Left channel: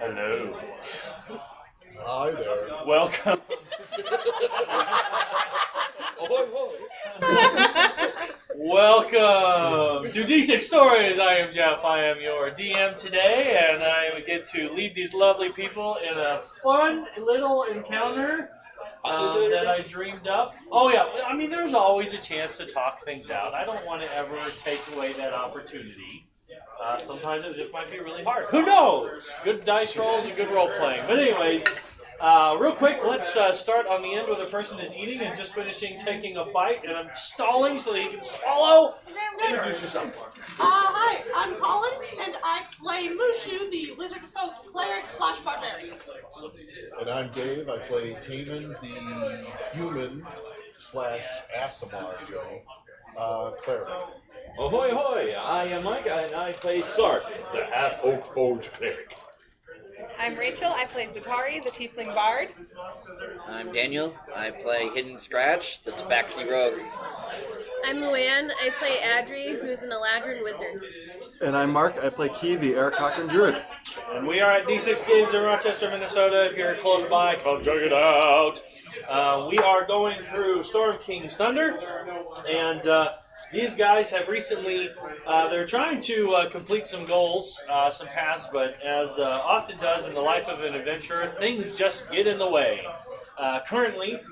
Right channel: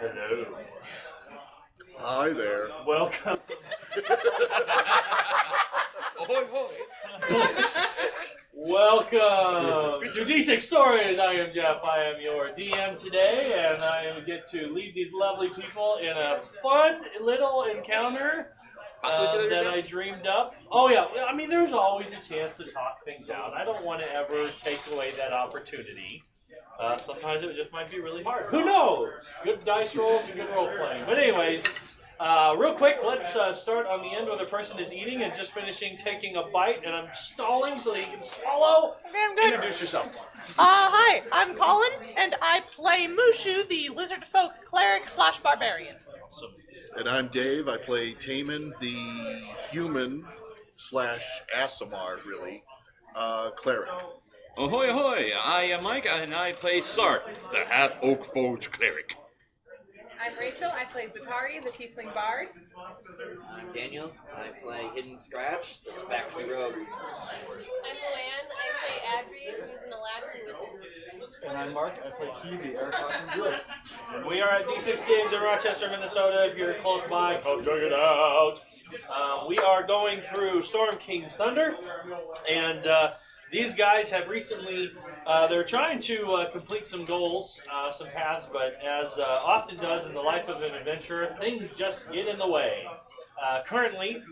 Hello. Hi there. Welcome. Welcome to D6 Stories. I am Jeff. I am your DM today, and I get to lead these lovely people in a fun little encounter that I dreamed up. Oh yeah, I mean, there's always a chance to talk things out. I don't want to ever take away that opportunity. Sometimes it just might be really hard. Who knows? Good dice rolls and good role playing. But anyways, real quick, let's start on the end where the person is eating and just finishing taking a bite, and I'm stalling so that you can swallow. Introduce yourself. Hi, I'm Colin, and I play Mushu, the lizard folk cleric / barbarian. And I'm Dave. I play Taman, the human / Asimar, really, cleric. Ahoy, ahoy! I am Mike, and I play Sark, the half-oak forge cleric. I'm Rachel. I play Zatari, the Tiefling Bard. I'm Daniel. I play Hidden Scratch, the Tabaxi Rogue. I'm Luann. I play Adri, who's an Eladrin wizard. And I'm Mark. I play Key, the Eric Cochran Druid. And we are at D6 Games in Rochester, Minnesota. If you're close by, come check it out. We are going through Storm King's Thunder, and these guys have recently, they're trying to complete some goals, some paths, but as often does in the life of an adventurer, things just get in the way. Currently,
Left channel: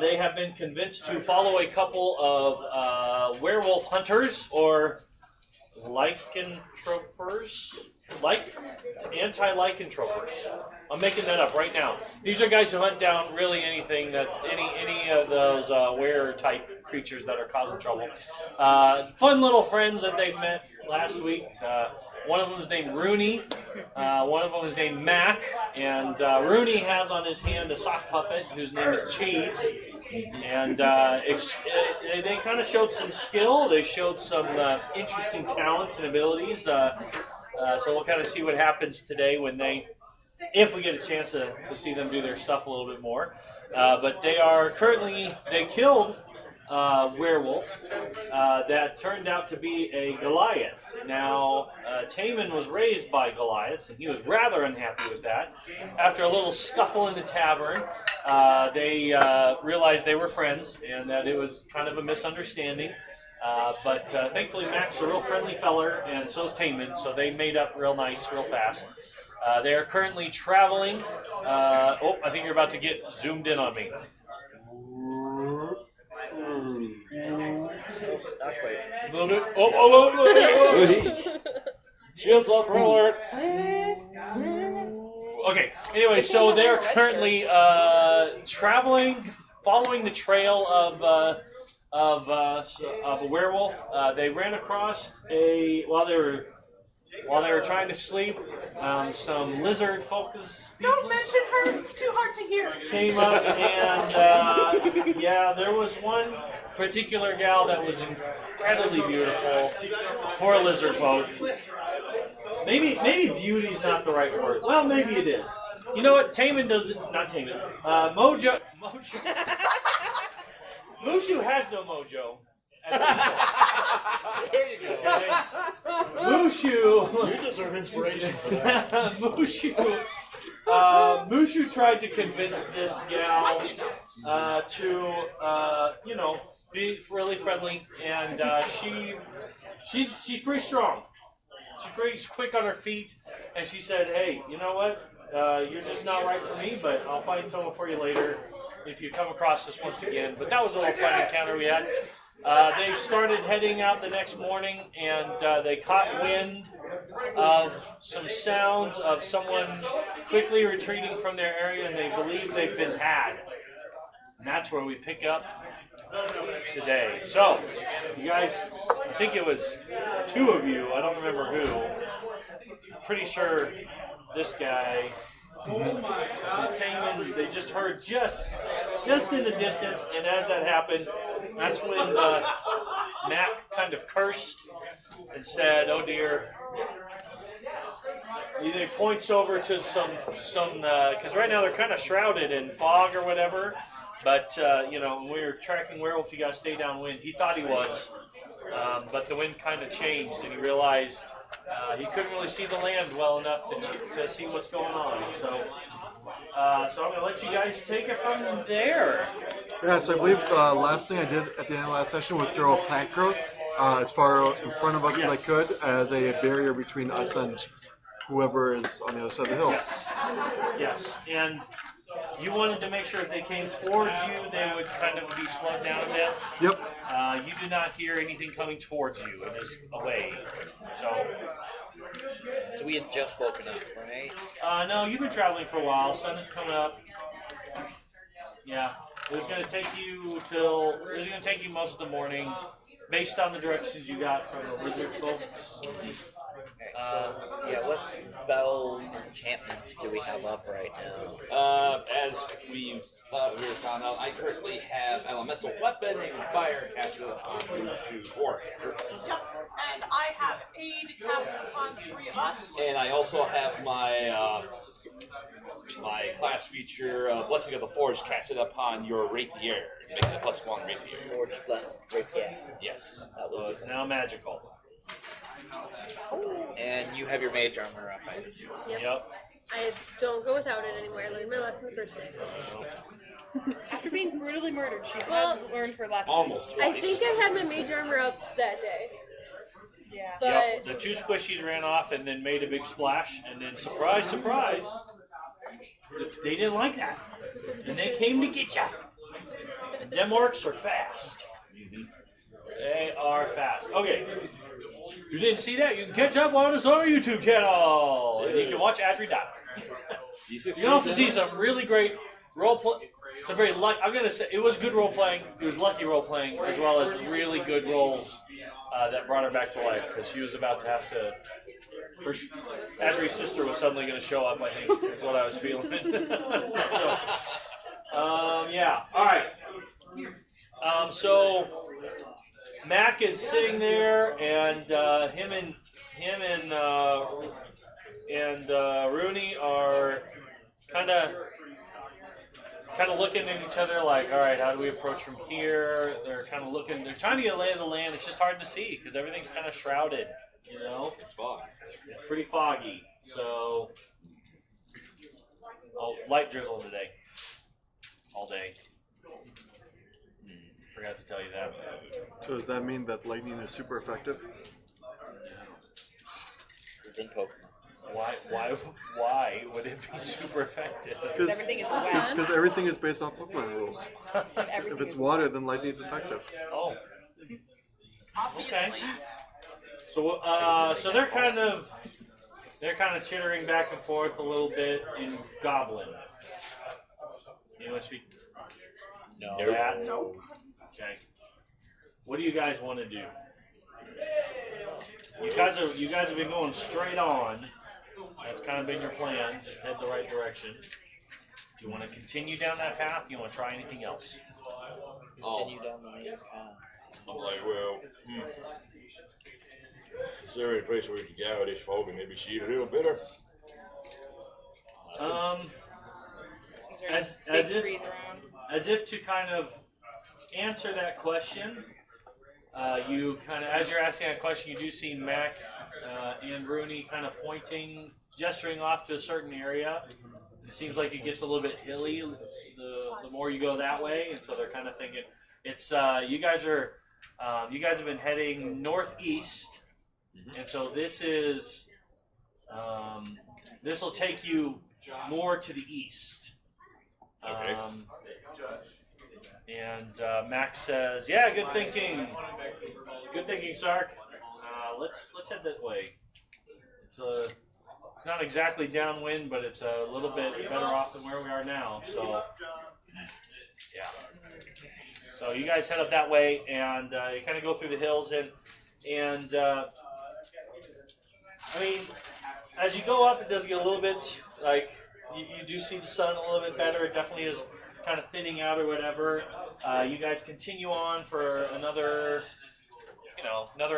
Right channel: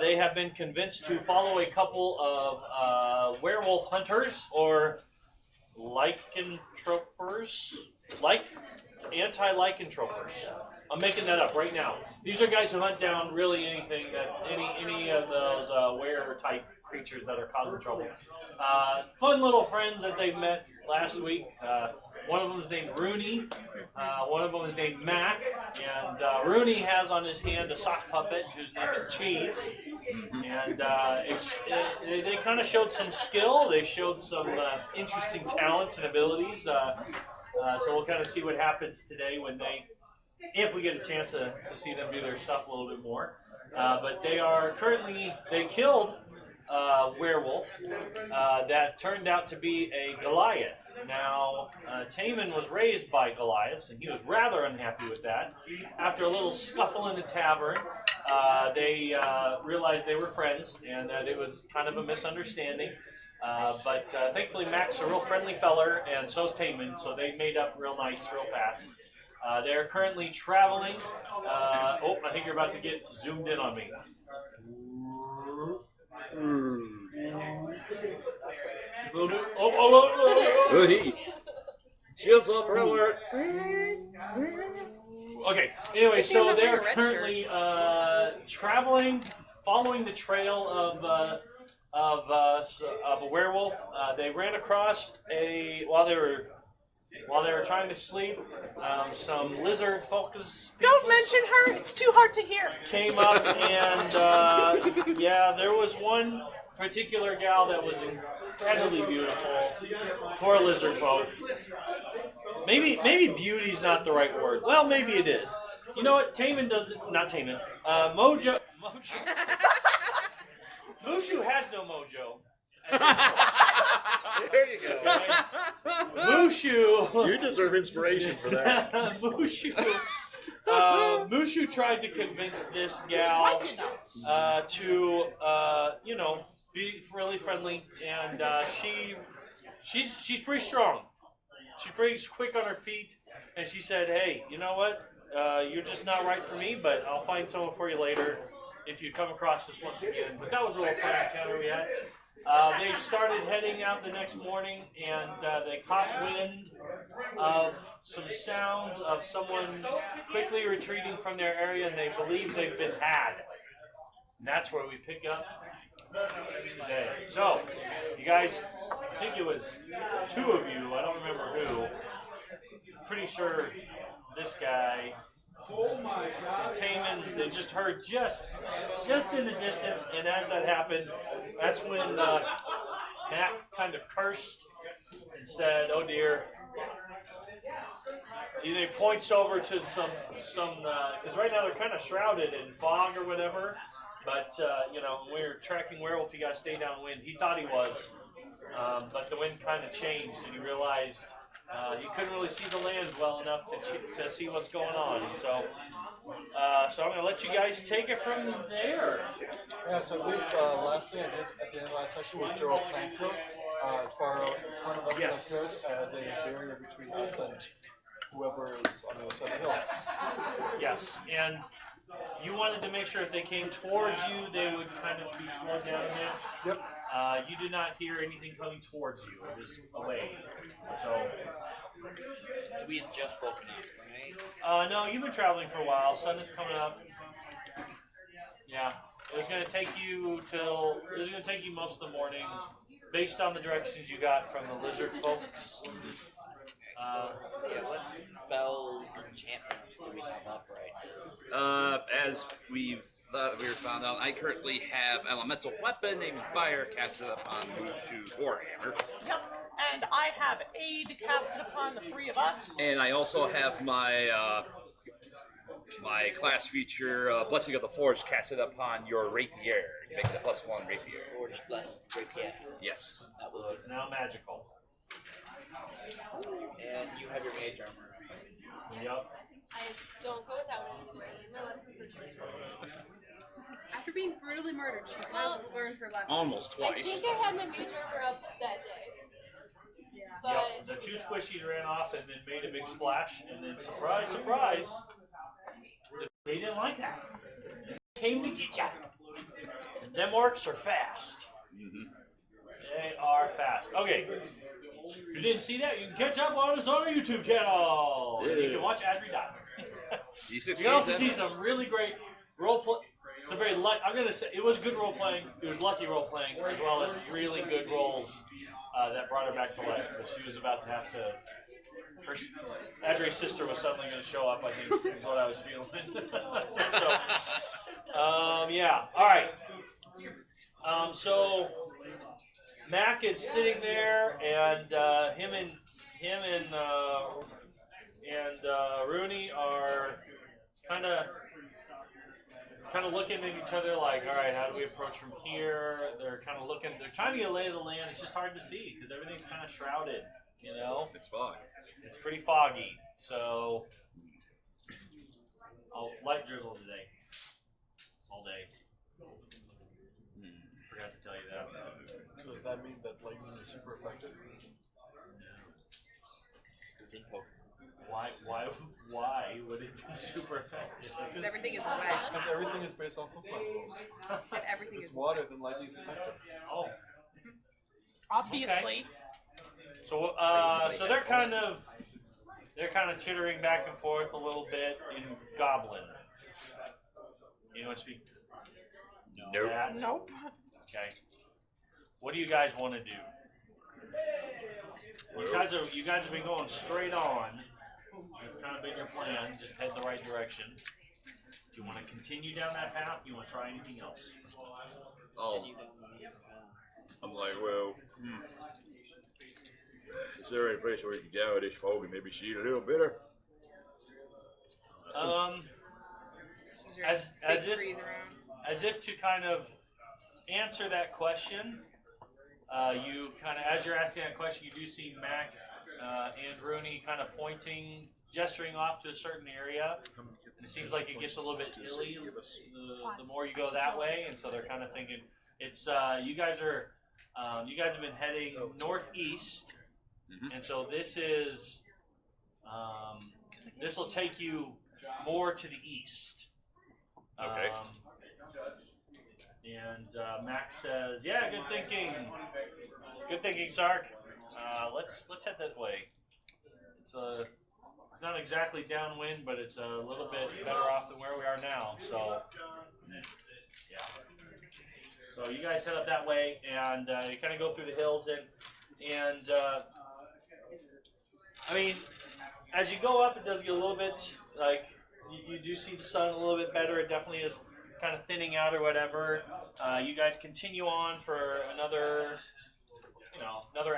they have been convinced to follow a couple of werewolf hunters, or lycanthropers, anti-lycanthropers. I'm making that up right now. These are guys who hunt down really anything that any of those were type creatures that are causing trouble. Fun little friends that they've met last week. One of them is named Rooney. One of them is named Mac. And Rooney has on his hand a sock puppet whose name is Cheese. And they kind of showed some skill. They showed some interesting talents and abilities. So we'll kind of see what happens today if we get a chance to see them do their stuff a little bit more. But they killed werewolf that turned out to be a Goliath. Now, Taman was raised by Goliaths, and he was rather unhappy with that. After a little scuffle in the tavern, they realized they were friends and that it was kind of a misunderstanding. But thankfully, Mac's a real friendly feller, and so's Taman, so they made up real nice, real fast. They are currently traveling. I think you're about to get zoomed in on me. Shields up, alert. Okay, anyway, so they're currently traveling, following the trail of a werewolf. They ran across while they were trying to sleep, some lizard focus. Don't mention her, it's too hard to hear. Came up, and there was one particular gal that was incredibly beautiful for a lizard folk. Maybe beauty's not the right word. Well, maybe it is. You know what? Taman doesn't. Not Taman. Mojo. Mushu has no mojo. There you go. Okay. Mushu. You deserve inspiration for that. Mushu tried to convince this gal to, be really friendly, and she's pretty strong. She's pretty quick on her feet, and she said, "Hey, you know what? You're just not right for me, but I'll find someone for you later if you come across this once again." But that was a little fun encounter we had. They started heading out the next morning, and they caught wind of some sounds of someone quickly retreating from their area, and they believe they've been had. And that's where we pick up today. So, you guys, I think it was two of you, I don't remember who. Pretty sure this guy, Taman, they just heard just in the distance, and as that happened, that's when Mac kind of cursed and said, "Oh dear." He points over to some because right now they're kind of shrouded in fog or whatever. But when we were tracking werewolf, you got to stay downwind. He thought he was, but the wind kind of changed, and he realized he couldn't really see the land well enough to see what's going on. So, so I'm going to let you guys take it from there. Yeah, so I believe last thing I did at the end of last session was throw a plant growth as far in front of us as I could as a barrier between us and whoever is on the other side of the hill. Yes. Yes. And you wanted to make sure if they came towards you, they would kind of be slowed down a bit. Yep. You did not hear anything coming towards you. It is away. So we had just woken up, right? No, you've been traveling for a while. Sun is coming up. Yeah. It was going to take you most of the morning, based on the directions you got from the lizard folks. Okay, so yeah, what spells, enchantments do we have up right now? As we found out, I currently have elemental weapon and fire casted upon Mushu's Warhammer. Yep. And I have aid casted upon the three of us. And I also have my my class feature, Blessing of the Forge, casted upon your rapier, making a +1 rapier. Forge plus rapier. Yes. That So will it's now magical. And you have your mage armor up, I assume. Yep. I don't go without it anymore. I learned my lesson the first day. After being brutally murdered, she Well, hasn't learned her lesson. Almost I twice. think I had my mage armor up that day. Yeah. But Yep. The two squishies ran off and then made a big splash, and then surprise, surprise, they didn't like that, and they came to get ya. Them orcs are fast. They are fast. Okay. You didn't see that? You can catch up on us on our YouTube channel. And you can watch Adri die. You can also see some really great role play. Some very I'm gonna say it was good role playing. It was lucky role playing, as well as really good roles that brought her back to life, because she was about to have to. Adri's sister was suddenly going to show up. I think is what I was feeling. So, yeah. All right. So Mac is sitting there, and him and Rooney are kind of looking at each other like, all right, how do we approach from here? They're kind of looking. They're trying to get a lay of the land. It's just hard to see because everything's kind of shrouded. You know, it's pretty foggy. So, light drizzle today, all day. Forgot to tell you that. So does that mean that lightning is super effective? Zen Pokemon. Why would it be super effective? Everything is bad. Because everything is based off Pokemon rules. If it's water, then lightning is effective. Oh. Obviously. So, so they're kind of teetering back and forth a little bit in Goblin. You know, speak. No. That? Okay. What do you guys want to do? You guys have been going straight on. That's kind of been your plan. Just head the right direction. Do you want to continue down that path? Do you want to try anything else? Continue down the main path. I'm like, well, is there any place where you can damage folk and maybe see a little better? As if to kind of answer that question, you kind of, as you're asking that question, you do see Mac and Rooney kind of pointing, gesturing off to a certain area. It seems like it gets a little bit hilly the more you go that way, and so they're kind of thinking it's you guys have been heading northeast, and so this will take you more to the east. And Max says, "Yeah, good thinking, Sark. Let's head that way. It's not exactly downwind, but it's a little bit better off than where we are now. So, yeah. So you guys head up that way, and you kind of go through the hills, and I mean, as you go up, it does get a little bit like you do see the sun a little bit better. It definitely is kind of thinning out or whatever. You guys continue on for another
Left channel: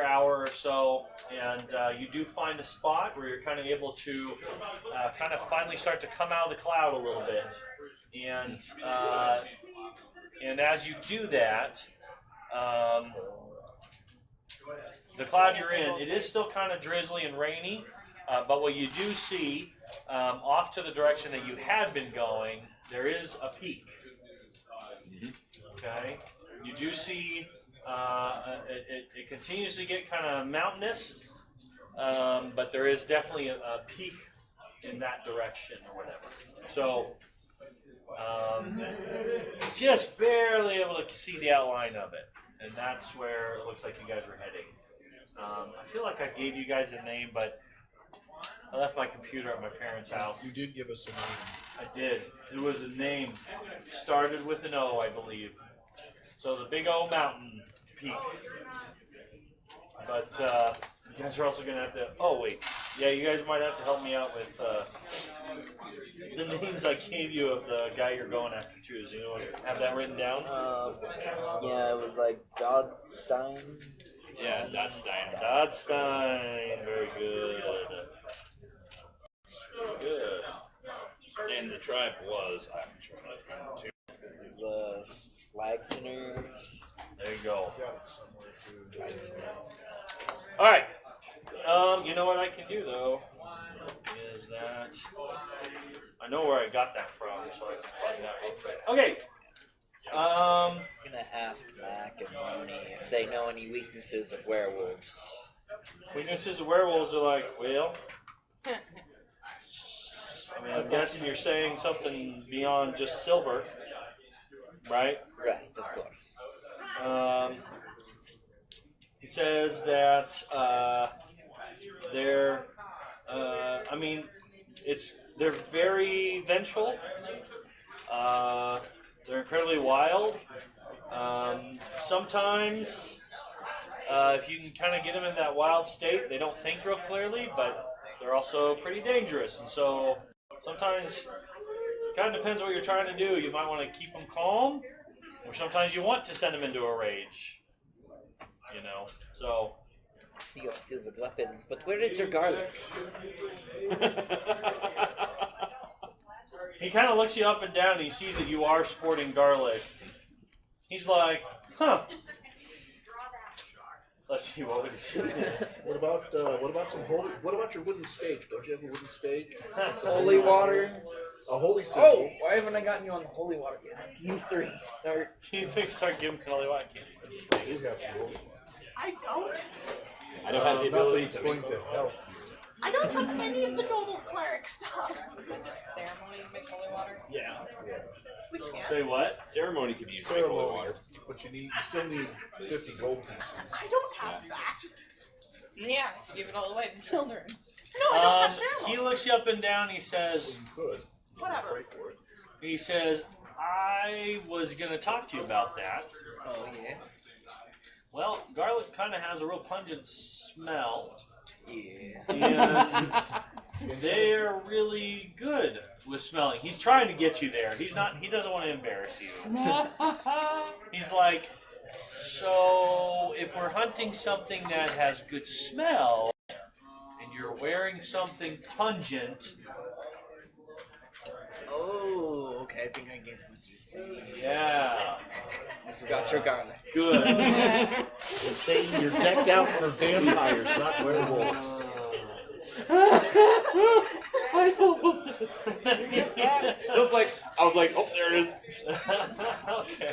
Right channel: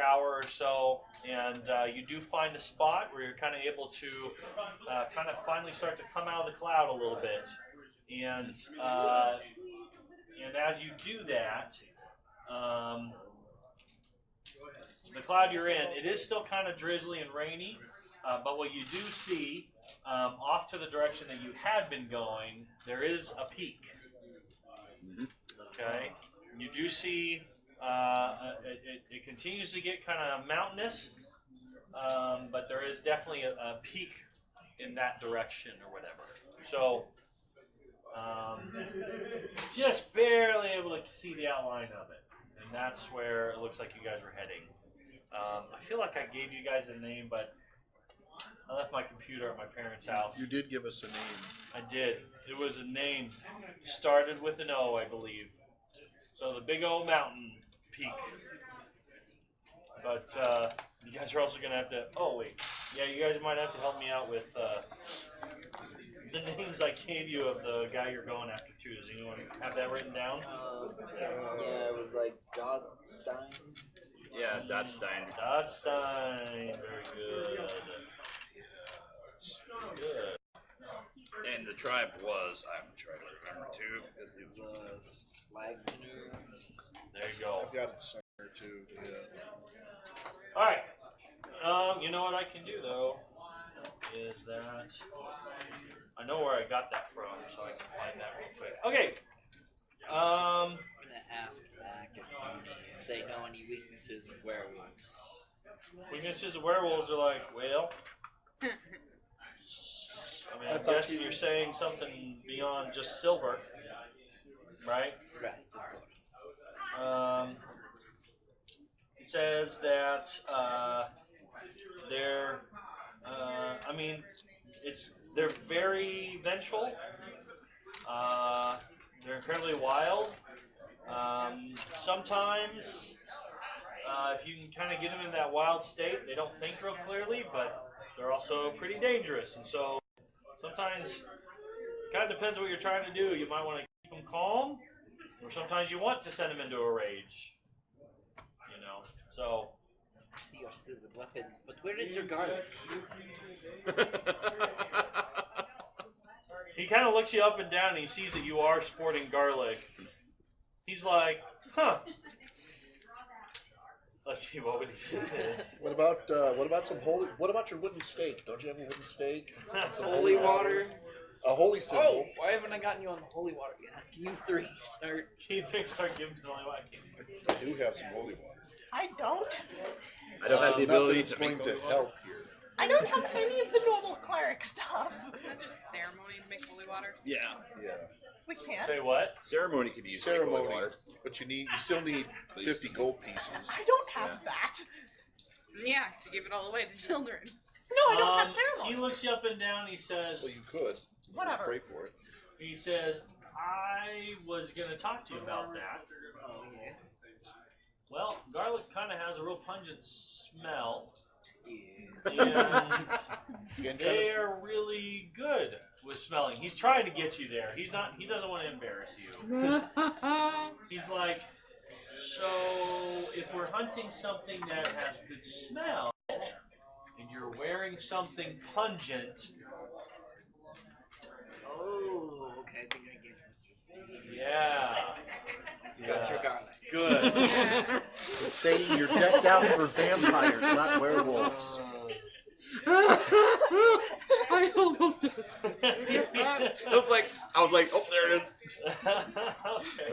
hour or so, and you do find a spot where you're kind of able to kind of finally start to come out of the cloud a little bit, and as you do that, the cloud you're in, it is still kind of drizzly and rainy. But what you do see, off to the direction that you have been going, there is a peak. Okay, you do see it continues to get kind of mountainous, but there is definitely a peak in that direction or whatever. So just barely able to see the outline of it, and that's where it looks like you guys are heading. I feel like I gave you guys a name, but I left my computer at my parents' house. You did give us a name. I did. It was a name. Started with an O, I believe. So the Big O Mountain Peak. But you guys are also going to have to... Oh, wait. Yeah, you guys might have to help me out with the names I gave you of the guy you're going after, too. Do you have that written down? Yeah, it was like Godstein. Yeah, that's Stein. Godstein. Very good. Good. And the tribe was, I'm trying to too. This is the Slagners. There you go. Got it somewhere too. All right. You know what I can do though is that I know where I got that from, so I can find that real quick. Okay. I'm gonna ask Mac and Marnie if they know any weaknesses of werewolves. Weaknesses of werewolves are like, well, I mean, I'm guessing you're saying something beyond just silver, right? Right, of course. He says that they're, I mean, they're very vengeful. They're incredibly wild. Sometimes, if you can kind of get them in that wild state, they don't think real clearly, but they're also pretty dangerous. And so sometimes it kind of depends what you're trying to do. You might want to keep them calm, or sometimes you want to send them into a rage. You know, so. See your silver weapon, but where is your garlic? He kind of looks you up and down, and he sees that you are sporting garlic. He's like, huh. Let's see what would he say. What about some holy? What about your wooden stake? Don't you have a wooden stake? Holy water. A holy stake. Oh, why haven't I gotten you on holy water yet? You three, start. He thinks start giving Kelly White. You have some holy water. I don't. I don't have the ability Nothing's to going make to help you. I don't have any of the normal cleric stuff. Ceremony to make holy water. Yeah. Yeah. We can't. Say what? Ceremony could use Ceremony, water. but you still need 50 gold pieces. I don't have that. Yeah, give it all away to children. No, I don't have He ceremony. looks you up and down. He says, You could. Whatever. Pray for it. he says, I was gonna talk to you about that. Oh, yes. Well, garlic kind of has a real pungent smell. Yeah. And they are really good with smelling. He's trying to get you there. He doesn't want to embarrass you. He's like, so if we're hunting something that has good smell, and you're wearing something pungent, Oh, okay, I think I get what you're saying. yeah, You got your garlic. good. Satan, you're decked out for vampires, not werewolves. I almost did this. I was like, oh, there it is. Okay.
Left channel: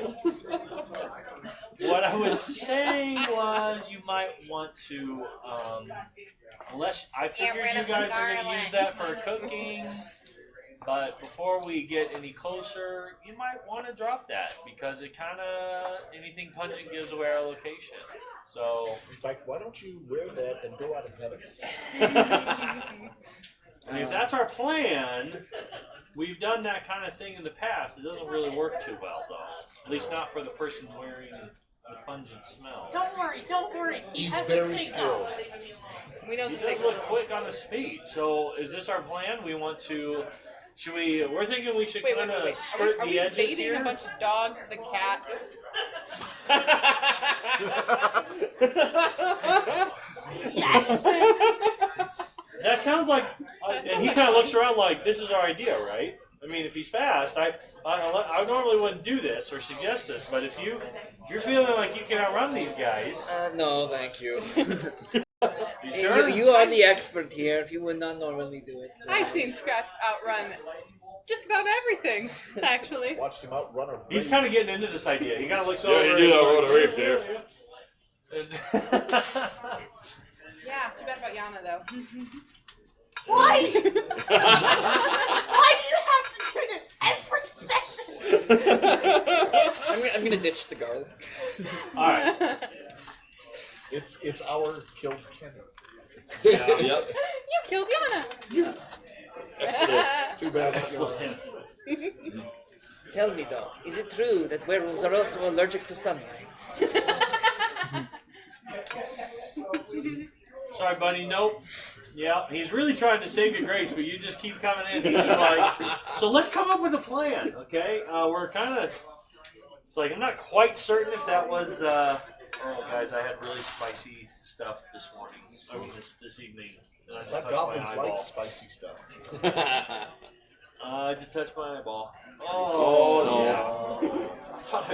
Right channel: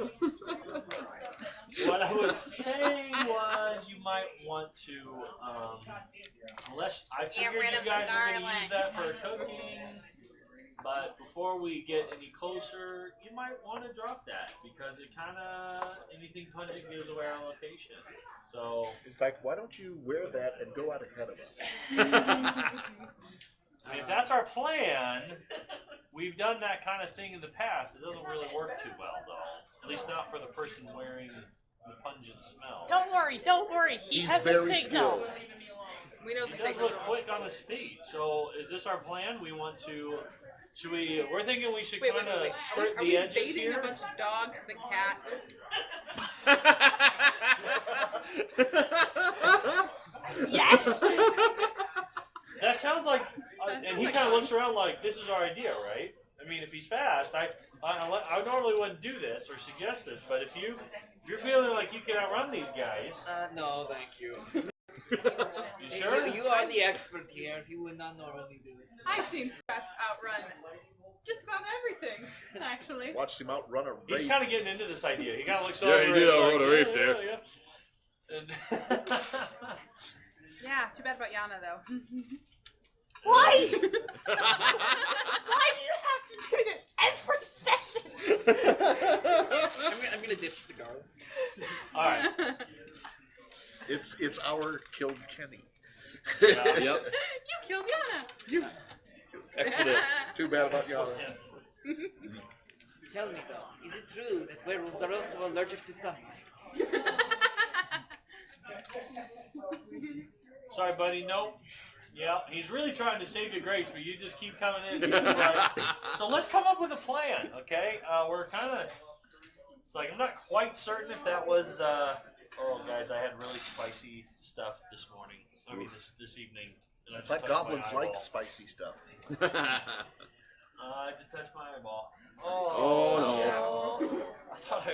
What I was saying was you might want to, unless I figured rid you of guys the are going to garlic. use that for cooking, but before we get any closer, you might want to drop that because it kind of, anything pungent gives away our location. So, In fact, why don't you wear that and go out ahead of us? I mean, if that's our plan. We've done that kind of thing in the past. It doesn't really work too well, though. At least not for the person wearing the pungent smell. Don't worry, don't worry. He He's has very to say no. skilled. We don't He say does look quick on his feet. So, is this our plan? We want to. Should we? We're thinking we should Wait, kind of Are skirt we the edges baiting here. a bunch of dogs and a cat? Yes. That sounds like. And he kind of looks around like, this is our idea, right? I mean, if he's fast, I normally wouldn't do this or suggest this, but if you're You're feeling like you can outrun these guys. No, thank you. You sure? You are the expert here. If you would not normally do it. I've seen Scratch outrun just about everything, actually. Watch him outrun a He's race. kind of getting into this idea. He kind of looks over. Yeah, you do that over the reef there. Yeah, too bad about Yana though. Why? Why do you have to do this every session? I'm gonna ditch the guard. All right. It's our killed Kenny. Yep. You killed Yana. Too bad he's gone. Tell me though, is it true that werewolves are also allergic to sunlight? Sorry, buddy. Nope. Yeah, he's really trying to save your grace, but you just keep coming in. He's just like, so let's come up with a plan, okay? We're kind of. It's like I'm not quite certain if that was. Oh, guys, I had really spicy stuff this morning. I mean, this evening. And I just That touched goblins my like eyeball. spicy stuff. I just touched my eyeball. Oh, I thought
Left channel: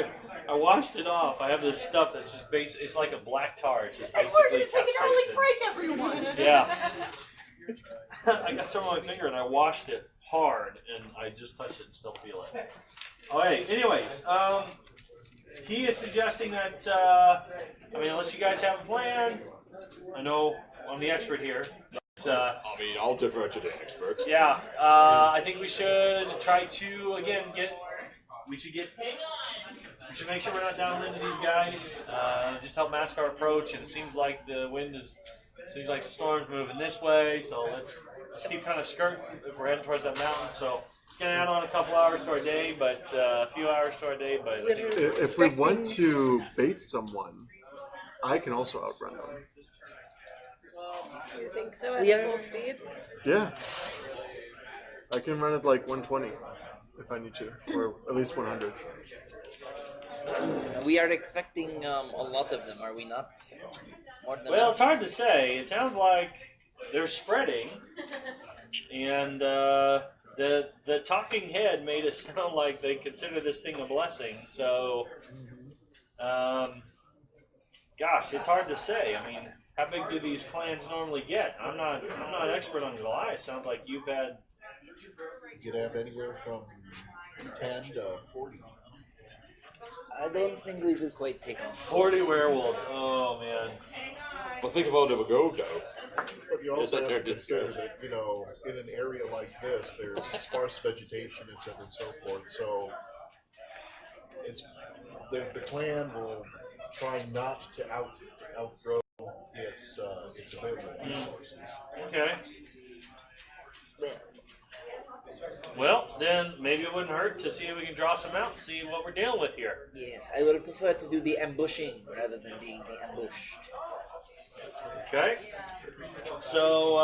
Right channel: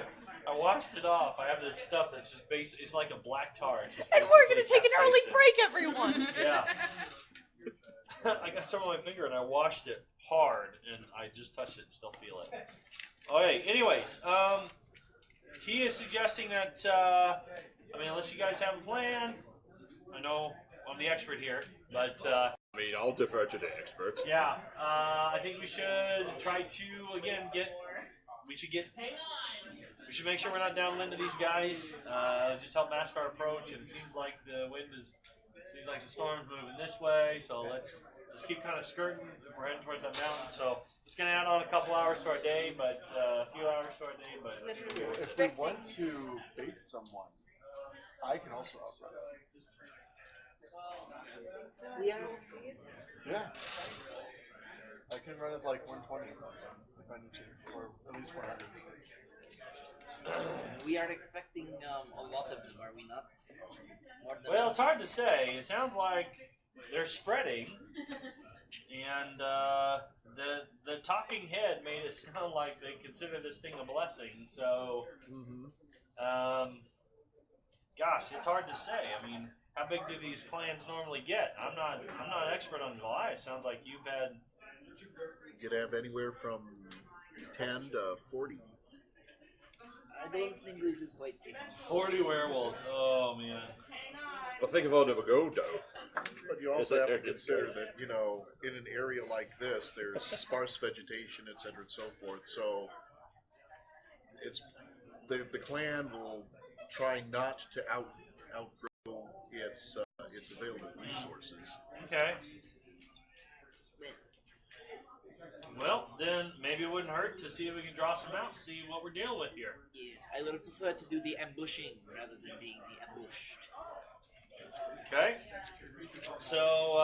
I washed it off. I have this stuff that's just basic. It's like a black tar. It's just And we're gonna basically take an early capsaicin. break, everyone. Yeah. I got some on my finger and I washed it hard and I just touched it and still feel it. Alright, anyways, he is suggesting that, I mean, unless you guys have a plan, I know I'm the expert here, but, I mean, I'll defer to the experts. yeah, I think we should try to, again, we should make sure we're not downwind to these guys, just help mask our approach, and it seems like the storm's moving this way, so let's keep kind of skirting if we're heading towards that mountain, so it's going to add on a couple hours to our day, but a few hours to our day, but I think If we want to bait someone, I can also outrun them. You think so at We are- full speed? Yeah. I can run it like 120 if I need to, or at least 100. We are expecting a lot of them, are we not? More than well, us? it's hard to say. It sounds like they're spreading, and the talking head made it sound like they consider this thing a blessing. So, gosh, it's hard to say. I mean, how big do these clans normally get? I'm not an expert on Goliath. Sounds like you've had. You can have anywhere from 10 to 40. I don't think we could quite take on. 40 werewolves. Oh man. But think about it, go though. But you also that have they're to consider good. that, you know, in an area like this, there's sparse vegetation, etc., and so forth. So it's the clan will try not to outgrow its available resources. Okay. Well, then maybe it wouldn't hurt to see if we can draw some out and see what we're dealing with here. Yes, I would prefer to do the ambushing rather than being the ambushed. Okay. So,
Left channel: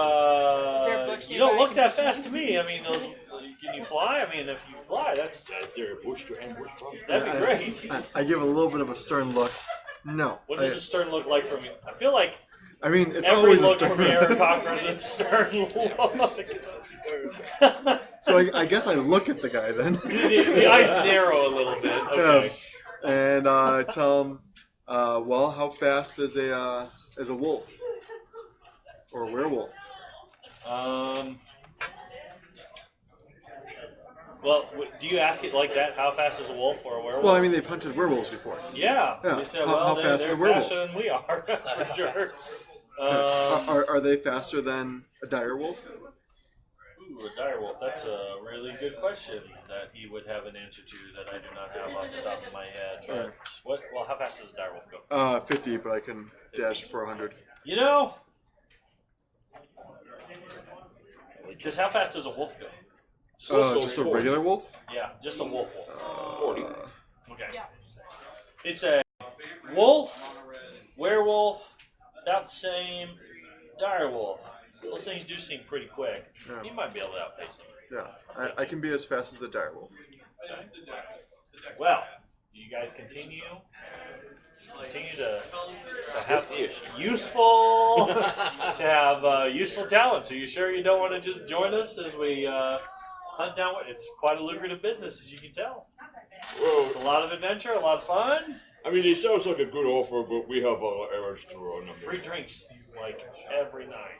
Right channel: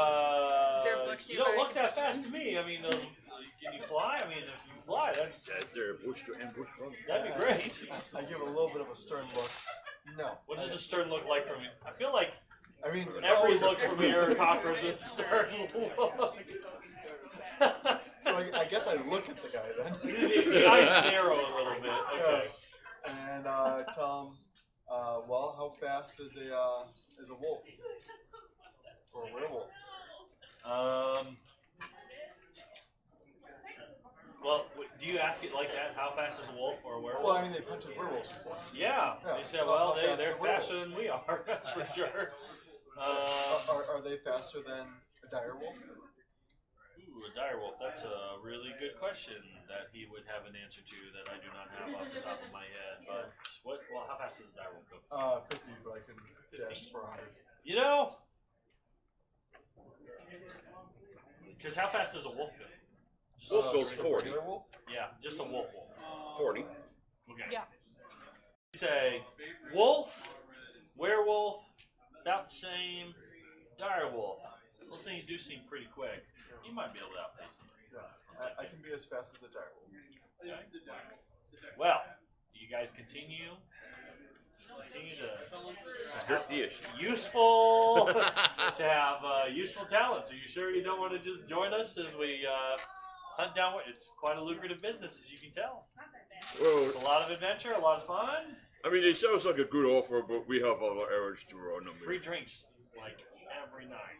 Is there a bush you don't nearby? look that fast to me. I mean, can you fly? I mean, if you fly, that's Is there a bush to ambush from? that'd be great. I give a little bit of a stern look. No. What does a stern look like from you? I feel like I mean, it's every always a look from Aaron stern. Cocker is a stern look. So I guess I look at the guy then. the eyes narrow a little bit. Okay. And tell him, well, how fast is a wolf or a werewolf? Well, do you ask it like that? How fast is a wolf or a werewolf? Well, I mean, they've hunted werewolves before. Yeah. Yeah. They said, How- well, how they're fast is a werewolf? faster than we are. That's for sure. Are they faster than a dire wolf? Ooh, a dire wolf. That's a really good question that he would have an answer to that I do not have off the top of my head. But well, how fast does a dire wolf go? 50, but I can dash for 100. You know, because how fast does a wolf go? Just a regular wolf? Yeah, just a wolf. 40. Okay. Yeah. It's a wolf, werewolf, about the same, dire wolf. Those things do seem pretty quick. Yeah. You might be able to outpace them. Yeah, I can be as fast as a dire wolf. Well, you guys continue to have useful useful talents. Are you sure you don't want to just join us as we hunt down? It's quite a lucrative business, as you can tell. Whoa. It's a lot of adventure, a lot of fun. I mean, it sounds like a good offer, but we have other errands to run. I mean, Free drinks, like every night.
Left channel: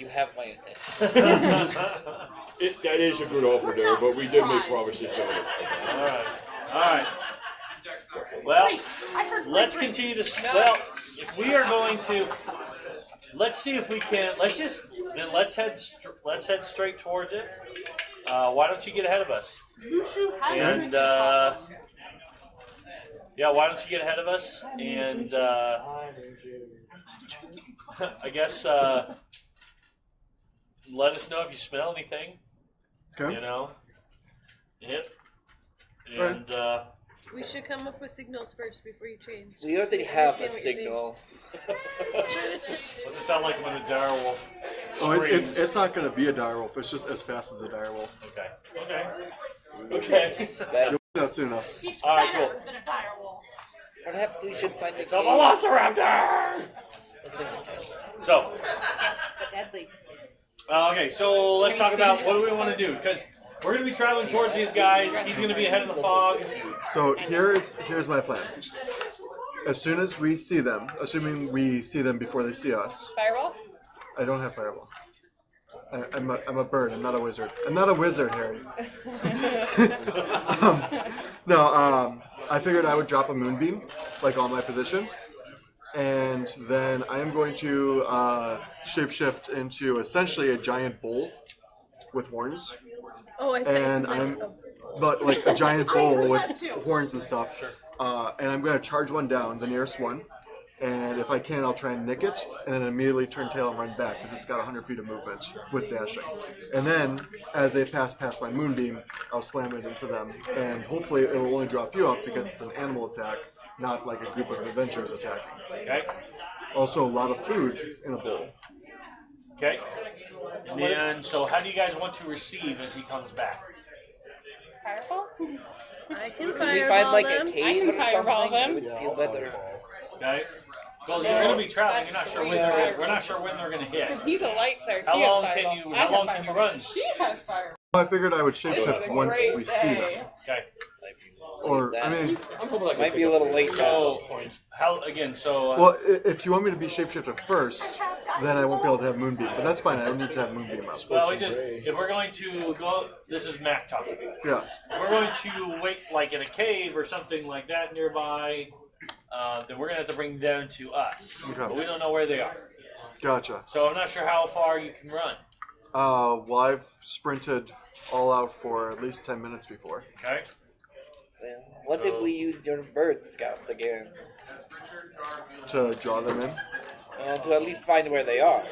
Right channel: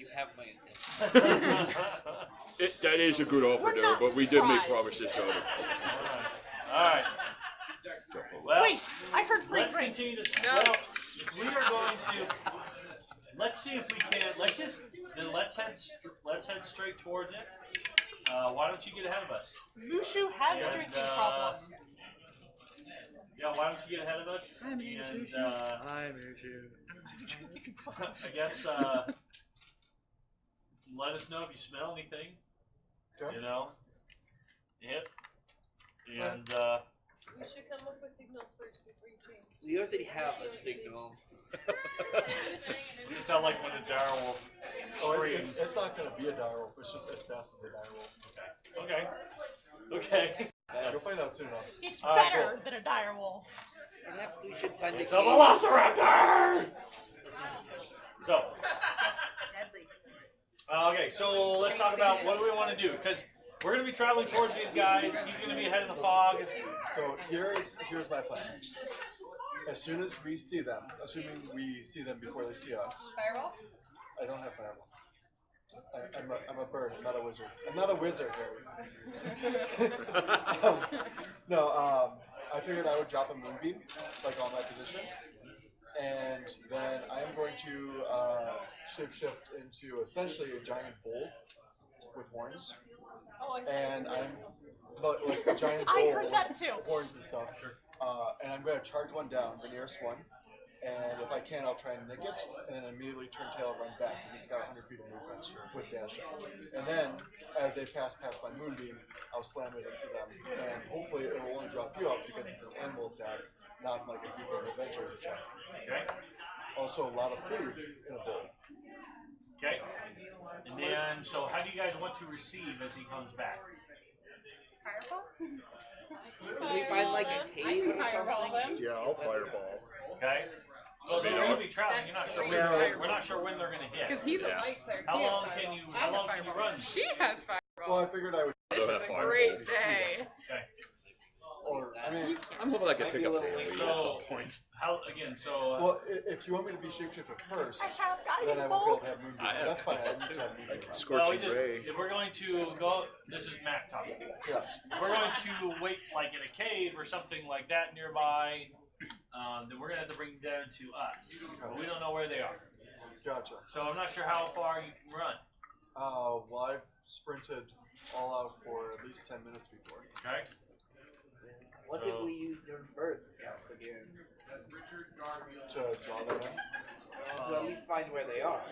You have my attention. that is a good offer We're there, not but we did make surprised. promises. All right. Well, Wait, I heard free let's drinks. continue to. Well, if we are going to, let's see if we can. Let's head straight towards it. Why don't you get ahead of us? Mushu has And drinks. No yeah, why don't you get ahead of us? And I guess let us know if you smell anything. Okay. You know. Yep. Right. And We should come up with signals first before you change. We already have a Understand what you're saying. signal. what's it sound like when a direwolf Oh, screams? it's not gonna be a direwolf. It's just as fast as a direwolf. Okay. Okay. You'll find out soon enough. It's All right, better cool. than a direwolf. Perhaps we should find It's the a cave. velociraptor. Those things are tiny. So, It's deadly. okay, so let's talk about what do we want to do, because we're going to be traveling towards these guys. He's going to be ahead in the fog. So here's my plan. As soon as we see them, assuming we see them before they see us, Firewall? I don't have fireball. I'm a bird. I'm not a wizard. I'm not a wizard, Harry. I figured I would drop a moonbeam, like on my position, and then I am going to shapeshift into essentially a giant bull with horns, Oh, I and think. like a giant I bull heard with that too. horns and stuff. And I'm going to charge one down, the nearest one. And if I can, I'll try and nick it, and then immediately turn tail and run back, because it's got 100 feet of movement with dashing. And then, as they pass past my moonbeam, I'll slam it into them. And hopefully it'll only draw a few off, because it's an animal attack, not like a group of adventurers attack. Okay. Also, a lot of food in a bowl. Okay. And then, so how do you guys want to receive as he comes back? Fireball? I can Can we find fireball like them. a I cave can or fireball something? them. It would Yeah, feel I'll better. fireball. Okay. Well, you're going to be traveling. You're not sure when we're not sure when they're going to hit. Because he's a light cleric. How He has long can fireball. you? I How have long can you fireball. run? She has fireball. Well, I figured I would This shapeshift is a once great we see them. day. Okay. Or, I mean, I'm hoping I can Might be pick a little up late at though. some point. How again? So well, if you want me to be shapeshifter first, then I won't be able to have moonbeam. But that's fine. I don't need to have moonbeam out. well, we just if we're going to go. This is Matt talking. Yeah. If we're going to wait like in a cave or something like that nearby, then we're gonna have to bring them to us. Okay. But we don't know where they are, Gotcha. so I'm not sure how far you can run. Well, I've sprinted all out for at least 10 minutes before. Okay. Then what if we use your bird scouts again? To draw them in. To at least find where they are.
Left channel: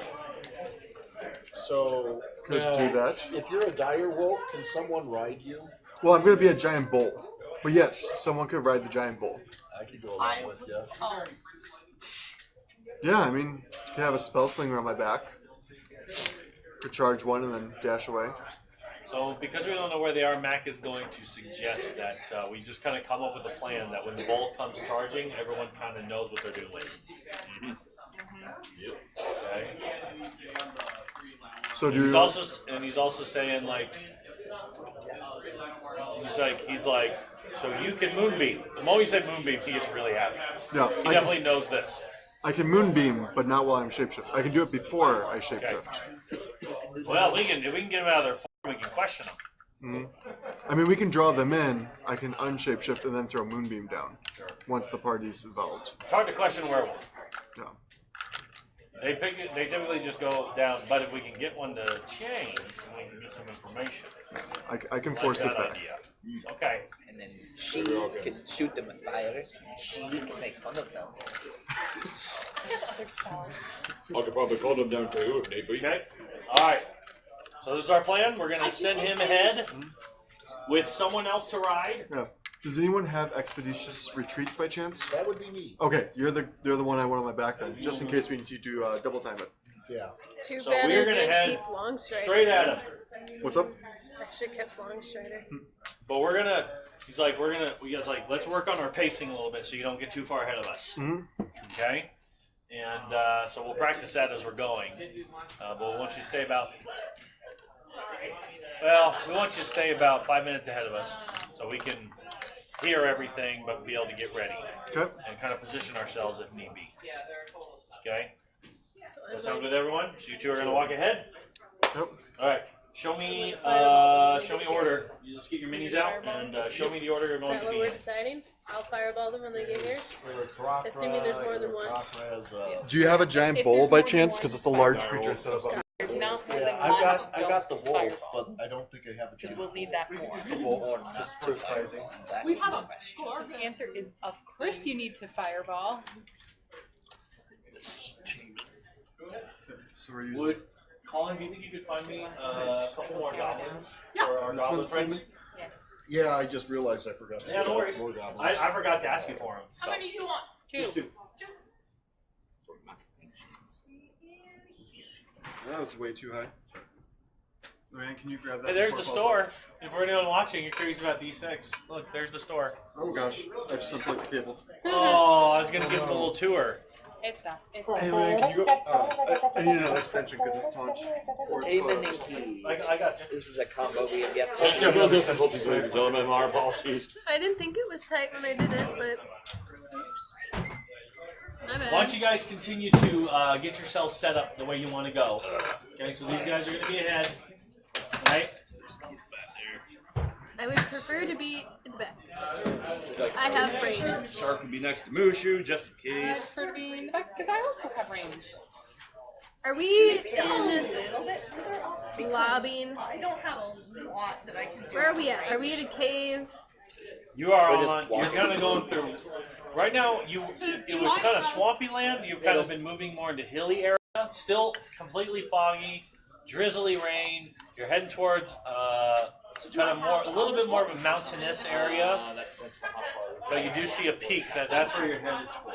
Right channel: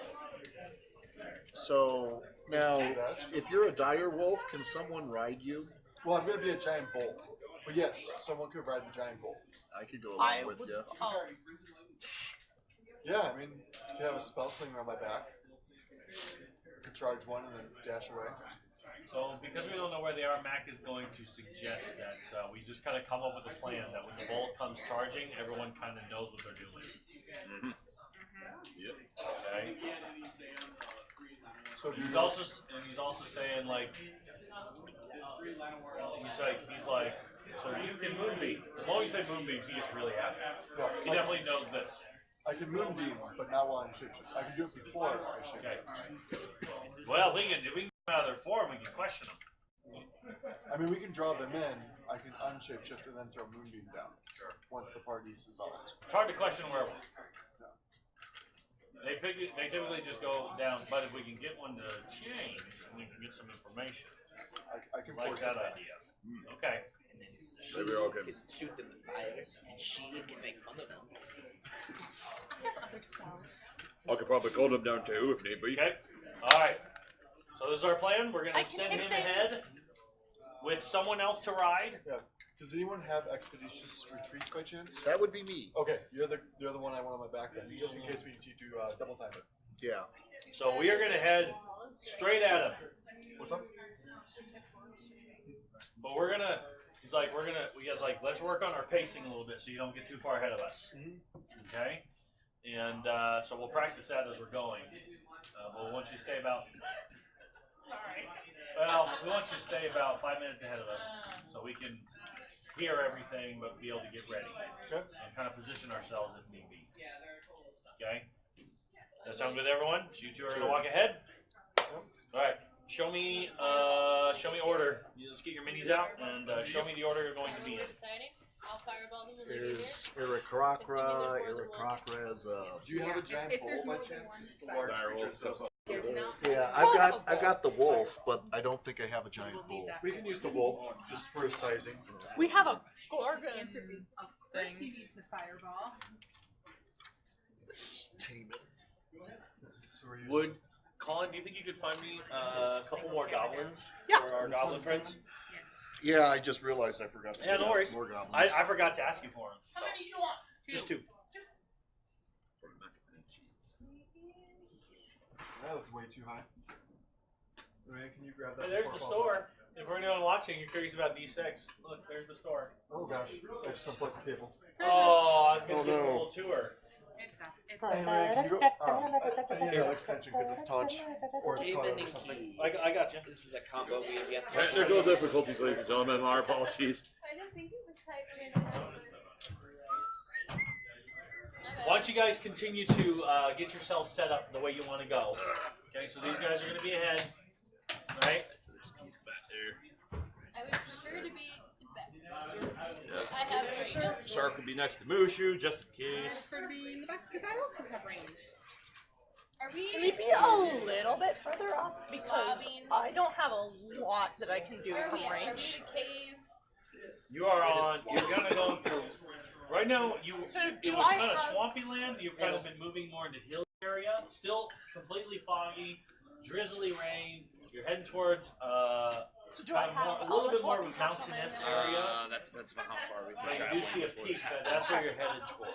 So Could now, do that. if you're a dire wolf, can someone ride you? Well, I'm going to be a giant bull. But yes, someone could ride the giant bull. I could go along with you. Oh, Yeah, I mean, you could have a spell slinger on my back. Could charge one and then dash away. So because we don't know where they are, Mac is going to suggest that we just kind of come up with a plan that when the bolt comes charging, everyone kind of knows what they're doing. Okay. So do He's you... also saying like he's like so you can moonbeam. The moment you say moonbeam, he gets really happy. Yeah, He definitely knows this. I can moonbeam, but not while I'm shapeshift. I can do it before I shapeshift. Well, if we can get them out of their form, we can question them. I mean, we can draw them in. I can unshapeshift and then throw moonbeam down once the party's involved. It's hard to question where. Yeah. They typically just go down, but if we can get one to change, we can get some information. I can Like force that it back. idea. Okay. And then she can shoot them with fire, and she can make fun of them. I'll call them down too, maybe. Okay. All right. So this is our plan. We're going to send him ahead with someone else to ride. Yeah. Does anyone have expeditious retreat by chance? That would be me. Okay, you're the one I want on my back then, just in case we need to double time it. Yeah. Too So bad we're I gonna didn't head keep Longstrider. Straight at him. What's up? I should have kept Longstrider. But we're gonna. He's like, let's work on our pacing a little bit so you don't get too far ahead of us. Okay. And so we'll practice that as we're going. But we want you to stay about. Well, we want you to stay about 5 minutes ahead of us, so we can hear everything, but be able to get ready Okay. and kind of position ourselves if need be. Okay? That sound good to everyone? You two are going to walk ahead? Yep. Alright. Show me order. You just keep your minis out and show me the order you Is want that to what be we're in. deciding? I'll fireball them when they get here. Assuming there's more than one. Do you have a giant If bowl there's by more than chance? one, Because it's a large creature instead of a. There's no. I got the wolf, but I don't think I have a giant. We'll need that. The wolf, just for sizing. We have a sure. The answer is, of course, you need to fireball. So we're using- Would Colin, you think you could find me a couple more goblins? Yeah. For our This goblin one's friends? Yeah, I just realized I forgot. Yeah, no worries. I forgot to ask you for them. How many do you want? Just two. That was way too high. Man, can you grab that? Hey, there's the store. If we're not watching, you're curious about D6. Look, there's the store. Oh gosh, I just unplugged the cable. Oh, I was gonna give them a little tour. It's done. It's Hey done. man, can you? I need another extension because it's launched. Demon and Key. I got you. This is a combo we have yet to That's see. your brother's don't in our apologies. I didn't think it was tight when I did it, but oops. My Why bad. don't you guys continue to get yourself set up the way you want to go? Okay, so these guys are gonna be ahead, right? I would prefer to be in the back. I have range. Sharp, be next to Mushu, just in case. For me, because I also have range. Are we A in little bit further off. the lobby? I don't have a lot that I can do. Where are we at? Are we in a cave? You are on. You're kind of going through. Right now, it was kind of swampy land. You've kind of been moving more into hilly area. Still completely foggy, drizzly rain. You're heading towards kind of more, a little bit more of a mountainous area. But you do see a peak. That's where you're headed towards.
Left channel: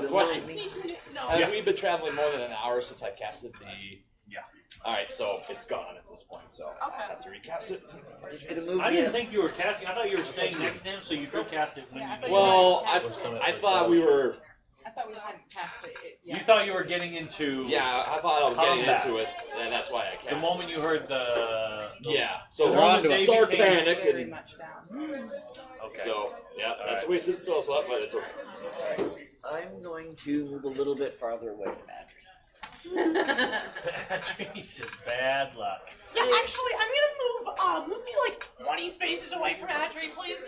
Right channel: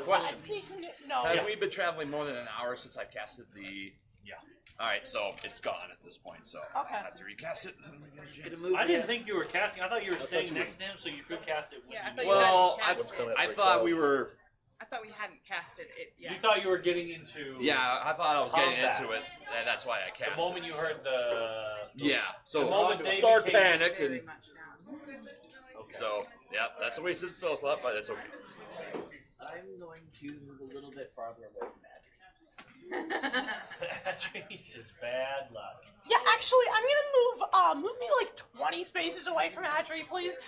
The question is, have you been traveling more than an hour since I casted the? Yeah. Alright, so it's gone at this point, so I have to recast it. I didn't think you were casting. I thought you were staying next to him, so you could cast it. Yeah, I thought Well, I thought we were. I thought we hadn't casted it You yet. thought you were getting into. Yeah, I thought I was getting into it, and that's why I The casted. moment you heard the. Yeah. The So moment Ron they started get- panicked, Pretty and much down. Okay. so yeah, that's what he fills up. But it's I'm going to move a little bit farther away from Adrian. Jesus, bad luck. Yeah, actually, I'm gonna move me like 20 spaces away from Patrick, please.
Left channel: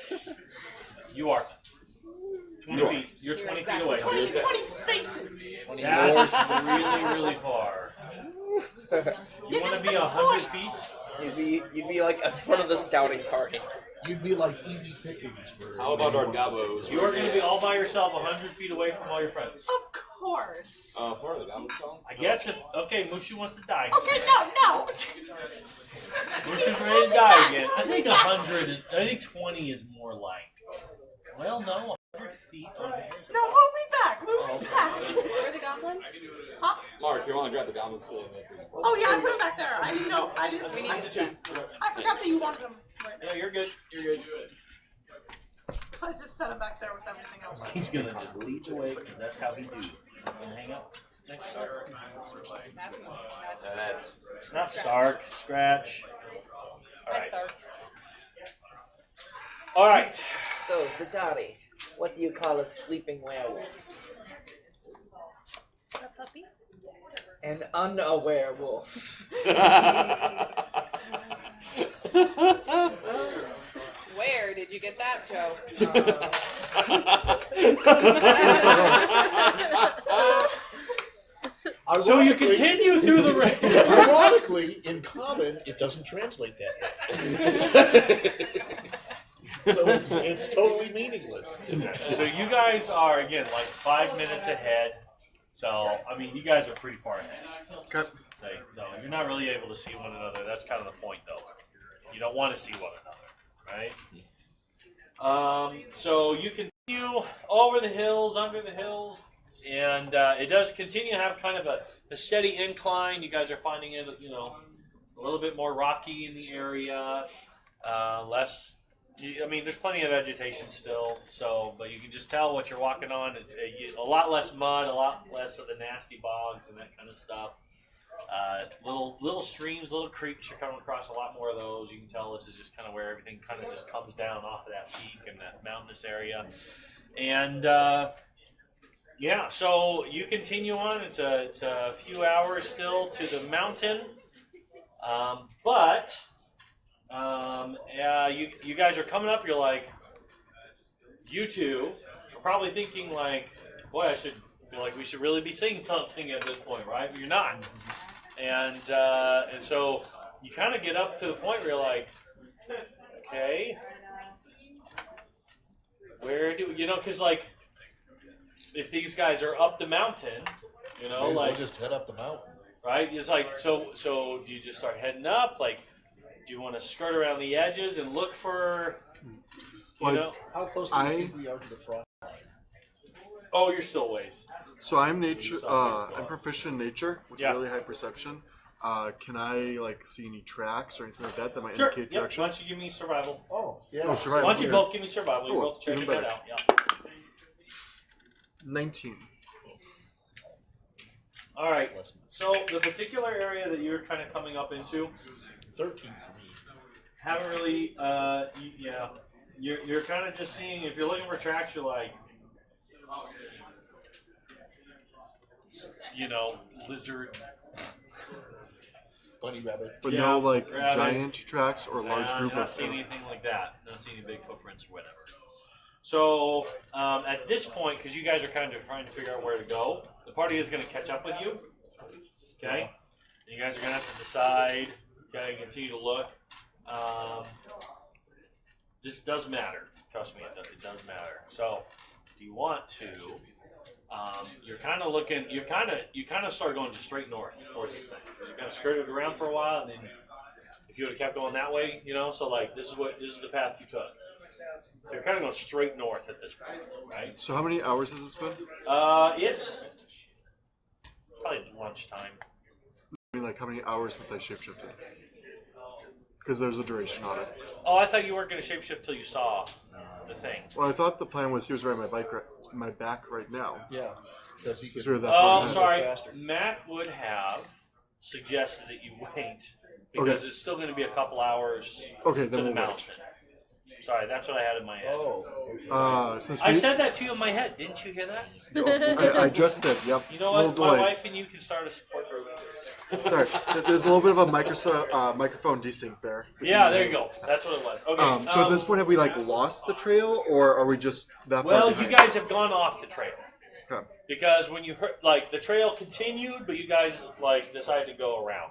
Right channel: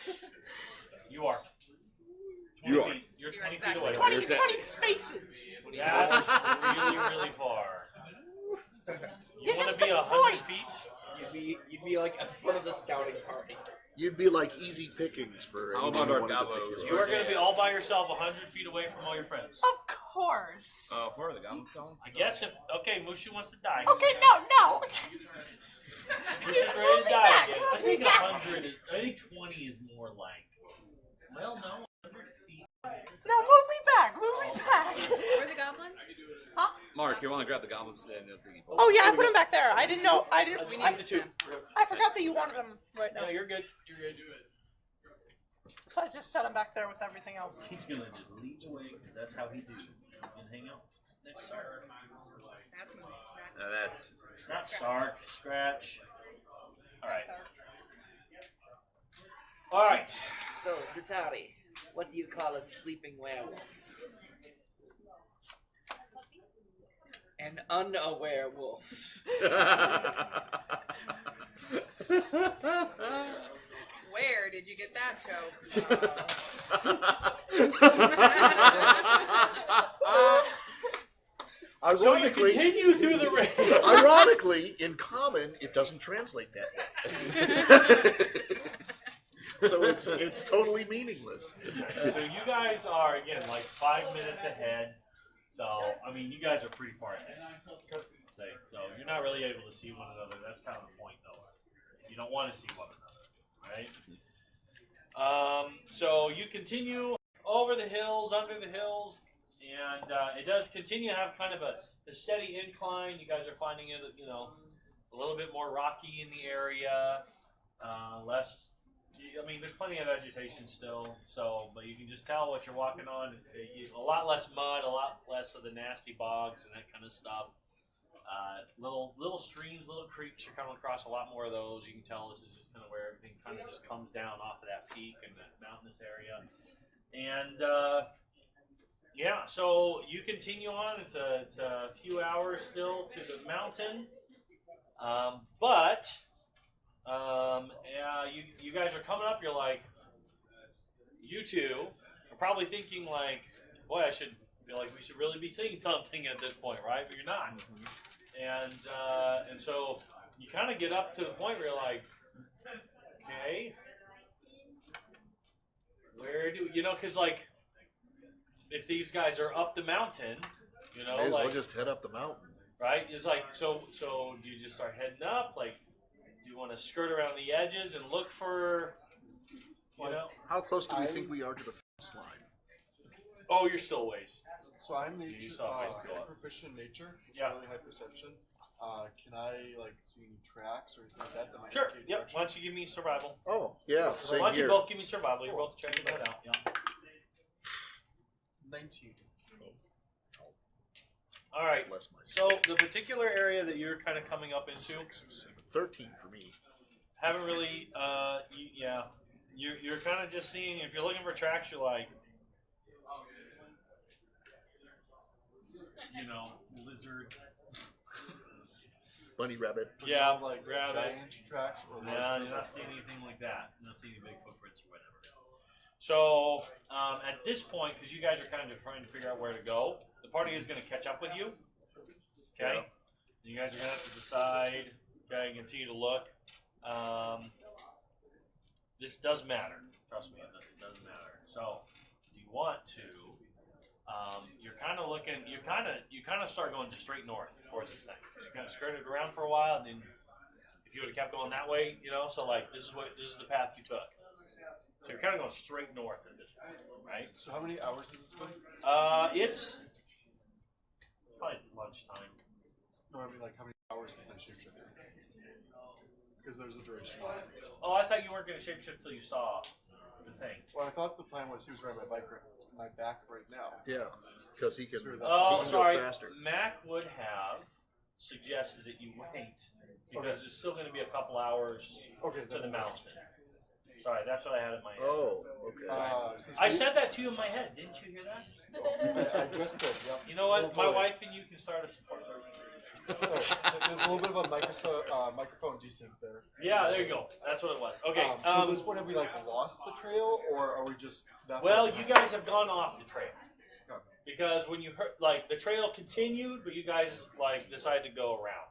You are. You're 20 feet away. 20 spaces. That's really, really far. You It want is to be the 100 point. feet? You'd be like in front of the scouting party. You'd be like easy pickings for. how about our gobos? You're going to be all by yourself 100 feet away from all your friends. Of course. For the gobos? I guess if. Okay, Mushi wants to die. Okay, no. Mushi's ready to die again. I think 100 is. I think 20 is more like. Well, no, 100 feet. No, move me back. Huh? Mark, you want to grab the gobos? Oh yeah, I put him back there. I didn't know. I forgot that you wanted him. No, you're good. You're good. So I just set him back there with everything else. He's going to delete away because that's how we do. Hang up. Next Sark. That's Not Sark. Scratch. Alright. Alright. So, Zatari, what do you call a sleeping werewolf? A puppy? An unaware wolf. Where did you get that joke? So you continue through the rain. Ironically, in common, it doesn't translate that way. So it's totally meaningless. So you guys are, again, like 5 minutes ahead. So, I mean, you guys are pretty far ahead. Okay. So you're not really able to see one another. That's kind of the point, though. You don't want to see one another, right? So you continue over the hills, under the hills, and it does continue to have kind of a steady incline. You guys are finding it, a little bit more rocky in the area, less. I mean, there's plenty of vegetation still, but you can just tell what you're walking on. It's a lot less mud, a lot less of the nasty bogs and that kind of stuff. little streams, little creeks. You're coming across a lot more of those. You can tell this is just kind of where everything kind of just comes down off of that peak and that mountainous area. And yeah, so you continue on. It's a few hours still to the mountain, but you guys are coming up. You're like, you two are probably thinking like, boy, I should. Like we should really be seeing something at this point, right? But you're not, and so you kind of get up to the point where you're like, okay, where do you know? Because like, if these guys are up the mountain, you know, like just head up the mountain. right? It's like so do you just start heading up? Like, do you want to skirt around the edges and look for, you know? How close do you think we are to the frost line? Oh, you're still a ways. So I'm nature. I'm proficient in nature with Yeah. really high perception. Can I like see any tracks or anything like that that might Sure. indicate Yep. Why direction? don't you give me survival? Oh, yeah. Oh, Why survival. don't you both give me survival? Cool. We'll both check Even that better. out. Yeah. 19. All right. So the particular area that you're kind of coming up into, 13. haven't really, yeah, you're kind of just seeing. If you're looking for tracks, you're like, you know, lizard. Bunny rabbit. But Yeah, no like rabbit. giant tracks or large group Not of seeing anything like that. Not seeing any big footprints or whatever. So at this point, because you guys are kind of trying to figure out where to go, the party is going to catch up with you. Okay, you guys are going to have to decide. Okay, continue to look. This does matter. Trust me, it does matter. So, do you want to? You're kind of looking. You kind of start going just straight north towards this thing. You kind of skirted around for a while, and then if you would have kept going that way, you know. So like this is the path you took. So you're kind of going straight north at this point, right? So how many hours has this been? It's probably lunchtime. No, I mean like how many hours since I shapeshifted? Because there's a duration on it. Oh, I thought you weren't going to shapeshift till you saw the thing. Well, I thought the plan was he was riding my back right now. Yeah. Because he Because could. we were that Oh, far sorry. behind. Mac would have suggested that you wait because Okay. it's still going to be a couple hours Okay, to then the we'll wait. mountain. Sorry, that's what I had in my head. Oh. Okay. Since I we, said that to you in my head. Didn't you hear that? I just did. Yep. You know A little what? My delayed. wife and you can start a support group. Sorry, there's a little bit of a microphone desync there. Yeah, there you go. That's what it was. Okay. So at this point, have we like lost the trail, or are we just that far well, you behind? guys have gone off the trail. Okay. Because when you heard, like, the trail continued, but you guys, like, decided to go around.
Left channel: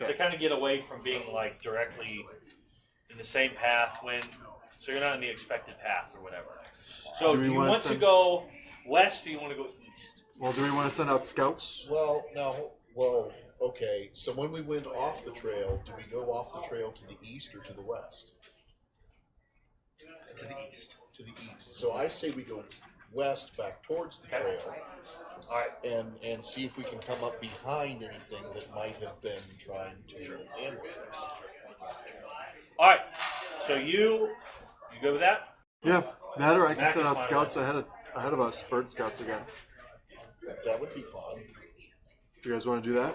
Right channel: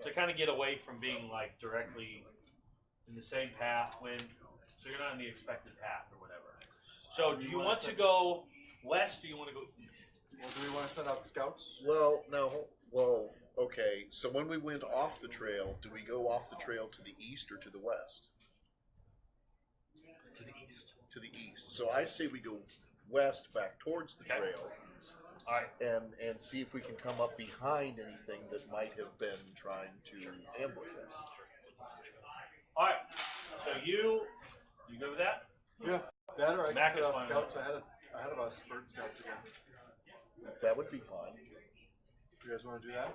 Okay. To kind of get away from being, like, directly in the same path so you're not in the expected path or whatever. So Do do we you wanna want to send- go west or do you want to go east? Well, do we want to send out scouts? Well, no. Well, okay. So when we went off the trail, do we go off the trail to the east or to the west? To the east. To the east. So I say we go west back towards the Okay. trail. All right. And see if we can come up behind anything that might have been trying to ambush us. All right. So you good with that? Yeah, that or I can Back send is out fine. scouts ahead of us, bird scouts again. That would be fun. You guys want to do that?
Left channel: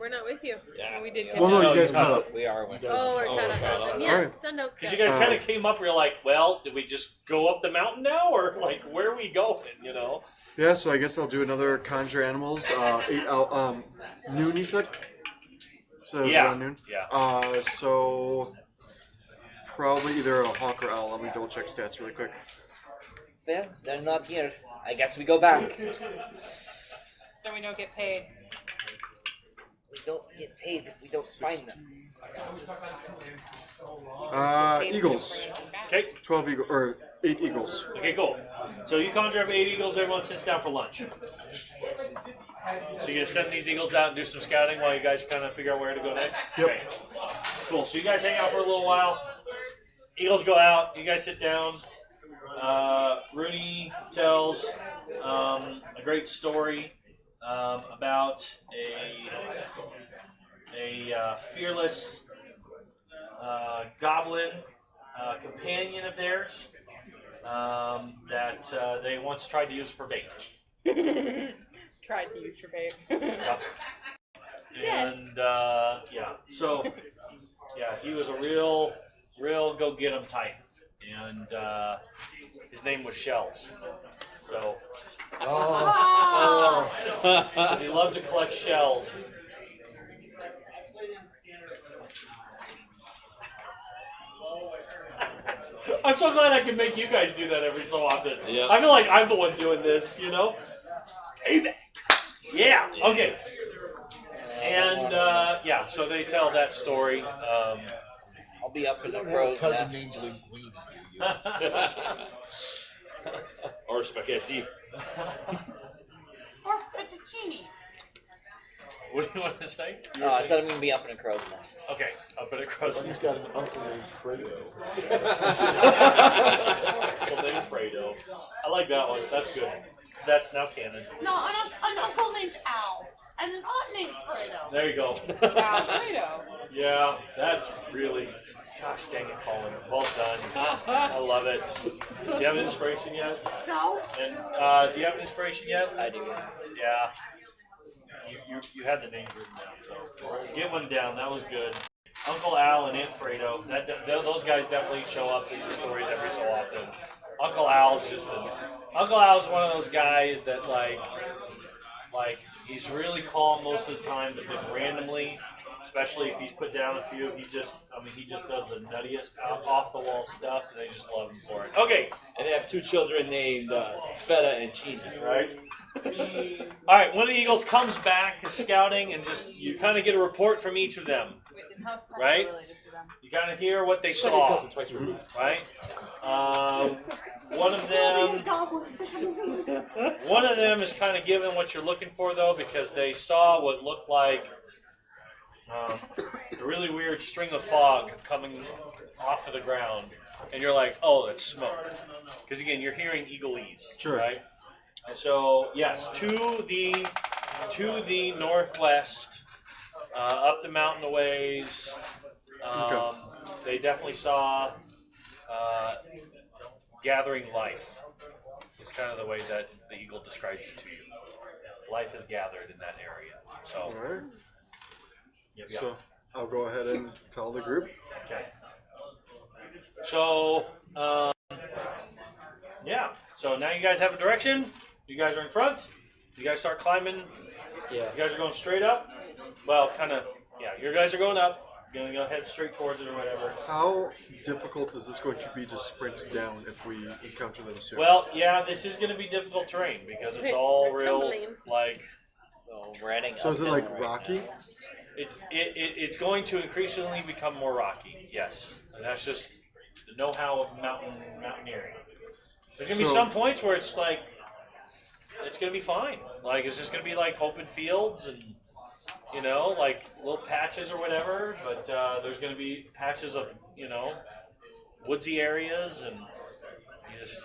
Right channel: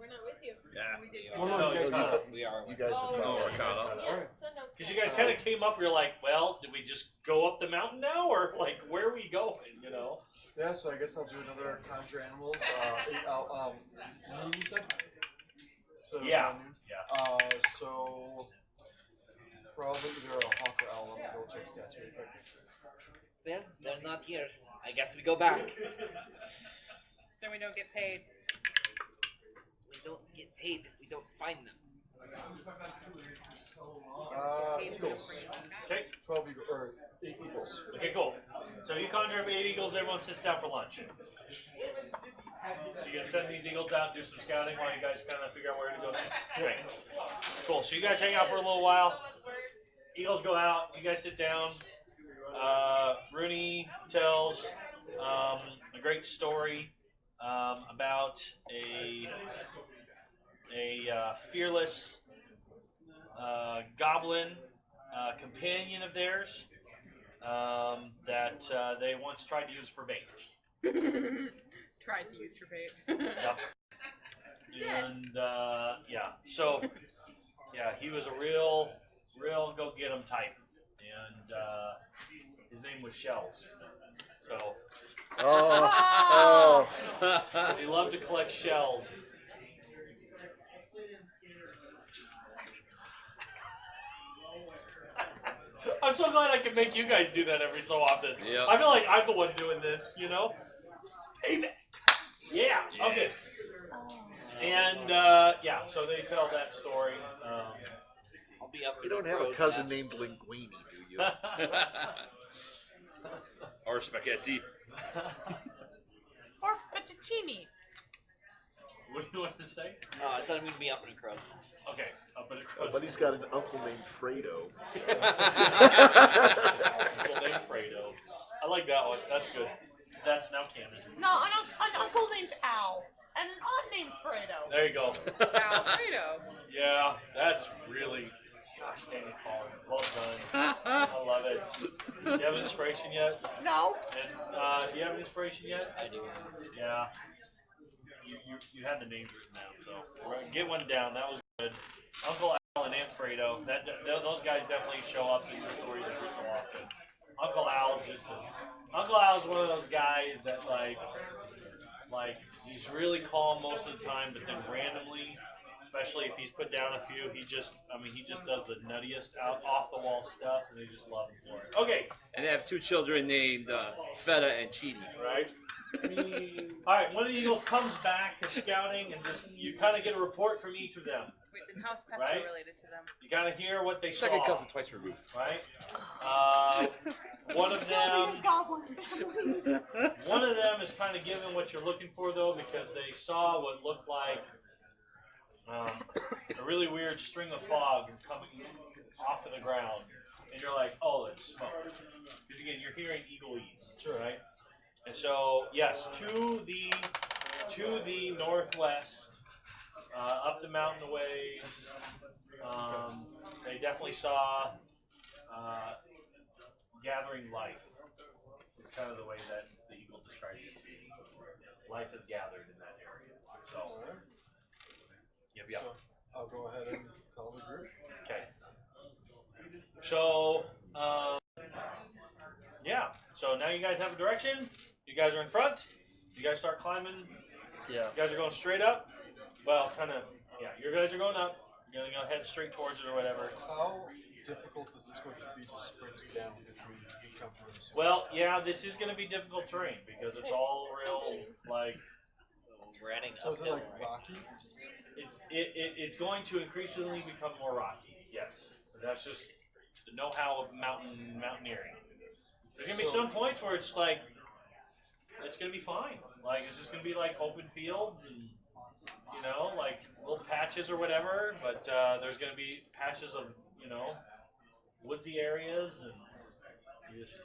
We're not with you. Yeah. We did. Well, no, No, you guys you're caught not. up. We are one. You guys- Oh, we're Oh, kind we're of kinda- frozen. Yes, Alright. send out Because scouts. you guys kind of came up, you're like, well, did we just go up the mountain now, or like, where are we going? You know? Yeah, so I guess I'll do another conjure animals. 8 out. Noon, you said? So it was Yeah. around noon. Yeah. So probably either a hawk or owl. Let me double check stats really quick. Well, they're not here. I guess we go back. Then we don't get paid. We don't get paid if we don't find them. Eagles. Okay. 12 eagles or 8 eagles. Okay, cool. So you conjure up 8 eagles, everyone sits down for lunch. So you're gonna send these eagles out and do some scouting while you guys kind of figure out where to go next? Yep. Okay. Cool. So you guys hang out for a little while. Eagles go out, you guys sit down. Rooney tells a great story about a fearless goblin companion of theirs that they once tried to use for bait. Tried to use for babe. Yep. And so he was a real go get 'em type, and his name was Shells. So, Oh. 'cause he loved to collect shells. I'm so glad I can make you guys do that every so often. Yeah. I feel like I'm the one doing this, you know? Payback. Yeah, okay. And, so they tell that story. I'll be up in the I have a crow's cousin nest. named Linguini. Do you? Or spaghetti. Or fettuccine. What do you want to say? Oh, I said I'm gonna be up in a crow's nest. Okay, I'll put it across But he's got an uncle named Fredo. Uncle named Fredo. I like that one. That's good. That's now canon. No, an uncle named Al. And an aunt named Fredo. There you go. Alfredo. Yeah, that's really. Gosh dang it, Colin. Well done. I love it. Do you have an inspiration yet? No. And do you have an inspiration yet? I do. Yeah. You had the names written down, so get one down. That was good. Uncle Al and Aunt Fredo. Those guys definitely show up in the stories every so often. Uncle Al's one of those guys that like he's really calm most of the time, but then randomly, especially if he's put down a few, he just does the nuttiest off the wall stuff, and they just love him for it. Okay, And they have two children named Feta and Chini. right. All right, one of the Eagles comes back is scouting, and just you kind of get a report from each of them. Wait, then how's Pastor Right? related to them? You kind of hear what they Second saw, cousin twice removed. right? One of them is kind of given what you're looking for though, because they saw what looked like a really weird string of fog coming off of the ground, and you're like, oh, it's smoke, because again, you're hearing eagleese, Sure. right? And so, yes, to the northwest, up the mountain a ways, Okay. they definitely saw gathering life. It's kind of the way that the eagle describes it to you. Life is gathered in that area. So, All right. yep. So I'll go ahead and tell the group. Okay. So, So now you guys have a direction. You guys are in front. You guys start climbing. Yeah. You guys are going straight up. Well, kind of. Yeah, you guys are going up. You're gonna go head straight towards it or whatever. How difficult is this going to be to sprint down if we encounter them soon? Well, yeah, this is gonna be difficult terrain because it's all real Tumbling. like. So we're heading So up is it hill like right rocky? now. It's going to increasingly become more rocky. Yes, and that's just the know-how of mountaineering. There's gonna be So- some points where it's like it's gonna be fine. Like it's just gonna be like open fields and like little patches or whatever. But there's gonna be patches of woodsy areas, and it's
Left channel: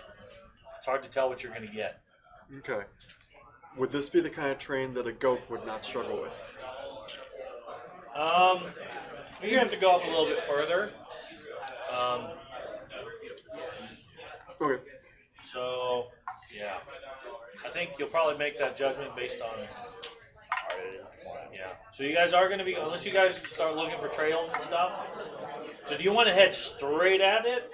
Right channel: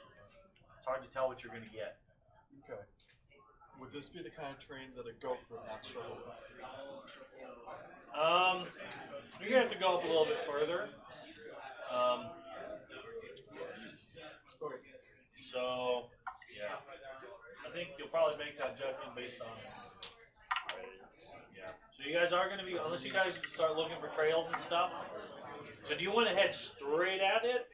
hard to tell what you're gonna get. Okay. Would this be the kind of terrain that a goat would not struggle with? You're gonna have to go up a little bit further. Okay. So, yeah, I think you'll probably make that judgment based on. Yeah. So you guys are going to be, unless you guys start looking for trails and stuff. So do you want to head straight at it,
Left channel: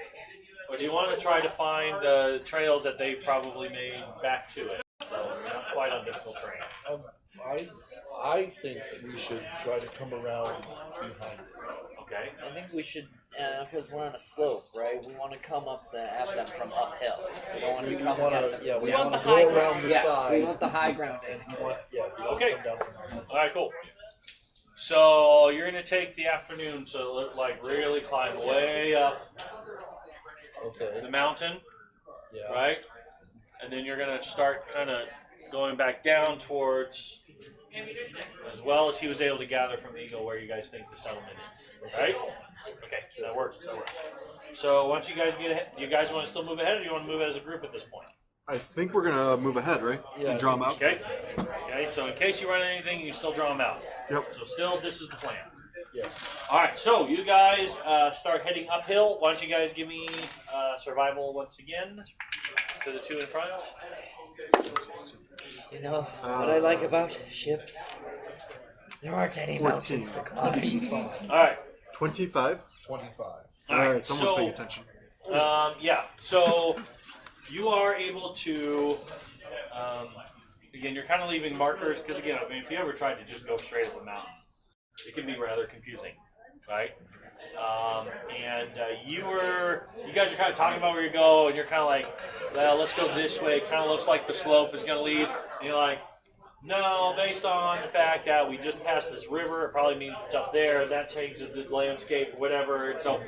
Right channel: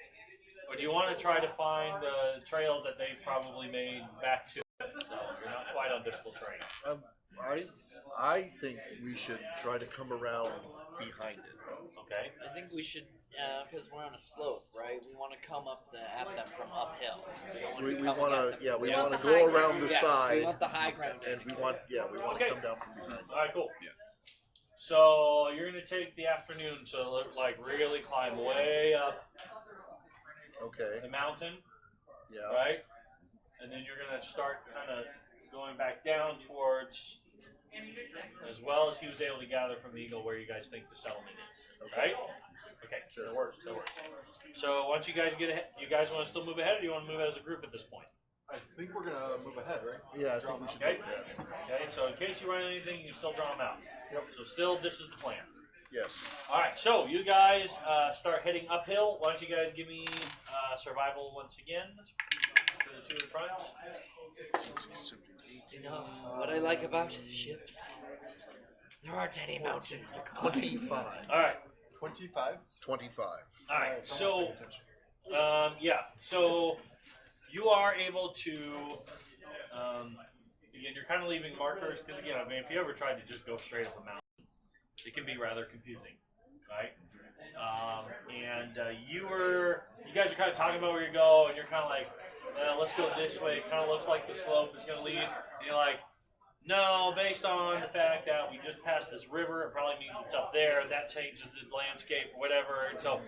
or do you want to try to find the trails that they probably made back to it? So not quite on difficult terrain. I think that we should try to come around behind it. Okay. I think we should, because we're on a slope, right? We want to come up at them from uphill. We don't want We to come want at them. to, we We want want to the high go ground. around the Yes, side, we want the high ground. and we want Okay. to come down from behind. All right. Cool. So you're going to take the afternoon to really climb way up Okay. the mountain. Yeah. Right? And then you're going to start kind of going back down towards, as well as he was able to gather from the eagle where you guys think the settlement is. Right? Okay, that works. So once you guys get ahead, do you guys want to still move ahead, or do you want to move as a group at this point? I think we're gonna move ahead, right? Yeah, And draw them out. Okay? Okay, so in case you run anything, you still draw them out. Yep. So still, this is the plan. Yes. Alright, so you guys start heading uphill. Why don't you guys give me survival once again to the two in front? You know what I like about ships? There aren't any 14. mountains to climb. 25. All right. 25. 25. All right, someone's so, paying attention. Yeah. So you are able to. Again, you're kind of leaving markers because again, I mean, if you ever tried to just go straight up a mountain, it can be rather confusing, right? You guys are kind of talking about where you go, and you're kind of like, well, let's go this way. It kind of looks like the slope is going to lead, and you're like, no, based on the fact that we just passed this river, it probably means it's up there. That changes the landscape, or whatever. And so,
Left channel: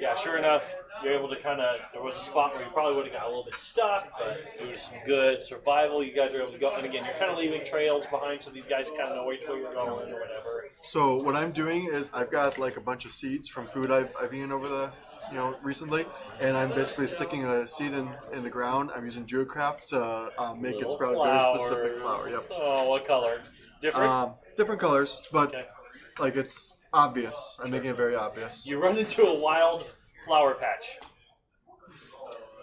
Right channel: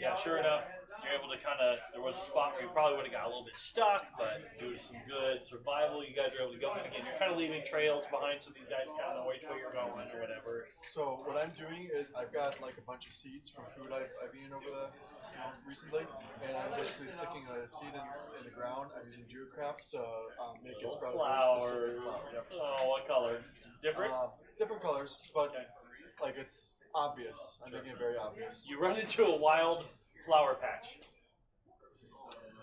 yeah, sure enough, you're able to kind of. There was a spot where you probably would have got a little bit stuck, but it was some good survival. You guys were able to go, and again, you're kind of leaving trails behind, so these guys kind of know which way you're going or whatever. So what I'm doing is I've got like a bunch of seeds from food I've eaten over the recently, and I'm basically sticking a seed in the ground. I'm using Geocraft to make it sprout a very specific flower. Yep. Oh, what color? Different. Different colors, but Okay. like it's obvious. I'm making it very obvious. You run into a wild flower patch.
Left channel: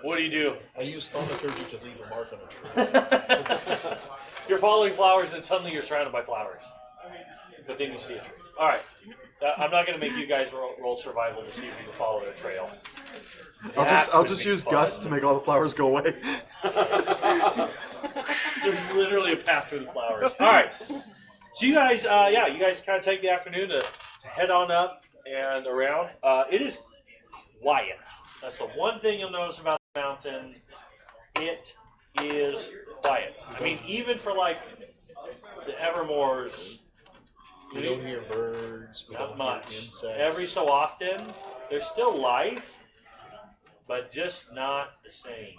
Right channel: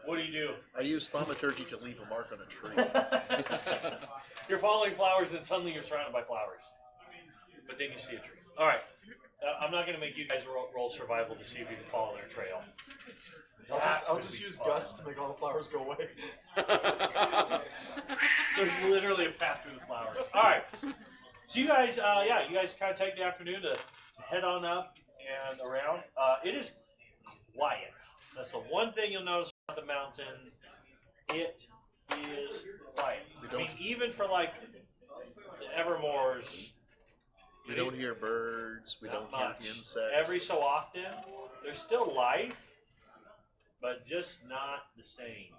What do? I use thaumaturgy to leave a mark on a tree. You're following flowers, and suddenly you're surrounded by flowers. But then you see a tree. All right. I'm not going to make you guys roll survival to see if you can follow the trail. I'll just use Gus to make all the flowers go away. There's literally a path through the flowers. All right. So you guys, you guys kind of take the afternoon to head on up and around. It is quiet. That's the one thing you'll notice about the mountain. It is quiet. I mean, even for like the Evermores, We don't hear birds. We not don't hear much. insects. Every so often, there's still life, but just not the same.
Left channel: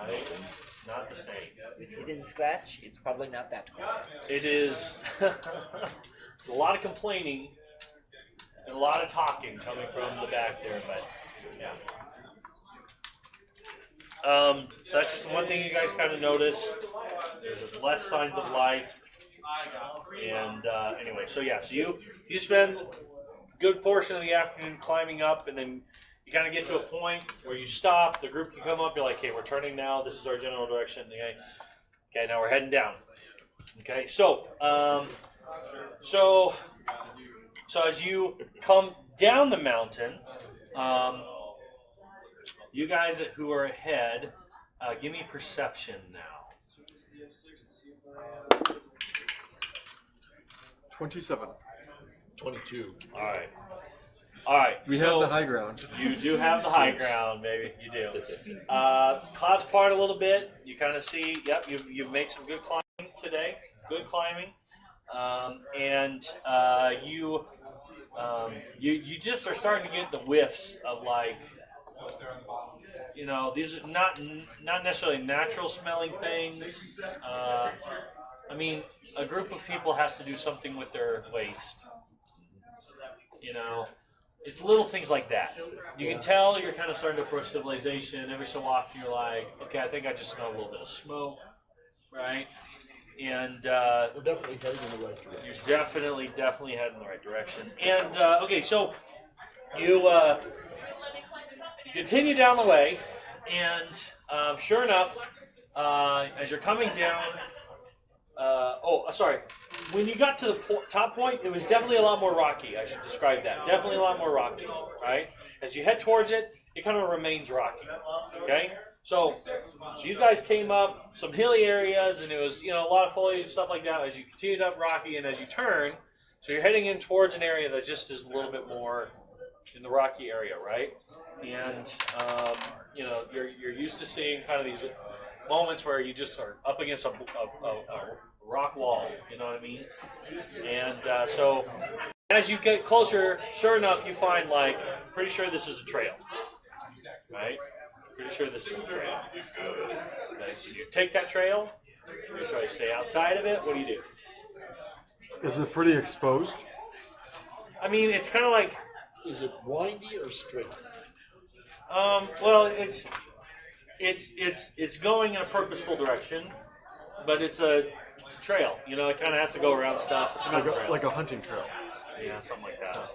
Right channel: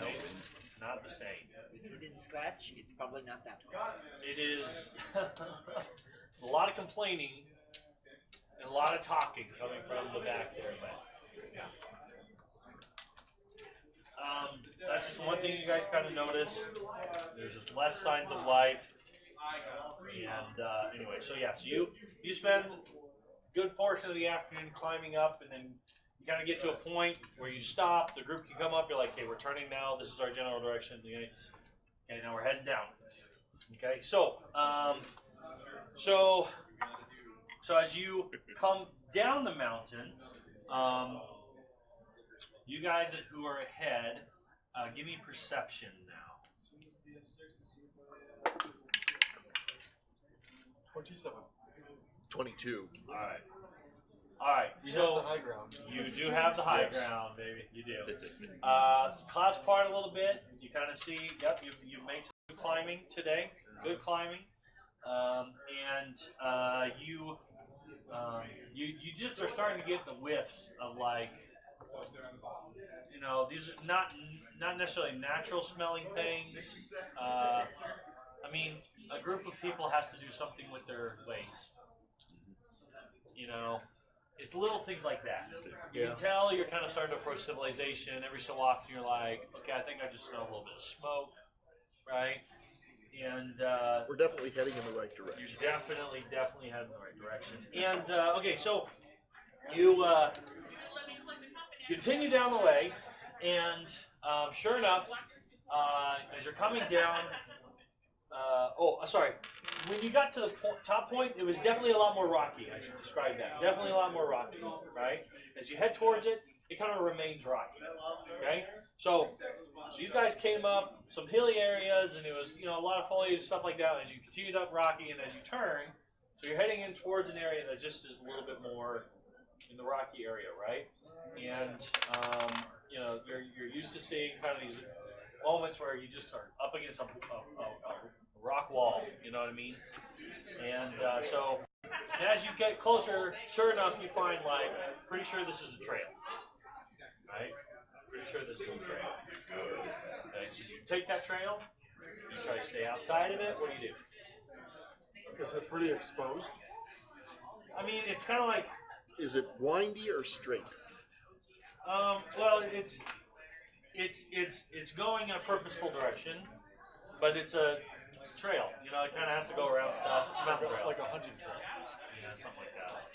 Right? Not the same. With hidden scratch, it's probably not that quiet. It is a lot of complaining and a lot of talking coming from the back there, but so that's just one thing you guys kind of notice. There's less signs of life, and anyway, so yeah, so you spend a good portion of the afternoon climbing up, and then you kind of get to a point where you stop. The group can come up. You're like, "Okay, we're turning now. This is our general direction." Okay, and now we're heading down. Okay, so as you come down the mountain, you guys who are ahead, give me perception now. 27. 22. All right. We so have the high ground. You do have the high ground, maybe you do. Clouds part a little bit. You kind of see. Yep, you've made some good climbing today. Good climbing, and you just are starting to get the whiffs of like. These are not necessarily natural smelling things. I mean, a group of people has to do something with their waste. It's little things like that. You can tell you're kind of starting to approach civilization. Every so often you're like, okay, I think I just smell a little bit of smoke, right? And We're definitely heading in the right direction. you're definitely heading in the right direction. And okay, so you continue down the way, and sure enough, as you're coming down, when you got to the top point, it was definitely a lot more rocky. I should describe that. Definitely a lot more rocky, right? As you head towards it, it kind of remains rocky. Okay, so you guys came up some hilly areas, and it was a lot of foliage and stuff like that. As you continued up rocky, and as you turn, so you're heading in towards an area that just is a little bit more in the rocky area, right? And you're used to seeing kind of these moments where you just are up against a rock wall, you know what I mean? And so as you get closer, sure enough, you find pretty sure this is a trail, right? Pretty sure this is a trail. Okay, so you take that trail, you try to stay outside of it. What do you do? Is it pretty exposed? I mean, it's kind of like, Is it windy or straight? well, it's going in a purposeful direction, but it's a trail. It kind of has to go around stuff. It's not a trail. Like a hunting trail. Yeah, something like that.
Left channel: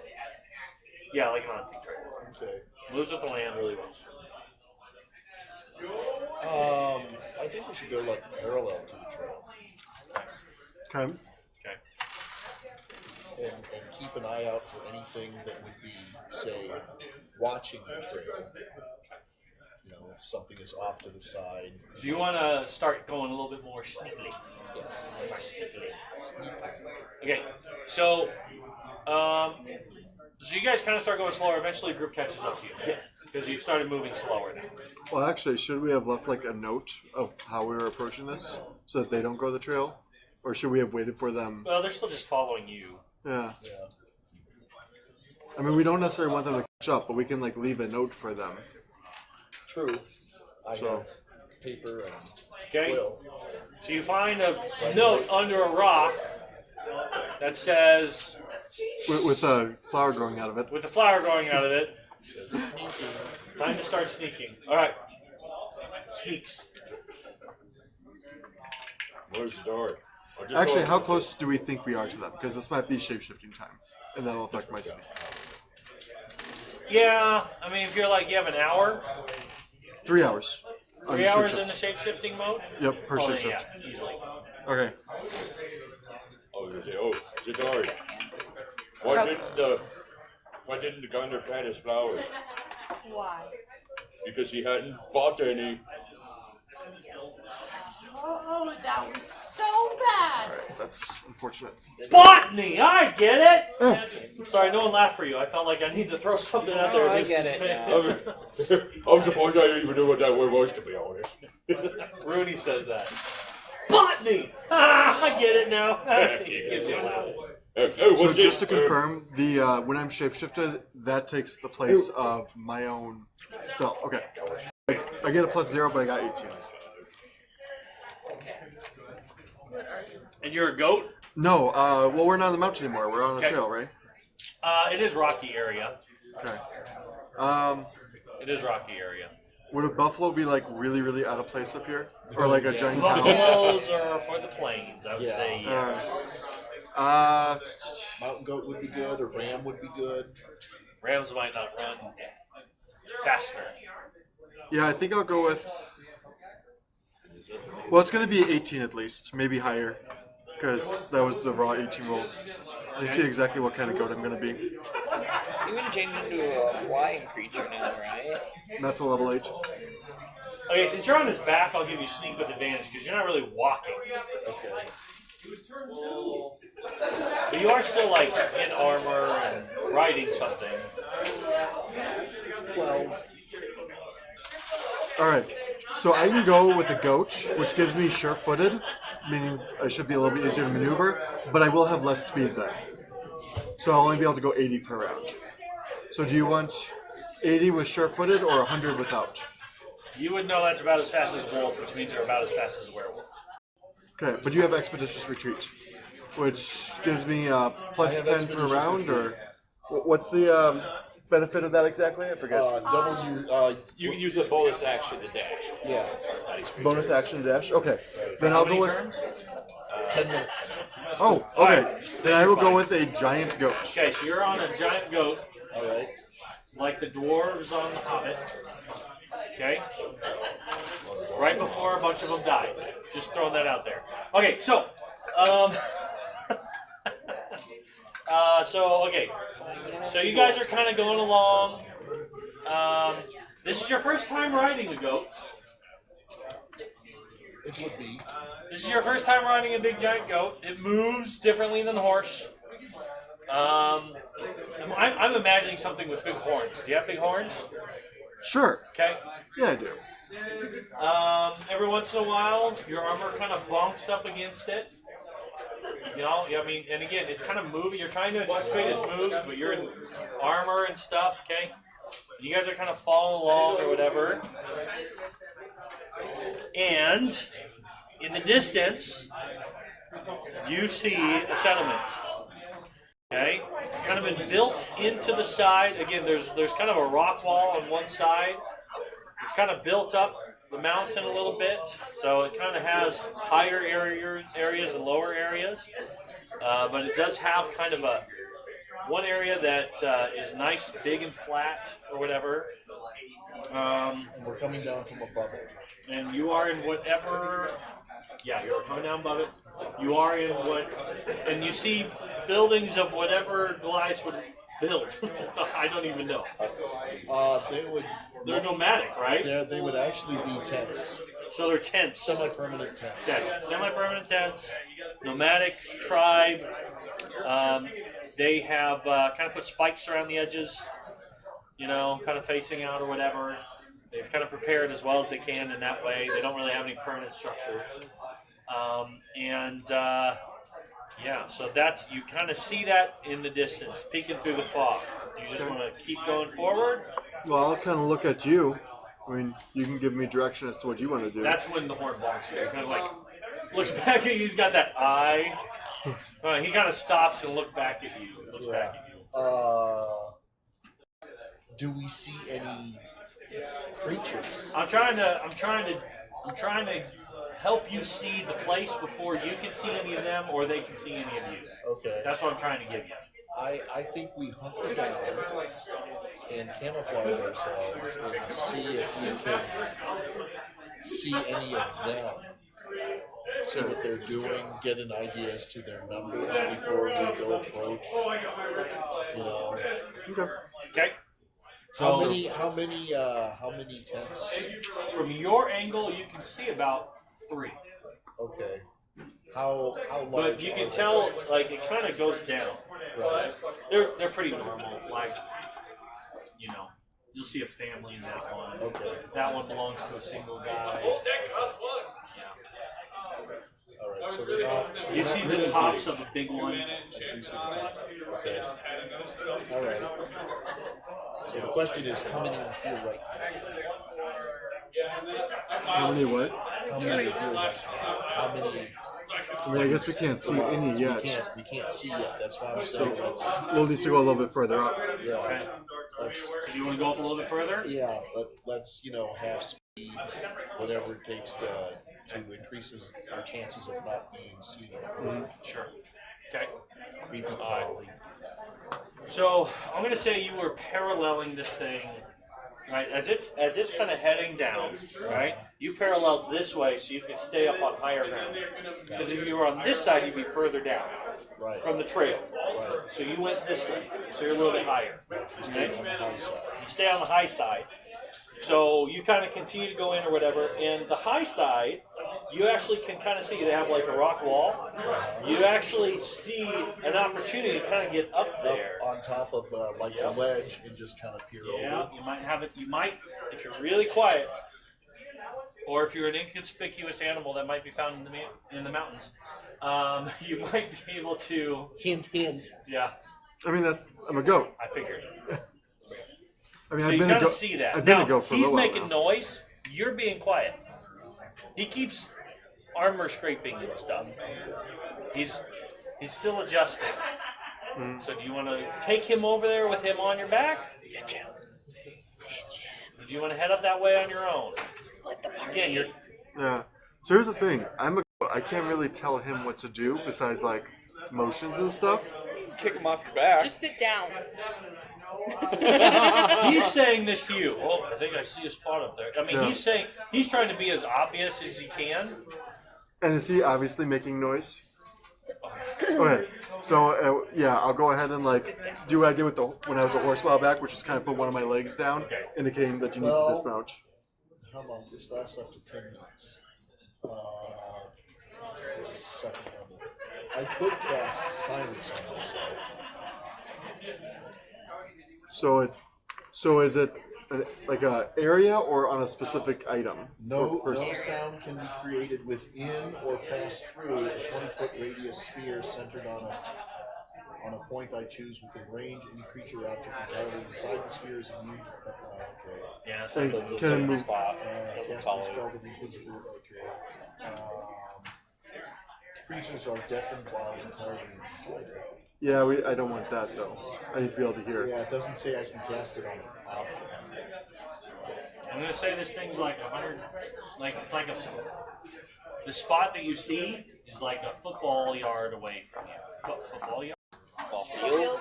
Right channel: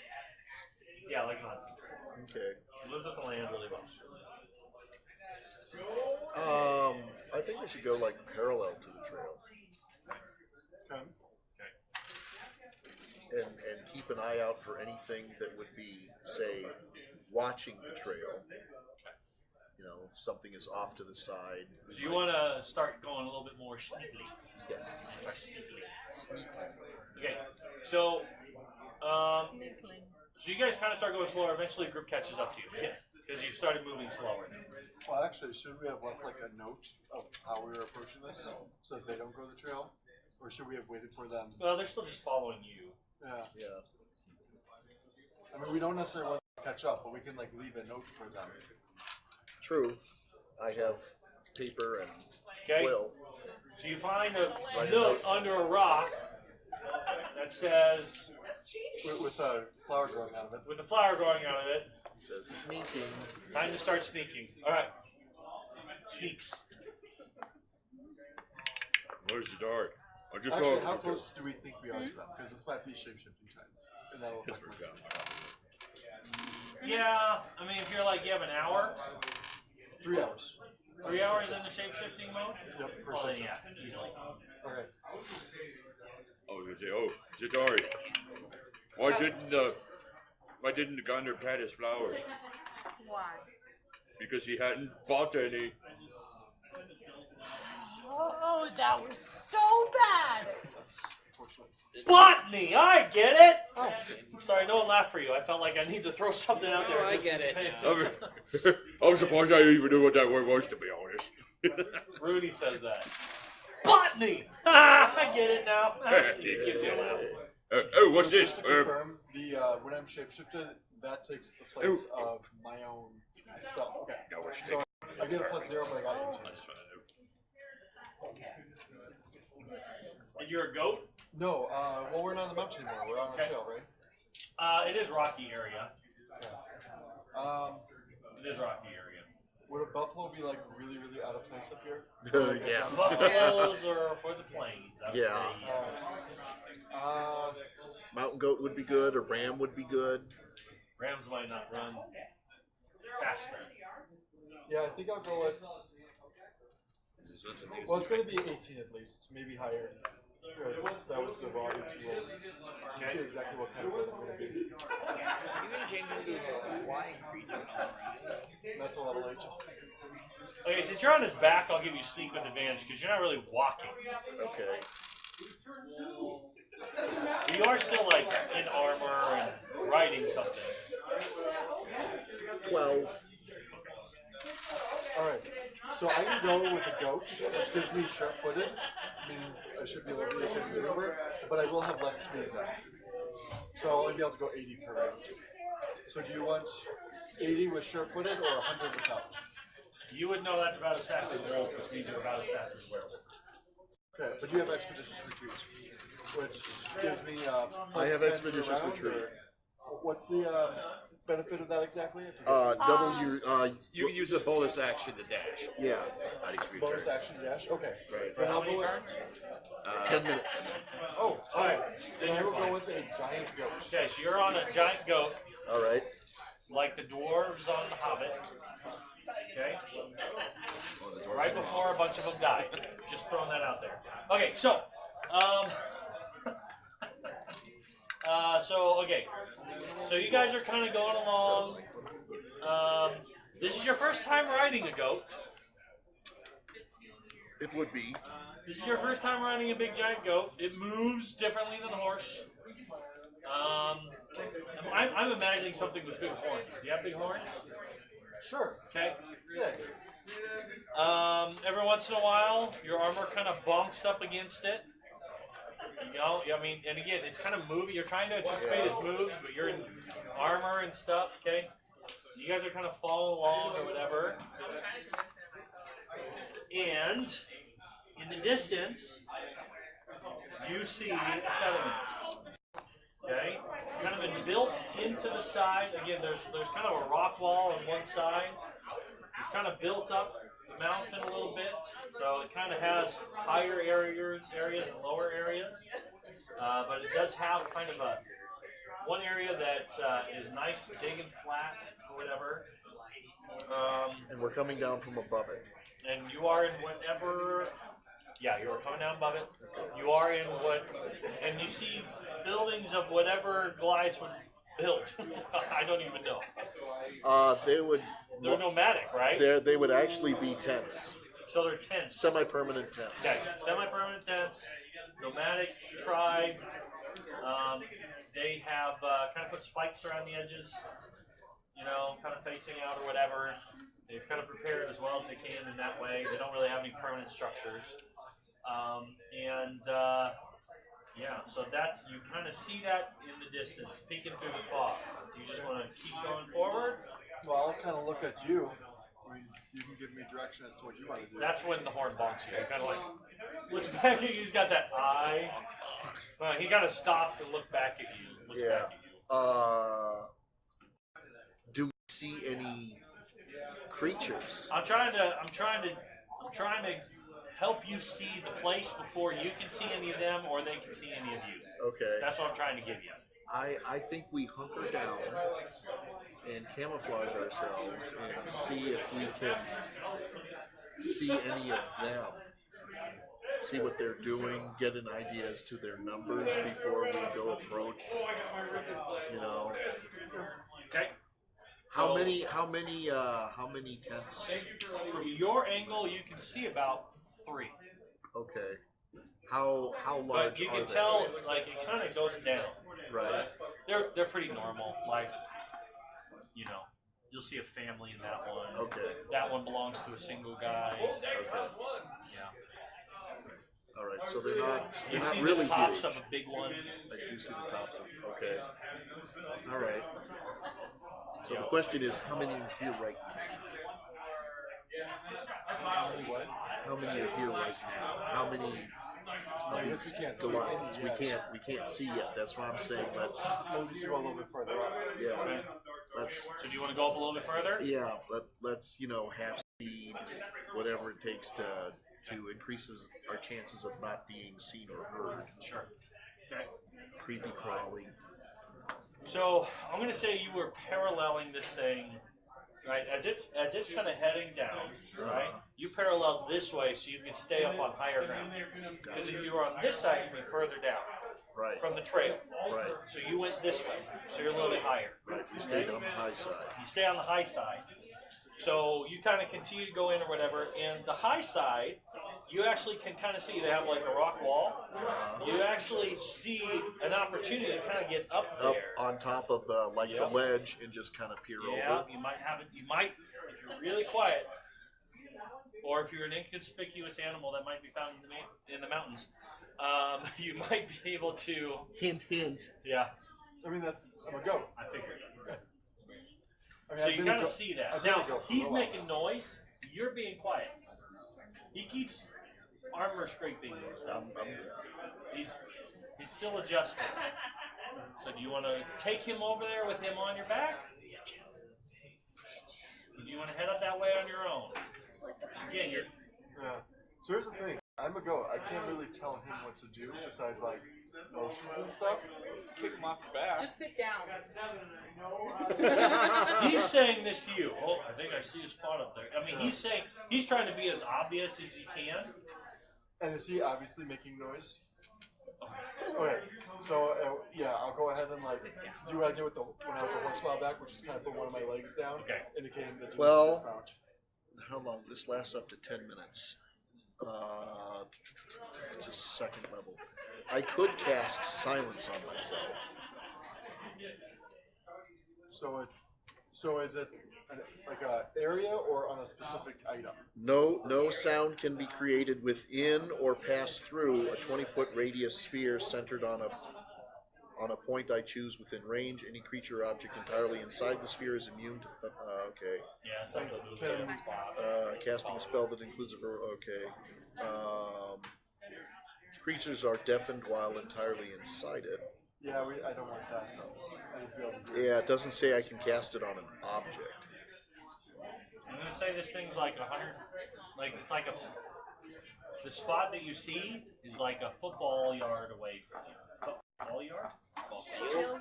Yeah, like a hunting trail. Okay. Moves with the land really well. I think we should go parallel to the trail. Okay. watching the trail. You know, if something is off to the side. Do you want to start going a little bit more sneakily? Okay, so you guys kind of start going slower. Eventually, the group catches up to you because you started moving slower now. Well, actually, should we have left like a note of how we were approaching this so that they don't go the trail, or should we have waited for them? Well, they're still just following you. Yeah. I mean, we don't necessarily want them to catch up, but we can like leave a note for them. True. I So- have paper and Okay. quill. So you find a note under a rock that says, With a flower growing out of it. with the flower growing out of it, time to start sneaking. All right. Sneaks. Where's dark? Actually, how close do we think we are to them? Because this might be shape-shifting time, and that'll affect my sneak. Yeah, I mean, if you're like, you have an hour, 3 hours. 3 hours in the shape-shifting mode? Yep, per Oh, shift. yeah, easily. Okay. Oh, sorry. Why didn't the gunner plant his flowers? Why? Because he hadn't bought any. Oh, that was so bad. That's unfortunate. Botany! I get it! Sorry, don't laugh for you. I felt like I needed to throw something out there. Oh, I get it. I was the one guy who even knew what that word was, to be honest. Rudy says that. Botany! Ah, I get it now. Good job. So just to confirm, the when I'm shapeshifted, that takes the place of my own stealth. Okay. So I get a +0, but I got 18. And you're a goat? No, well, we're not on the mountain anymore. We're on the Okay. trail, right? It is rocky area. Okay. It is rocky area. Would a buffalo be like really, really out of place up here, or like a Yeah. giant? Buffaloes are for the plains, I would Yeah. say yes. Mountain goat would be good, or ram would be good. Rams might not run faster. Yeah, I think I'll go with. Well, it's gonna be 18 at least, maybe higher, because that was the raw 18 roll. I see exactly what kind of goat I'm gonna be. You can change into a flying creature now, right? And that's a level 8. Okay, since you're on his back, I'll give you sneak with advantage because you're not really walking. Okay. But you are still like in armor and riding something. Well, All right, so I can go with the goat, which gives me sure-footed, meaning I should be a little bit easier to maneuver, but I will have less speed then. So I'll only be able to go 80 per round. So do you want 80 with sure-footed or 100 without? You would know that's about as fast as wolf, which means you're about as fast as werewolf. Okay, but you have expeditious retreat, which gives me +10 per round, or what's the benefit of that exactly? I forget. You use a bonus action to dash. yeah. Bonus action dash. Okay, then I'll go with. 10 minutes. Oh, okay. Then I will go with a giant goat. Okay, so you're on a giant goat, All right. like the dwarves on the Hobbit. Okay? Right before a bunch of them died. Just throwing that out there. Okay, so, okay. So you guys are kind of going along. This is your first time riding a goat. It would be. This is your first time riding a big giant goat. It moves differently than a horse. I'm imagining something with big horns. Do you have big horns? Sure. Okay. Yeah, I do. Every once in a while, your armor kind of bonks up against it. You know, I mean, and again, it's kind of moving. You're trying to anticipate its moves, but you're in armor and stuff, okay? You guys are kind of following along or whatever. And in the distance, you see a settlement. Okay? It's kind of been built into the side. Again, there's kind of a rock wall on one side. It's kind of built up the mountain a little bit, so it kind of has higher areas and lower areas. But it does have kind of one area that is nice, big, and flat, or whatever. And we're coming down from above. And you are in whatever. Yeah, you're coming down above it. You are in what, and you see buildings of whatever Goliath would build? I don't even know. They would. They're nomadic, right? They would actually be tents, So they're tents. semi-permanent tents. Okay, semi-permanent tents, nomadic tribe. They have kind of put spikes around the edges, kind of facing out or whatever. They've kind of prepared as well as they can in that way. They don't really have any permanent structures. So that's, you kind of see that in the distance, peeking through the fog. Do you just want to keep going forward? Well, I'll kind of look at you. I mean, you can give me direction as to what you want to do. That's when the horn bonks you. Kind of like looks back at you. He's got that eye. He kind of stops and look back at you. Looks back at you. Do we see any creatures? I'm trying to help you see the place before you can see any of them or they can see any of you. Okay. That's what I'm trying to give you. I think we hunker down and camouflage ourselves and see if we can see any of them. See what they're doing, get an idea as to their numbers before we go approach. Okay. How many tents? From your angle, you can see about 3. Okay. How large? But you can are tell, like, it kind of goes down. Right. They're pretty normal. Like, you'll see a family in that one. Okay. That one belongs to a single guy. All right. So they're not. You see the tops of a big one. You see the tops. Okay. All right. So the question is, how many are here right How many what? now? How many are here right now? How many? I mean, I guess we can't see any yet. We can't see yet. That's what I'm saying. We'll need to go a little bit further up. Yeah. You want to go up a little bit further? Yeah, but let's half speed, whatever it takes to increase our chances of not being seen or heard. Sure. Okay. Creepy crawly. So I'm going to say you were paralleling this thing, right? As it's kind of heading down, right? You paralleled this way so you can stay up on higher ground. Because if you were on this side, you'd be further down Right. from the trail. Right. So you went this way, so you're a little bit higher. Right. You stay on the high side. Stay on the high side. So you kind of continue to go in or whatever, and the high side, you actually can kind of see they have like a rock wall. You actually see an opportunity to kind of get up there. Up on top of the ledge and just kind of peer Yeah, over. you might have it. You might, if you're really quiet, or if you're an inconspicuous animal that might be found in the mountains, you might be able to. Hint, hint. Yeah, I mean, I'm a goat. I figured. I mean, So I've you been a kind of goat. see that. I've been Now, a goat for a he's little while making now. noise. You're being quiet. He keeps armor scraping and stuff. He's still adjusting. So do you want to take him over there with him on your back? Ditch him. Or do you want to head up that way on your own? Split the party. Again, you're Yeah. So here's the thing. I'm a goat. I can't really tell him what to do besides like motions and stuff. Kick him off your back. Just sit down. he's saying this to you. Oh, I think I see a spot up there. I mean, Yeah. he's trying to be as obvious as he can. And is he obviously making noise? Okay. So yeah, I'll go ahead and do what I did with when I was a horse a while back, which is kind of put one of my legs down, indicating that you need to dismount. How long? This lasts up to 10 minutes. It's a second level. I could cast silence on myself. So is it like a area or on a specific item? No sound can be created within or pass through a 20-foot radius sphere centered on a point I choose within range. Any creature or object entirely inside the sphere is immune. Okay. Yeah, So so you can move. Casting a spell that includes a okay. Creatures are deafened while entirely inside it. Yeah, I don't want that though. I need to be able to hear. Yeah, it doesn't say I can cast it on an object. I'm gonna say this thing's like 100. Like it's like the spot that you see is like a football yard away from you. Football yard? Ball field.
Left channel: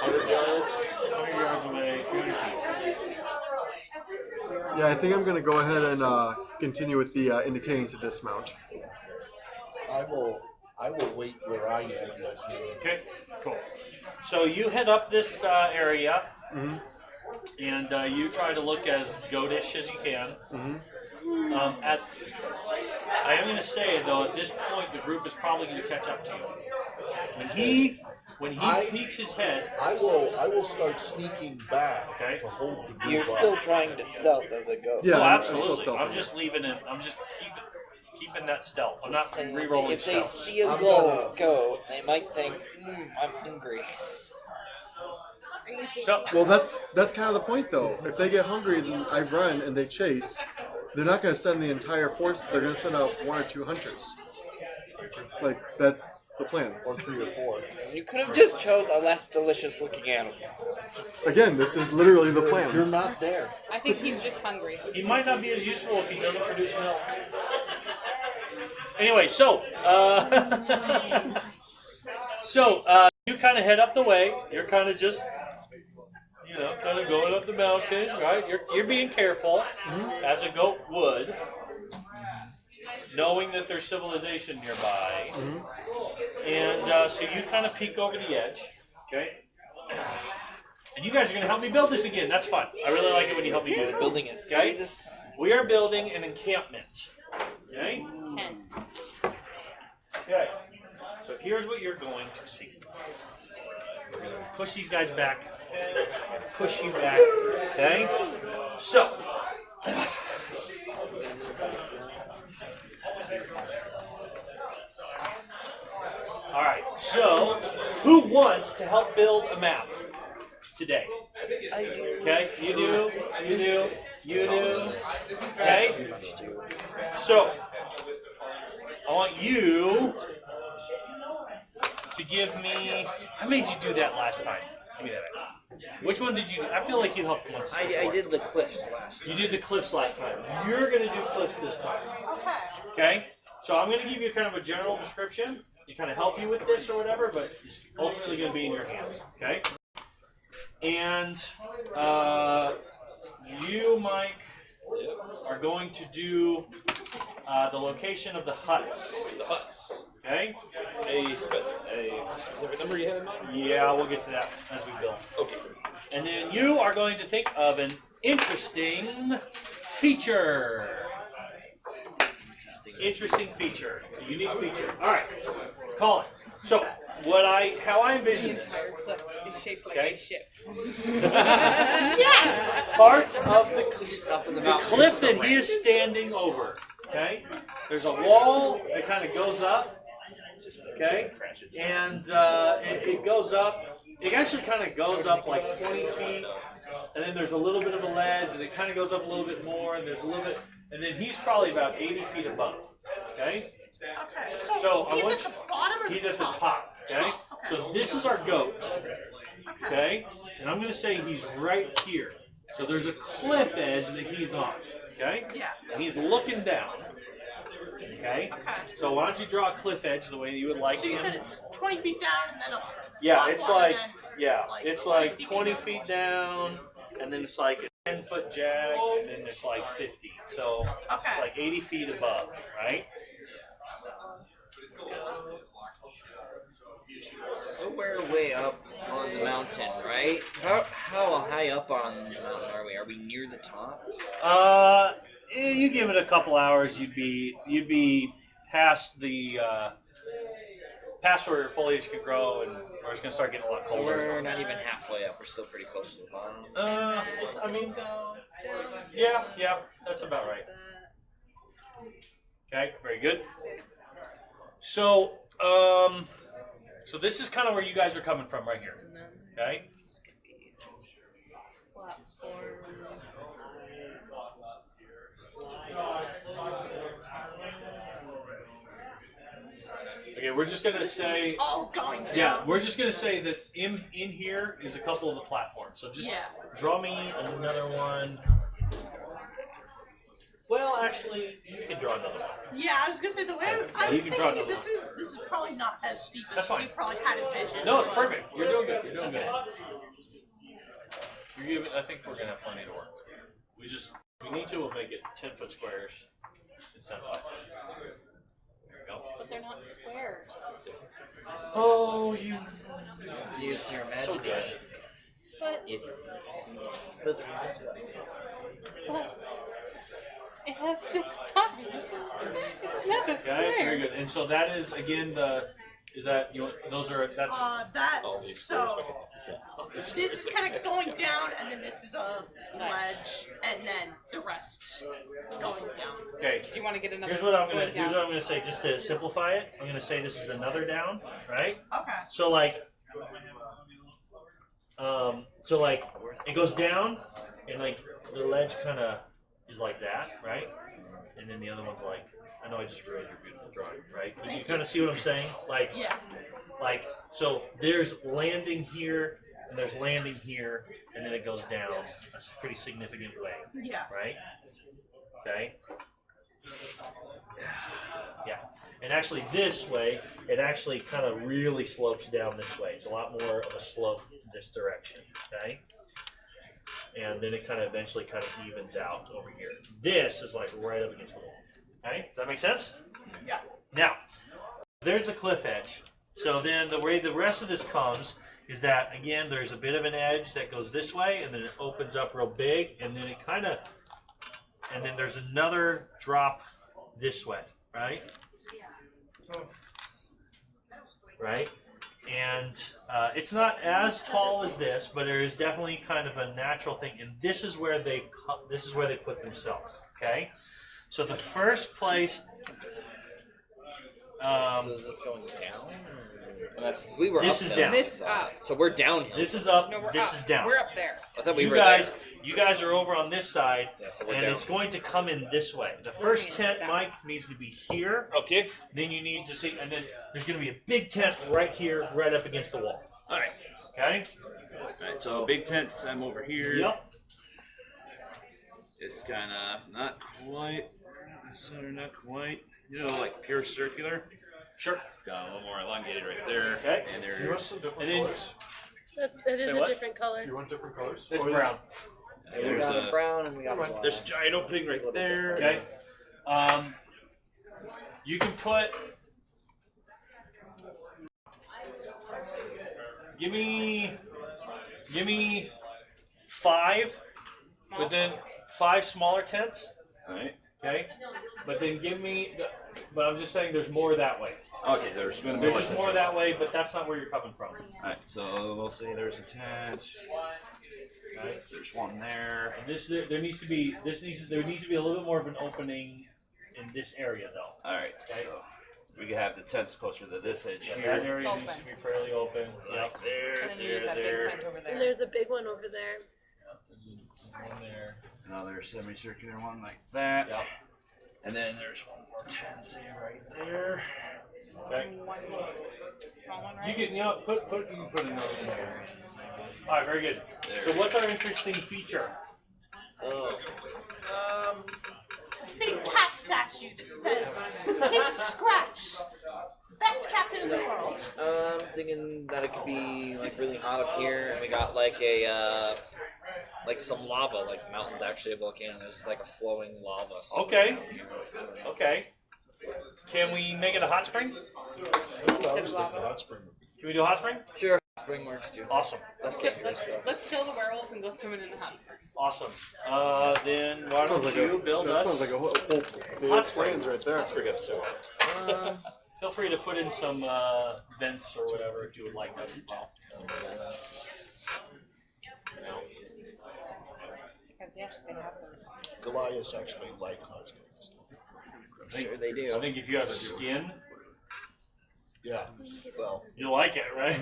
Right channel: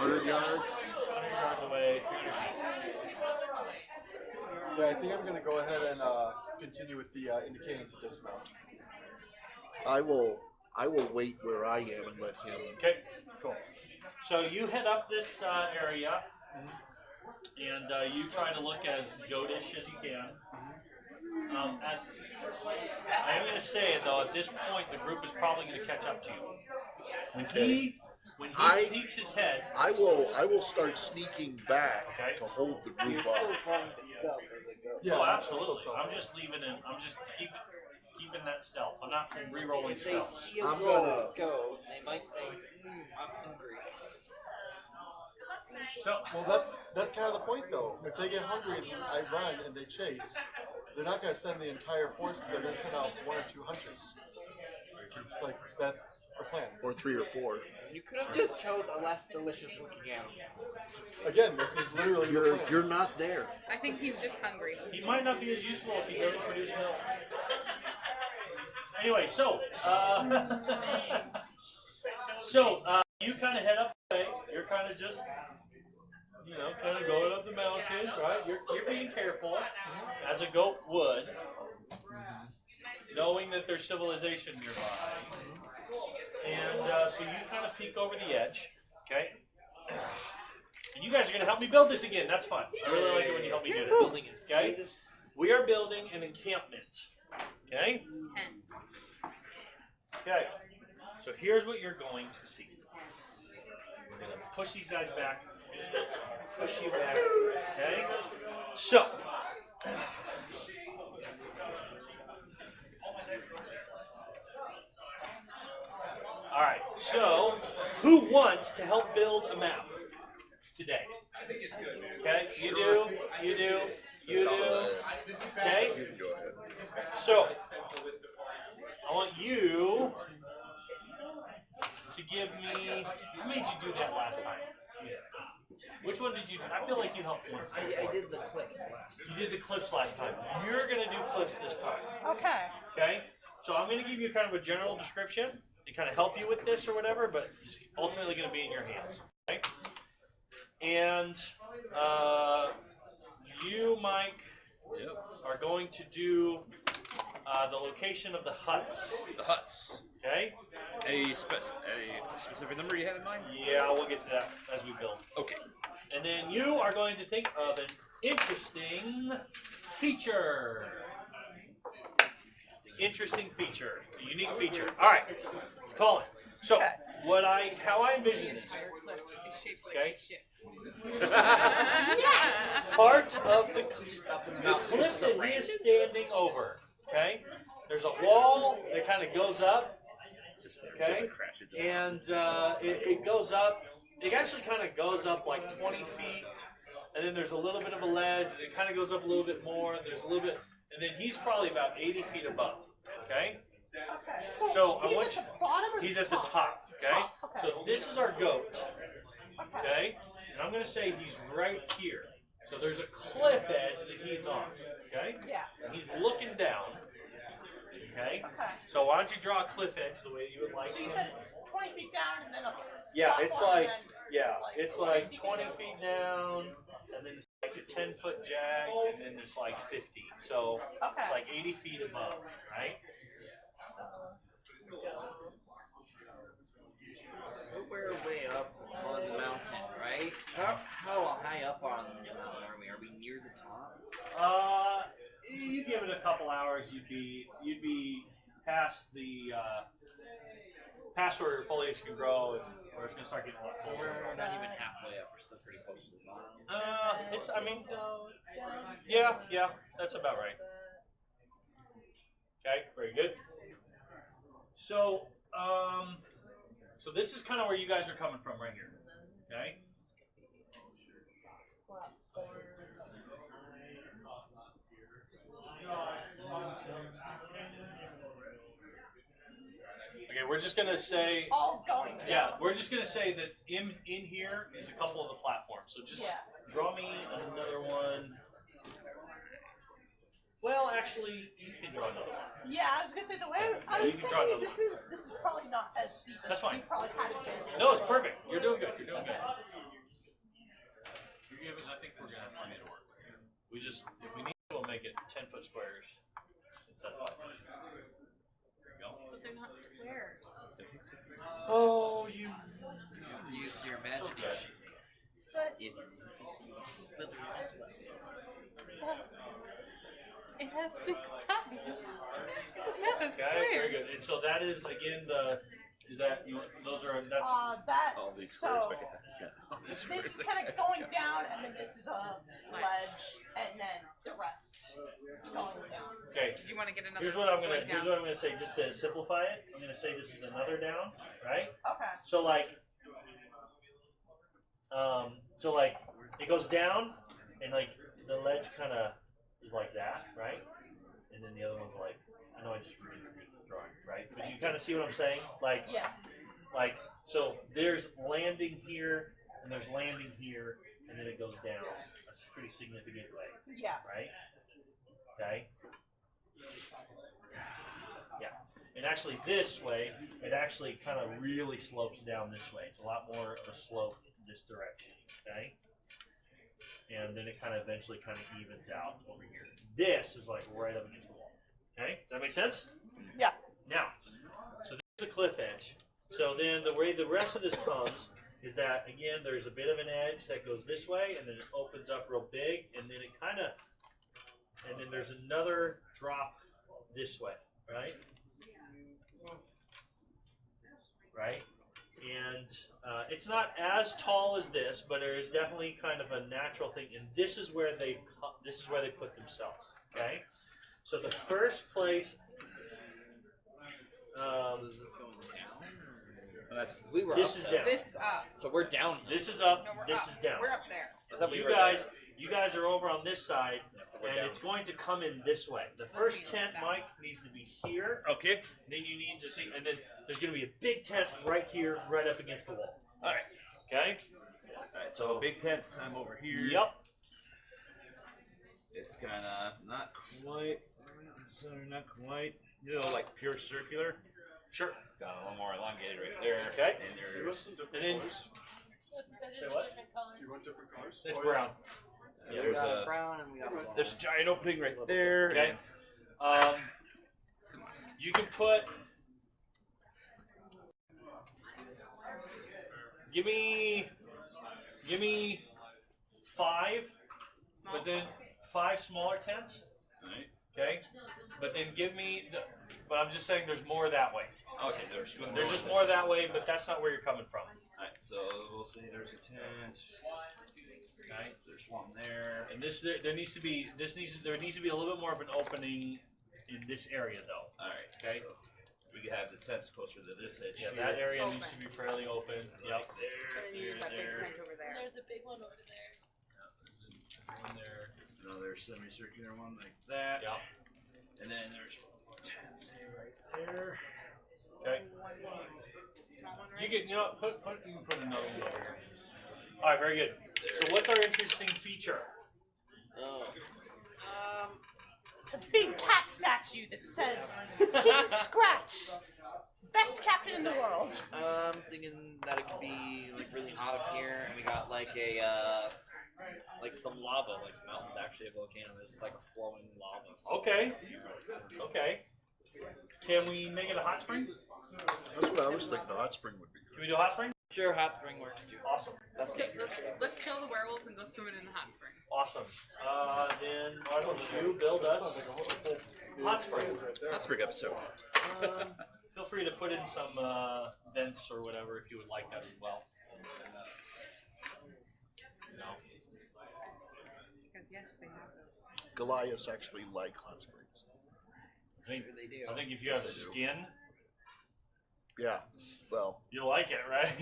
100 yards. 100 yards away. 300 feet. Yeah, I think I'm gonna go ahead and continue with the indicating to dismount. I will wait where I am and let you. Okay, cool. So you head up this area, Mhm. and you try to look as goatish as you can. I am going to say though, at this point, the group is probably going to catch up to you. When he peeks his head, I will start sneaking back Okay. to hold the group You're up. still trying to stealth as a ghost. Yeah, oh, I'm still absolutely. stealthy. I'm just leaving it. I'm just keeping that stealth. I'm not Saying re-rolling if they stealth. see a I'm goat, they might think, I'm hungry. So Well, that's kind of the point, though. If they get hungry, then I run and they chase. They're not going to send the entire force. They're going to send out 1 or 2 hunters. Like that's the plan. Or 3 or 4. You could have just chose a less delicious looking animal. Again, this is literally the You're plan. not there. I think he's just hungry. he might not be as useful if he doesn't produce milk. Anyway, so you kind of head up the way. You're kind of just, kind of going up the mountain, right? You're being careful, as a goat would, knowing that there's civilization nearby. And so you kind of peek over the edge, okay? And you guys are going to help me build this again. That's fun. I really like it when you help me do this. Building a city Okay? this time. We are building an encampment. Okay? 10. Okay. So here's what you're going to see. We're going to push these guys back. Push you back. Okay? So. Alright, so who wants to help build a map today? Okay, you do, you do, you do. Okay? So, I want you to give me. I made you do that last time. Give me that. Which one did you? I feel like you helped once. I before. did the cliffs last. You did the cliffs last time. You're gonna do cliffs this time. Okay. Okay? So I'm gonna give you kind of a general description to kind of help you with this or whatever, but it's ultimately gonna be in your hands. Okay? And you, Mike, are going to do the location of the huts. The huts. Okay? A specific number you have in mind? Yeah, we'll get to that as we build. Okay. And then you are going to think of an interesting feature. Interesting feature. A unique feature. Alright. Colin. So how I The envision this. entire cliff is shaped like Okay. a ship. Yes! Part of Up in the the mountains. cliff that he is standing over. Okay? There's a wall that kind of goes up. Okay? And it goes up. It actually kind of goes up like 20 feet. And then there's a little bit of a ledge. And it kind of goes up a little bit more. And there's a little bit. And then he's probably about 80 feet above. Okay? So He's at the bottom he's of at the top. Okay? So this is our goat. Okay? And I'm going to say he's right here. So there's a cliff edge that he's on. Okay? And he's looking down. Okay? So why don't you draw a cliff edge the way you would like So you it? said it's 20 feet down and then up. Yeah, it's like 20 feet down, and then it's like a 10-foot jag, and then it's like 50. So it's like 80 feet above, right? So we're way up on the mountain, right? How high up on the mountain are we? Are we near the top? You give it a couple hours, you'd be past the past where foliage can grow, and we're just gonna start getting a lot So colder. we're not even halfway up. We're still pretty close to the bottom. I mean, yeah, that's about right. Okay, very good. So, so this is kind of where you guys are coming from right here. Okay. Okay, we're just gonna say. All going down. Yeah, we're just gonna say that in here is a couple of the platforms. So just Drummy is another one. Well, actually, you can draw another one. Yeah, I was gonna say the way I You was can draw thinking those. this is probably not as steep as That's we fine. probably had envisioned. No, it's perfect. You're doing good. You're doing good. I think we're gonna have plenty to work. We just, if we need to, we'll make it 10-foot squares instead of 5. But they're not squares. Oh, you. Use your So so that is again those are That's so. This is kind of going down, and then this is a ledge, and then the rest going down. okay. Do you want to get another Here's what I'm gonna say, just to simplify it. I'm gonna say this is another down, right? Okay. So like, it goes down, and like the ledge kind of is like that, right? And then the other one's like, I know I just ruined your beautiful drawing, right? But you kind of see what I'm saying? Like, so there's landing here, and there's landing here, and then it goes down. That's a pretty significant way, Yeah. right? Okay. Yeah. And actually this way, it actually kind of really slopes down this way. It's a lot more of a slope this direction, okay? And then it kind of eventually kind of evens out over here. This is like right up against the wall, okay? Does that make sense? Yeah. Now, so there's the cliff edge. So then the way the rest of this comes is that, again, there's a bit of an edge that goes this way, and then it opens up real big, and then it kind of, and then there's another drop this way, right? Right? And it's not as tall as this, but there is definitely kind of a natural thing, and this is where they put themselves, okay? So the first place. So is this going down? We were This up is there. down. This up. So we're down here. This is up. No, we're This up. is down. We're up there. I thought we You were guys, there. you guys are over on this side, Yeah, so we're and down. it's going to come in this way. The first tent, Mike, needs to be here. Okay. Then you need to see, and then there's going to be a big tent right here, right up against the wall. All right. Okay. So big tent, I'm over here. Yep. It's kind of not quite center, not quite. You know, like pure circular. Sure. It's got more elongated right there. Okay. And You want there's some different And then- colors? It is Say a what? different color. You want different colors? It's brown. We there's got a brown and we got black. there's a giant opening right there. Okay. You can put. Give me 5, but then 5 smaller tents. Alright. Okay. But then give me. But I'm just saying, there's more that way. Okay, there's been There's just more that way, but that's not where you're coming from. Alright, so we'll say there's a tent. There's one there. There needs to be a little more of an opening in this area, though. Alright, so we can have the tents closer to this edge That here. area needs to be fairly open. Like there, And then you there, got big there. tent over And there. there's a big one over there. There. Another semicircular one like that. And then there's one more tent, say right there. Okay. Small one, You right? can you can put a note in there. All right, very good. So what's our interesting feature? Oh. Big cat statue that says, Scratch, best cat in the world. I'm thinking that it could be like really hot up here, and we got like a like some lava, like the mountain's actually a volcano. There's just like a flowing lava. So Okay. Okay. Can we make it a hot spring? Honestly, the hot spring would be Can we do a hot spring? sure, hot spring works too. Awesome. Let's Let's, get let's, let's kill the werewolves and go swimming in the hot spring. Awesome. Then why Sounds don't like you build that us? sounds like a whole Hot springs plans right there. Feel free to put in some vents or whatever if you would like that as well. Goliaths actually like hot springs. sure they do. I think if you have skin, Yeah. Well, you'll like it, right?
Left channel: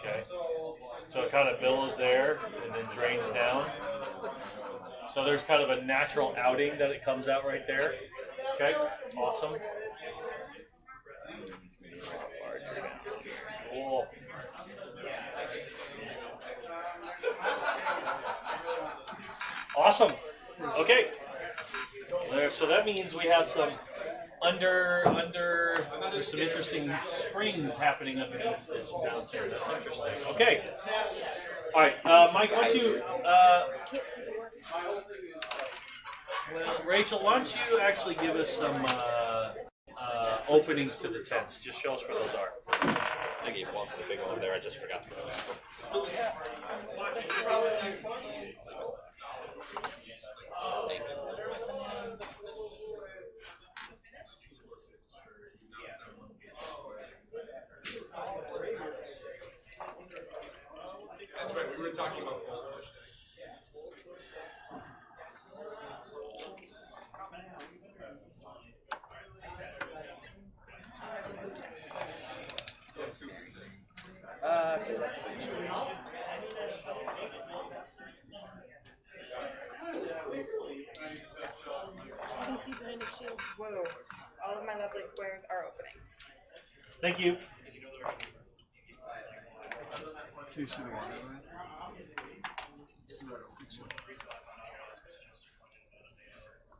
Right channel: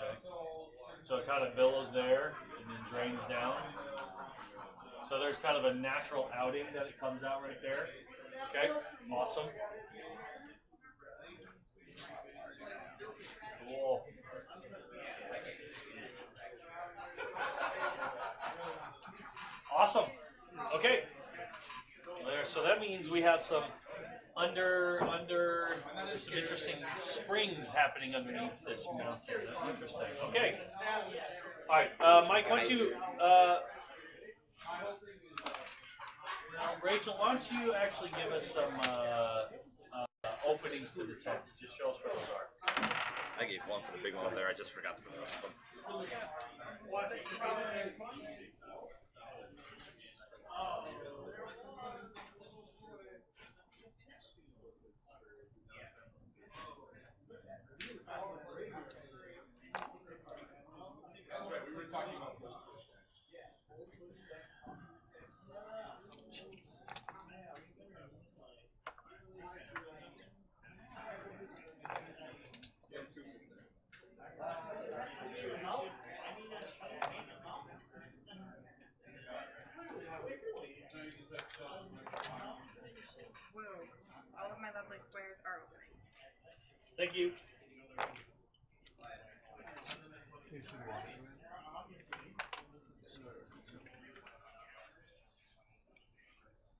Okay. So it kind of billows there and then drains down. So there's kind of a natural outing that it comes out right there. Okay, awesome. Cool. Awesome. Okay. So that means we have some there's some interesting springs happening underneath this mountain there. That's interesting. Okay. All right, Mike, why don't you, Rachel, why don't you actually give us some openings to the tents? Just show us where those are. I gave one for the big one there. I just forgot. Thank you.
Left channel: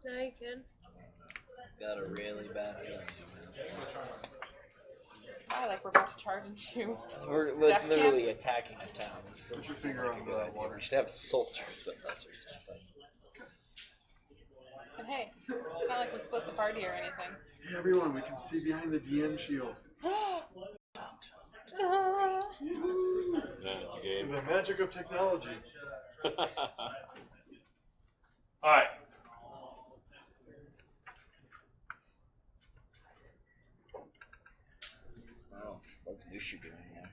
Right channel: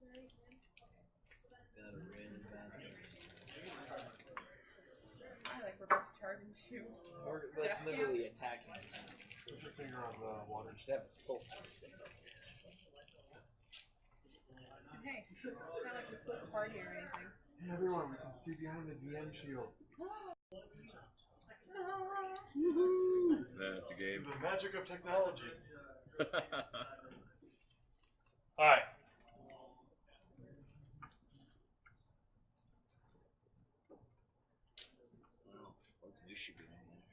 Now you can. Got a really bad feeling. Like we're about to charge into you. We're Death literally attacking a town. Finger on the water. We should have soldiers with us or something. And hey, it's not like we split the party or anything. Hey everyone, we can see behind the DN shield. The magic of technology. All right. Oh, what's Yushu doing here?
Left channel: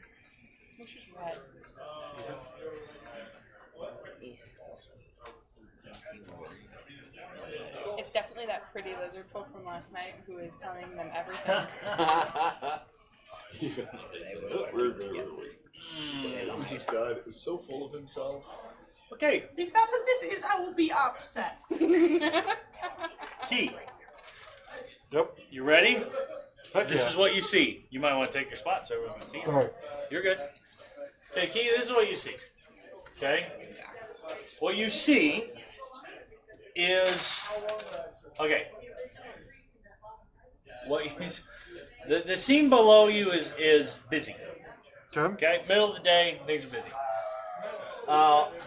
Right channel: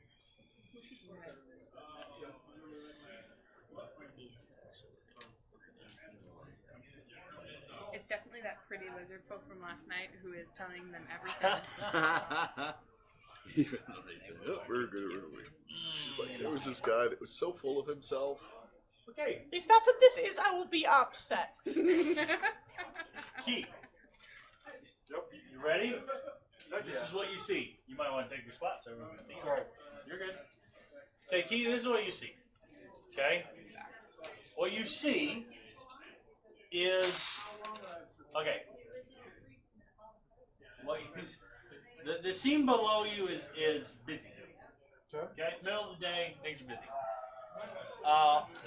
It's definitely that pretty lizard folk from last night who is telling them everything. This guy that was so full of himself. Okay. If that's what this is, I will be upset. Key. Yep. You ready? Heck This yeah. is what you see. You might want to take your spot so everyone can see. Alright. You're good. Okay, Key, this is what you see. Okay? What you see is okay. What you, the scene below you is busy. Okay. Okay, middle of the day, things are busy.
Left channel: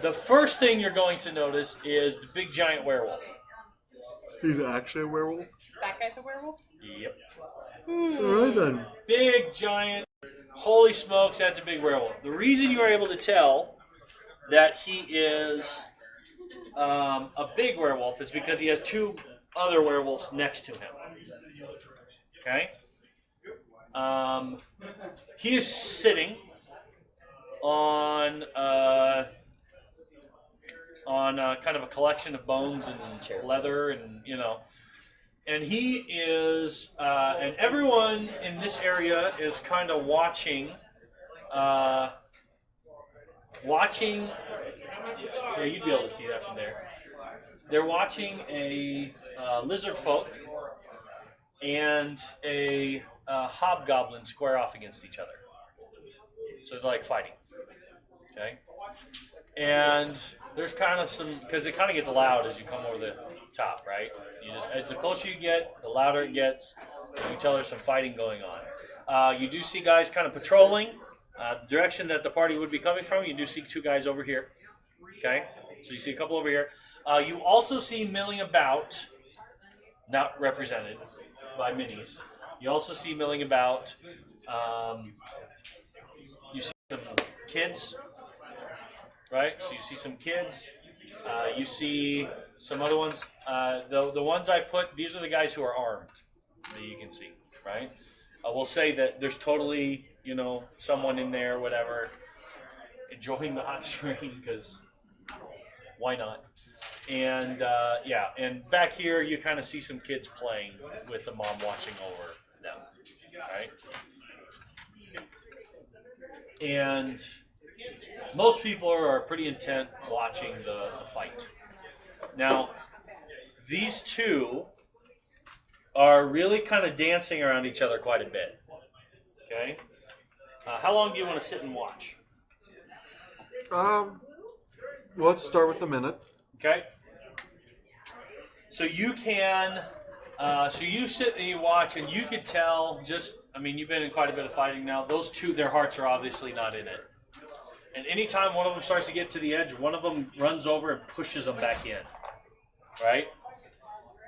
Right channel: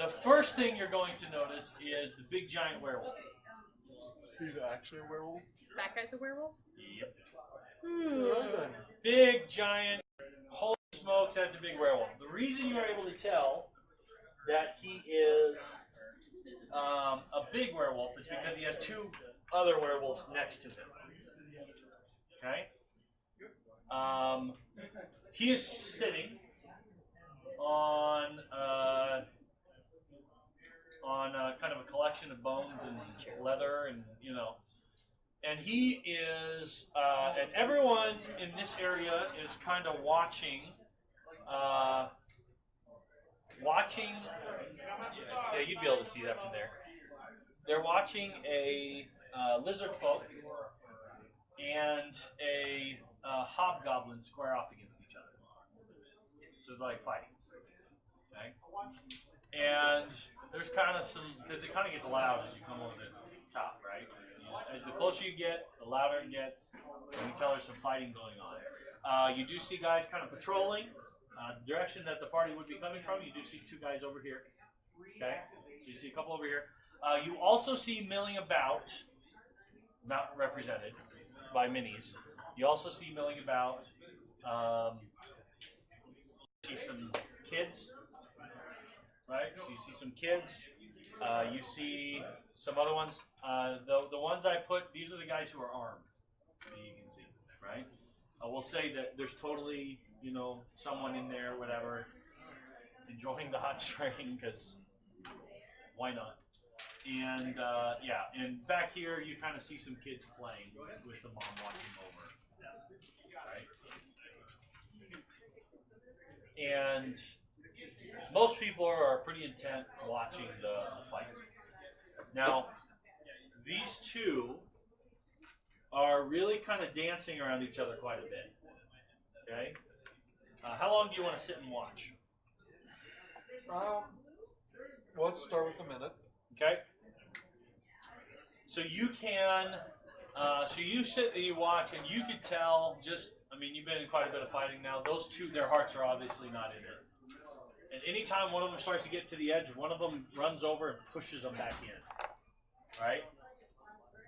The first thing you're going to notice is the big giant werewolf. He's actually a werewolf? That guy's a werewolf? Yep. Alright then. Big giant. Holy smokes, that's a big werewolf. The reason you are able to tell that he is a big werewolf is because he has two other werewolves next to him. Okay? He is sitting on kind of a collection of bones and leather and, you know. And he is, and everyone in this area is kind of watching, yeah, you'd be able to see that from there. They're watching a lizard folk and a hobgoblin square off against each other. So they're like fighting. Okay? And there's kind of some, because it kind of gets loud as you come over the top, right? You just, as the closer you get, the louder it gets, and you can tell there's some fighting going on. You do see guys kind of patrolling the direction that the party would be coming from. You do see two guys over here. Okay? So you see a couple over here. You also see milling about, not represented by minis. You also see milling about, you see some kids, right? So you see some kids. You see some other ones. The ones I put, these are the guys who are armed that you can see, right? I will say that there's totally, you know, someone in there, whatever, enjoying the hot spring, because why not? And yeah, and back here you kind of see some kids playing with the mom watching over them, right? And most people are pretty intent watching the fight. Now, these two are really kind of dancing around each other quite a bit. Okay? How long do you want to sit and watch? Well, let's start with a minute. Okay? So you can, so you sit and you watch, and you could tell just, I mean, you've been in quite a bit of fighting now. Those two, their hearts are obviously not in it. And anytime one of them starts to get to the edge, one of them runs over and pushes them back in. Right?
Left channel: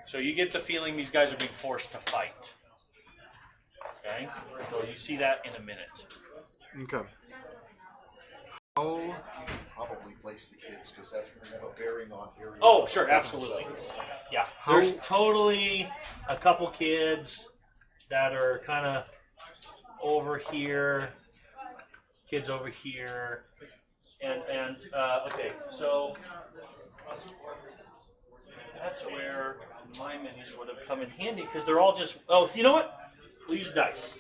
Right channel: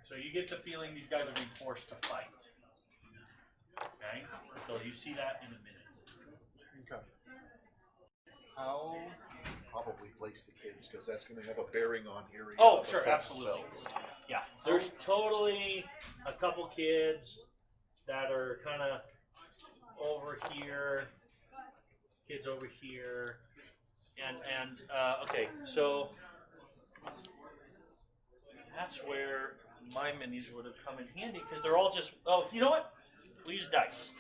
So you get the feeling these guys are being forced to fight. Okay? So you see that in a minute. Okay. How probably place the kids, because that's going to have a bearing on area. Oh, sure, absolutely. Yeah. There's totally a couple kids that are kind of over here, kids over here, and okay, so that's where my minis would have come in handy, because they're all just, oh, you know what? We'll use dice.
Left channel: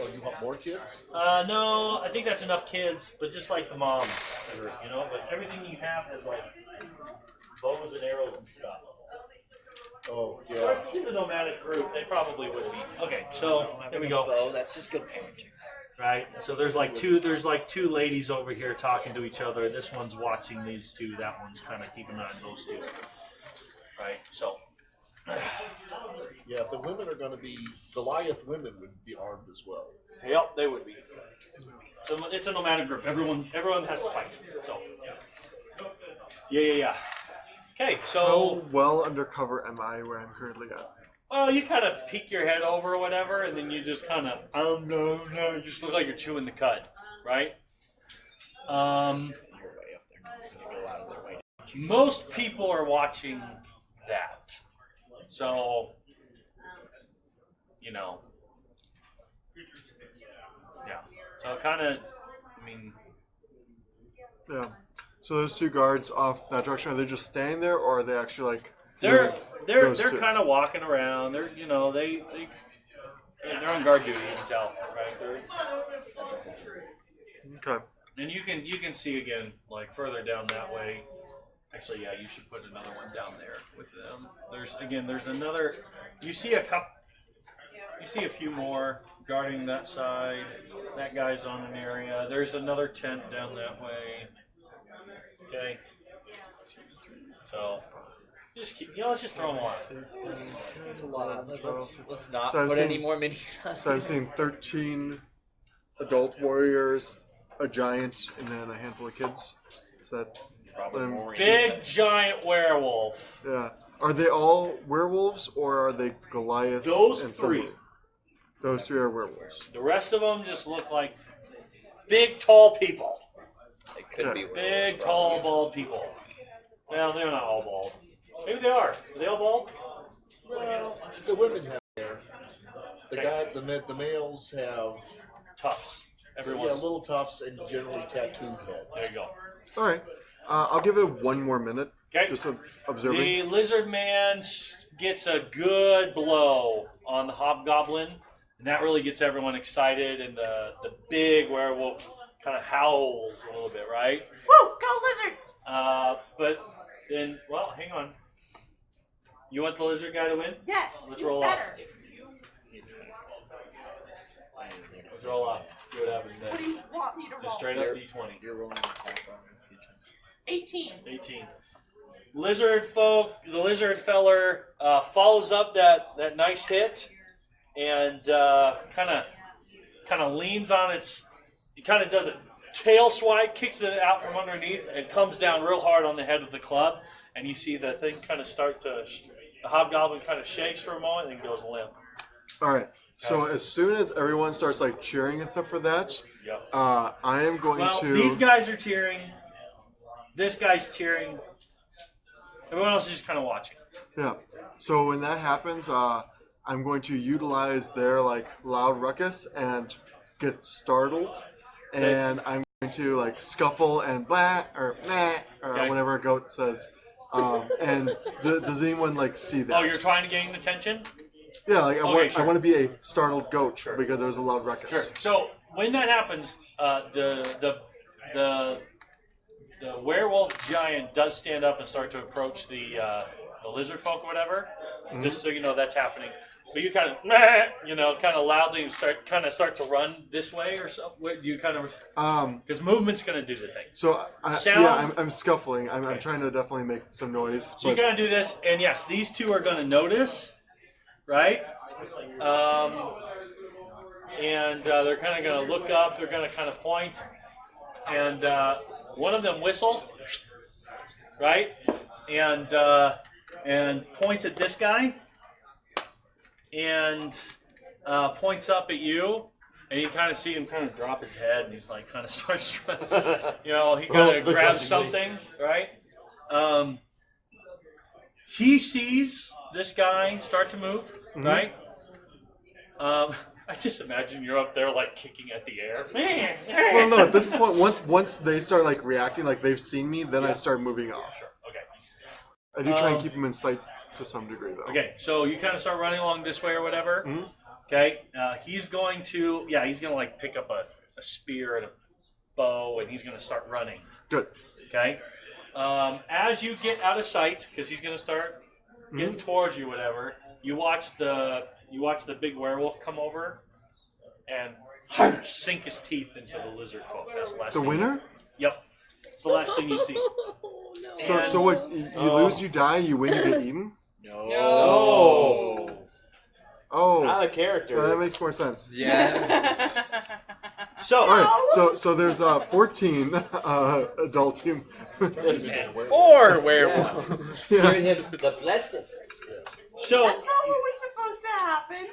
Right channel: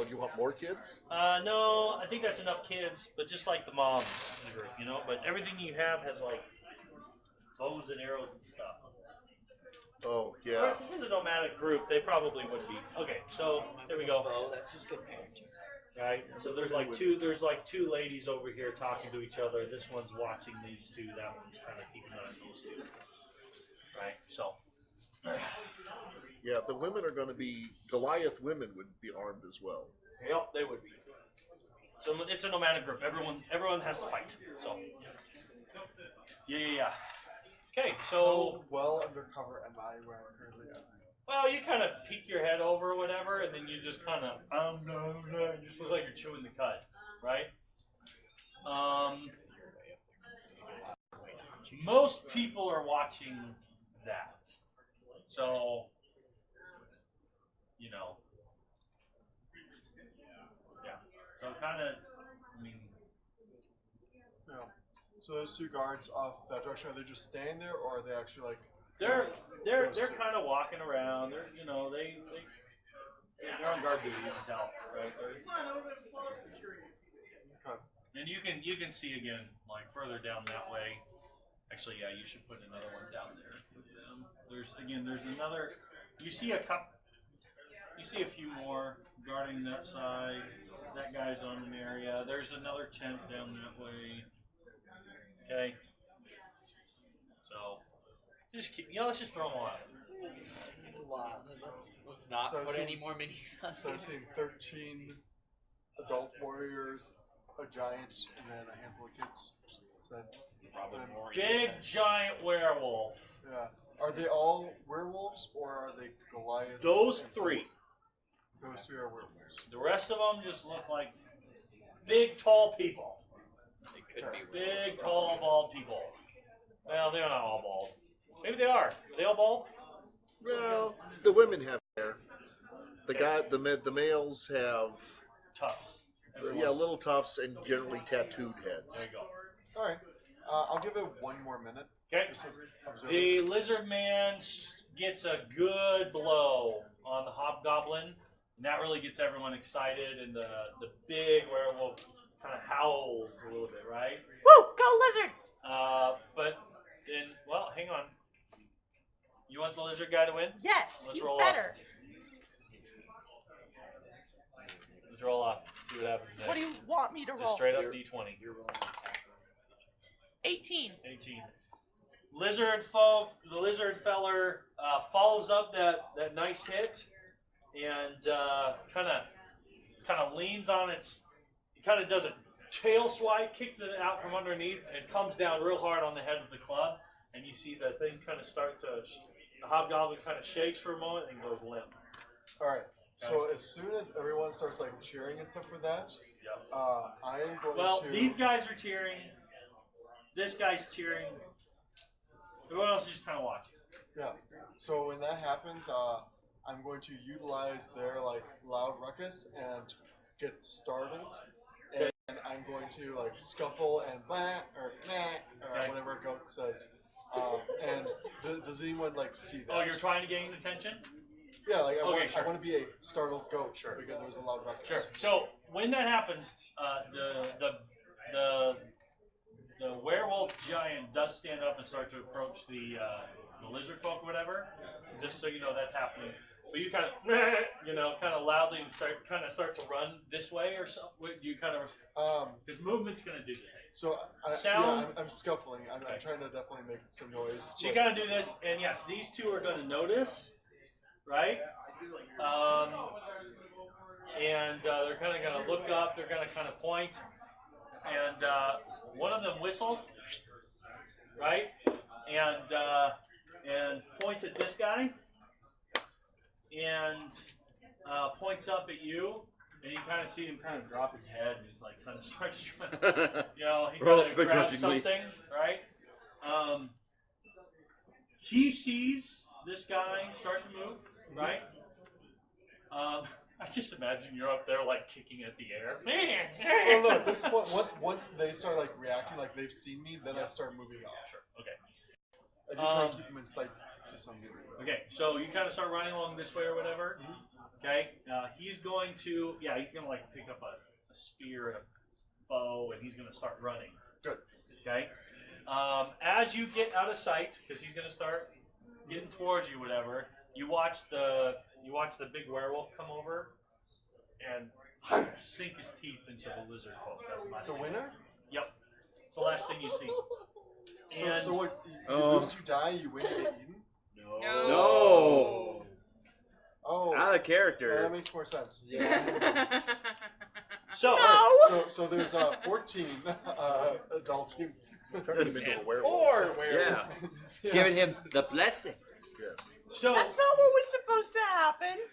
Oh, you want more kids? No, I think that's enough kids, but just like the moms, you know, but everything you have has like bows and arrows and stuff. Oh, yeah. It's a nomadic group, they probably would be Okay, so there we go. Oh, that's just good parenting. Right. So there's like two ladies over here talking to each other. This one's watching these two. That one's kind of keeping an eye on those two. Right. So. Yeah, the women are going to be Goliath. Women would be armed as well. Yep, they would be. So it's a nomadic group. Everyone has to fight. So. Yeah. Okay, so. How well undercover am I where I'm currently at? Well, you kind of peek your head over or whatever, and then you just kind of, no, you just look like you're chewing the cud, right? Most people are watching that. So, you know. Yeah. So kind of, I mean. Yeah. So those two guards off that direction, are they just standing there, or are they actually like? They're those two? kind of walking around. They're they're on guard duty. You can tell, right? Okay. And you can see again, like further down that way. Actually, yeah, you should put another one down there with them. There's another. You see a couple. You see a few more guarding that side. That guy's on an area. There's another tent down that way. Okay. So. Let's just throw them on. There's a lot. Let's not So I've put seen- any more minis on. So I've seen 13 adult warriors, a giant, and then a handful of kids. Is that? Big giant werewolf. Yeah. Are they all werewolves, or are they Goliaths? Those and three. Simba? Those three are werewolves. The rest of them just look like big, tall people. It could be Big, tall, bald people. Well, they're not all bald. Maybe they are. Are they all bald? Well, the women have hair. The males have Tufts. little tufts and generally tattooed heads. There you go. All right. I'll give it one more minute. Okay. Just observing. The lizard man gets a good blow on the hobgoblin, and that really gets everyone excited, and the big werewolf kind of howls a little bit, right? Woo! Go lizards! But then, well, hang on. You want the lizard guy to win? Yes. Let's you roll better. up. Let's roll up. See what happens What do there. you want me to roll? Just straight up D20. You're rolling. 18. 18. The lizard feller follows up that nice hit and kind of leans on its. He kind of does a tail swipe, kicks it out from underneath, and comes down real hard on the head of the club. And you see the thing kind of start to. The hobgoblin kind of shakes for a moment and goes limp. All right. So as soon as everyone starts like cheering and stuff for that, Yep. I am going Well, to. these guys are cheering. This guy's cheering. Everyone else is just kind of watching. Yeah. So when that happens, I'm going to utilize their like loud ruckus and get startled, and I'm going to like scuffle and blah or meh or Okay. whatever a goat says. And does anyone like see that? Oh, you're trying to gain attention? Yeah, like Okay, sure. I want to be a startled goat because there was a loud ruckus. Sure. So when that happens, the werewolf giant does stand up and start to approach the lizard folk or whatever. Mhm. Just so you know that's happening. But you kind of, kind of loudly start to run this way or so. You kind of because movement's going to do the thing. So Sound- I'm scuffling. I'm Okay. trying to definitely make some noise. So you got to do this, and yes, these two are going to notice, right? And they're kind of going to look up. They're going to kind of point, and one of them whistles, right? And points at this guy, and points up at you. And you kind of see him kind of drop his head, and he's like kind of starts trying, he kind of grabs something, right? He sees this guy start to move, right? I just imagine you're up there like kicking at the air. Well, no, this is what once they start like reacting, like they've seen me, then I start moving off. I do try and keep them in sight to some degree, though. Okay, so you kind of start running along this way or whatever. Mhm. Okay, he's going to like pick up a spear and a bow, and he's going to start running. Good. Okay. As you get out of sight, because he's going to start getting towards you, whatever. You watch you watch the big werewolf come over and sink his teeth into the lizard folk. That's the last The thing. winner? Yep. It's the last thing you see. So what? You lose, you die. You win, you get eaten. No. Oh, Not a character. that makes more sense. Yeah. So, All right, so there's 14 adult team. Or werewolves. Yeah. The blessing. so, That's always supposed to happen.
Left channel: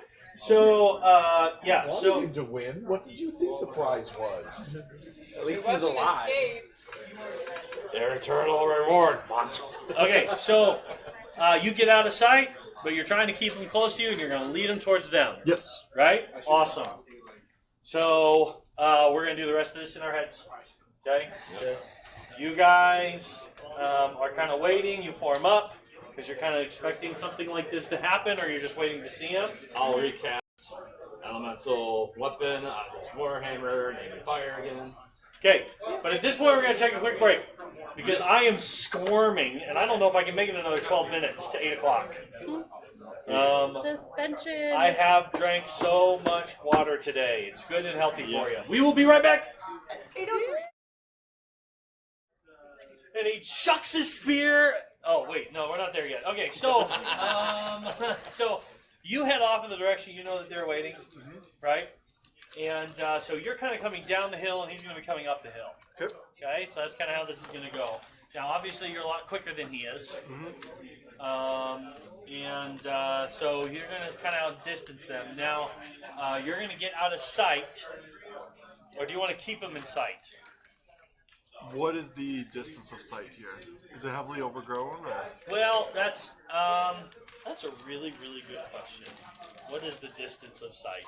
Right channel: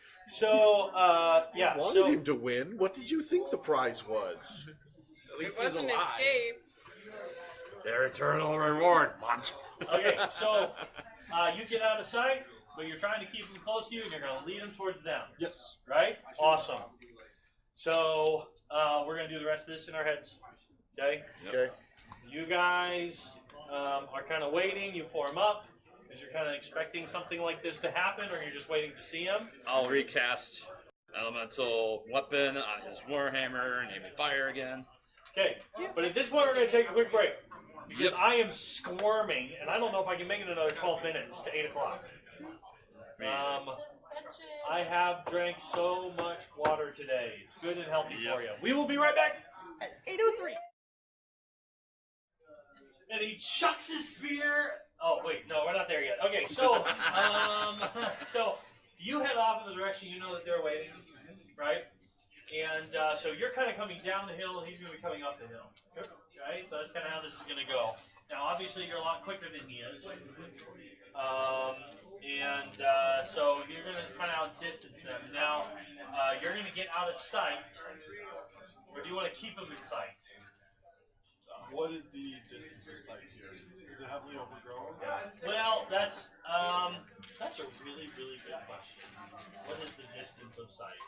yeah. So, To win. What did you think the prize was? their eternal reward. Okay, so you get out of sight, but you're trying to keep them close to you, and you're going to lead them towards them. Yes. Right? Awesome. So we're going to do the rest of this in our heads. Okay? Okay. You guys are kind of waiting. You form up because you're kind of expecting something like this to happen, or you're just waiting to see him. I'll recast elemental weapon, warhammer, and fire again. Okay, but at this point we're going to take a quick break because I am squirming, and I don't know if I can make it another 12 minutes to 8 o'clock. Suspension. I have drank so much water today. It's good and healthy for you. We will be right back. And he chucks his spear. Oh wait, no, we're not there yet. Okay, so so you head off in the direction you know that they're waiting, right? And so you're kind of coming down the hill, and he's going to be coming up the hill. Okay, so that's kind of how this is going to go. Now, obviously, you're a lot quicker than he is. So you're going to kind of outdistance them. Now, you're going to get out of sight, or do you want to keep them in sight? What is the distance of sight here? Is it heavily overgrown? Or? Well, that's a really, really good question. What is the distance of sight?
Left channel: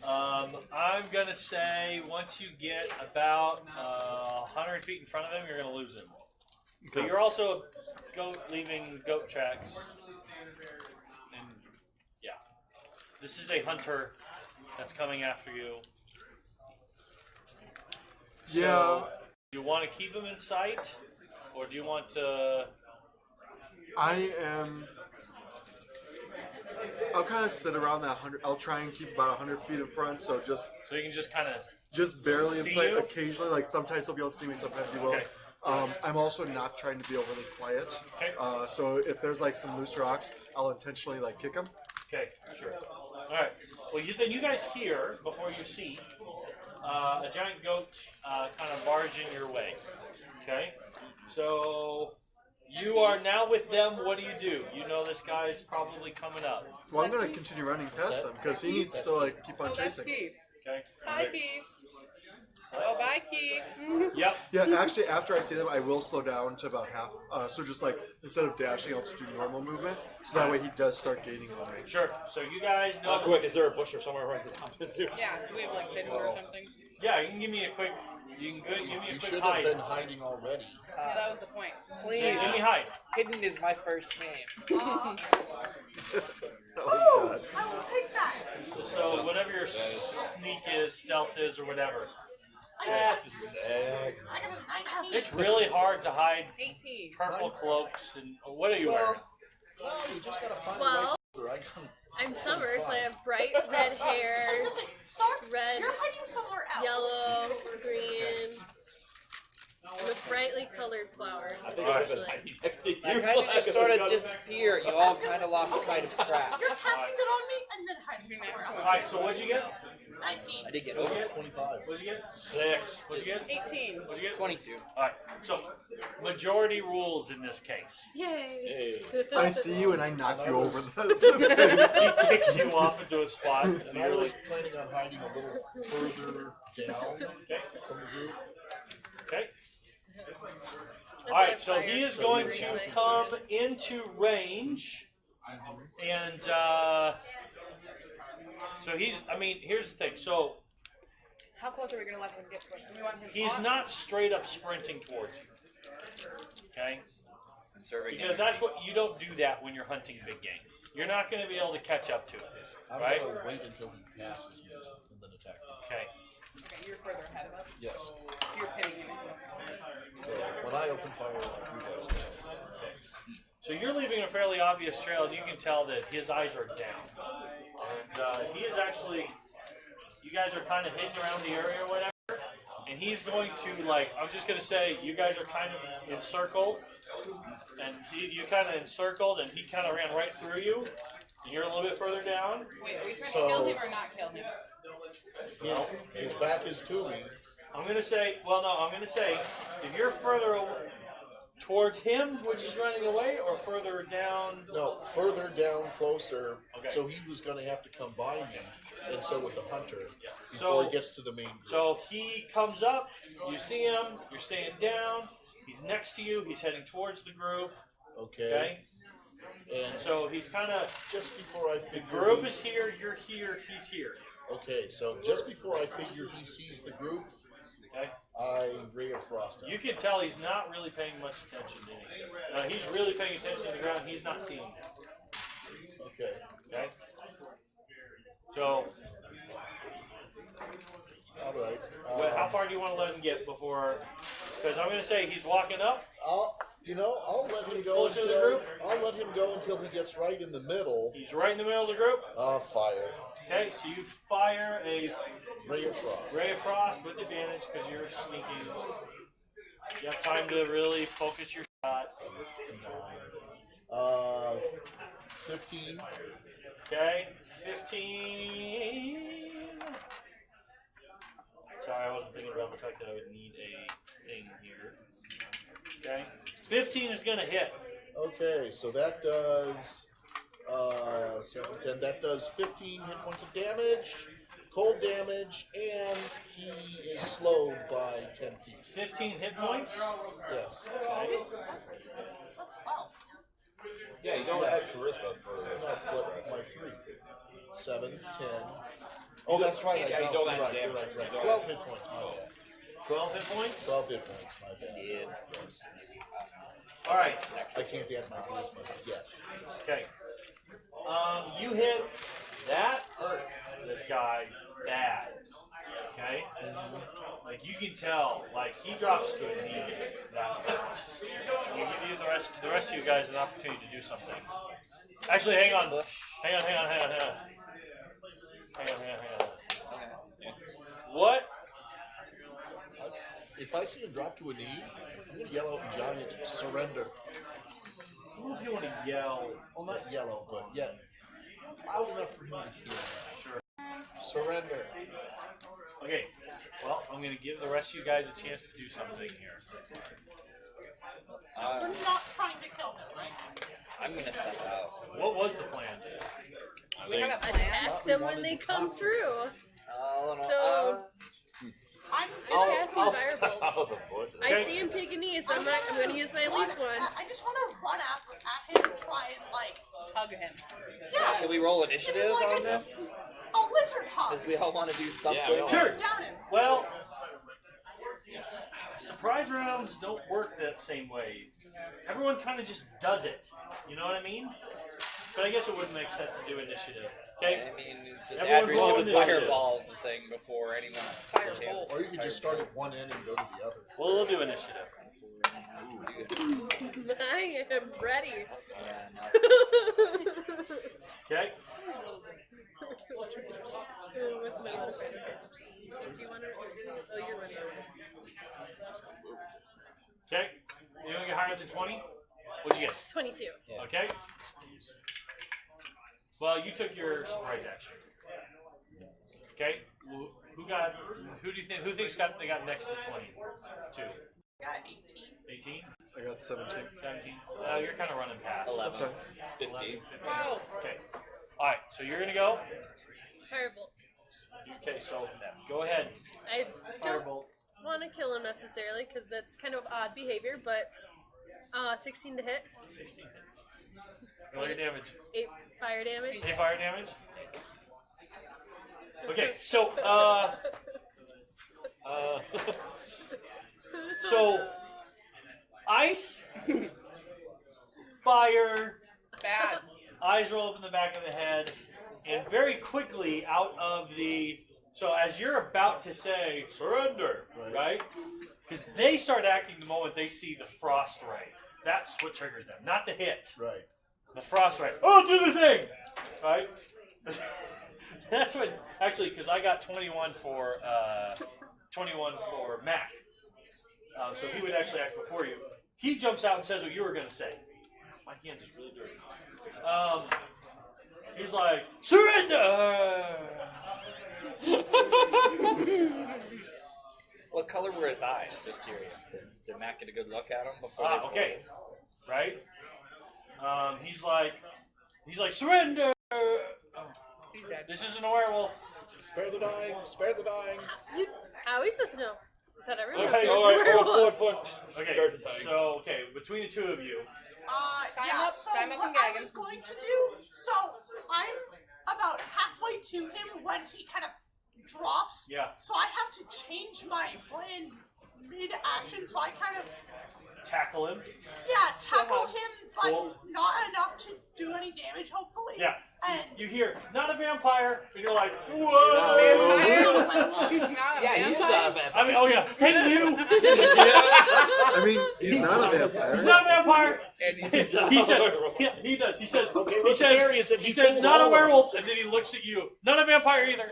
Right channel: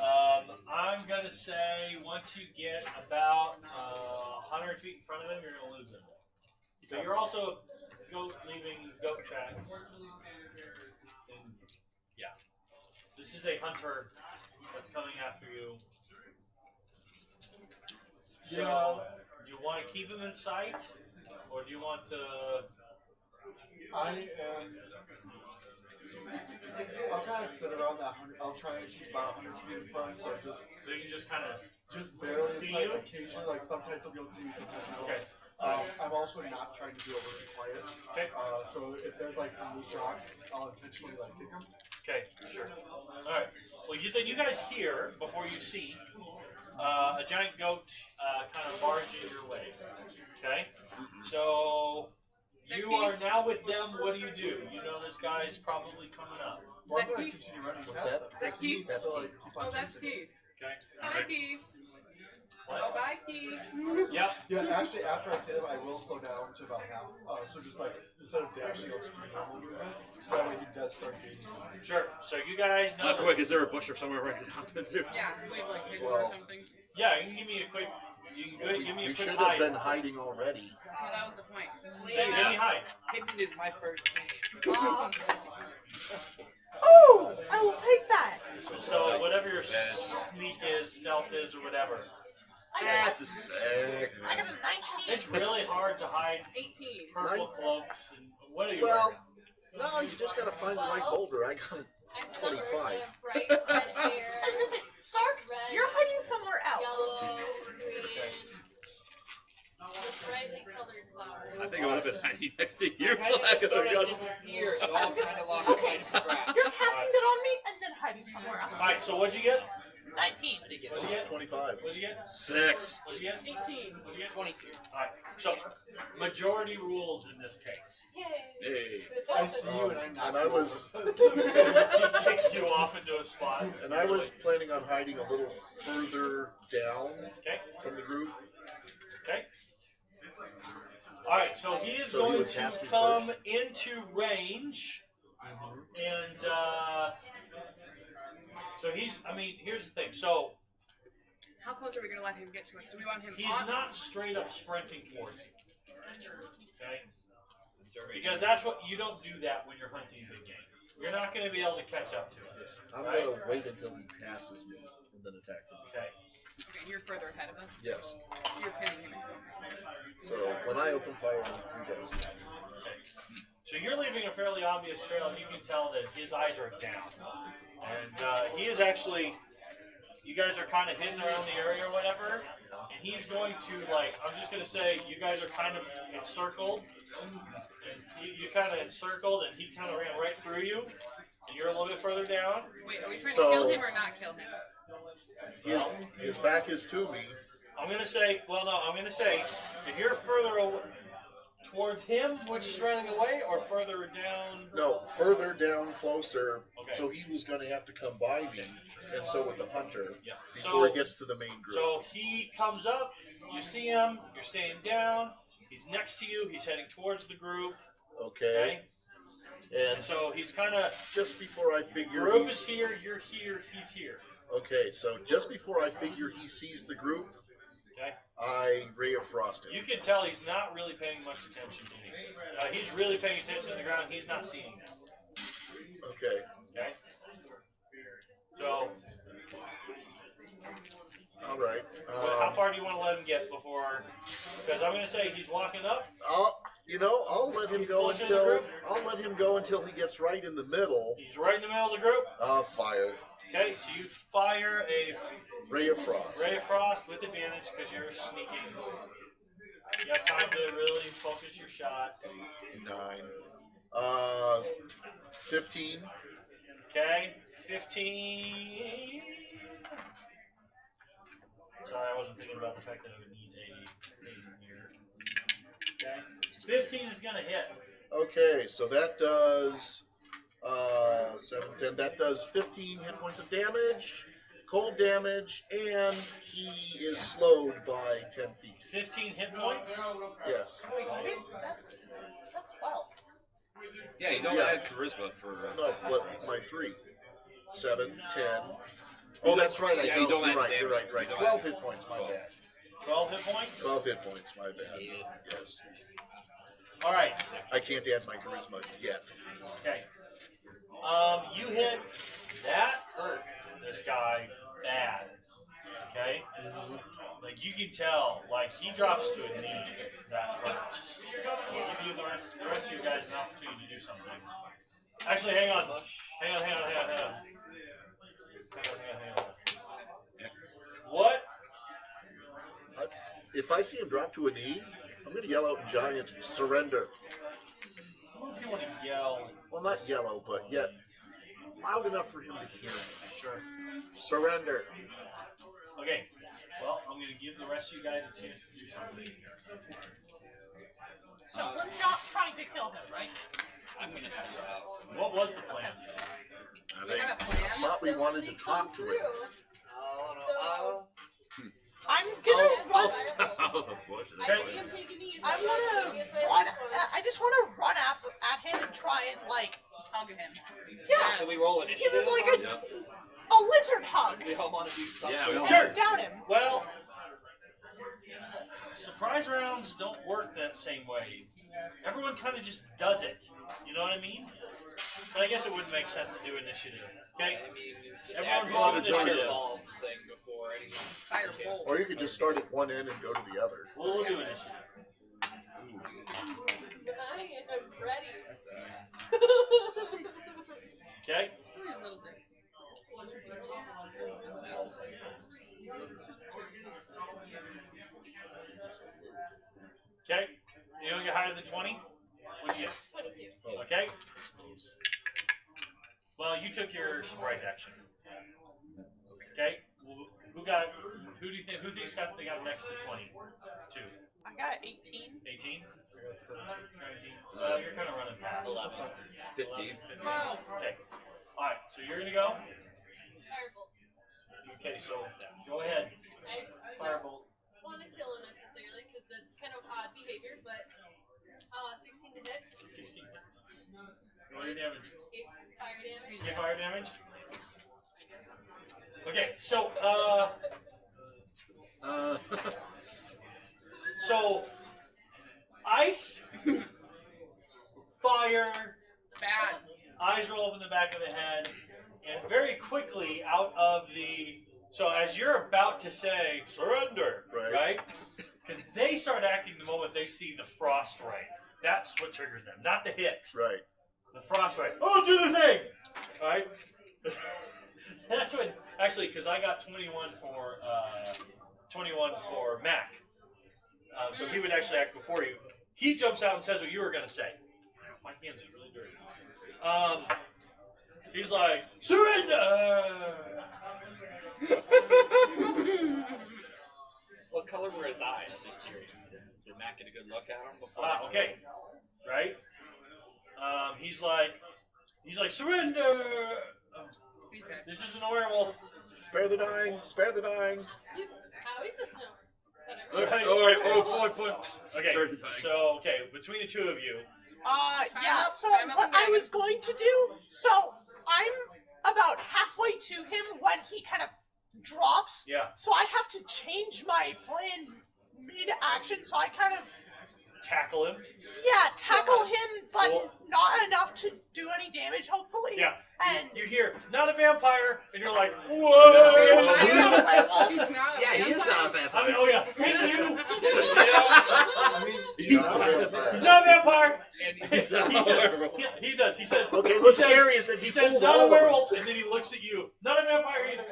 I'm going to say once you get about 100 feet in front of them, you're going to lose them. But you're also leaving goat tracks. And, yeah. This is a hunter that's coming after you. So, Yeah. do you want to keep him in sight? Or do you want to... I'll kind of sit around that 100. I'll try and keep about 100 feet in front, so So you can just kind of... just barely in See sight. you? Occasionally, like sometimes he'll be able to see me, sometimes he won't. Okay. I'm also not trying to be overly quiet. Okay. So if there's like some loose rocks, I'll intentionally like kick them. Okay, sure. Alright. Well, you guys hear, before you see, a giant goat kind of barge in your way. Okay? So, you are now with them. What do? You know this guy is probably coming up. Well, I'm gonna continue running past them because he needs to like keep on Oh, that's chasing. Keith. Okay? Hi, Keith. Oh, bye, Keith. Yep. Yeah, actually, after I see them, I will slow down to about half. So just like instead of dashing, I'll just do normal movement. So that way he does start gaining formation. Sure. So you guys know. How quick is there a bush or somewhere right now? Yeah, we have like good or something. Yeah, you can give me a quick. You can give me You a should quick have hide. been hiding already. That was the point. Give me Please. hide. Hidden is my first name. Oh, I will take that. So whatever your sneak is, stealth is, or whatever. That's It's really hard to hide 18. purple cloaks and what are you Well, wearing? no, you just gotta find the Well, right holder. I'm Summer, so I have bright red hair, Sark, red, you're hiding somewhere else. yellow, green, with brightly colored flowers. I think it would have actually. been next to you. Your head just sort of disappeared. You all kind of lost sight of scratch. You're casting it on me and then hiding somewhere else. Alright, so what'd you get? 19. I did get What'd you get? 25. What'd you get? 6. What'd you get? 18. What'd you get? 22. Alright, so majority rules in this case. Yay. I see you and I knock you over He kicks you off into a spot. And I was planning on hiding a little further down Okay. from the group. Okay. Alright, so he is going to come into range. And so here's the thing. So How close are we gonna let him get to us? Do we want him he's on? not straight up sprinting towards you. Okay? Serving Because that's what you don't do that when you're hunting big game. You're not going to be able to catch up to it. Right? Wait until he passes me and then attack. Okay. Okay, you're further ahead of us. Yes. You're pinning. So when I open fire, he does. So you're leaving a fairly obvious trail, and you can tell that his eyes are down. And he is actually, you guys are kind of hidden around the area or whatever, and he's going to, like, I'm just going to say, you guys are kind of encircled, and you kind of encircled, and he kind of ran right through you, and you're a little bit further down. Wait, are you trying So- to kill him or not kill him? His back is to me. I'm going to say, well, no, I'm going to say, if you're further towards him, which is running away, or further down. No, further down, closer. Okay. So he was going to have to come by me, and so with the hunter, Yeah. before it gets to the main group. So he comes up, you see him, you're staying down, he's next to you, he's heading towards the group, Okay. And So he's kind of, just before I figure, group is here, you're here, he's here. okay, so just before I figure he sees the group, Okay? I ray of frost him. You can tell he's not really paying much attention to you. He's really paying attention to the ground, he's not seeing you. Okay. Okay? So, All right. how far do you want to let him get before? Because I'm going to say he's walking up. I'll let him go Closer to the until group? I'll let him go until he gets right in the middle. He's right in the middle of the group. I'll fire Okay, so you fire a ray of frost. Ray of Frost with advantage because you're sneaking. You got time to really focus your shot. 9. 15. Okay, 15. Sorry, I wasn't thinking about the fact that I would need a thing here. Okay, 15 is gonna hit. Okay, so that does 7, 10. That does 15 hit points of damage, cold damage, and he is slowed by 10 feet. 15 hit points. Yes. That's 12. Yeah, you don't Yeah. add charisma for No, but my 3. 7, 10. Oh, that's right. Yeah, I you know. don't You're add right. You're damage. right. Right. You don't 12 add- hit points. My bad. 12 hit points. 12 hit points. My bad. Yes. All right. I can't add my charisma yet. Okay. You hit that hurt this guy bad. Okay? Like you can tell, like he drops to a knee. That hurts. We'll give you the rest of you guys an opportunity to do something. Actually, hang on. Hang on. What? If I see him drop to a knee, I'm going to yell out in giant, surrender. You want to yell? Well, not yellow, but yet loud enough for him to hear. Sure. Surrender. Okay. Well, I'm going to give the rest of you guys a chance to do something here. So we're not trying to kill him, right? I'm gonna step out. What was the plan? Probably Them when wanted they to come talk to through. Oh no. So- I'm Yes, gonna. firebolt. I see him take a knee, so I'm not going to use my run- loose one. I just want to run at him and try and Hug him. yeah, Can we roll initiative like on a- this? a lizard hug. Because we all want to do something. Yeah, Sure. Down him. Well, surprise rounds don't work that same way. Everyone kind of just does it. You know what I mean? But I guess it wouldn't make sense to do initiative. Okay? I mean, it's just Everyone roll everyone initiative. fireball the thing before anyone has a chance. Or you could just start at one end and go to the other. We'll do initiative. I am ready. Okay? What's my bonus action? Do you want to? Oh, you're winning. Okay? You don't get higher than 20? What'd you get? 22. Okay? Well, you took your surprise action. Okay? Who do you think, they got next to 20? 2. I got 18. 18? I got 17. 17? You're kind of running past. That's fine. 15. Okay. Alright, so you're gonna go? Firebolt. Okay, so go ahead. I don't want to kill him necessarily because that's kind of odd behavior, but 16 to hit, 16 hits. Roll your damage. 8 fire damage. 8 fire damage? Okay, so, so, ice, fire, Bad. eyes roll up in the back of the head, and very quickly out of the. So as you're about to say surrender, right? Because they start acting the moment they see the frost ray. That's what triggers them, not the hit. Right. The frostbite. Oh, do the thing! Right? That's what. Actually, because I got 21 for Mac. So he would actually act before you. He jumps out and says what you were going to say. My hand is really dirty. He's like, surrender! What color were his eyes? Just curious. Did Matt get a good look at him before? Okay. Right? He's like, surrender! This isn't a werewolf. Spare the dying. Spare the dying. How are we supposed to know? I thought everyone Okay, was alright, werewolf. Okay, between the two of you. Yeah, so climb up what the I wagon. was going to do, so I'm about halfway to him when he kind of drops. Yeah. So I have to change my plan mid-action, so I kind of, Tackle him. tackle him, but Cool. not enough to do any damage, hopefully. Yeah. And You hear, not a vampire, and you're like, Vampire? whoa! He's not a Yeah, he is vampire. a vampire. I mean, oh yeah, hey you! I mean, he's not a vampire. He's not a vampire! And he's not He a says, werewolf. he does. He says, Okay, he what's says, scary is that he says, fooled not all a of werewolf, us. and then he looks at you. Not a vampire either.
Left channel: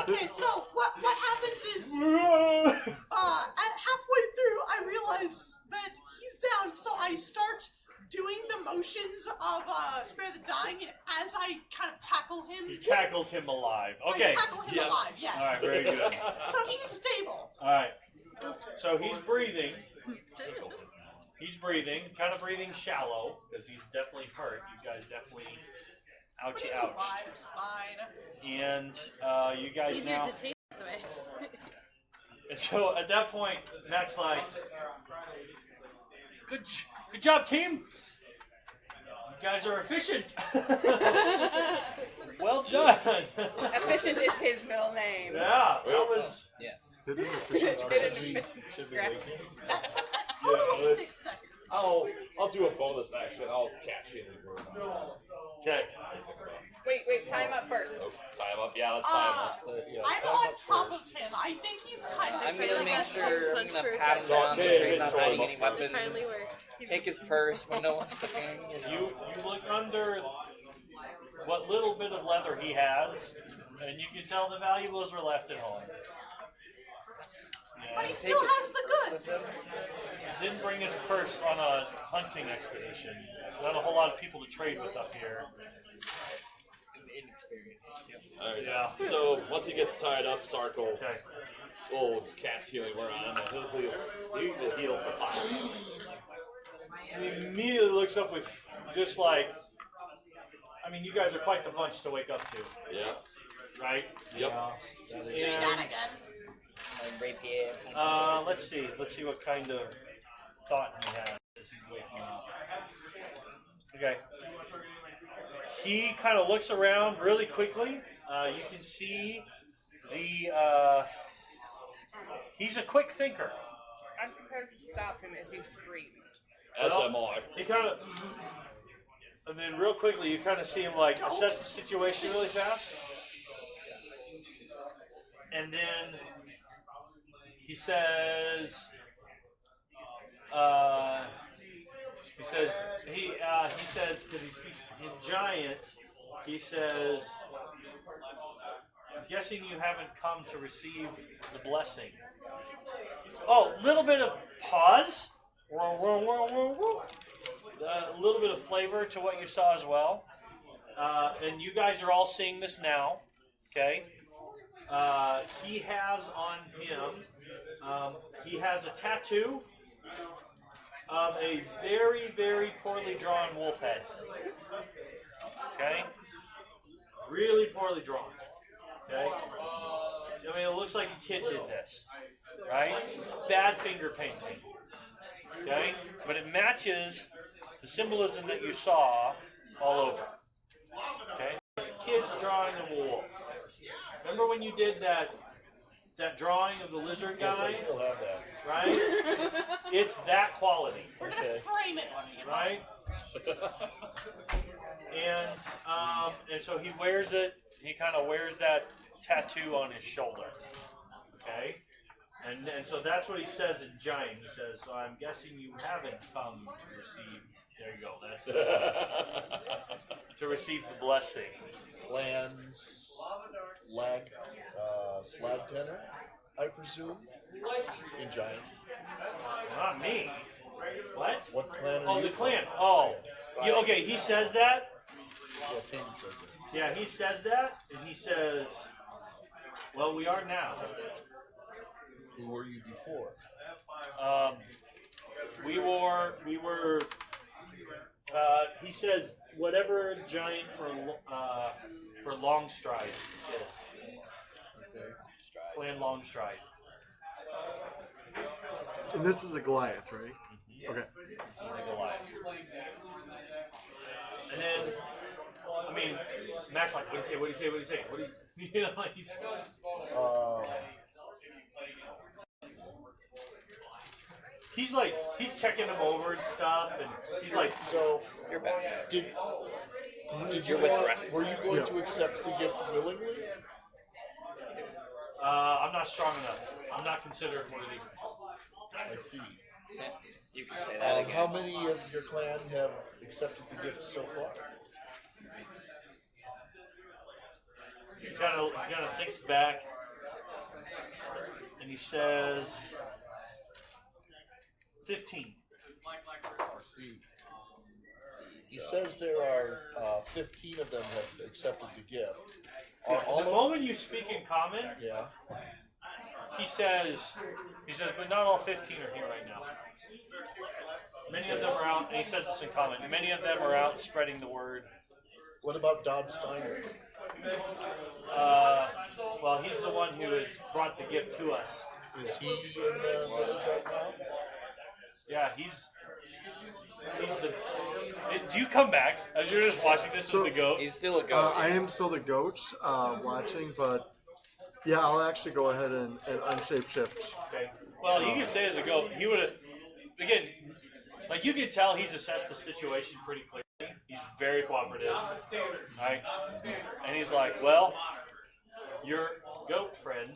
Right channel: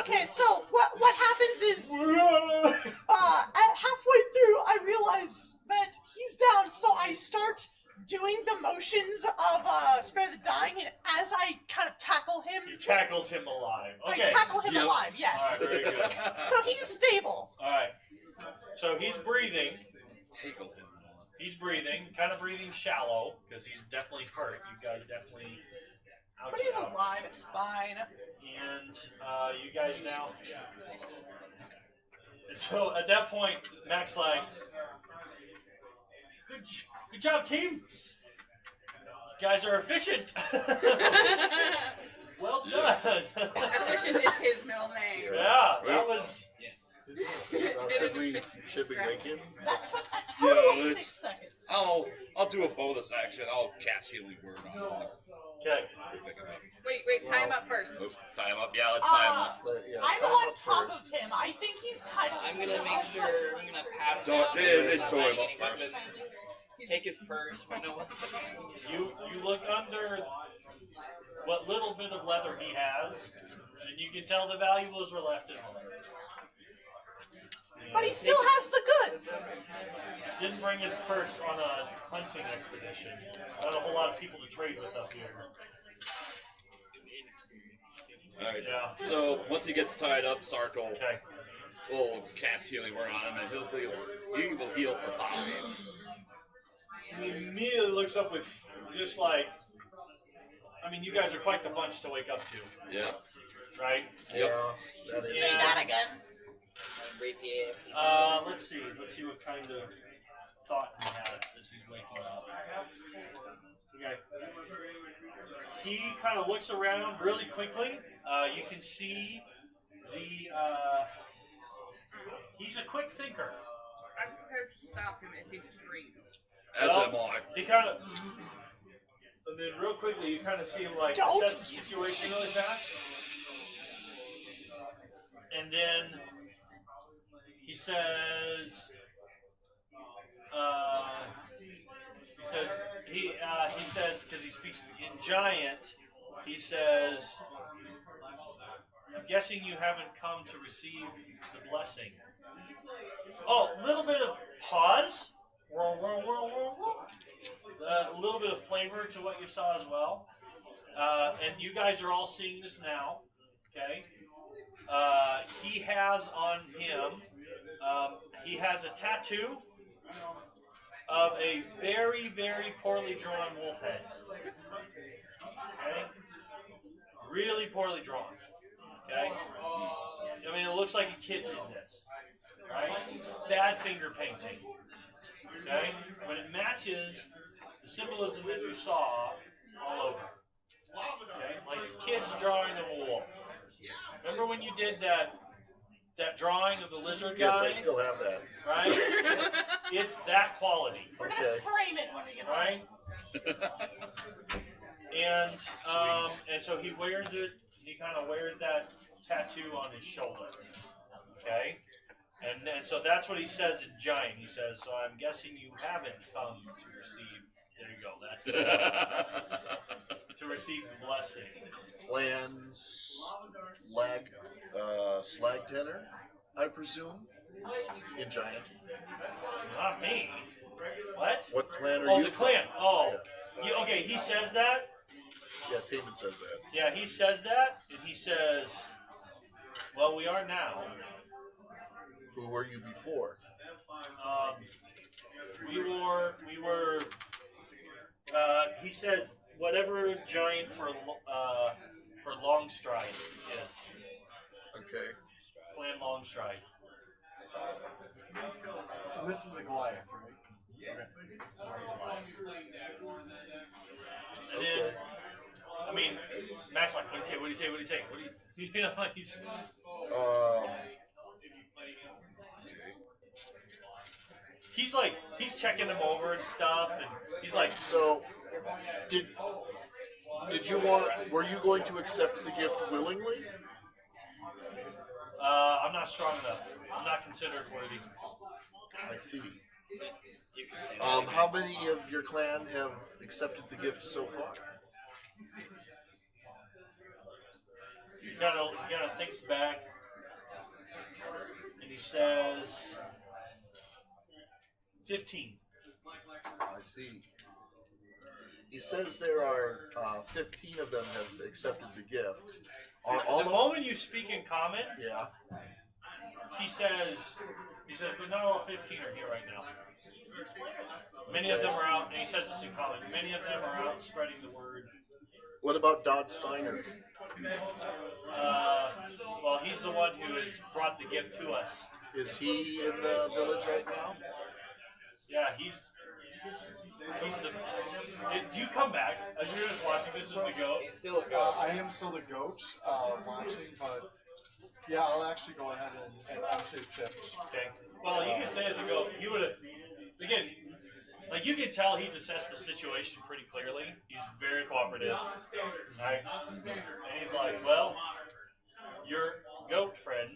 okay, so what happens is at halfway through, I realize that he's down, so I start doing the motions of Spare the Dying, and as I kind of tackle him, He tackles him alive. I Okay. tackle him Yep. alive, yes. All right, very good. So he's stable. All right. So he's breathing. He's breathing, kind of breathing shallow, because he's definitely hurt. You guys definitely, But ouchie, he's ouch. alive, it's fine. And you guys Easier now. to take this way. And so at that point, Mac's like, good job, team. You guys are efficient. Well done. Efficient is his middle name. Yeah, that was. Yes. Didn't he? Should we wake him? That took a total of Yeah, 6 seconds. I'll do a bonus action. I'll cast Healing Word on him. Okay. Wait, tie him up first. Oh, tie him up. Yeah, let's tie him up. Yeah, I'm tie him on up top first. of him. I think he's tied I'm up. gonna make sure. I'm Punch gonna first. pat him So down. it make sure is he's not totally hiding any first. weapons. Kindly work. Take his purse when no one's looking. You look under what little bit of leather he has, and you can tell the valuables were left at home. But he still has the goods. Didn't bring his purse on a hunting expedition. Not a whole lot of people to trade with up here. Alright. Yeah. So once he gets tied up, Sarkle Okay. will cast Healing Word on him, and he will heal for 5. And he immediately looks up with just like, I mean, you guys are quite the bunch to wake up to, Yeah. right? Yeah. That is. See that again? Rapier. Let's see. Let's see what kind of thought he has as he's waking up. Okay. He kind of looks around really quickly. You can see the. He's a quick thinker. I'm prepared to stop him if he screams. As Well, am I. He kind of. And then real quickly, you kind of see him like Don't. assess the situation really fast. And then he says, he says, because he speaks in giant, he says, guessing you haven't come to receive the blessing. Oh, little bit of pause. A little bit of flavor to what you saw as well. And you guys are all seeing this now, okay? He has on him, he has a tattoo of a very, very poorly drawn wolf head. Okay? Really poorly drawn. Okay? I mean, it looks like a kid did this. Right? Bad finger painting. Okay? But it matches the symbolism that you saw all over. Okay? Like a kid's drawing a wolf. Remember when you did that drawing of the lizard Yes, guy? I still have that. Right? It's that quality. We're gonna Okay. frame it when we get home. Right? And so he wears it. He kind of wears that tattoo on his shoulder. Okay. And so that's what he says in giant. He says, "So I'm guessing you haven't come to receive." There you go. That's it. To receive the blessing. Clan's slag tenor, I presume, in giant. Not me. What? What clan are Oh, you the from? clan. Oh, Yeah. yeah, okay. He says that. Yeah, Taman says that. Yeah, he says that, and he says, "Well, we are now. Who were you before? We were. He says whatever giant for Longstride is. Okay. Clan Longstride. And this is a Goliath, right? Okay. This is a Goliath. And then, I mean, Matt's like, what do you say? What do you say? What do you say? What do you? You know, he's. He's like, he's checking them over and stuff, and he's like, So, did you want? Were you going to accept the gift willingly? I'm not strong enough. I'm not considered worthy. I see. You can say that. Again. How many of your clan have accepted the gift so far? He kind of thinks back, and he says, 15. I see. He says there are 15 of them have accepted the gift. Are all The moment you speak in common, yeah. he says, but not all 15 are here right now. Many of them are out, and he says this in common. Many of them are out spreading the word. What about Dodd Steiner? Well, he's the one who has brought the gift to us. Is he in the village right now? Yeah, he's the. Do you come back as you're just watching this as the goat? He's still a ghost. I am still the goat watching, but yeah, I'll actually go ahead and shapeshift. Okay. Well, you could say as a goat, he would have. Again, like you can tell, he's assessed the situation pretty clearly. He's very cooperative, right? And he's like, "Well, your goat friend,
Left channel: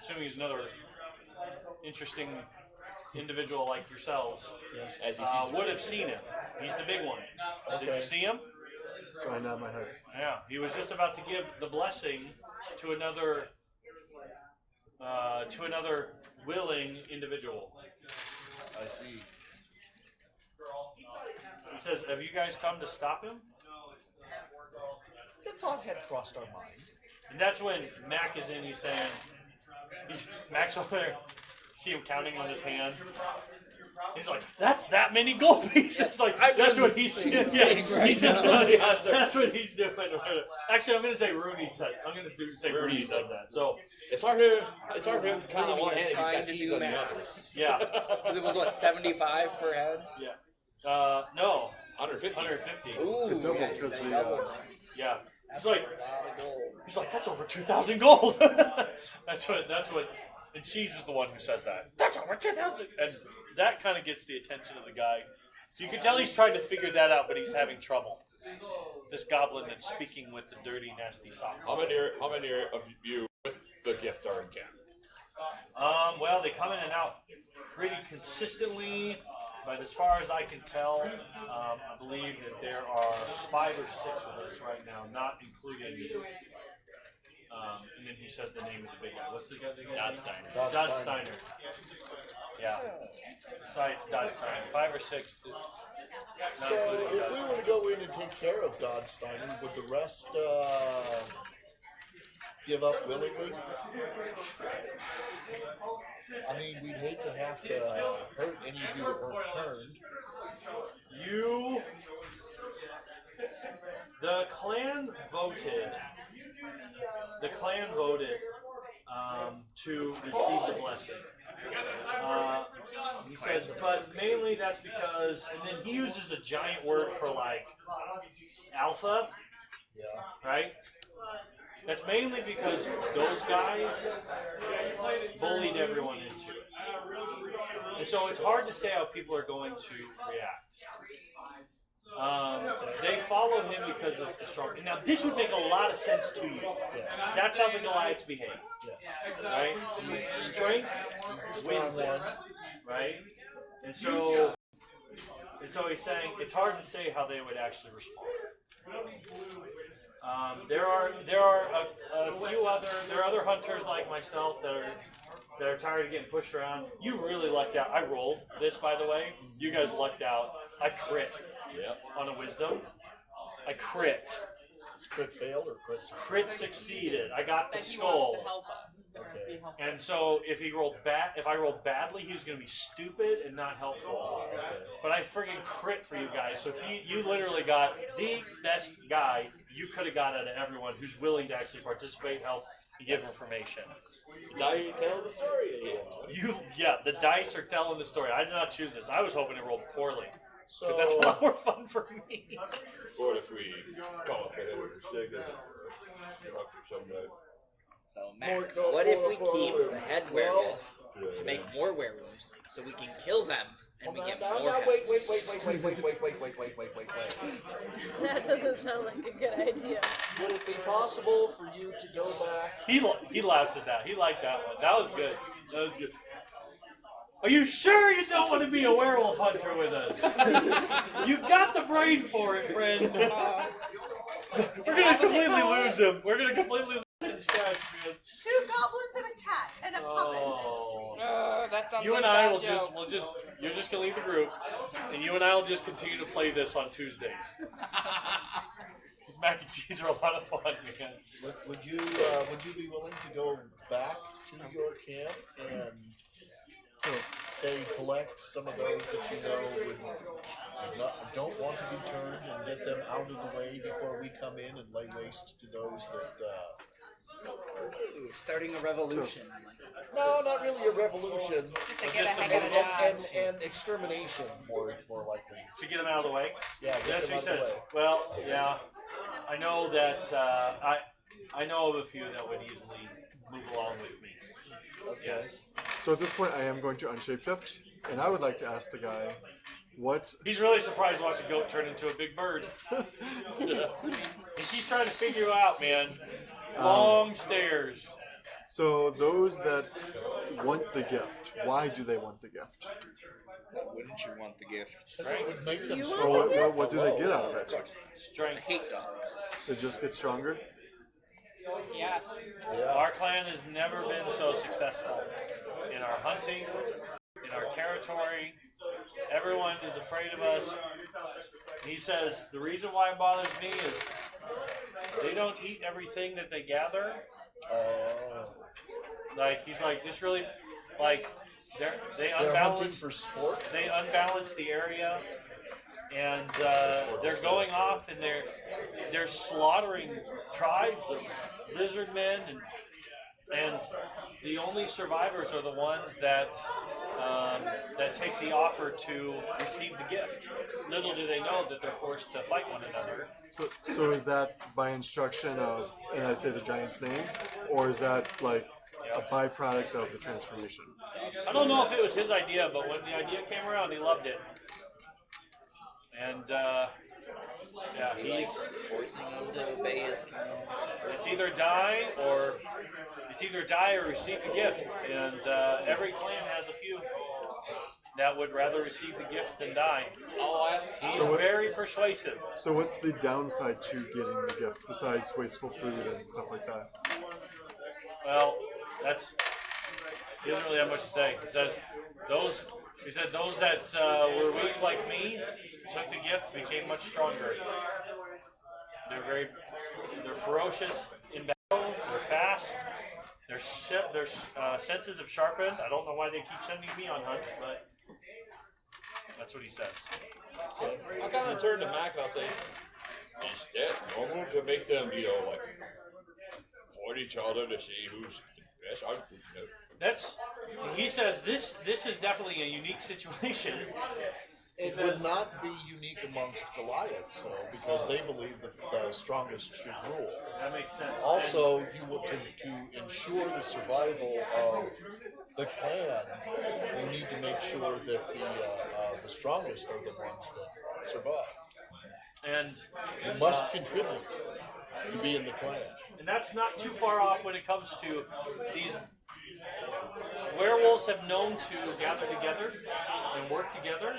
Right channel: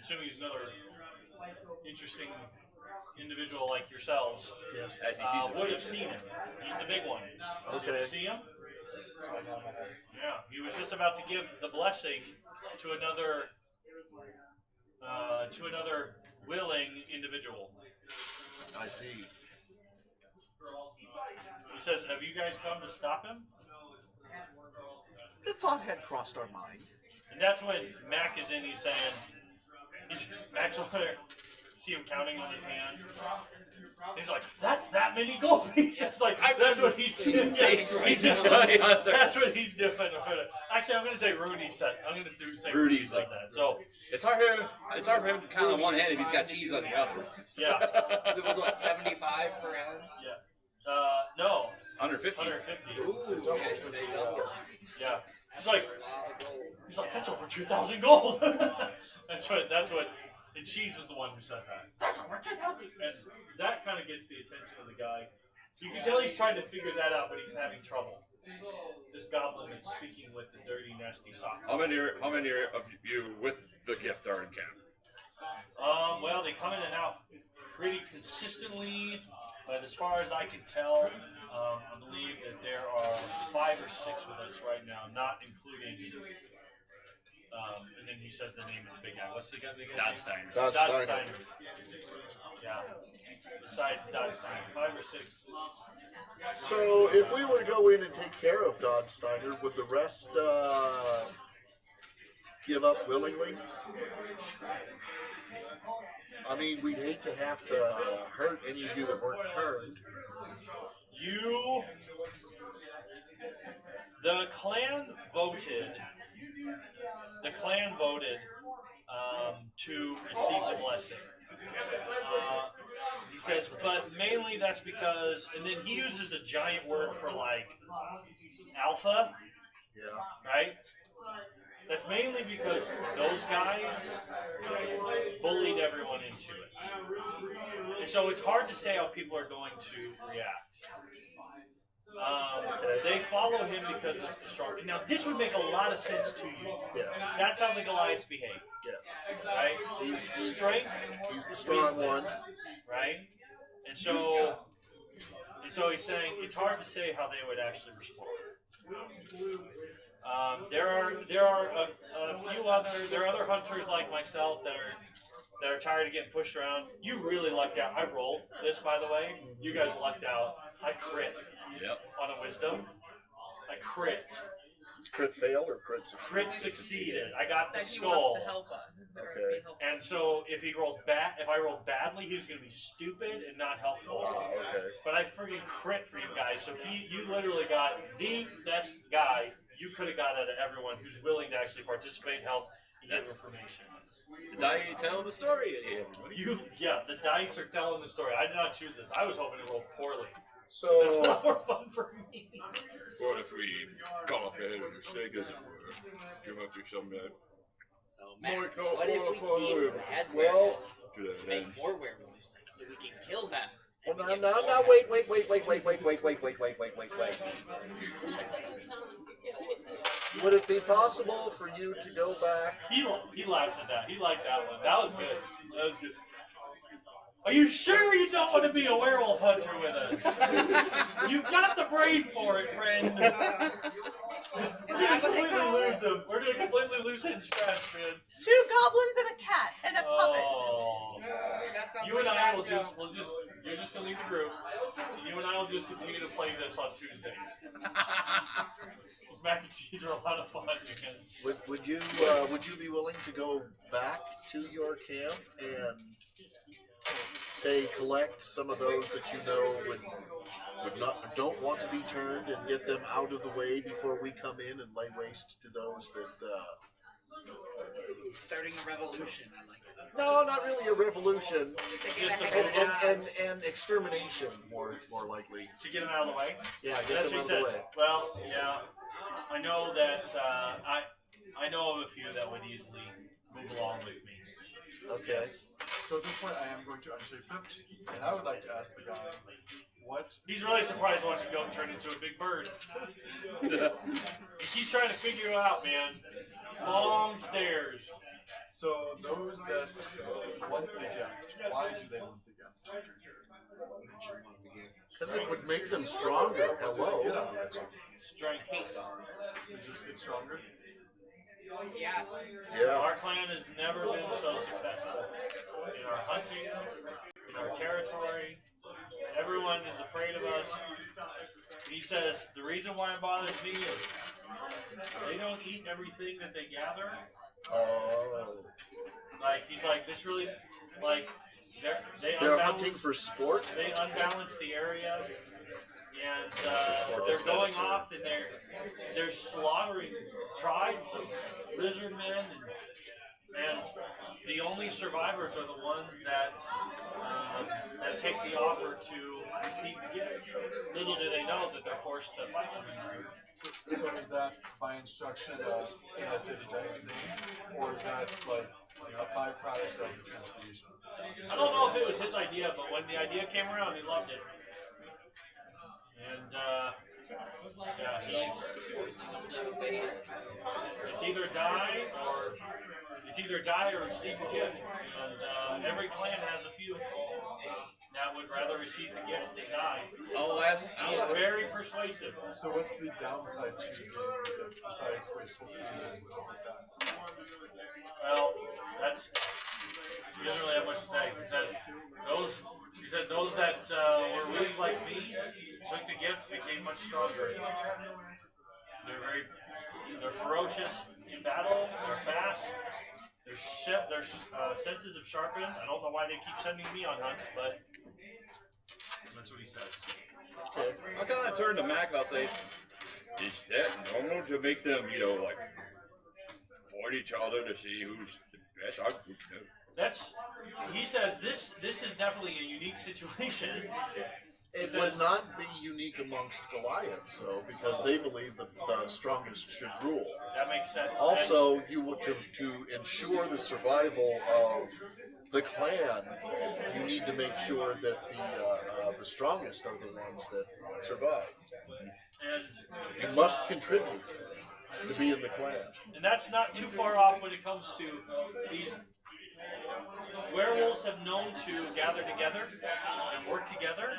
assuming he's another interesting individual like yourselves, Yes. As he sees would have seen him. He's the big one. Did you Okay. see him? Going out my head. Yeah, he was just about to give the blessing to another willing individual. I see. He says, "Have you guys come to stop him?" The thought had crossed our mind. And that's when Mac is in. He's saying, Mac's over there. See him counting on his hand. He's like, "That's that many gold pieces." Like that's what he's doing. Yeah, he's that's what he's doing. Actually, I'm gonna say Rudy said. I'm gonna say Rudy said that. So It's hard for him to count on one hand if he's got cheese on the other. yeah, Because it was what, 75 per head? yeah. No, 150. 150. Ooh, okay. So double. Yeah. He's like, that's over 2,000 gold. that's what. And Cheese is the one who says that. That's over 2,000. And that kind of gets the attention of the guy. So you can tell he's trying to figure that out, but he's having trouble. This goblin that's speaking with the dirty, nasty sock. How many of you with the gift are in camp? Well, they come in and out pretty consistently, but as far as I can tell, I believe that there are 5 or 6 with us right now, not including. And then he says the name of the big guy. What's the guy again? Dodd Steiner. Dodd Steiner. Yeah. Besides Dodd Steiner, 5 or 6. So, if we were to go in and take care of Dodd Steiner, would the rest give up willingly? I mean, we'd hate to have to hurt any of you that weren't turned. The clan voted. To receive the blessing. He says, but mainly that's because, and then he uses a giant word for like alpha, Yeah. right? That's mainly because those guys bullied everyone into it. And so it's hard to say how people are going to react. They follow him because it's the strongest. Now, this would make a lot of sense to you. Yes. That's how the Goliaths behave, Yes. right? Strength He's the strong wins it, one. right? And so he's saying it's hard to say how they would actually respond. There are a few other hunters like myself that are tired of getting pushed around. You really lucked out. I rolled this, by the way. You guys lucked out. I crit on a wisdom. I crit. Crit fail or crit succeed? Crit succeeded. I got the That he skull. wants to help us. Okay. And so if I rolled badly, he was going to be stupid and not helpful. Okay. But I freaking crit for you guys. So you literally got the best guy you could have got out of everyone who's willing to actually participate, help, and give information. I tell the story. The dice are telling the story. I did not choose this. I was hoping it rolled poorly. So That's a lot more fun for me. Or if we come up ahead with a shake, doesn't work. You want to do something like So, Matt, what if we keep the head werewolf to make more werewolves so we can kill them and we get more wait. That doesn't sound like a good idea. Would it be possible for you to go back? He laughs at that. He liked that one. That was good. That was good. Are you sure you don't want to be a werewolf hunter with us? You got the brain for it, friend. We're gonna completely lose him. We're gonna completely lose it in scratch, man. 2 goblins and a cat and a puppet. Oh. That sounds You like and a I bad will joke. you're just gonna lead the group, and you and I will just continue to play this on Tuesdays. These mac and cheese are a lot of fun, man. Would you be willing to go back to your camp and say collect some of those that you know don't want to be turned and get them out of the way before we come in and lay waste to those that Ooh, starting a revolution. no, not really a revolution, To get ahead of the and extermination more likely. To get them out of the way. Yeah, get That's them what he out of the says. way. Well, yeah, I know that I know of a few that would easily move along with me. Okay. So at this point, I am going to unshapeshift, and I would like to ask the guy, what? He's really surprised watching you go turn into a big bird. He keeps trying to figure you out, man. Long stairs. So those that want the gift, why do they want the gift? Wouldn't you want the gift? It would make them Well, stronger. what do they get out of it? Strength. I hate dogs. They just get stronger. Yes. Yeah. Our clan has never been so successful in our hunting, in our territory. Everyone is afraid of us. He says the reason why it bothers me is they don't eat everything that they gather. Oh. Like he's like this really like they They're hunting unbalance for sport. they unbalance the area and they're going off and they're slaughtering tribes of lizard men and the only survivors are the ones that take the offer to receive the gift. Little do they know that they're forced to fight one another. So is that by instruction of, and I say the giant's name, or is that like a byproduct of the transformation? I don't know if it was his idea, but when the idea came around, he loved it. And yeah, it's either die or receive the gift. And every clan has a few that would rather receive the gift than die. He's very persuasive. So what's the downside to getting the gift besides wasteful food and stuff like that? Well, that's he doesn't really have much to say. He said those that were weak like me took the gift and became much stronger. They're ferocious in battle. They're fast. Their senses have sharpened. I don't know why they keep sending me on hunts, but that's what he says. I'll kind of turn to Mac. I'll say, is that normal to make them, like, fight each other to see who's the best hunter? He says this is definitely a unique situation. It would not be unique amongst Goliaths, though, because they believe that the strongest should rule. That makes sense. Also, you would to ensure the survival of the clan, we need to make sure that the strongest are the ones that survive. And You must contribute to be in the clan. And that's not too far off when it comes to these werewolves have known to gather together and work together,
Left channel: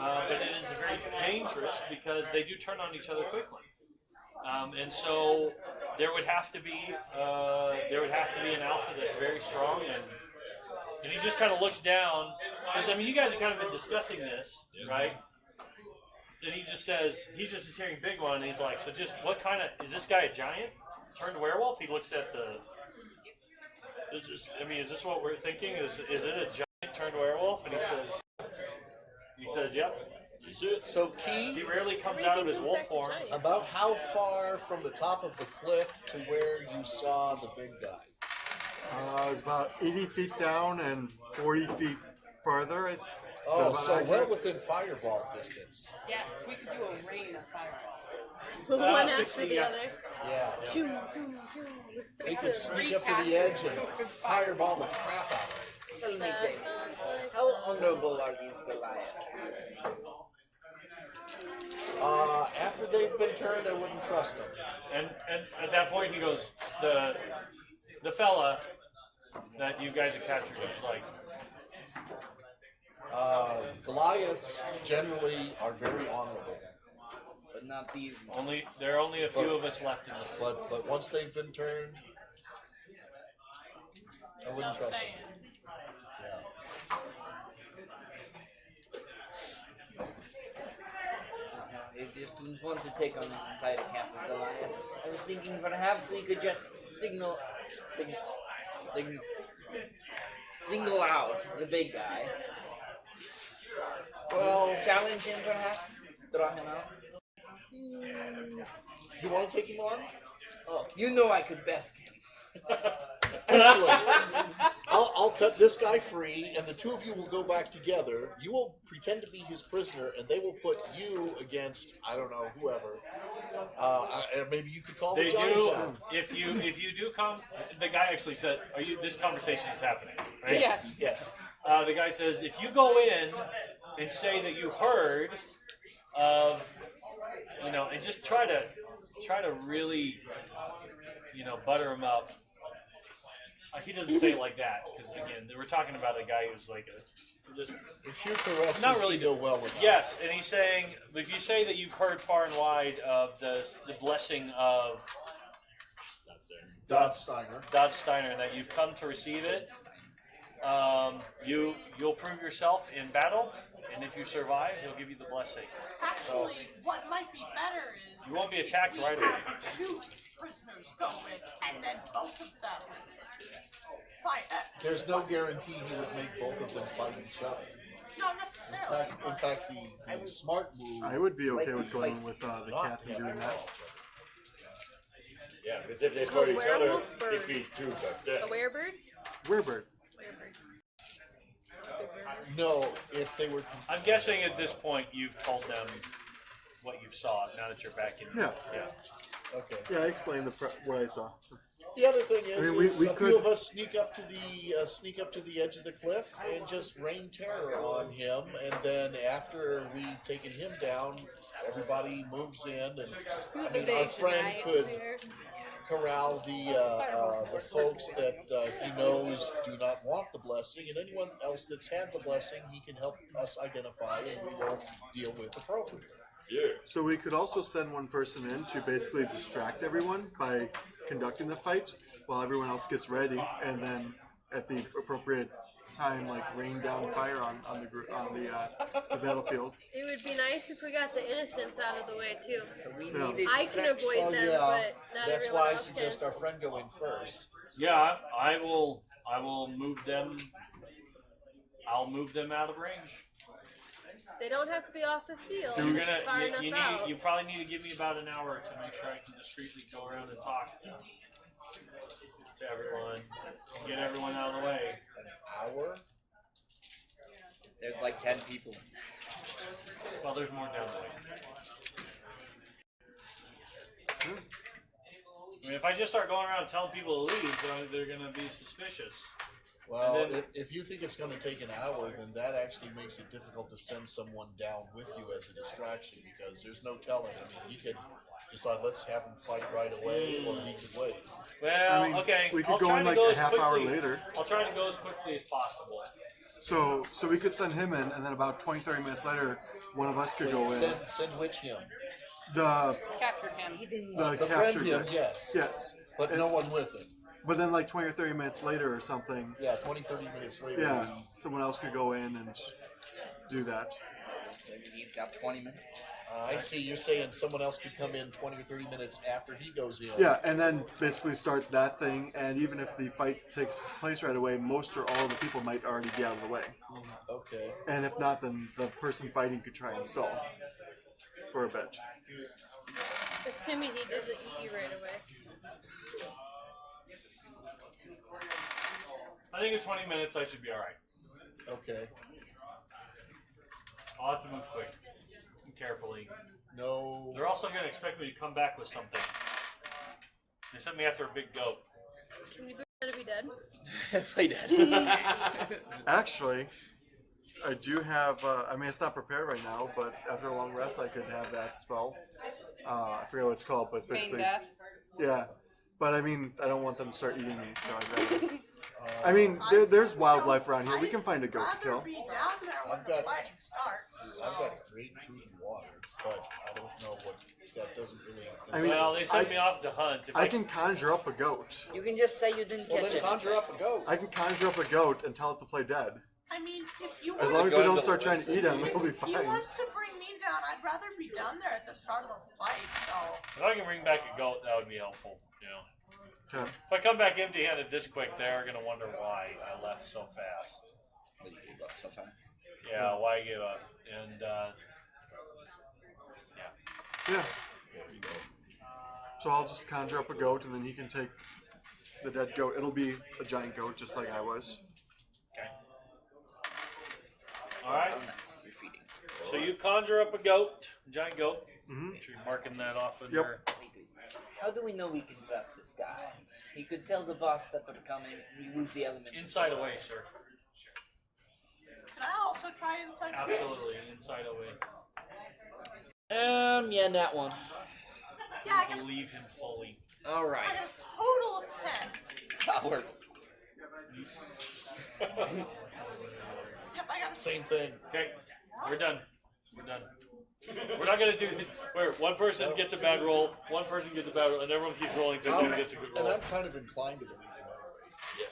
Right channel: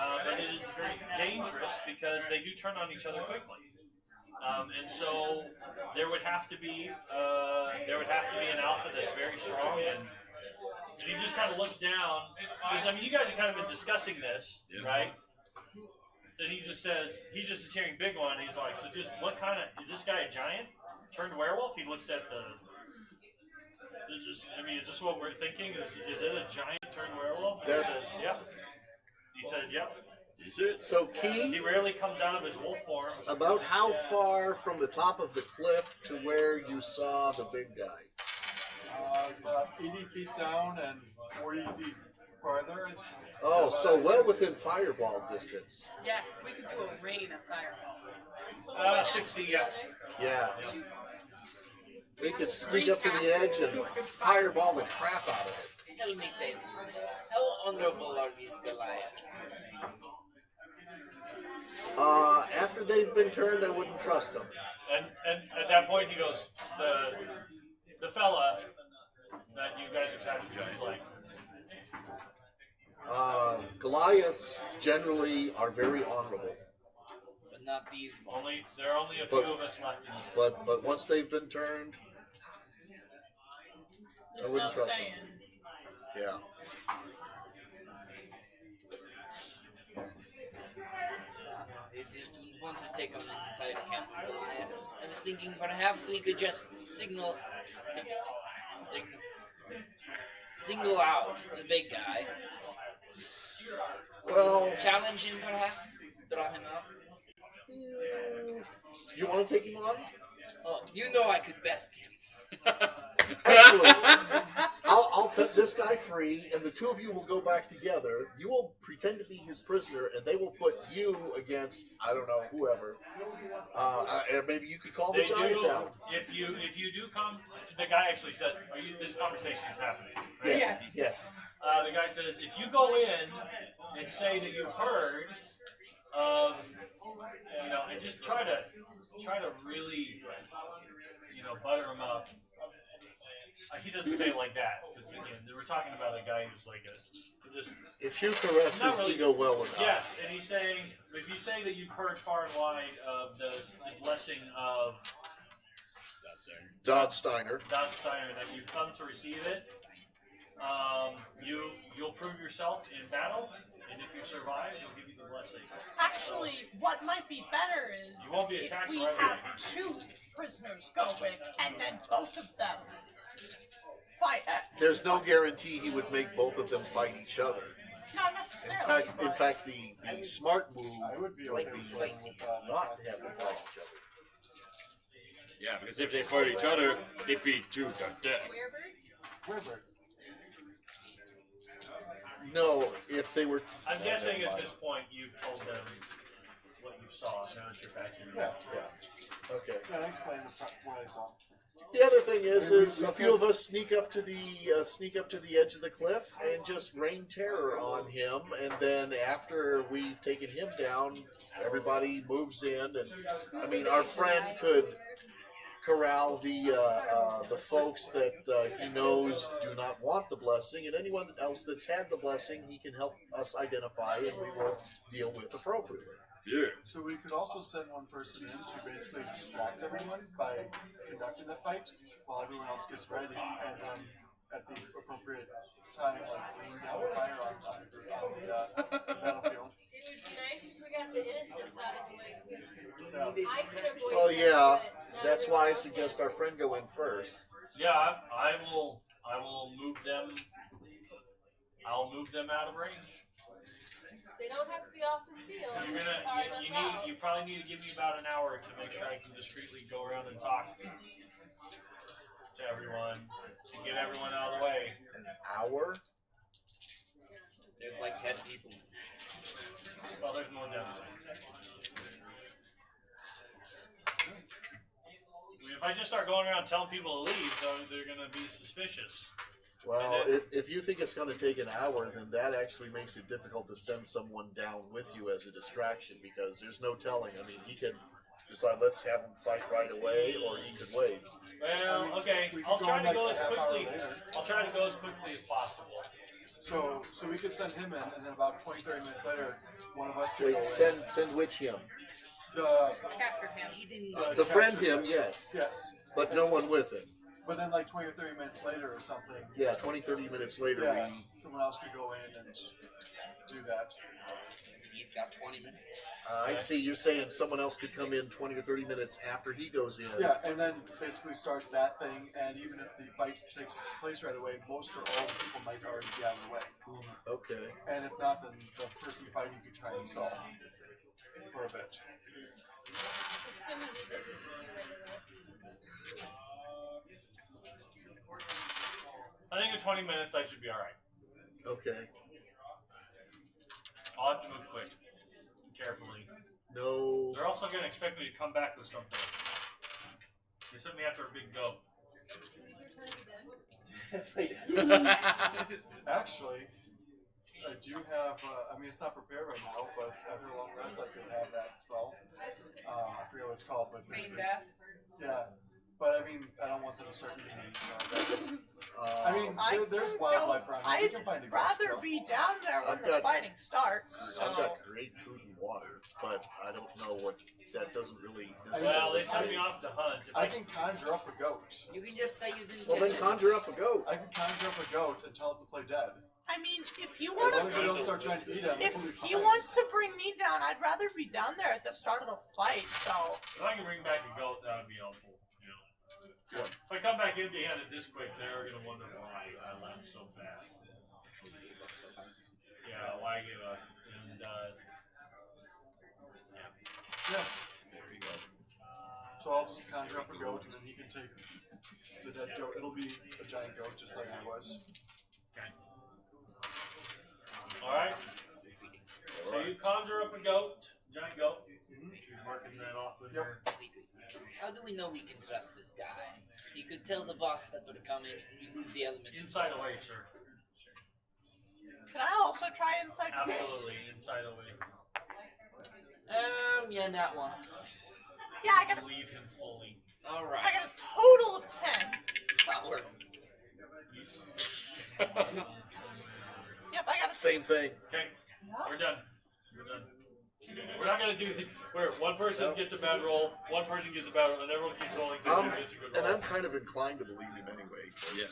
but it is very dangerous because they do turn on each other quickly. And so there would have to be an alpha that's very strong, and he just kind of looks down. Because I mean, you guys have kind of been discussing this, right? And he just says he's just hearing big one. And he's like, so just what kind of is this guy a giant turned werewolf? He looks at the. Is this what we're thinking? Is it a giant turned werewolf? And he says, yeah. He says, yeah. So Key, He rarely comes out of his wolf form. about how far from the top of the cliff to where you saw the big guy? It was about 80 feet down and 40 feet farther. Oh, so well within fireball distance. Yes, we could do a rain of fireballs. One after 60, the yeah. other. Yeah. Shoo, shoo, shoo. We could sneak up to the edge and fireball the crap out of it. Tell me, Tate, how honorable are these Goliaths? After they've been turned, I wouldn't trust them. And at that point, he goes, the fella that you guys are captured is like, Goliaths generally are very honorable, But not these ones. there are only a few of us left in this. but once they've been turned, I wouldn't trust them. Yeah. They just wanted to take on the entire camp of Goliaths. I was thinking perhaps we could just single out the big guy. Well, Challenge him perhaps? Throw him out? you want to take him on? Oh, you know I could best him. Excellent. I'll cut this guy free, and the two of you will go back together. You will pretend to be his prisoner, and they will put you against, I don't know, whoever. And maybe you could call the They giant do. down. If you do come, the guy actually said, "Are you? This conversation is happening." Right? Yes. Yes. The guy says, "If you go in and say that you heard of, and just try to really, butter him up." He doesn't say it like that because again, we're talking about a guy who's like just. If you caress Not his really. ego well enough. Yes, and he's saying, if you say that you've heard far and wide of the blessing of Dodd Steiner. that you've come to receive it, you'll prove yourself in battle, and if you survive, he'll give you the blessing. Actually, what might be better is You won't be attacked if we right away. have two prisoners go in, and then both of them fight. There's no guarantee he would make both of them fight each other. Not necessarily. In fact, the smart move. I would be okay with going with the captain doing that. Yeah, because if they fight each other, it'd be two to death. A werebird? Werebird. No, if they were. I'm guessing at this point you've told them what you saw. Now that you're back in. Yeah. Yeah. Okay. Yeah, I explained what I saw. The other thing is, I mean, we a few of us sneak up to the edge of the cliff and just rain terror on him, and then after we've taken him down, everybody moves in, and I mean, our friend could corral the folks that he knows do not want the blessing, and anyone else that's had the blessing, he can help us identify, and we will deal with appropriately. Yeah. So we could also send one person in to basically distract everyone by conducting the fight while everyone else gets ready, and then at the appropriate time, like rain down fire on the battlefield. It would be nice if we got the innocents out of the way too. So we Yeah. need a I can avoid Oh them, yeah, but not that's everyone why I else suggest can. our friend go in first. Yeah, I will move them. I'll move them out of range. They don't have to be off the field. You're Just far enough out. you probably need to give me about an hour to make sure I can discreetly go around and talk to everyone and get everyone out of the way. An hour? There's like 10 people. Well, there's more down the way. I mean, if I just start going around telling people to leave, they're going to be suspicious. Well, And then- if you think it's going to take an hour, then that actually makes it difficult to send someone down with you as a distraction because there's no telling. I mean, he could decide let's have him fight right away, or he could wait. Well, I mean, okay. we could I'll go try in to like go a as half hour quickly. later. I'll try to go as quickly as possible. So we could send him in, and then about 20, 30 minutes later, one of us could go in. Send which him? The Captured him. He didn't. The friend captured him, guy. yes. Yes. But no one with him. But then like 20 or 30 minutes later or something, Yeah, 20, 30 minutes later. yeah, someone else could go in and do that. So he's got 20 minutes. I see you're saying someone else could come in 20 or 30 minutes after he goes in. Yeah, and then basically start that thing, and even if the fight takes place right away, most or all of the people might already be out of the way. Okay. And if not, then the person fighting could try and stall for a bit. Assuming he doesn't eat you right away. I think in 20 minutes I should be alright. Okay. I'll have to move quick and carefully. No. They're also going to expect me to come back with something. They sent me after a big goat. Can we pretend to be dead? Play dead. Actually, I do have, I mean, it's not prepared right now, but after a long rest, I could have that spell. I forget what it's called, but it's Feign basically. death. Yeah. But I mean, I don't want them to start eating me, so I'd rather. I mean, there's wildlife around here. We can find a goat to I'd rather kill. be down there when I've the got- fighting starts. I've got great food and water, but I don't know what that doesn't really. I mean, Well, they sent me off to hunt. If I can conjure up a goat. You can just say you didn't Well, catch then it. conjure up a goat. I can conjure up a goat and tell it to play dead. I mean, if you As want long as they Good don't to start trying to eat him, if it'll be he fine. wants to bring me down, I'd rather be down there at the start of the fight. So If I can bring back a goat, that would be helpful. You know, Okay. if I come back empty-handed this quick, they are going to wonder why I left so fast. Yeah, why I gave up, and Yeah. So I'll just conjure up a goat, and then he can take the dead goat. It'll be a giant goat, just like I was. all right. Oh, nice. You're feeding. So you conjure up a goat, giant goat. Mhm. Should be marking that off in Yep. there. How do we know we can trust this guy? He could tell the boss that we're coming. We lose the element. Inside away, sir. can I also try inside? Absolutely, inside away. Yeah, not one. Yeah, I got a, Believe him fully. All I right. got a total of 10. Not worth. Yep, I got a Same thing. Okay, we're done. We're done. We're not gonna do this where one person gets a bad roll, one person gets a bad roll, and everyone keeps rolling until someone gets a good And roll. I'm kind of inclined to believe him anyway. 'Cause Yeah.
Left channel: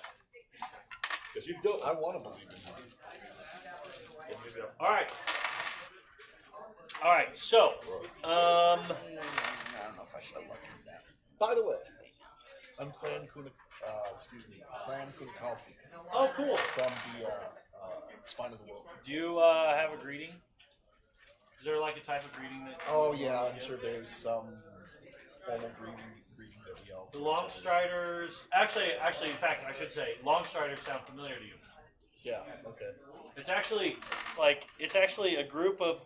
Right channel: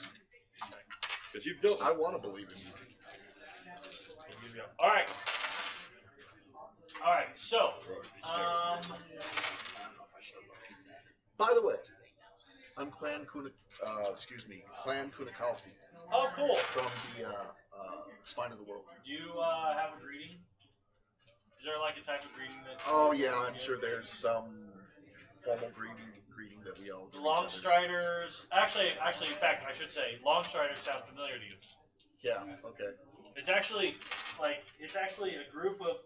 Because you've done I want to believe him. All right. All right. So, I don't know if I should have looked at that. By the way, I'm Clan Kunakalpi oh, cool. from the Spine of the World. Do you have a greeting? Is there like a type of greeting that? Oh yeah, I'm sure there's some formal greeting that we all. The Longstriders. Actually, in fact, I should say, Longstriders sound familiar to you. Yeah. Okay. It's actually a group of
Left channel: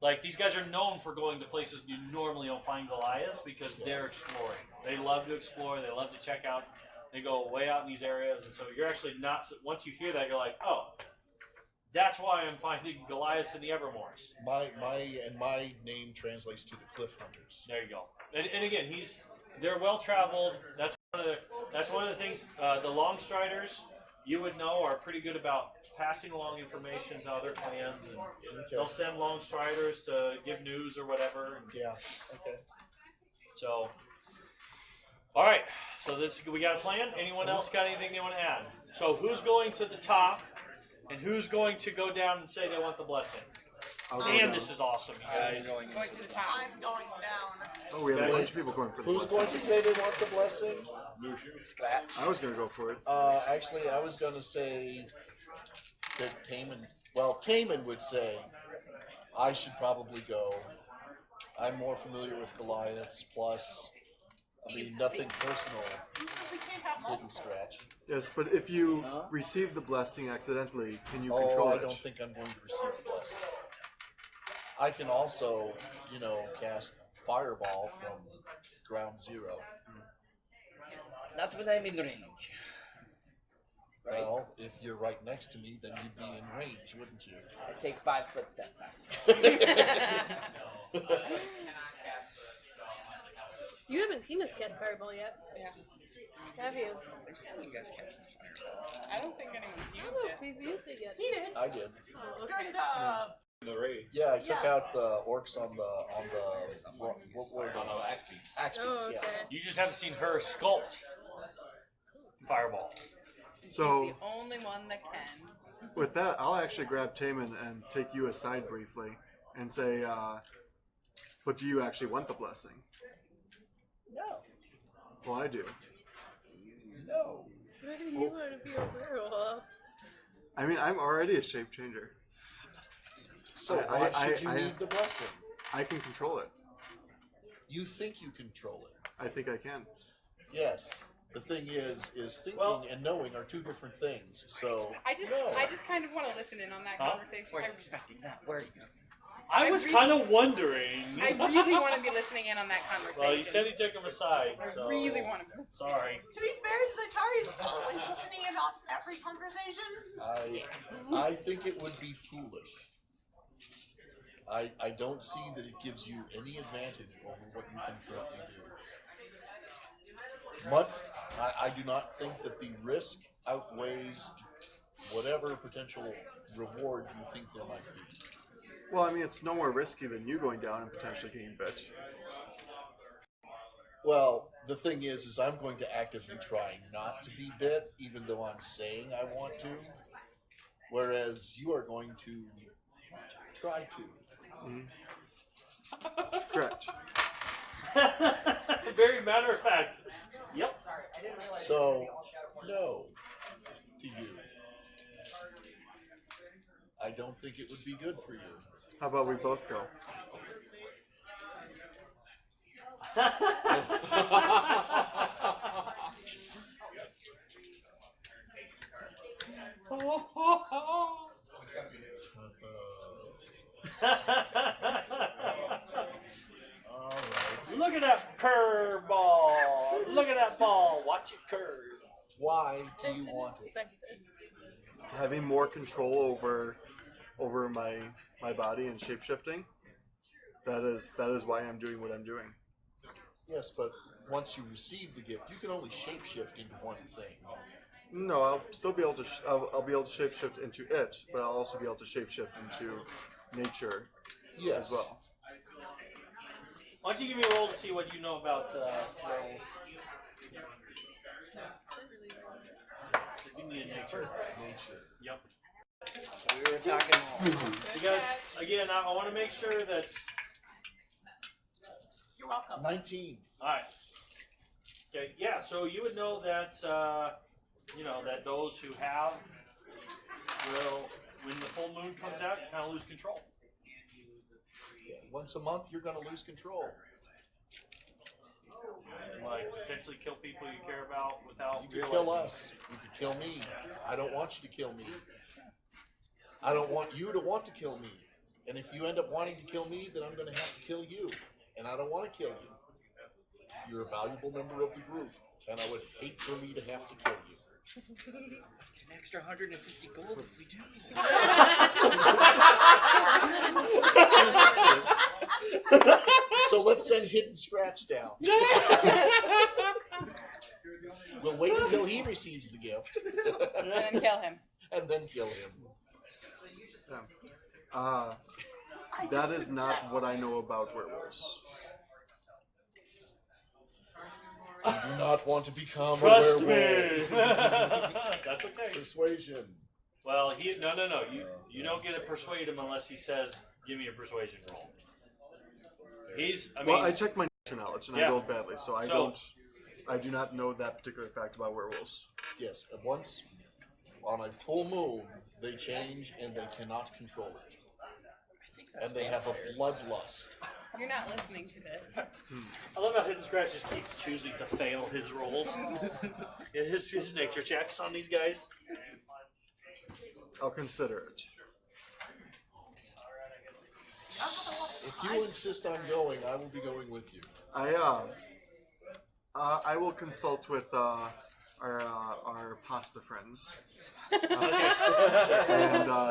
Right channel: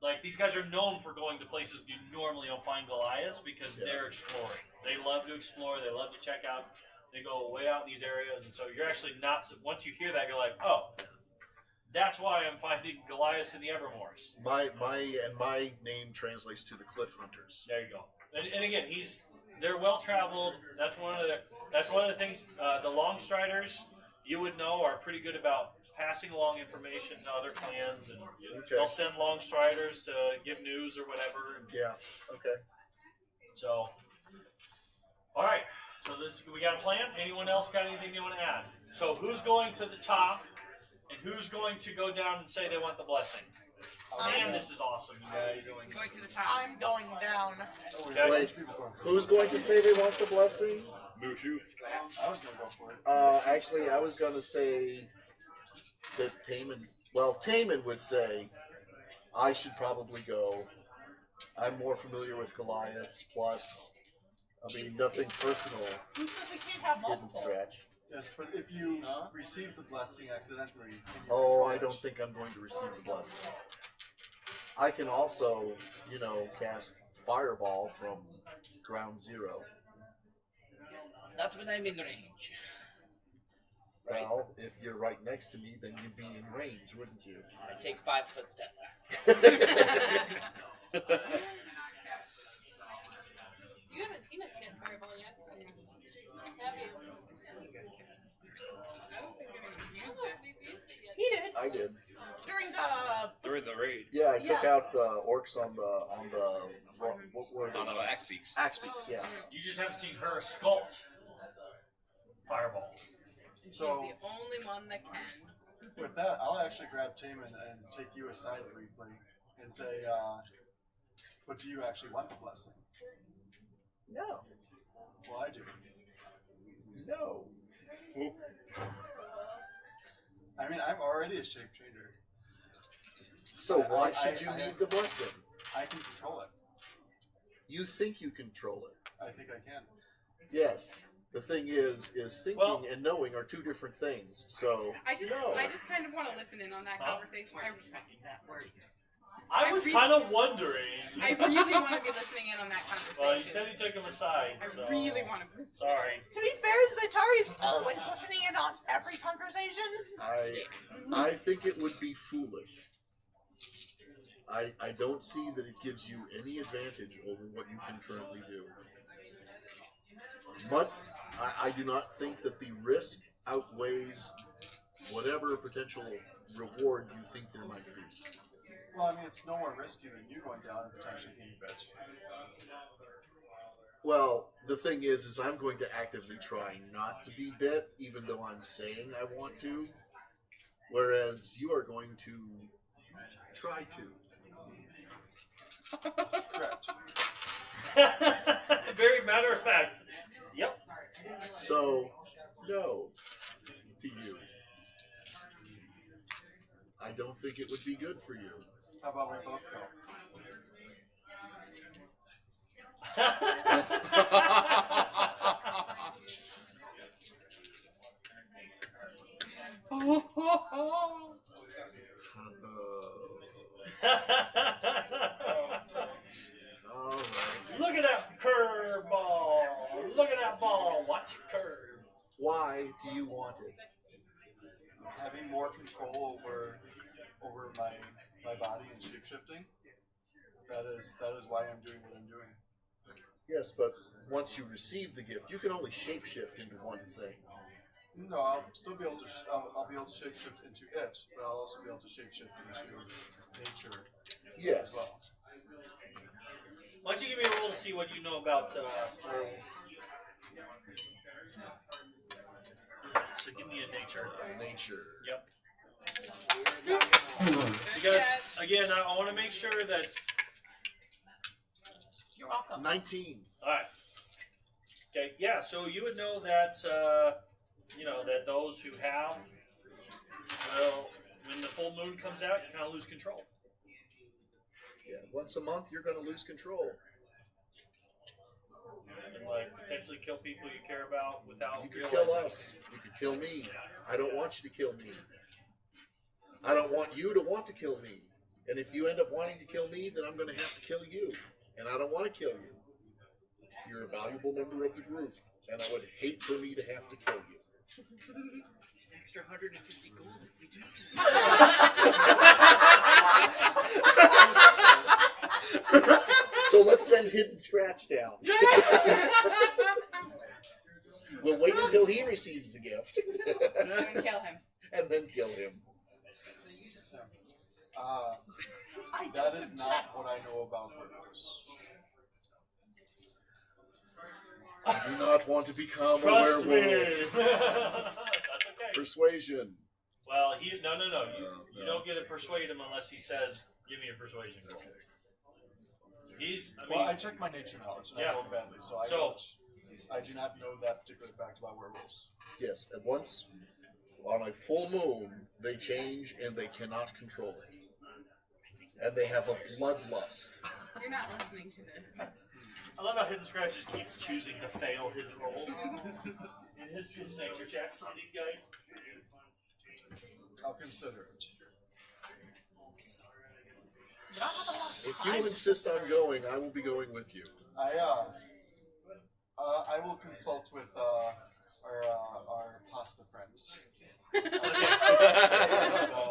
like these guys are known for going to places you normally don't find Goliaths because they're exploring. They love to explore. They love to check out. They go way out in these areas, and so you're actually not. Once you hear that, you're like, oh, that's why I'm finding Goliaths in the Evermoors. My name translates to the Cliff Hunters. There you go. And again, they're well traveled. That's one of the things. The Longstriders, you would know, are pretty good about passing along information to other clans, and they'll send Longstriders to give news or whatever. Yeah. Okay. So, all right. So we got a plan. Anyone else got anything they want to add? So who's going to the top, and who's going to go down and say they want the blessing? And this is awesome, you guys. Going to the top. I'm going down. Oh, we have a bunch of people going for the Who's blessing. going to say they want the blessing? Scratch. I was going to go for it. Actually, I was going to say that Taman would say I should probably go. I'm more familiar with Goliaths. Plus, I mean, nothing personal. Who says we can't have Didn't multiple? scratch. Yes, but if you No? receive the blessing accidentally, can you Oh, control I it? don't think I'm going to receive the blessing. I can also, cast Fireball from ground zero. Not when I'm in range. Right? Well, if you're right next to me, then you'd be in range, wouldn't you? I take 5 foot step back. You haven't seen us cast Fireball yet. Yeah. Have you? I've seen you guys cast I don't think anyone's I used don't know it. if we've used it yet. He did I did. Oh, okay. during the. During the raid. Yeah, I took Yeah. out the orcs on the what were On they? the axe beaks. Axe Oh, beaks, okay. yeah. You just haven't seen her sculpt Fireball. So She's the only one that can. with that, I'll actually grab Taman and take you aside briefly and say, but do you actually want the blessing? No. Well, I do. No. Why do you want to be a werewolf? I mean, I'm already a shape changer. So I- why I- should you I- need the blessing? I can control it. You think you control it. I think I can. Yes. The thing is thinking Well- and knowing are two different things. So I just no. kind of want to listen in on that Huh? conversation. We're expecting that. Where are you? I I was re- kind of wondering. I really want to be listening in on that conversation. Well, you said he took him aside, so. I really want to. Sorry. To be fair, Zatari's always listening in on every conversation. I think it would be foolish. I don't see that it gives you any advantage over what you can currently do. But I do not think that the risk outweighs whatever potential reward you think there might be. Well, I mean, it's no more risky than you going down and potentially getting bit. Well, the thing is I'm going to actively try not to be bit, even though I'm saying I want to. Whereas you are going to try to. Correct. Very matter of fact. Yep. So, no to you. I don't think it would be good for you. How about we both go? Alright. Look at that curveball. Look at that ball. Watch it curve. Why do you want it? Having more control over my body and shapeshifting. That is why I'm doing what I'm doing. Yes, but once you receive the gift, you can only shapeshift into one thing. No, I'll still be able to. I'll be able to shapeshift into it, but I'll also be able to shapeshift into nature Yes. as well. Why don't you give me a roll to see what you know about werewolves? So give me a nature. Nature. Yep. We were talking. Because again, I want to make sure that. You're welcome. 19. All right. Okay. Yeah. So you would know that that those who have will, when the full moon comes out, you kind of lose control. Yeah. Once a month, you're going to lose control. Like potentially kill people you care about without. You could realizing. kill us. You could kill me. I don't want you to kill me. I don't want you to want to kill me. And if you end up wanting to kill me, then I'm going to have to kill you. And I don't want to kill you. You're a valuable member of the group, and I would hate for me to have to kill you. It's an extra 150 gold if we do. So let's send Hidden Scratch down. We'll wait until he receives the gift. And kill him. And then kill him. That is not what I know about werewolves. I do not want to become Trust a me. werewolf. That's okay. Persuasion. Well, no. You don't get to persuade him unless he says, "Give me a persuasion roll." Well, I checked my nature knowledge and Yeah. I rolled badly, so I do not know that particular fact about werewolves. Yes, and once on a full moon, they change and they cannot control it. And they have a bloodlust. You're not listening to this. I love how Hidden Scratch just keeps choosing to fail his rolls. his nature checks on these guys. I'll consider it. If you insist on going, I will be going with you. I I will consult with our pasta friends and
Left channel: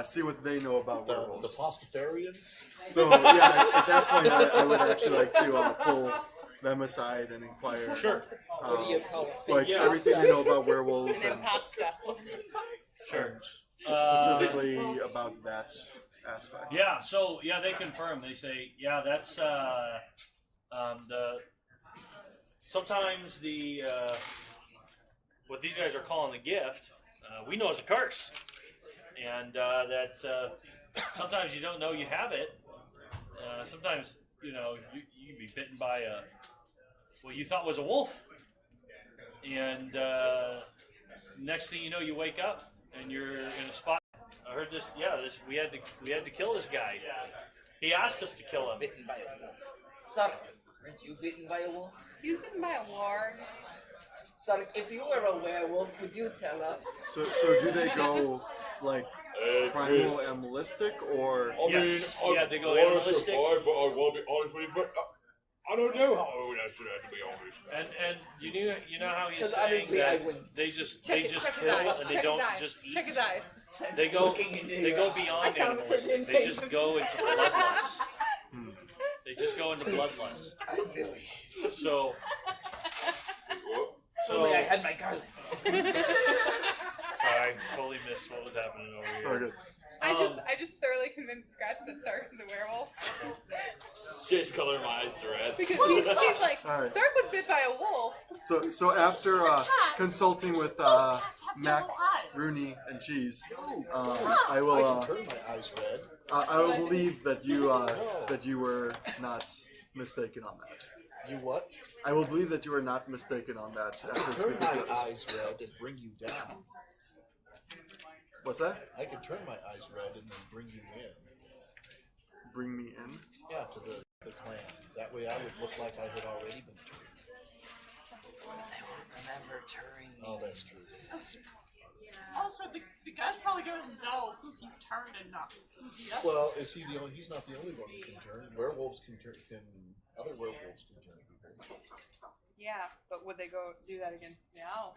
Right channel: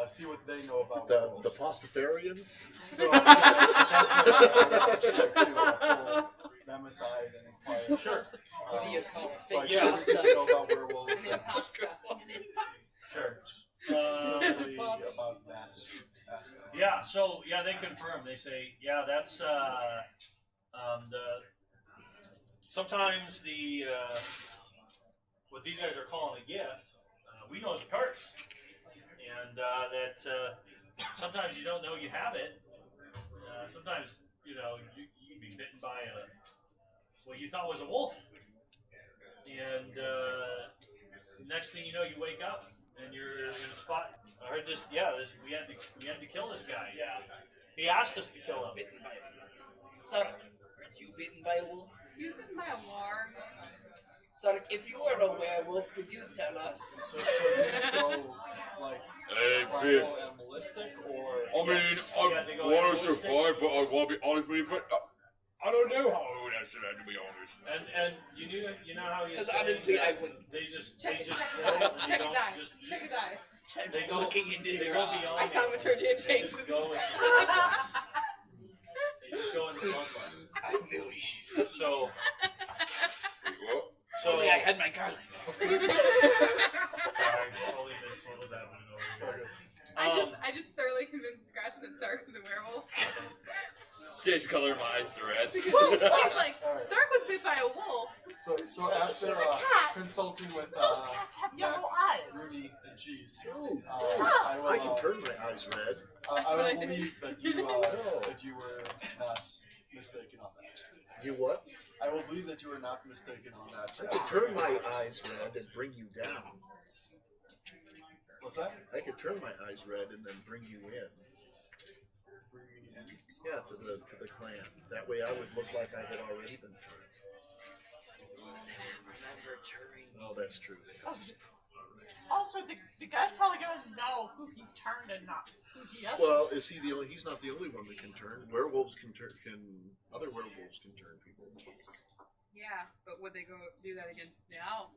see what they know about The werewolves. Pastafarians? So yeah, at that point, I would actually like to pull them aside and inquire. Sure. What do you call Like Yeah. everything I know about werewolves And and pasta. Sure. specifically about that aspect. Yeah, so yeah, they confirm. They say, yeah, that's the sometimes the what these guys are calling a gift, we know is a curse, and that sometimes you don't know you have it. Sometimes you know you be bitten by what you thought was a wolf, and next thing you know, you wake up and you're in a spot. Or just we had to kill this guy. He asked us to kill him. Bitten by a wolf. Son, aren't you bitten by a wolf? You've been by a war. Son, if you were a werewolf, would you tell us? So do they go like primal animalistic or? Yes. Yeah, they go animalistic. I don't know how we actually always. And you know how he's Because honestly, saying I that would. they just Check his quit and they eyes. don't Check just his eyes. Check his eyes. they go beyond found animals. Christian They just go into bloodlust. They just go into bloodlust. So Yeah, I had my garlic. sorry, totally missed what was happening over here. Okay. I just thoroughly convinced Scratch that Sark is a werewolf. Just color my eyes red. He's like, All right. Sark was bit by a wolf. So after consulting with Those cats have Mac, yellow eyes. Rooney, and Cheese, Ooh, I I will can turn my eyes red. I will believe that you were not mistaken on that. You what? I will believe that you were not mistaken on that. I can turn my eyes red and bring you down. What's that? I can turn my eyes red and then bring you in. Bring me in. Yeah, to the clan. That way I would look like I had already been. Oh, that's true. Also, the guy's probably doesn't know who he's turned and not who he is. Well, is he the only? He's not the only one that can turn. Werewolves can turn. Other werewolves can turn people? Yeah, but would they go do that against the alpha?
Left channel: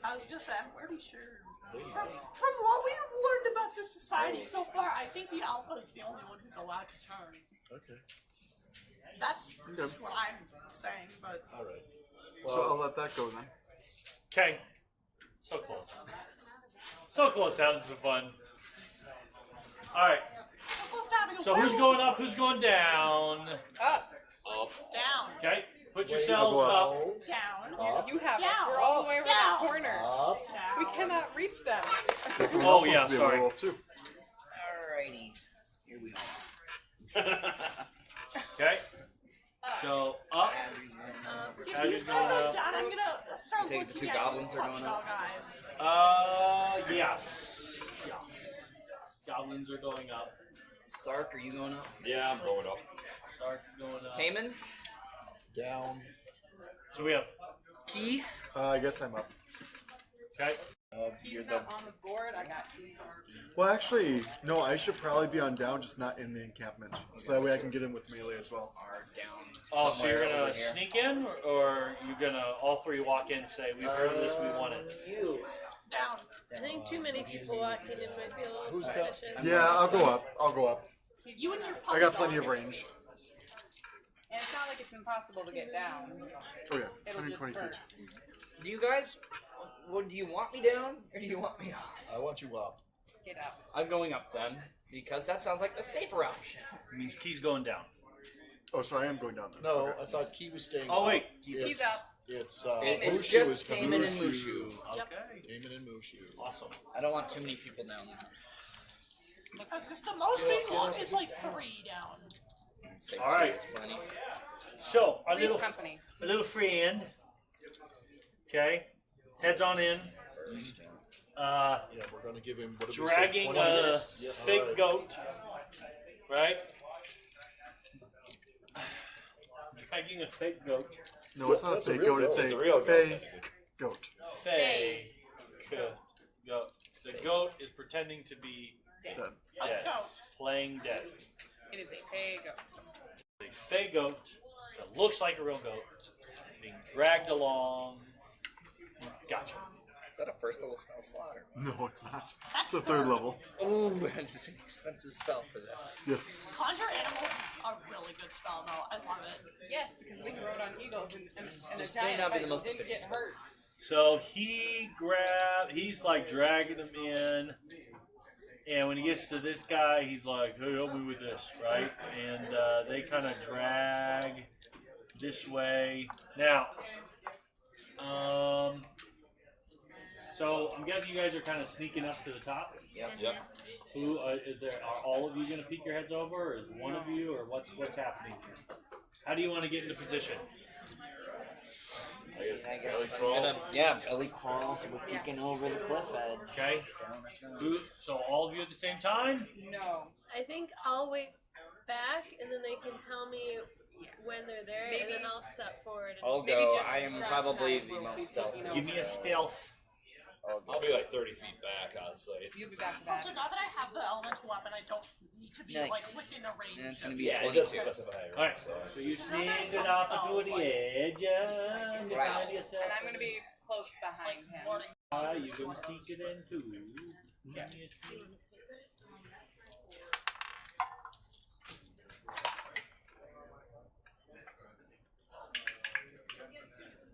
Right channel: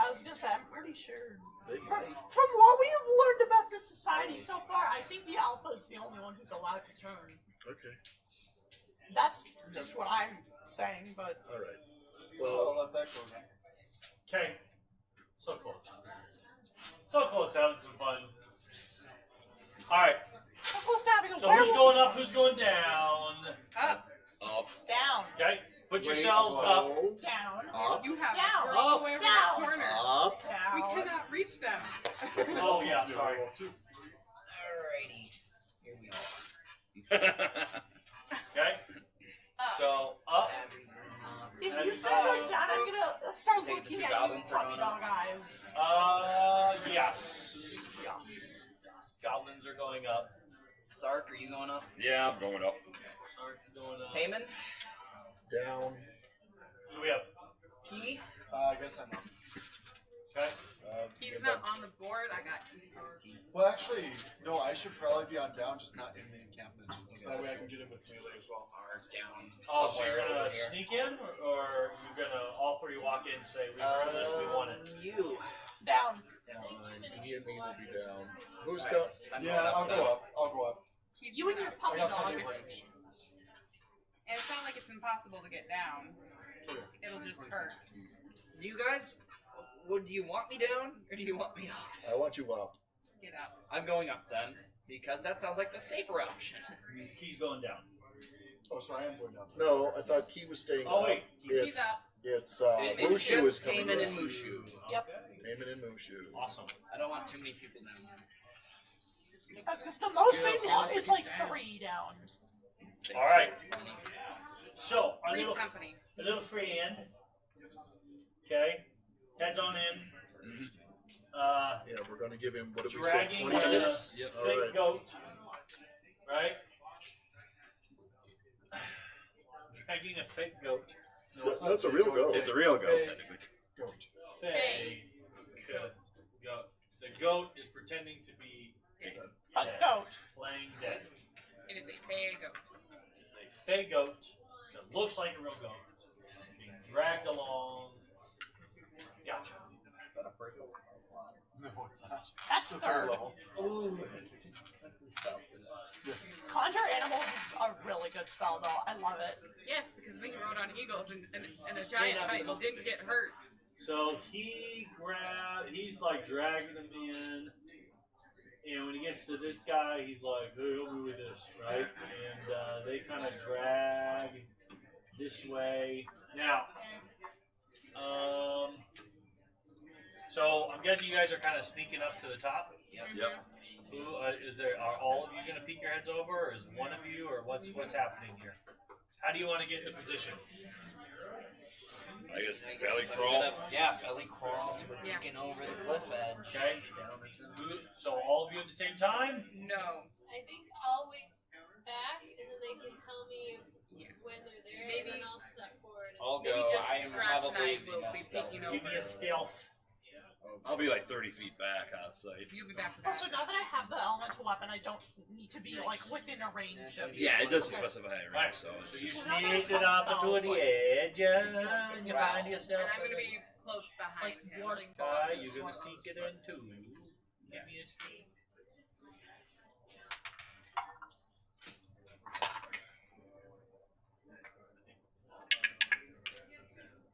I was gonna say, I'm pretty sure. They, From what we have learned about this society so far, I think the alpha is the only one who's allowed to turn. okay. And that's just what I'm saying, but All right. So Well, I'll let that go then. Okay. So close. So close to having some fun. Alright. what's happening? So who's going up, who's going down? Up, Oh, Down, Okay? Put wait, yourselves up. down, Up, you have Down. us. We're all the way around Down. the corner. up. We down. cannot reach them. Someone Oh, else yeah, wants to be a sorry. werewolf too. Alright. Here we go. Okay? So up. If How we you start doing? going down, I'm gonna start Take looking two at goblins you, around. guys. Yes. Goblins are going up. Sark, are you going up? yeah, I'm going up. Shark's going up. Taman? Down. So we have, Key? I guess I'm up. okay? He's You're not down. on the board. I got these or Well, actually, no. I should probably be on down, just not in the encampment, so that way I can get in with melee as well. Down. Oh, so you're somewhere gonna over here. sneak in, or you're gonna all three walk in and say, we've heard this, we want it? You. Down. I think too many people walking in might be a little Who's suspicious. Yeah, I'll go up. I'll go up. You and your I got plenty of range. And it's not like it's impossible to get down. Oh yeah, It'll 20, just 20 hurt. feet. You guys? Would you want me down, or do you want me up? I want you up. Get up. I'm going up then, because that sounds like the safer option. Means Key's going down. Oh, so I am going down. No, I thought Key was staying. Oh, wait. He's up. It's It's Mushu just is coming. Taman and Mushu. Okay. Taman and Mushu. Awesome. I don't want too many people down there. Because the most people is like 3 down. Six, Alright. six, plenty. So, our Three's little, company. a little free end. Okay? Heads on in. Yeah, we're gonna give him. What did we say, Dragging 20 a minutes? fake Alright. goat. Right? Dragging a fake goat. No, it's not That's a fake real goat. goat. It's It's a a real goat. fake goat. Fake goat. The goat is pretending to be Dead. dead. No. Playing dead. It is a big. It's a fake goat that looks like a real goat being dragged along. Gotcha. Is that a first level spell slot? No, it's not. That's It's the third level. Oh, it's an expensive spell for this. Yes. Conjure Animals is a really good spell, though. I love it. Yes, because they rode on eagles and a This giant may not be fight the most didn't get efficient hurt. So he's like dragging him in, and when he gets to this guy, he's like, "Hey, help me with this," right? And they kind of drag this way. Now, so I'm guessing you guys are kind of sneaking up to the top. Yep. Who are all of you going to peek your heads over, or is one of you, or what's happening here? How do you want to get into position? I guess I belly guess I'm crawl. belly crawl, so we're peeking over the cliff edge. Okay. So all of you at the same time? No. I think I'll wait back, and then they can tell me Yeah. when they're there, Maybe- and then I'll step forward. I'll Maybe go. just I am scratch probably that the little most peeking stealthy. over. Give me a stealth. I'll be like 30 feet back, honestly. You'll be back. Also, now that I have the elemental weapon, I don't need to be like Nice. within a range. Yeah, it's gonna of- be Yeah, it close. doesn't specify, right? Alright, So so you sneaked it up to the edge, and you find yourself. And I'm gonna be close behind him. Guy, you're gonna sneak it in too. Give me a sneak.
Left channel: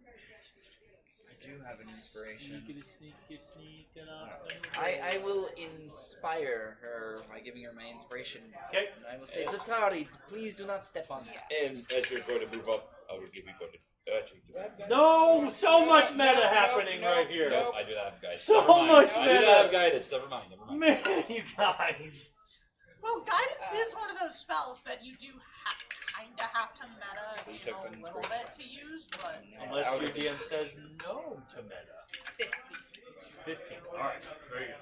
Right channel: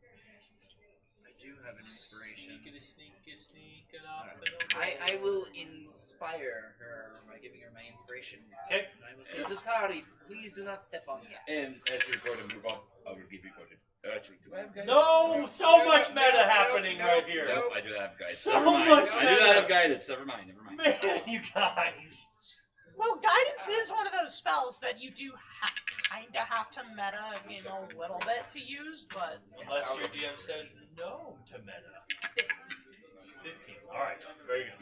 I do have an inspiration. Sneak it up. I will inspire her by giving her my inspiration. Okay. And I will say, Zatari, please do not step on that. And as you're going to move up, I will give you golden. Actually, do I have guidance? No, so much meta happening right here. Nope, I do have guidance. So Never mind. much I do meta. have guidance. Never mind. Man, you guys. Well, guidance is one of those spells that you do kind of have to meta in a little bit to use, but Unless your DM says no to meta. 15. Alright, very good.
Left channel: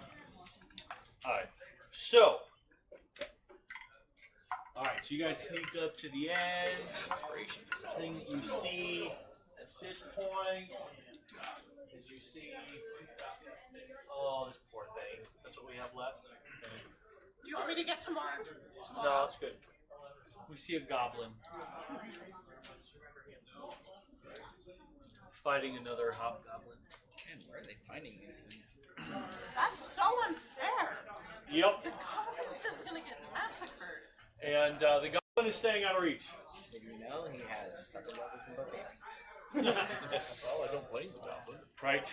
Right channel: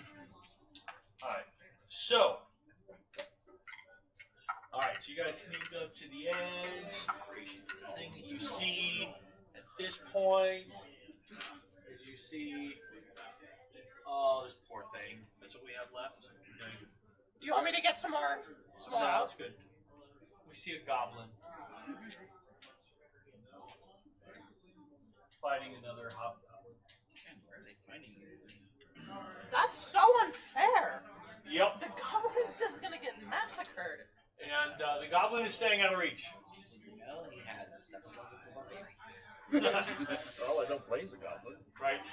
Alright, so. Alright, so you guys sneak up to the edge. Inspiration is all. Thing that you see at this point is you see. Oh, this poor thing. That's what we have left. Okay. do you want me to get some more? No, that's good. We see a goblin fighting another hobgoblin. Man, where are they finding these things? That's so unfair. Yep. The goblin's just gonna get massacred. And the goblin is staying out of reach. Did you know he has 7 levels in Barbarian? Well, I don't blame the goblin. Right.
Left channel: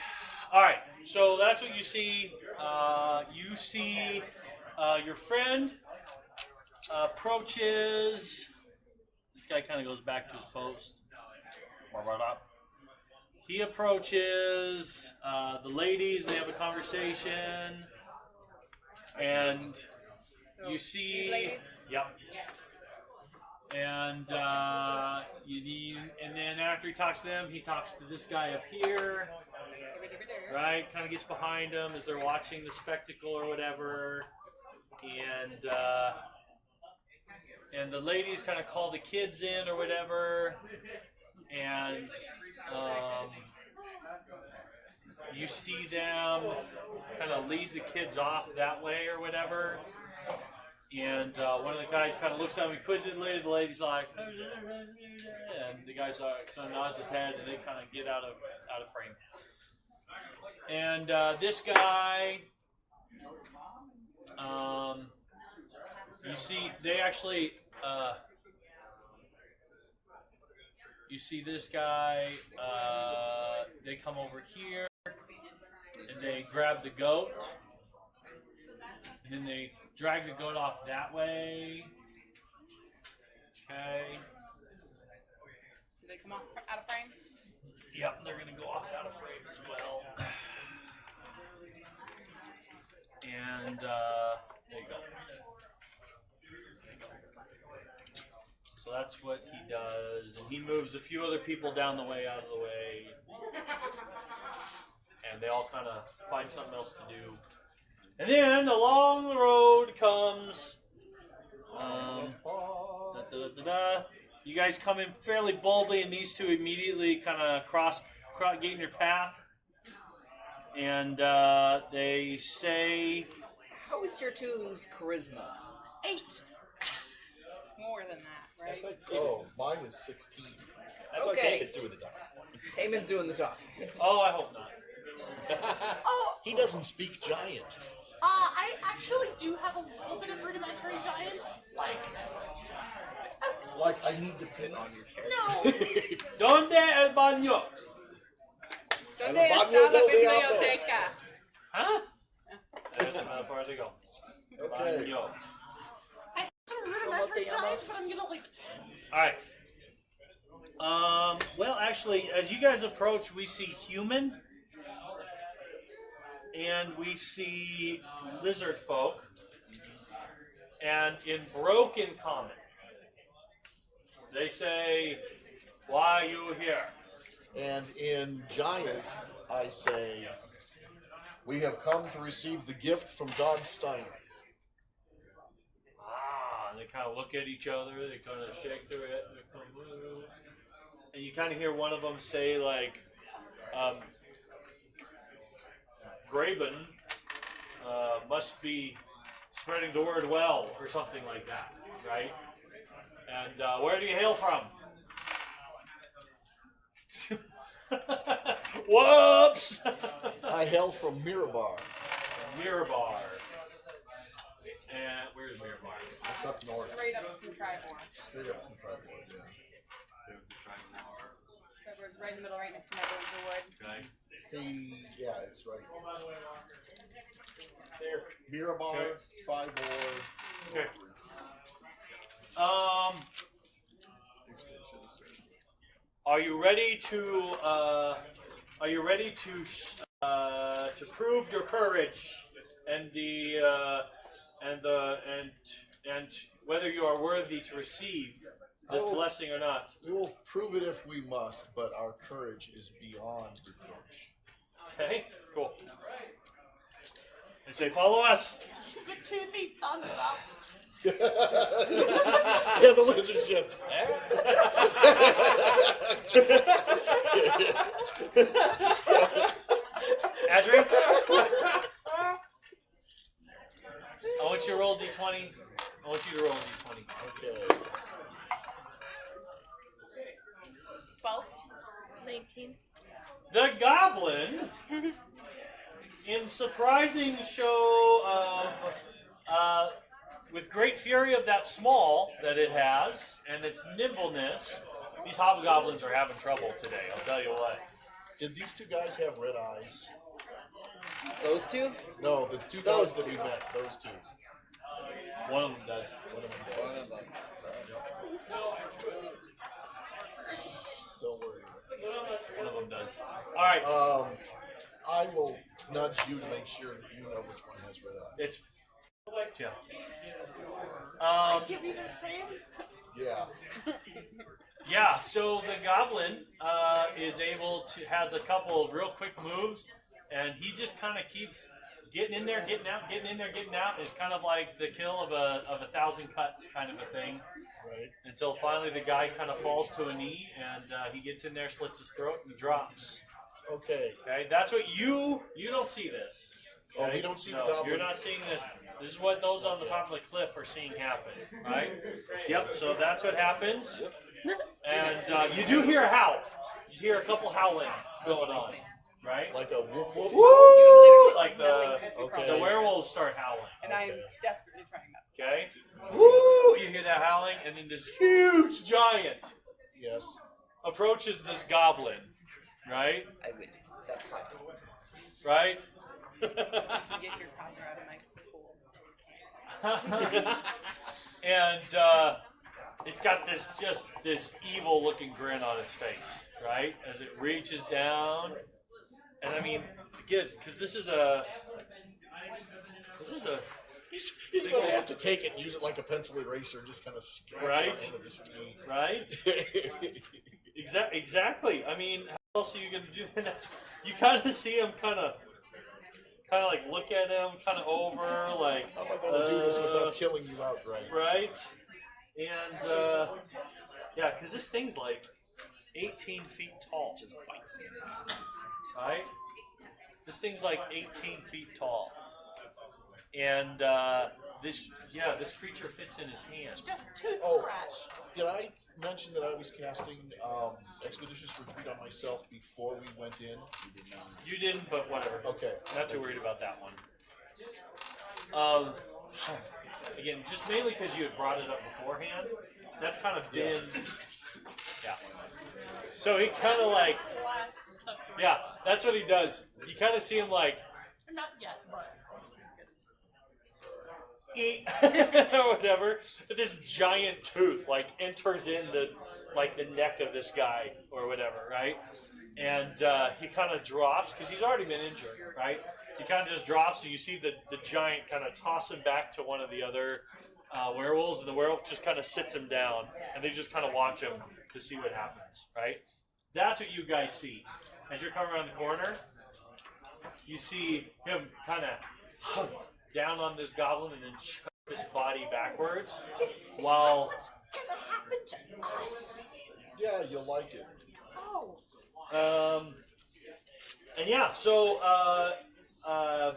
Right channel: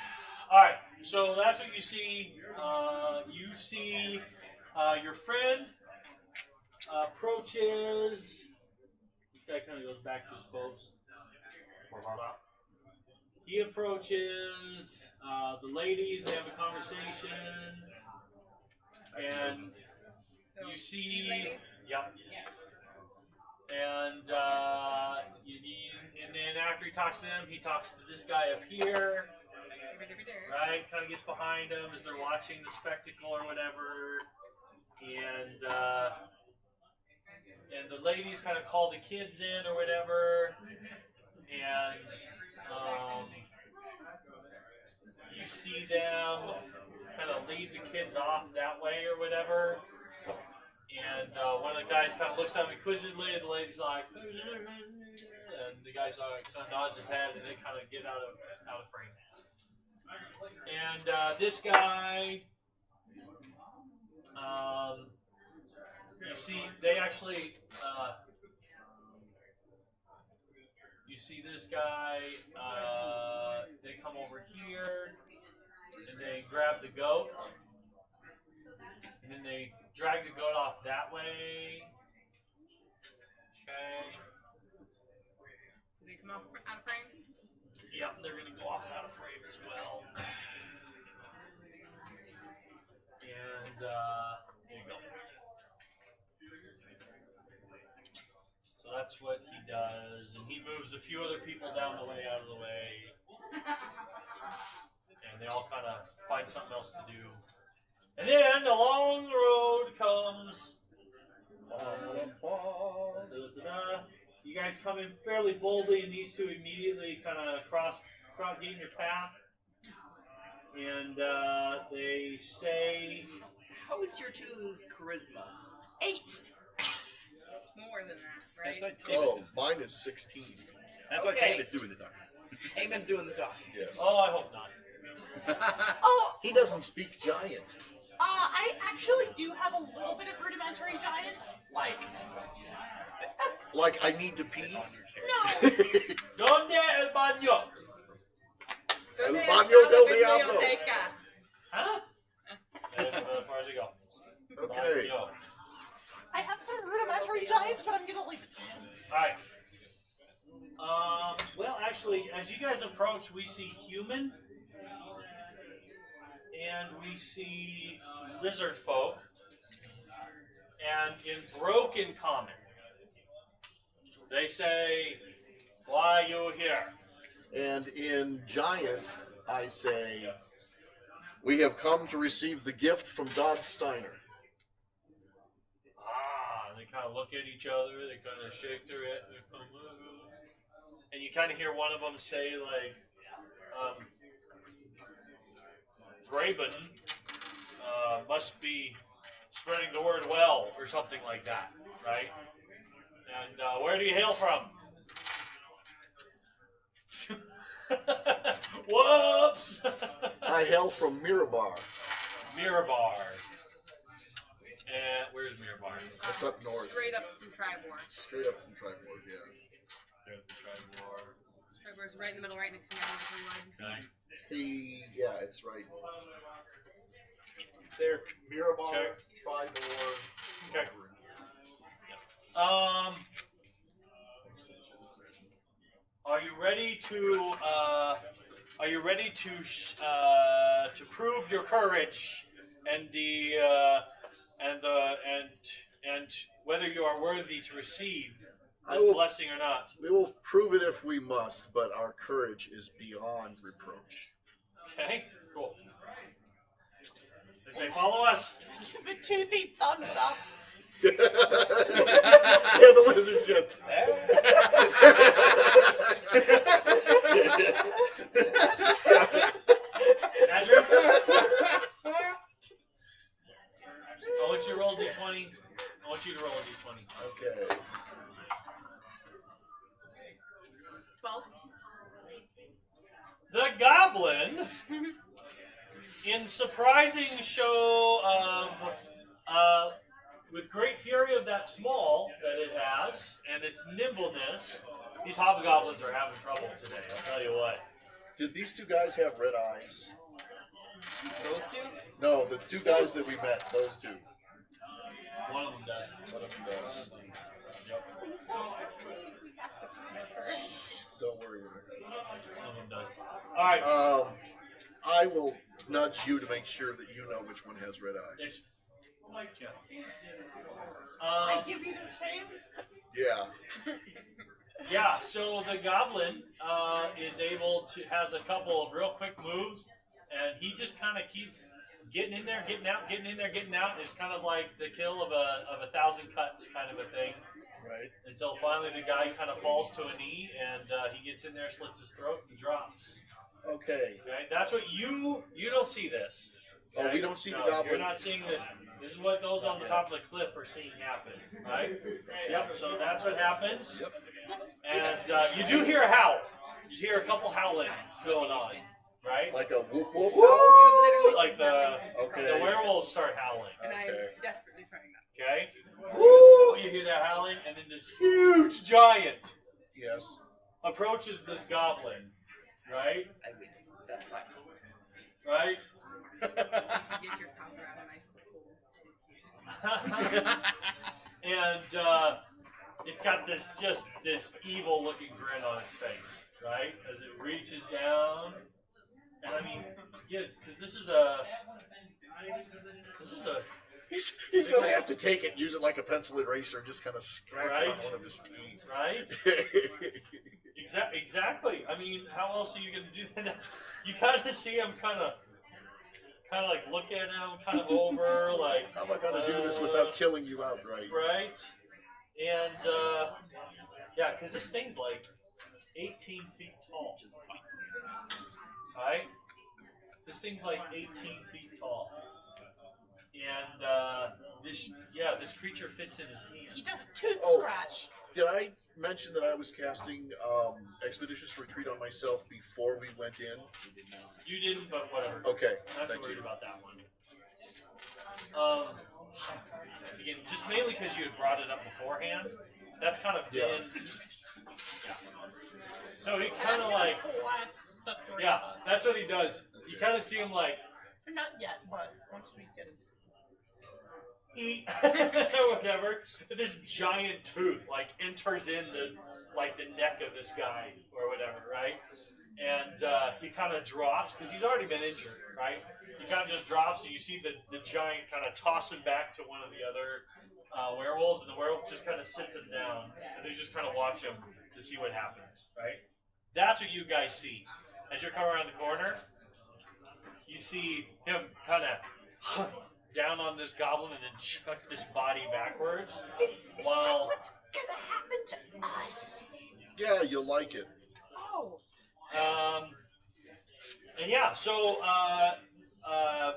All right. So that's what you see. You see your friend approaches. This guy kind of goes back to his post. He approaches the ladies. They have a conversation, and you see. These ladies? Yep. And and then after he talks to them, he talks to this guy up here. Right, kind of gets behind them as they're watching the spectacle or whatever, and the ladies kind of call the kids in or whatever, and you see them kind of lead the kids off that way or whatever, and one of the guys kind of looks at him inquisitively, and the lady's like, and the guy's like, kind of nods his head, and they kind of get out of frame. And this guy, you see, they actually, you see this guy, they come over here, and they grab the goat, and then they drag the goat off that way. Okay. Do they come out of frame? Yep, they're gonna go off out of frame as well. And there you go. So that's what he does, and he moves a few other people down the way, out of the way, and they all kind of find something else to do. And then along the road comes. You guys come in fairly boldly, and these two immediately kind of get in your path, and they say, How is your two's charisma? 8. More than that, right? That's what Tavis Oh, mine is 16. That's what Okay. Tavis do with the time. Eamon's doing the talking. Yes. Oh, I hope not. Oh, He doesn't speak giant. I actually do have a little bit of rudimentary giant. Like, I need to pee. No. ¿Dónde el baño? ¿Dónde El está baño la del diablo. biblioteca? Huh? That's as far as I go. Okay. Baño. I have some rudimentary giants, but I'm gonna leave it. Alright. Well, actually, as you guys approach, we see human. And we see lizard folk. And in broken common, they say, "Why you here?" And in giant, I say, we have come to receive the gift from Dodge Steiner. And they kind of look at each other. They kind of shake their head. And you kind of hear one of them say, like, Graben must be spreading the word well, or something like that, right? And where do you hail from? Whoops! I hail from Mirabar. Mirabar. And where's Mirabar? It's up north. Straight up from Tribor. Straight up from Tribord, yeah. Tribor's right in the middle, right next to Neverwinter Wood. Okay. See, yeah, it's right There. Mirabar, Okay. Tribord. Okay. Are you ready to? Are you ready to prove your courage and and whether you are worthy to receive this blessing or not? We will prove it if we must, but our courage is beyond reproach. Okay. Cool. And say, follow us. Give it toothy thumbs up. Yeah, the lizard's just. Andrew? I want you to roll d20. I want you to roll a d20. Okay. 12. 19. The goblin, in surprising show of, with great fury of that small that it has, and its nimbleness, these hobgoblins are having trouble today, I'll tell you what. Did these two guys have red eyes? Those two? No, the two guys that we met, those two. One of them does. One of them does. Don't worry. One of them does. Alright. I will nudge you to make sure that you know which one has red eyes. It's yeah. I give you the same. Yeah. Yeah, so the goblin has a couple of real quick moves, and he just kind of keeps getting in there, getting out, getting in there, getting out. It's kind of like the kill of a 1,000 cuts kind of a thing. Right. Until finally the guy kind of falls to a knee, and he gets in there, slits his throat, and he drops. Okay. Okay, that's what you don't see this. Oh, Okay? we don't see No, the goblin. You're not seeing this. This is what those on the top of the cliff are seeing happen, right? Yep. So that's what happens. Yep. And you do hear a howl. You hear a couple howlings going on, right? Like a whoop whoop. You literally Like the Okay. werewolves start howling. And I'm Okay. desperately trying not to. Okay. Woo! You hear that howling, and then this huge giant Yes. approaches this goblin, right? That's fine. Right? Get your cover out of my pool. And it's got this evil looking grin on its face, right? As it reaches down, and I mean, because this is a He's gonna have to take it and use it like a pencil eraser and just kind of scratch it on Right. one of his teeth. right. Exactly. I mean, how else are you gonna do that? That's, you kind of see him kind of like look at him kind of over like. How am I gonna do this without killing you outright? Right. And yeah, because this thing's like 18 feet tall. Just bites me. Right? This thing's like 18 feet tall. And this creature fits in his hand. He does a tooth Oh. scratch. Did I mention that I was casting Expeditious Retreat on myself before we went in? You didn't, but whatever. Okay. Not too thank worried you. about that one. Again, just mainly because you had brought it up beforehand. That's kind of been. Yeah. So he kind of like. Yeah, that's what he does. You kind of see him like. Not yet, but once we get it. Eat or whatever. This giant tooth like enters in the neck of this guy or whatever, right? And he kind of drops because he's already been injured, right? He kind of just drops, and you see the giant kind of toss him back to one of the other werewolves, and the werewolf just kind of sits him down, and they just kind of watch him to see what happens, right? That's what you guys see. As you're coming around the corner, you see him kind of down on this goblin and then chuck this body backwards. Is while that what's gonna happen to us? Yeah, you'll like it. Oh. And yeah, so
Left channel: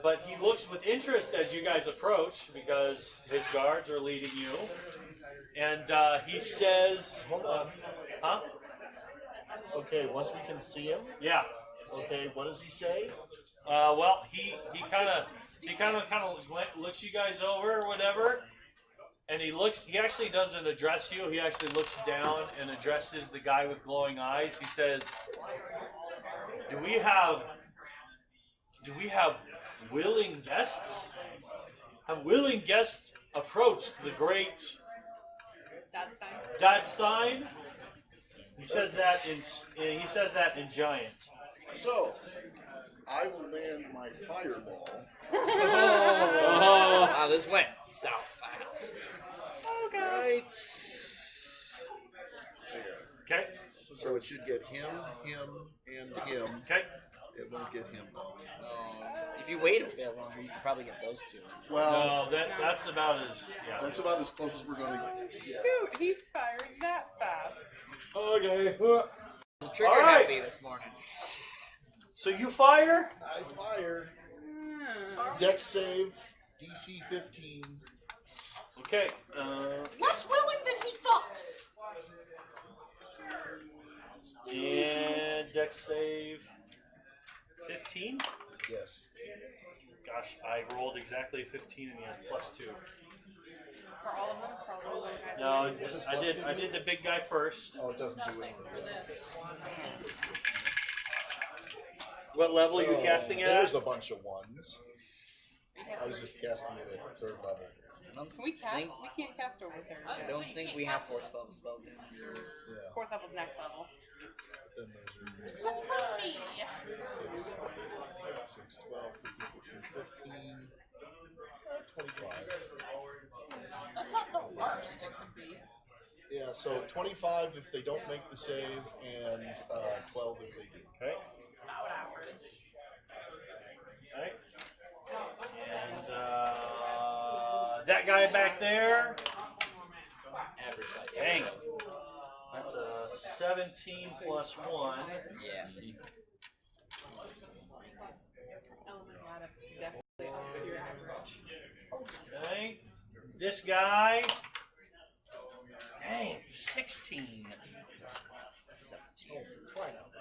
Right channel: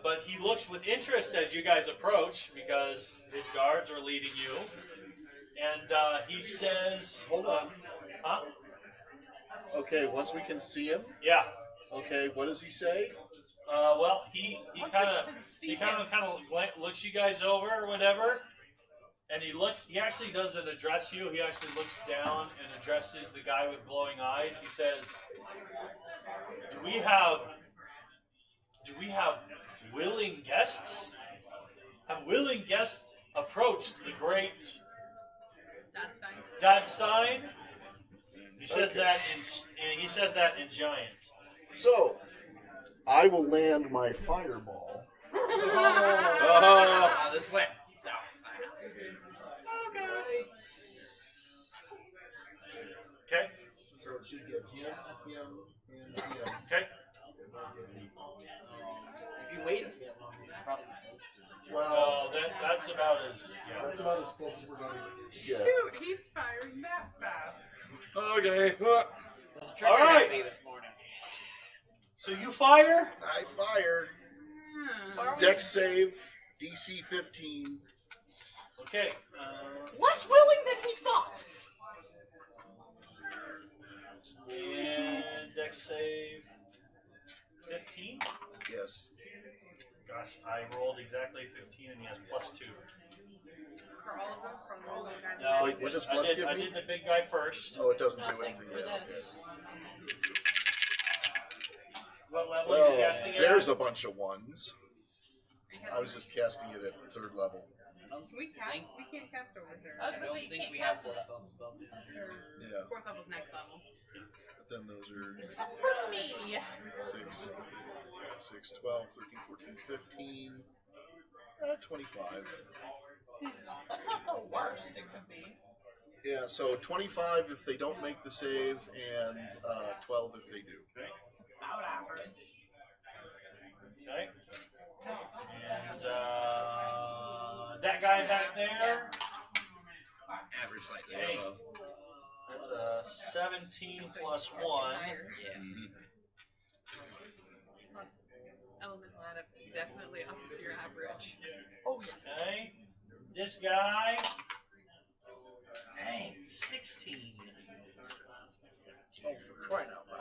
but he looks with interest as you guys approach because his guards are leading you, and he says, Hold on. "Huh? Okay, once we can see him. Yeah. Okay, what does he say? Well, he kind of looks you guys over or whatever, and he actually doesn't address you. He actually looks down and addresses the guy with glowing eyes. He says, "Do we have willing guests? Have willing guests approached the great That's fine. Dadstein?" He says that in giant. So, I will land my fireball. Oh, this went south fast. Oh gosh. Right there. Okay. So it should get him, and him. Okay. It won't get him though. If you wait a bit longer, you can probably get those two. Well, No, that's about as yeah. that's about as close as we're going to get. Shoot, he's firing that fast. Okay. The trigger All right. got me this morning. So you fire. I fire. Dex save, DC 15. Okay. Less willing than he thought. And dex save 15. Yes. Gosh, I rolled exactly 15 and he has +2. For all of them? For all of them? No, What does I plus did. give I me? did the big guy first. Oh, it doesn't do Nothing anything. for Yeah, this. What level okay. you casting There's at? a bunch of ones. I was just casting it at 3rd level. We can't cast over there. I don't think we have those spells. Yeah. 4th level's next level. Then those are Support me. 6, 12, 13, 15, 25. That's not the worst it could be. Yeah, so 25 if they don't make the save, and 12 if they do. Okay. Okay. And that guy back there. Dang. That's a 17 plus 1. Yeah. Oh, definitely off your average. Okay. This guy. Dang, 16.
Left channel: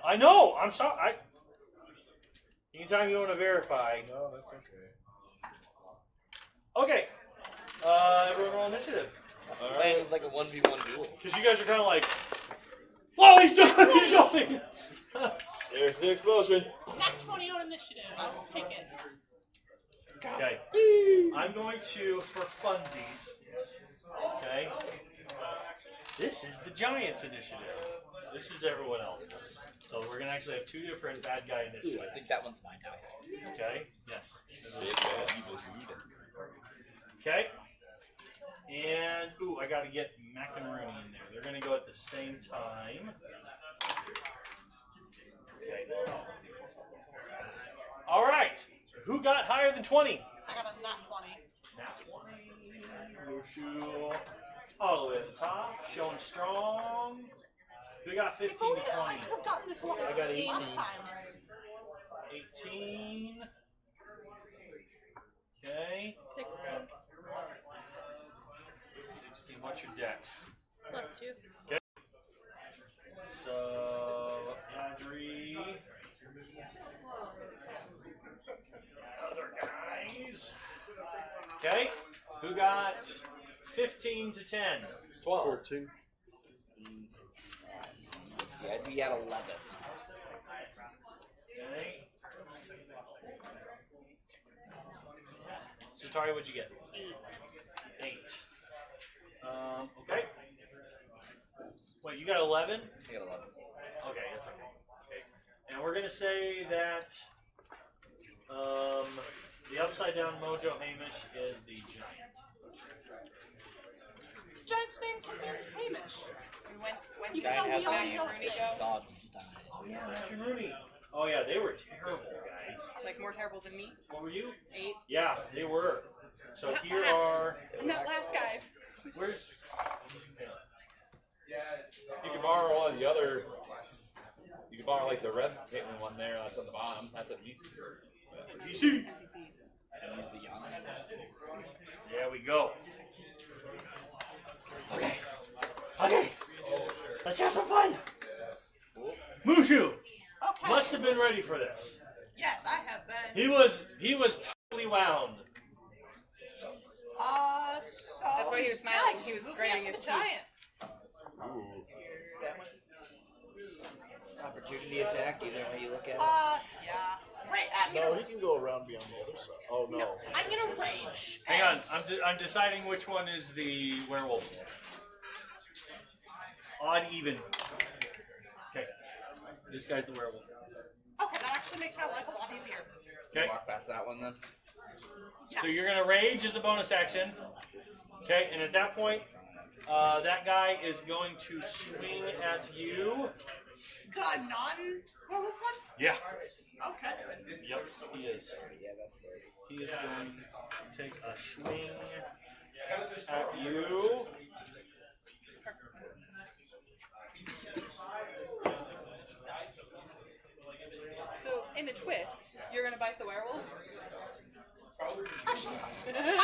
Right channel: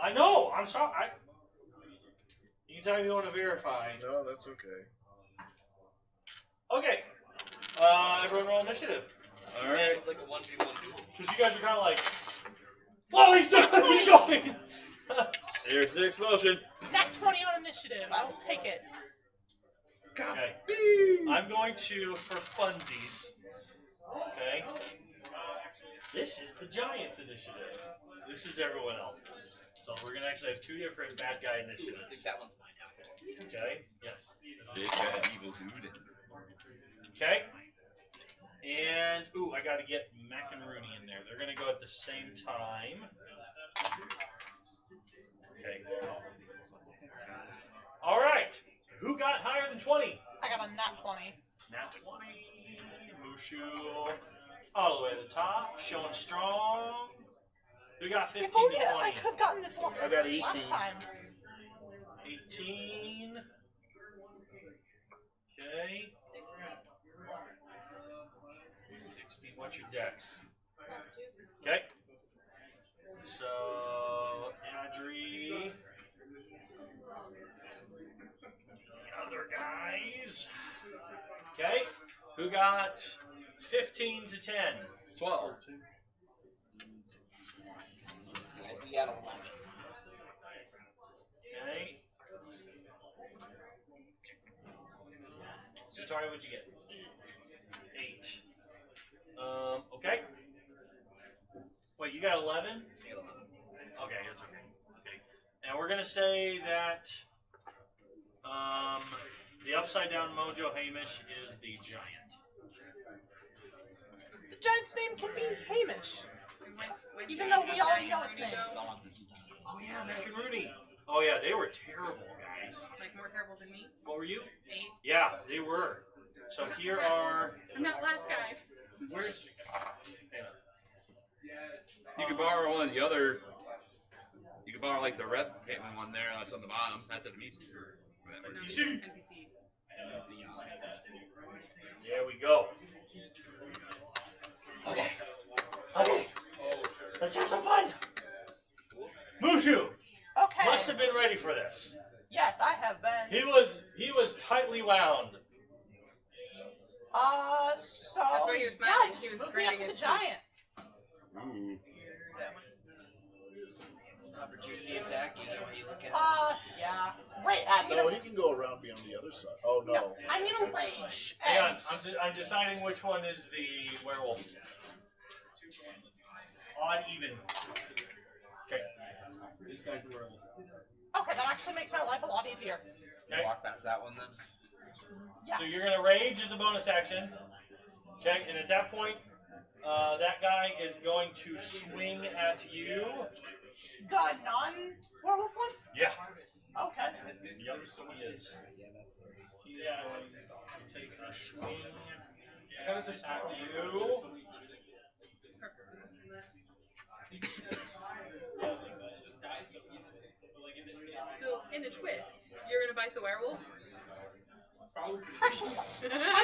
I know. I'm sorry. Anytime you want to verify. No, that's okay. Okay. Everyone roll initiative. Yeah, it was like a 1v1 duel. Because you guys are kind of like, oh, he's going. Here's the explosion. That's 20 on initiative. I'll take it. Okay. I'm going to, for funsies. Okay. This is the Giants initiative. This is everyone else's. So we're going to actually have 2 different bad guy I initiatives. think that one's mine. Okay? Yes. Big bad evil dude. Okay. And, ooh, I got to get Mac and Rooney in there. They're going to go at the same time. Okay. All right. Who got higher than 20? I got a nat 20. Nat 20. Mushu. All the way to the top. Showing strong. Who got 15 If only and I 20? could have gotten this one I got 18. last time. 18. Okay. 16 16. What's your dex? plus 2. Okay. 15 to 10. 12. 14. Let's see, I do got 11. Okay. Sorry, what'd you get? 8. Okay. Wait, you got 11? I got 11. Okay, that's fine. Okay. And we're gonna say that the upside down Mojo Hamish is the giant. Giant's name can be Hamish. When Even though we all know Thoughts. Oh yeah, Mr. Rooney. Oh yeah, they were terrible, guys. like more terrible than me. What were you? 8. Yeah, they were. So here are. I'm not last, guys. Where's? You can borrow one of the other. You can borrow like the red painted one there. That's on the bottom. That's a piece. You see? There we go. Okay. Let's have some fun. Mushu Okay. must have been ready for this. Yes, I have been. He was tightly wound. So. That's why you were smiling. Guys, She was moving pretty up good. to Giant. Opportunity attack, either way you look at it. Yeah. Right at No, you. he can go around me on the other side. Oh no. I need a range. Hang on, I'm deciding which one is the werewolf. Odd even. Okay. This guy's the werewolf. Okay, that actually makes my life a lot easier. Okay. Walk past that one then. So you're gonna rage as a bonus action. Okay, and at that point, that guy is going to swing at you. The non-werewolf one? Yeah. Okay. Yep, he is. Yeah, that's the He is going to take a swing at you. So in the twist, you're gonna bite the werewolf. Actually,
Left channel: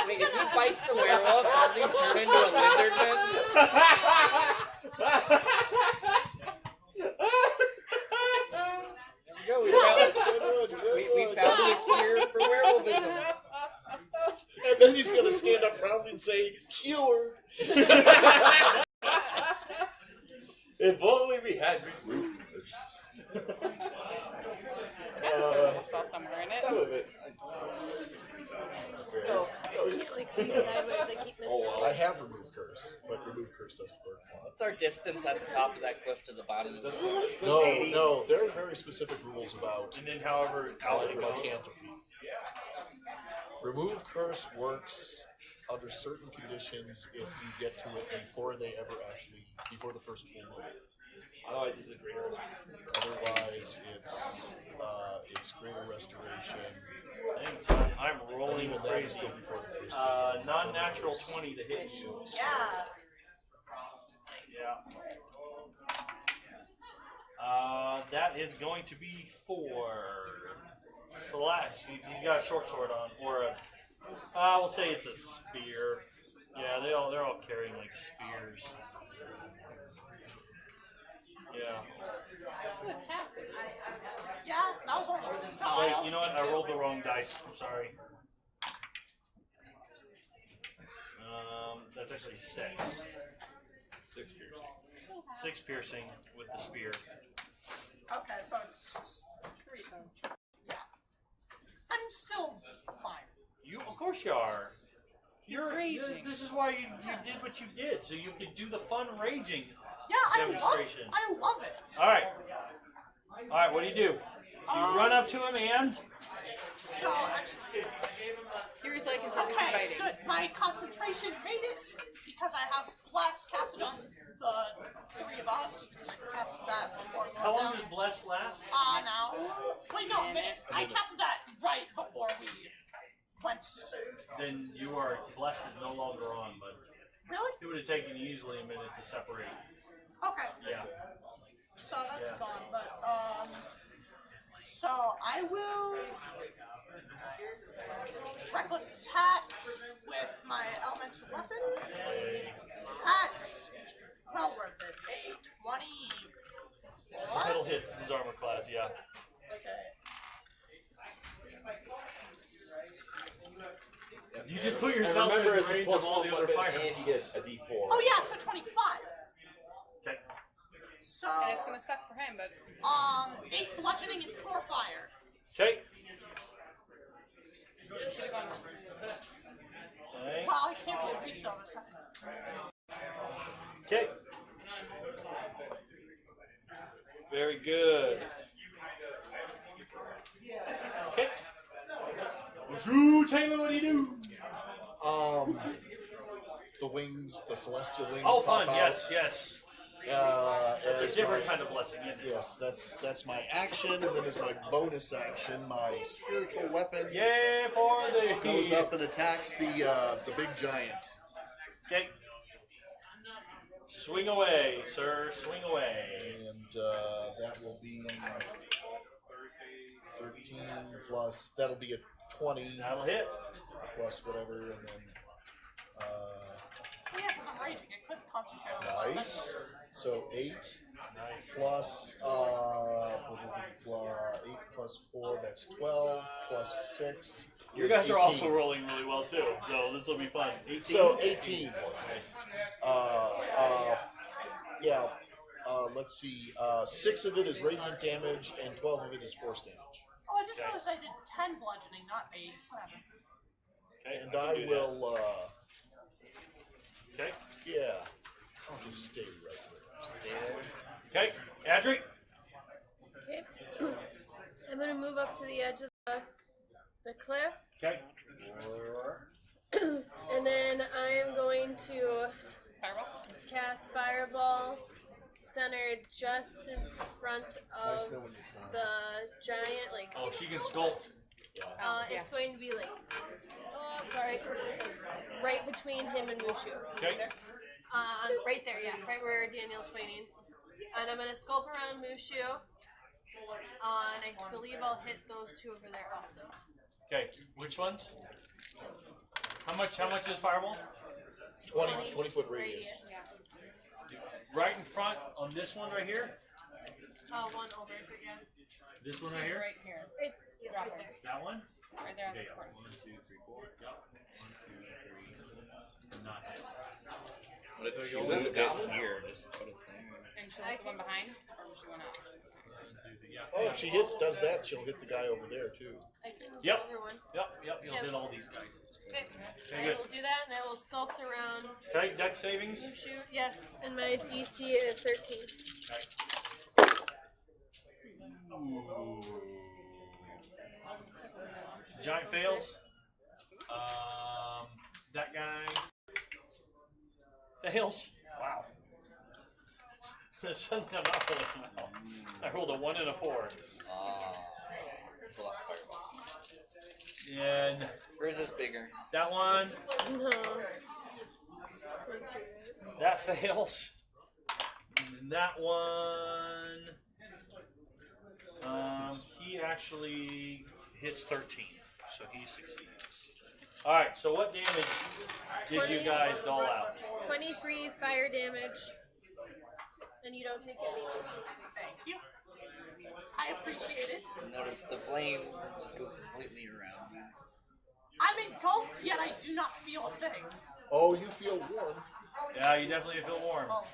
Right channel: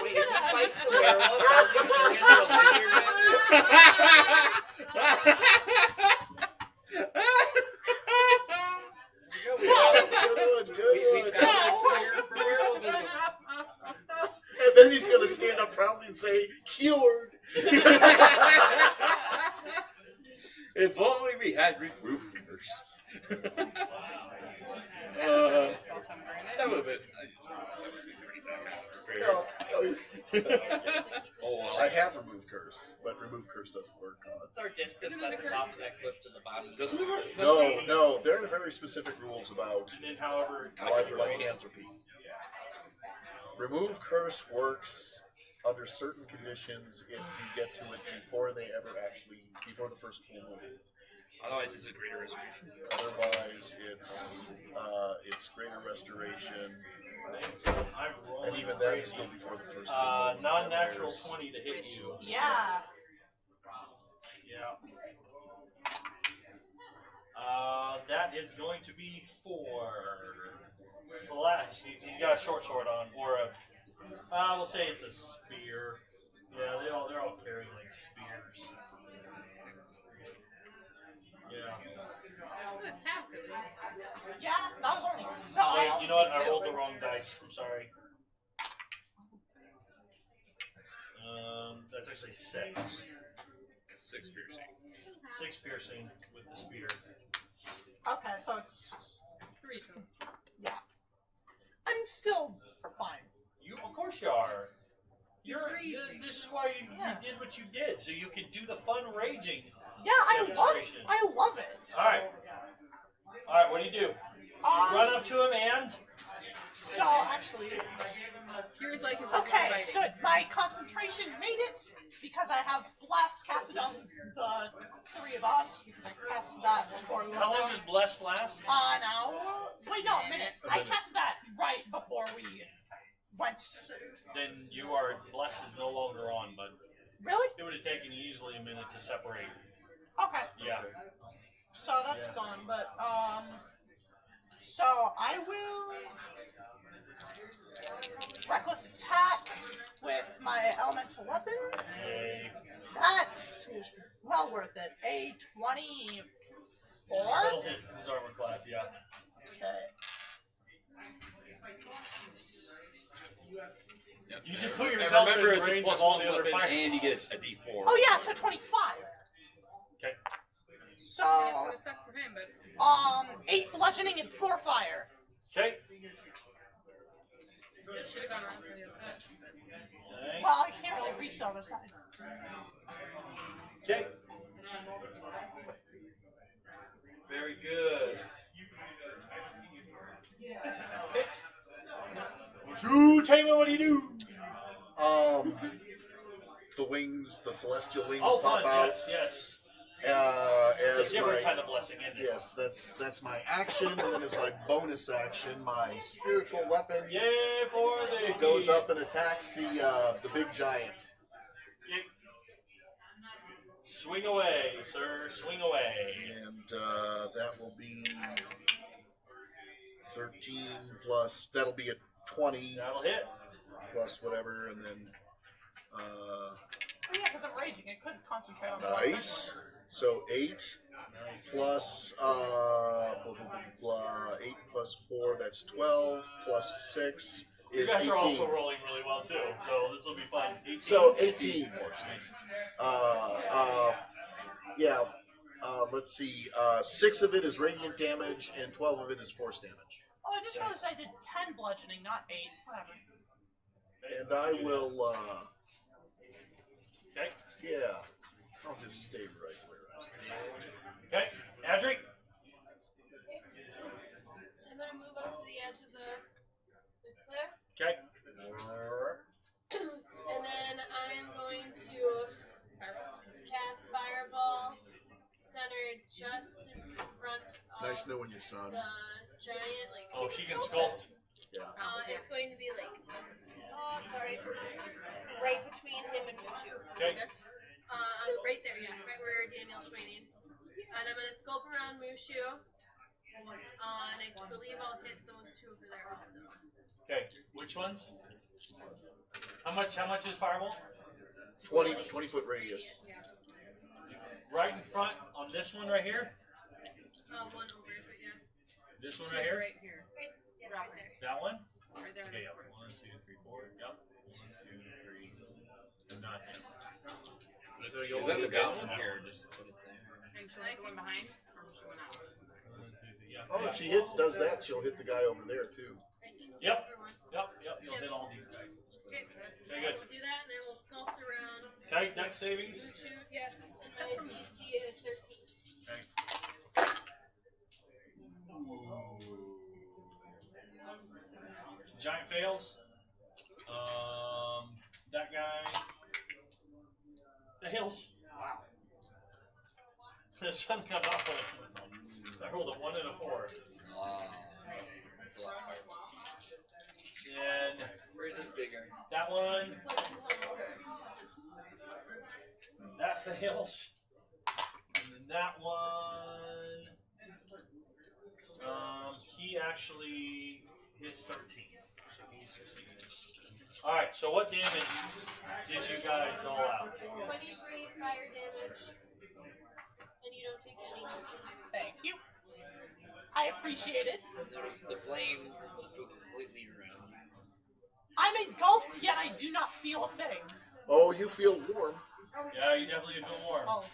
Wait, if he bites the werewolf, does he turn into a lizard then? Go, Good bro. one, We good got one. a cure for werewolfism. And then he's gonna stand up proudly and say, "Cured." If only we had remove curse. A little bit. No, no, Oh, I have remove curse, but remove curse doesn't work. What's our distance at the top of that cliff to the bottom? No, there are very specific rules about And then however lycanthropy. Remove curse works under certain conditions if you get to it before the first full moon. Otherwise, it's a greater restoration. Otherwise, it's greater restoration. I'm And rolling even that is crazy. still before the first full moon. Non-natural 20 to hit you. yeah. Yeah. That is going to be 4 slash. He's got a short sword on, or a. We'll say it's a spear. Yeah, they're all carrying like spears. Yeah. Yeah, that was one. So Wait, you know what? I rolled the wrong dice. I'm sorry. That's actually 6. 6 piercing. 6 piercing with the spear. Okay, so it's 3. Yeah. I'm still fine. Of course you are. This is why you did what you did, so you could do the fun raging. Yeah, I Demonstration. love it. Alright, what do? You run up to him and? So actually, Here's like okay, good. My concentration made it because I have blast casted on the 3 of us. Cast that before we How went long down. does Bless last? Now. Wait, no, I cast that right before we went. Then you are, Bless is no longer on, but Really? it would have taken you easily a minute to separate. Okay. Yeah. So that's done, but so I will reckless attack with my elemental weapon. That's well worth it. A 24. It'll hit his armor class, yeah. You just put yourself in Remember, the it's a range plus of all one the other weapon, fighters. and he gets a D4. Oh yeah, so 25. Okay. So, Okay, so it sucks for him, but 8 bludgeoning and 4 fire. Okay. shoot on him. Okay. Well, I can't really resell this. Okay. Very good. Hit. Shoo, Taylor, what do you do? The wings, the celestial wings Oh, pop fun. out. Yes, yes. As It's a different my, kind of blessing, isn't it? yes, that's my action, and then as my bonus action, my spiritual weapon Yeah, for the goes up and attacks the big giant. Okay. Swing away, sir. Swing away. And that will be 13 plus. That'll be a 20 That'll hit. plus whatever, and then Yeah, because I'm raging. I couldn't concentrate on the nice. So 8 Nice. plus blah, blah, blah, 8 plus 4. That's 12 plus 6 You is guys 18. are also rolling really well too, so this will be fun. 18? So 18. Nice. Yeah. Let's see. 6 of it is radiant damage, and 12 of it is force damage. Oh, I just noticed I did 10 bludgeoning, not 8. Okay, And let's I do will. Okay. Yeah. I'll just stay right where Okay. Adric. Okay. I'm gonna move up to the edge of the cliff, Okay. and then I'm going to cast Fireball centered just in front I am. Nice of knowing you, son. the giant, like, Oh, she can sculpt. Yeah. it's going to be like, right between him and Mushu. Okay. Right there, yeah, right where Daniel's fighting. And I'm gonna sculpt around Mushu. And I believe I'll hit those two over there also. Okay. Which ones? How much is fireball? 20 foot radius. Right in front of this one right here. One over, but yeah. This She's one right here. right here. Right there. That one. Right there on Okay. this part. 1, 2, 3, 4. Yep. 1, 2, 3. Not hit. Is that the goblin? Here, just put it there. And she went behind, or she went out. Oh, if she does that, she'll hit the guy over there too. I can Yep. over one. Yep. You'll Yep. hit all these guys. Okay. Very I good. will do that, and I will sculpt around Okay. Dex savings. Mushu. Yes, and my DC is 13. Okay. Ooh. Giant fails. That guy fails. Wow. Suddenly I'm not rolling well. I rolled a 1 and a 4. And Where's this bigger? that one, No. that fails. And that one, he actually hits 13, so he succeeds. All right, so what damage did you guys dole out? 23 fire damage, and you don't take any motion. Thank you. I appreciate it. Notice the flames just go completely around. I'm engulfed, yet I do not feel a thing. Oh, you feel warm. Yeah, you definitely feel warm. Well,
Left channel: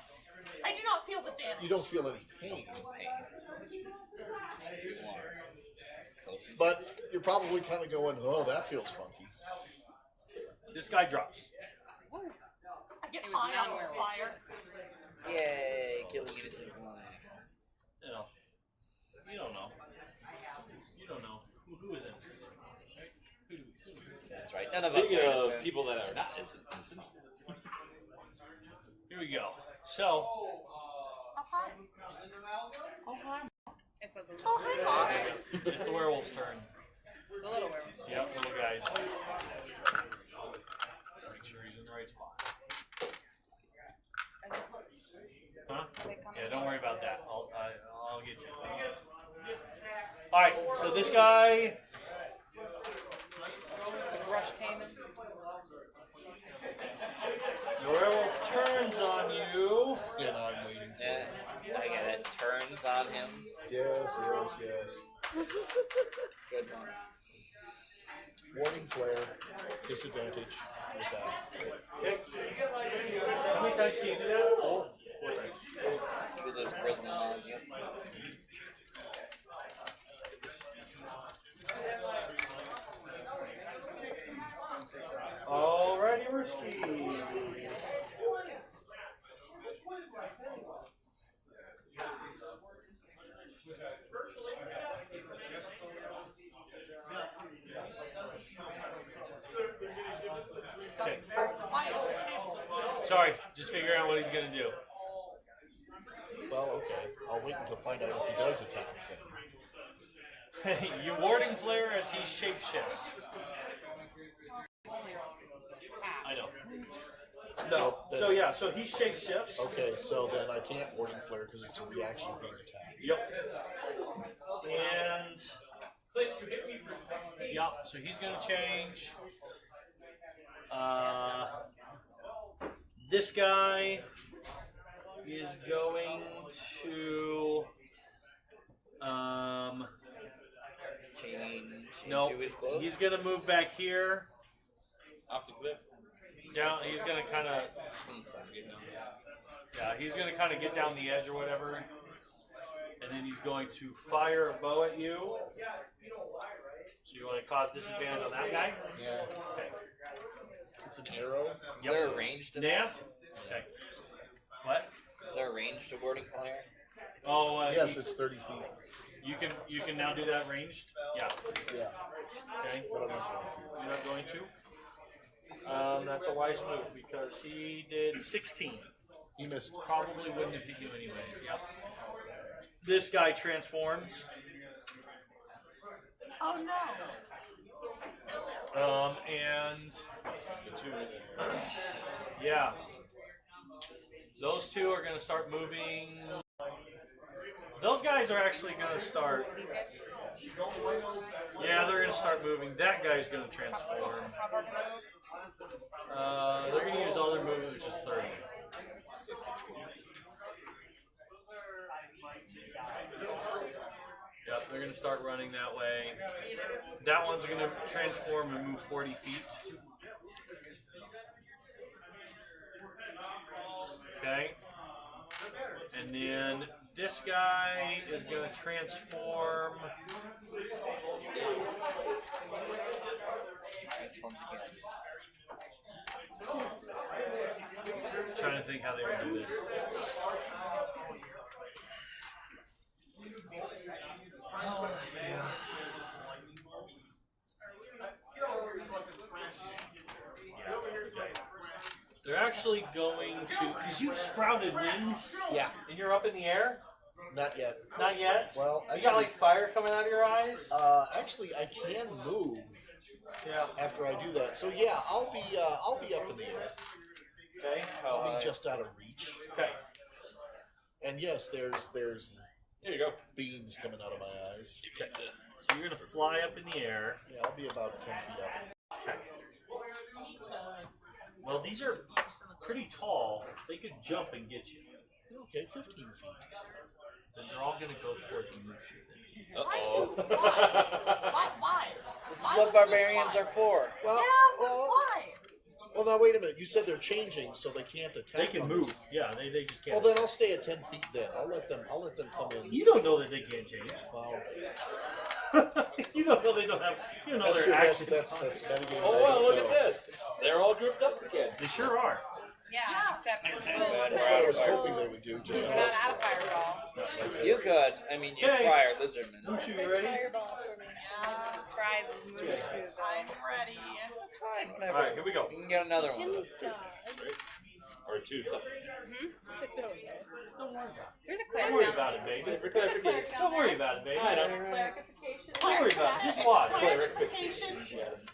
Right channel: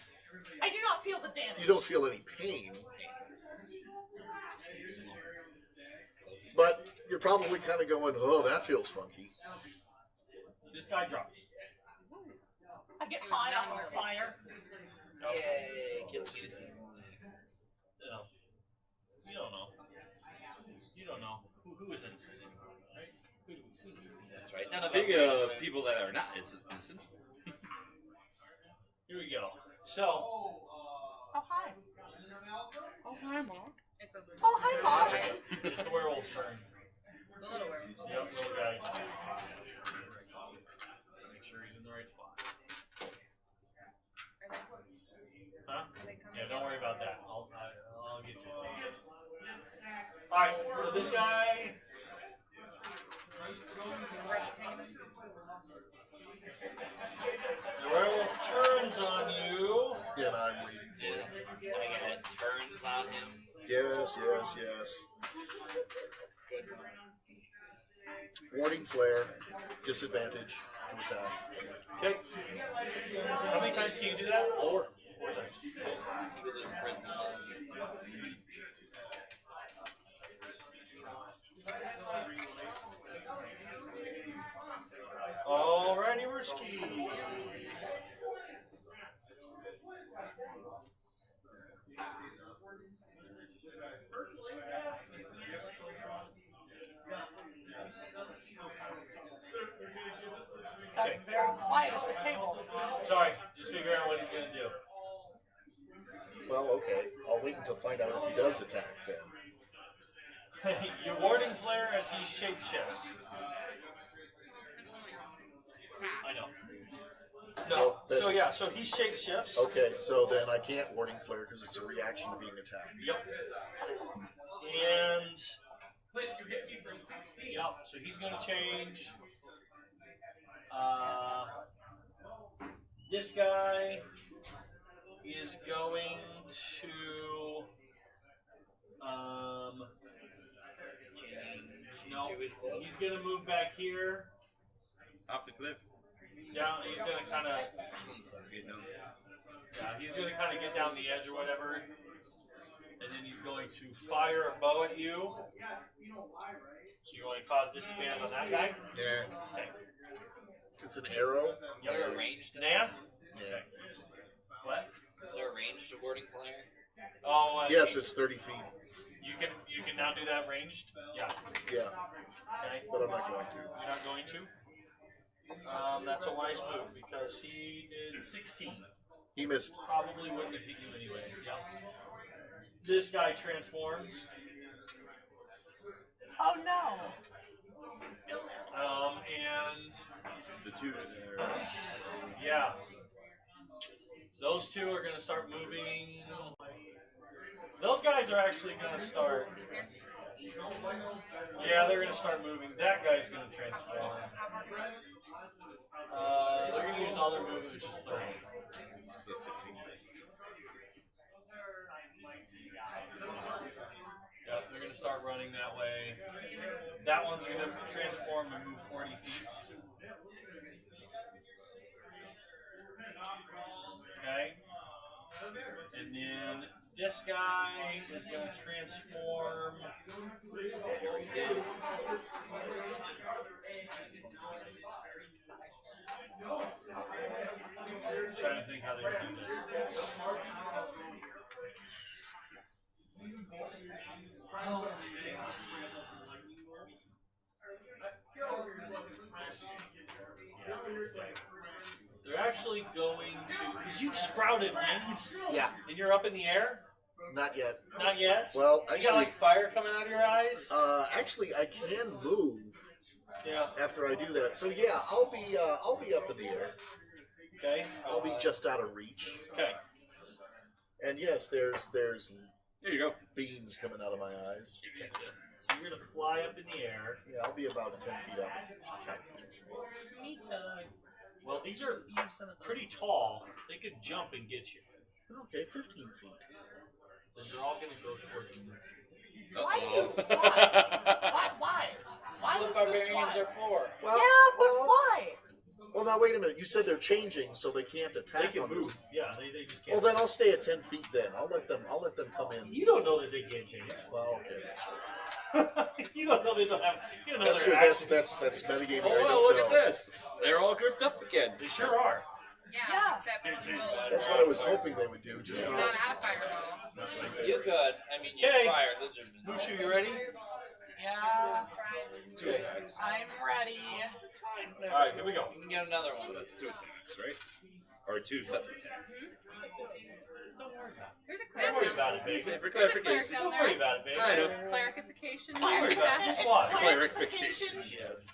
I do not feel the damage. You don't feel any pain. But you're probably kind of going, oh, that feels funky. This guy drops. I get high on the fire. Yay, killing me to save lives. You know, you don't know. You don't know who is innocent, right? That's right. None of us Speaking are of innocent. people that are not innocent. Here we go. So, Oh, hi. Oh, hi, Mom. It's a Oh, hi, Mom. it's the werewolf's turn. the little werewolf. Yep, little guys. Make sure he's in the right spot. Huh? Yeah, don't worry about that. I'll get you. All right, so this guy. Rush Taman. The werewolf turns on you. Yeah, I'm waiting. Yeah, I get it. Turns on him. Yes. Good one. Warning flare. Disadvantage. to attack. Okay. How many times can you do that? 4. 4 times. Should we lose charisma on you? Alrighty, we're ski. Okay. Quiet at the table. Sorry, just figuring out what he's gonna do. Well, okay. I'll wait until find out if he does attack then. You warding flare as he shapeshifts. I know. No. Well, then- So yeah, so he shapeshifts. Okay, so then I can't warding flare because it's a reaction to being attacked. Yep. And yep. So he's gonna change. This guy is going to Change no. into his clothes? He's gonna move back here. Off the cliff. Down. He's gonna kind of. Yeah, he's gonna kind of get down the edge or whatever, and then he's going to fire a bow at you. So you want to cause disadvantage on that guy? Yeah. Okay. It's an arrow. Is there a range to Nah. that? Yeah. What? Is there a range to warding flare? Oh. Yes, it's 30 feet. You can now do that ranged. Yeah. Yeah, Okay. but I'm not going to. You're not going to. That's a wise move because he did 16. He missed. Probably wouldn't have hit you anyways. Yep. This guy transforms. Oh no. And The 2 minute arrow. yeah, those two are going to start moving. Those guys are actually going to start. Yeah, they're going to start moving. That guy's going to transform. They're going to use all their movement, which is 30. Yeah, they're going to start running that way. That one's going to transform and move 40 feet. Okay. And then this guy is going to transform. Transforms again. Trying to think how they would do this. They're actually going to, because you sprouted wings. Yeah. And you're up in the air. Not yet. Not yet. Well, You actually, got like fire coming out of your eyes. actually, I can move Yeah. after I do that. So yeah, I'll be up in the air. Okay. I'll be just out of reach. Okay. And yes, there's There you go. beams coming out of my eyes. So you're gonna fly up in the air. Yeah, I'll be about 10 feet up. Okay. Well, these are pretty tall. They could jump and get you. Okay, 15 feet. Then they're all gonna go towards you. Why? This is Why what was barbarians this are for. Well, Yeah, but well, why? well, now wait a minute. You said they're changing, so they can't attack. They can on move. this. Yeah, they just can't. Well, then I'll stay at 10 feet. Then I'll let them come in. You don't know that they can't change. Well, okay. You don't know they don't have. You don't know That's they're true. actually. That's metagaming. Oh, I well, don't look know. at this. They're all grouped up again. They sure are. Yeah, except we'll That's what I was hoping they would do. Just not not. out of fireball. You could. I mean, you Okay. fire lizardmen. Mushu, you ready? Yeah, Fried I'm ready. That's fine. All right, here we go. You can get another one. That's 2 attacks, right? Or 2 sets of attacks. Don't worry about There's a it. Don't worry cleric. about it, baby. For There's a cleric clarification. down Don't there. worry about it, baby. I know. Clerification. Don't worry about it. Assassin. Just watch. Clarification, yes.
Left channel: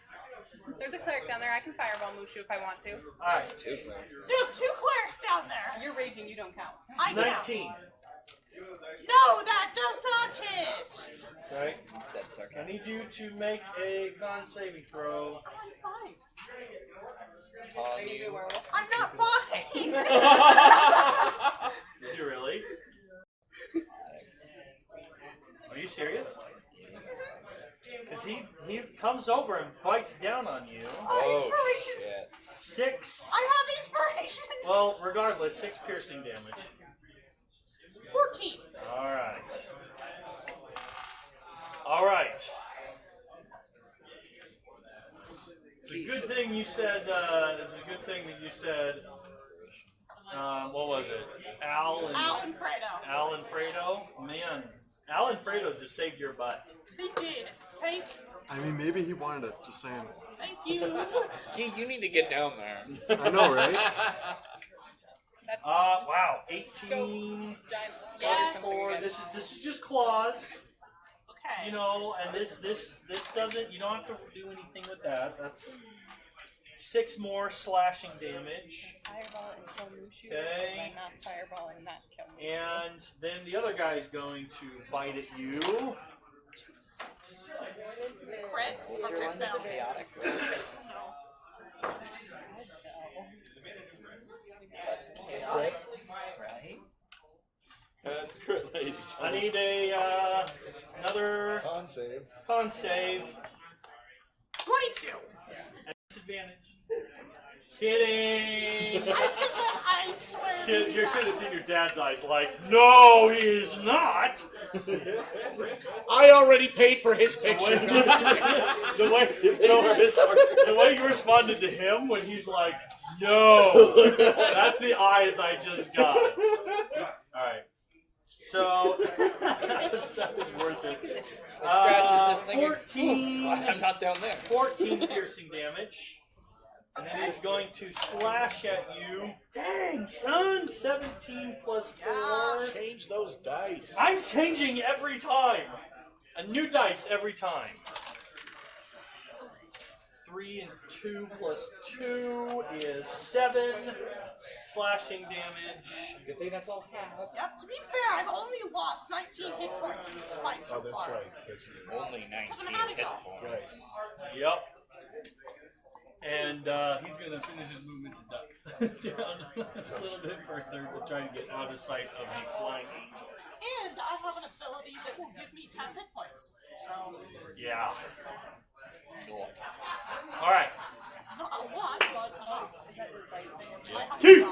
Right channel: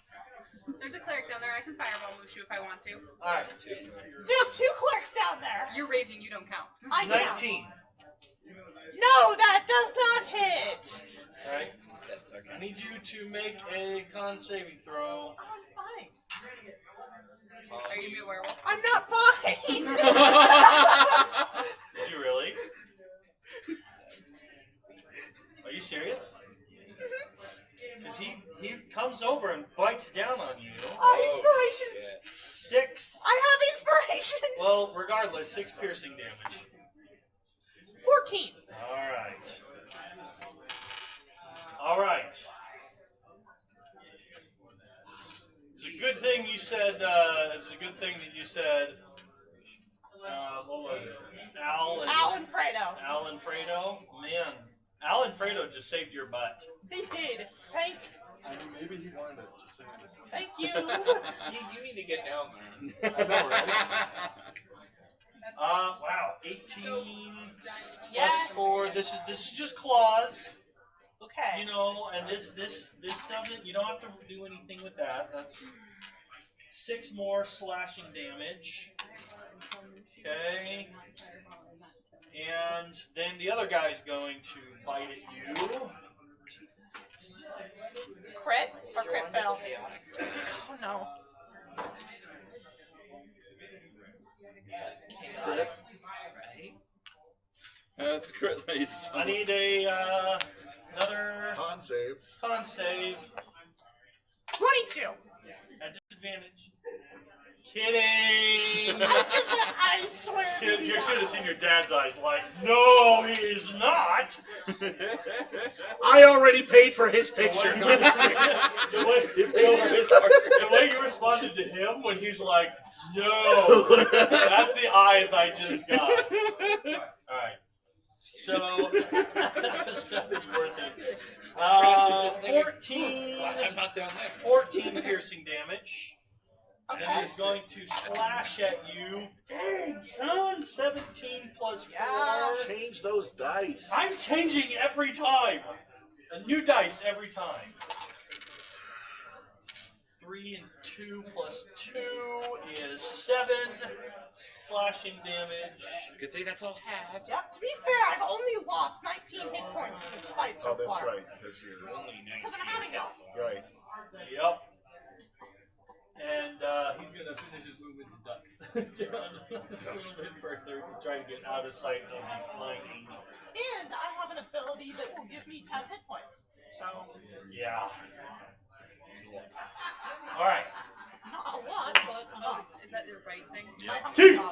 There's a cleric down there. I can fireball Mushu if I want to. All right. There's 2 clerics down there. You're raging. You don't count. I know. 19. No, that does not hit. All right. I need you to make a con saving throw. Are you a werewolf? I'm not fine. Did you really? Are you serious? 'Cause he comes over and bites down on you. I'm afraid. said it's a good thing that you said. What was it? Al and Fredo. Man, Al and Fredo just saved your butt. They did. Thank I mean, maybe he wanted it. Just saying. you. You need to get down there. I know, right? Wow, 18 Yes. plus 4. This is just claws. Okay. You know, and this doesn't. You don't have to do anything with that. That's 6 more slashing damage. Okay. And then the other guy is going to bite at you. Crit or crit fail? No. That's crit amazing. I need another Con save. con save. 22. At disadvantage. Kidding! I swear. You should have seen your dad's eyes like, no, he's not! I already paid for his patient. the way you responded to him when he's like, no! That's the eyes I just got. Alright. So, 14, I'm not down there. 14 piercing damage. And it's going to slash at you. Dang, son! 17 plus 4. Change those dice. I'm changing every time. A new dice every time. 3 and 2 plus 2 is 7 slashing damage. Good thing that's all half. Yeah, to be fair, I only lost 19 hit points to spikes. Oh, that's right. That's true. Only 19 hit Right. Yep. And he's gonna finish his movement to down a little bit further. We'll try and get out of sight of the flying angel. And I have an ability that will give me 10 hit points. So, Yeah. Alright. not one, but Keep!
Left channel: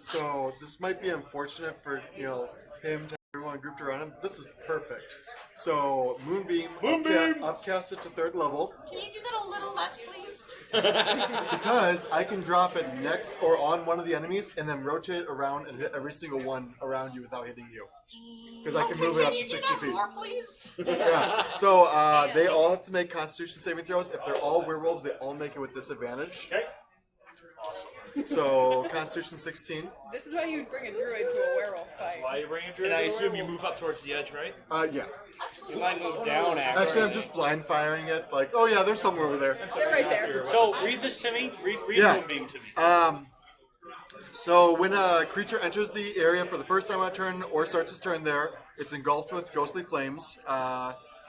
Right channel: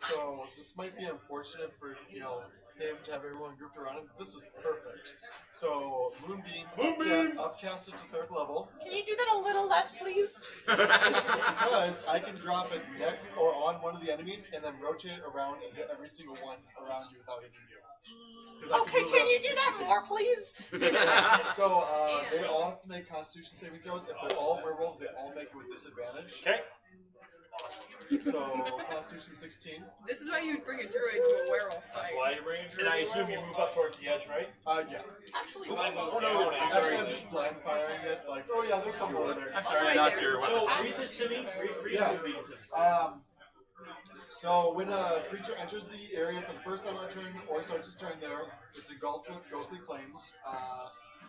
So this might be unfortunate for him to have everyone grouped around him. This is perfect. So Moonbeam, upcast it to 3rd level Can you do that a little less, please? because I can drop it next or on one of the enemies and then rotate it around and hit every single one around you without hitting you. Because I can move it up to Can you do 60 that feet. more, please? So they all have to make Constitution saving throws. If they're all werewolves, they all make it with disadvantage. Okay. So Constitution 16. This is why you bring it through into a werewolf That's fight. why you bring him to And I the assume you move up towards the edge, right? Yeah. Actually, I move down Actually, I'm just blind firing it. Like, oh yeah, there's somewhere over there. So read this to me. Read Yeah. Moonbeam to me. So when a creature enters the area for the first time on a turn or starts its turn there, it's engulfed with ghostly flames.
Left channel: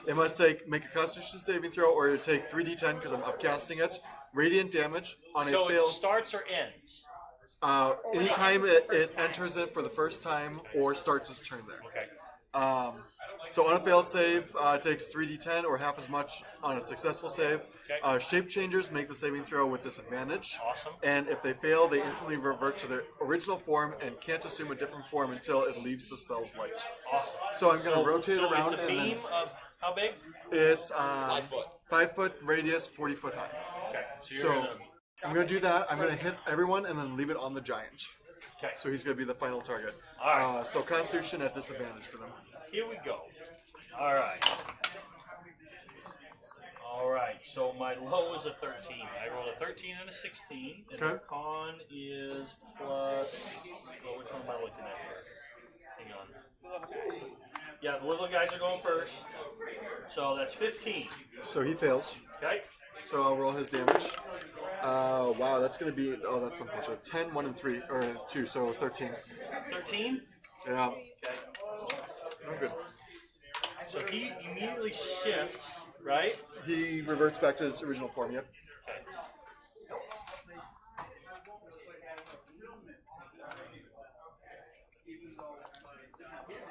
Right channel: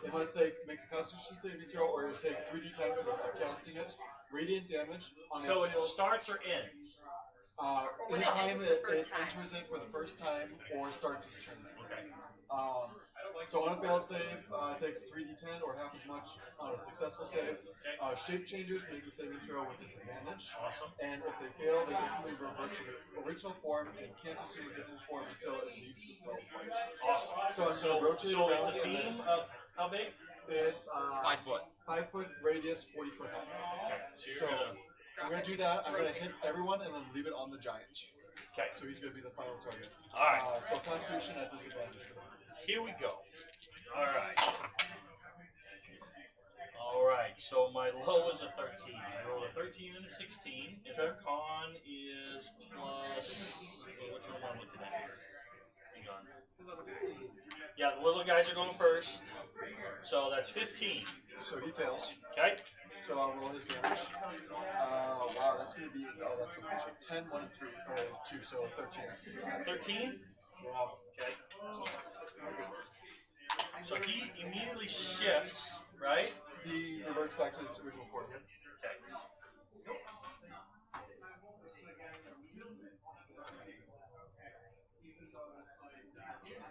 They must make a Constitution saving throw or you take 3d10 because I'm upcasting it. Radiant damage on So a it failed. starts or ends? Anytime it enters it for the first time or starts its turn there. Okay. So on a failed save, it takes 3d10 or half as much on a successful save. Shape changers make the saving throw with disadvantage. Awesome. And if they fail, they instantly revert to their original form and can't assume a different form until it leaves the spell's light. Awesome. So I'm going to rotate so around it's a and then beam of how big? it's 5 foot. 5 foot radius, 40 foot high. Okay. So I'm going to do that. I'm going to hit everyone and then leave it on the giant. Okay. So he's going to be the final target. Alright. So Constitution at disadvantage for them. Here we go. Alright. Alright, so my low is a 13. I rolled a 13 and a 16. And Okay. the con is plus. Oh, which one am I looking at here? Hang on. Yeah, the little guys are going first. So that's 15. So he fails. Okay? So I'll roll his damage. Wow, that's going to be. Oh, that's unfortunate. 10, 1, and 3. Or 2, so 13. 13? Yeah. Okay. Oh, good. So he immediately shifts, right? He reverts back to his original form, yep.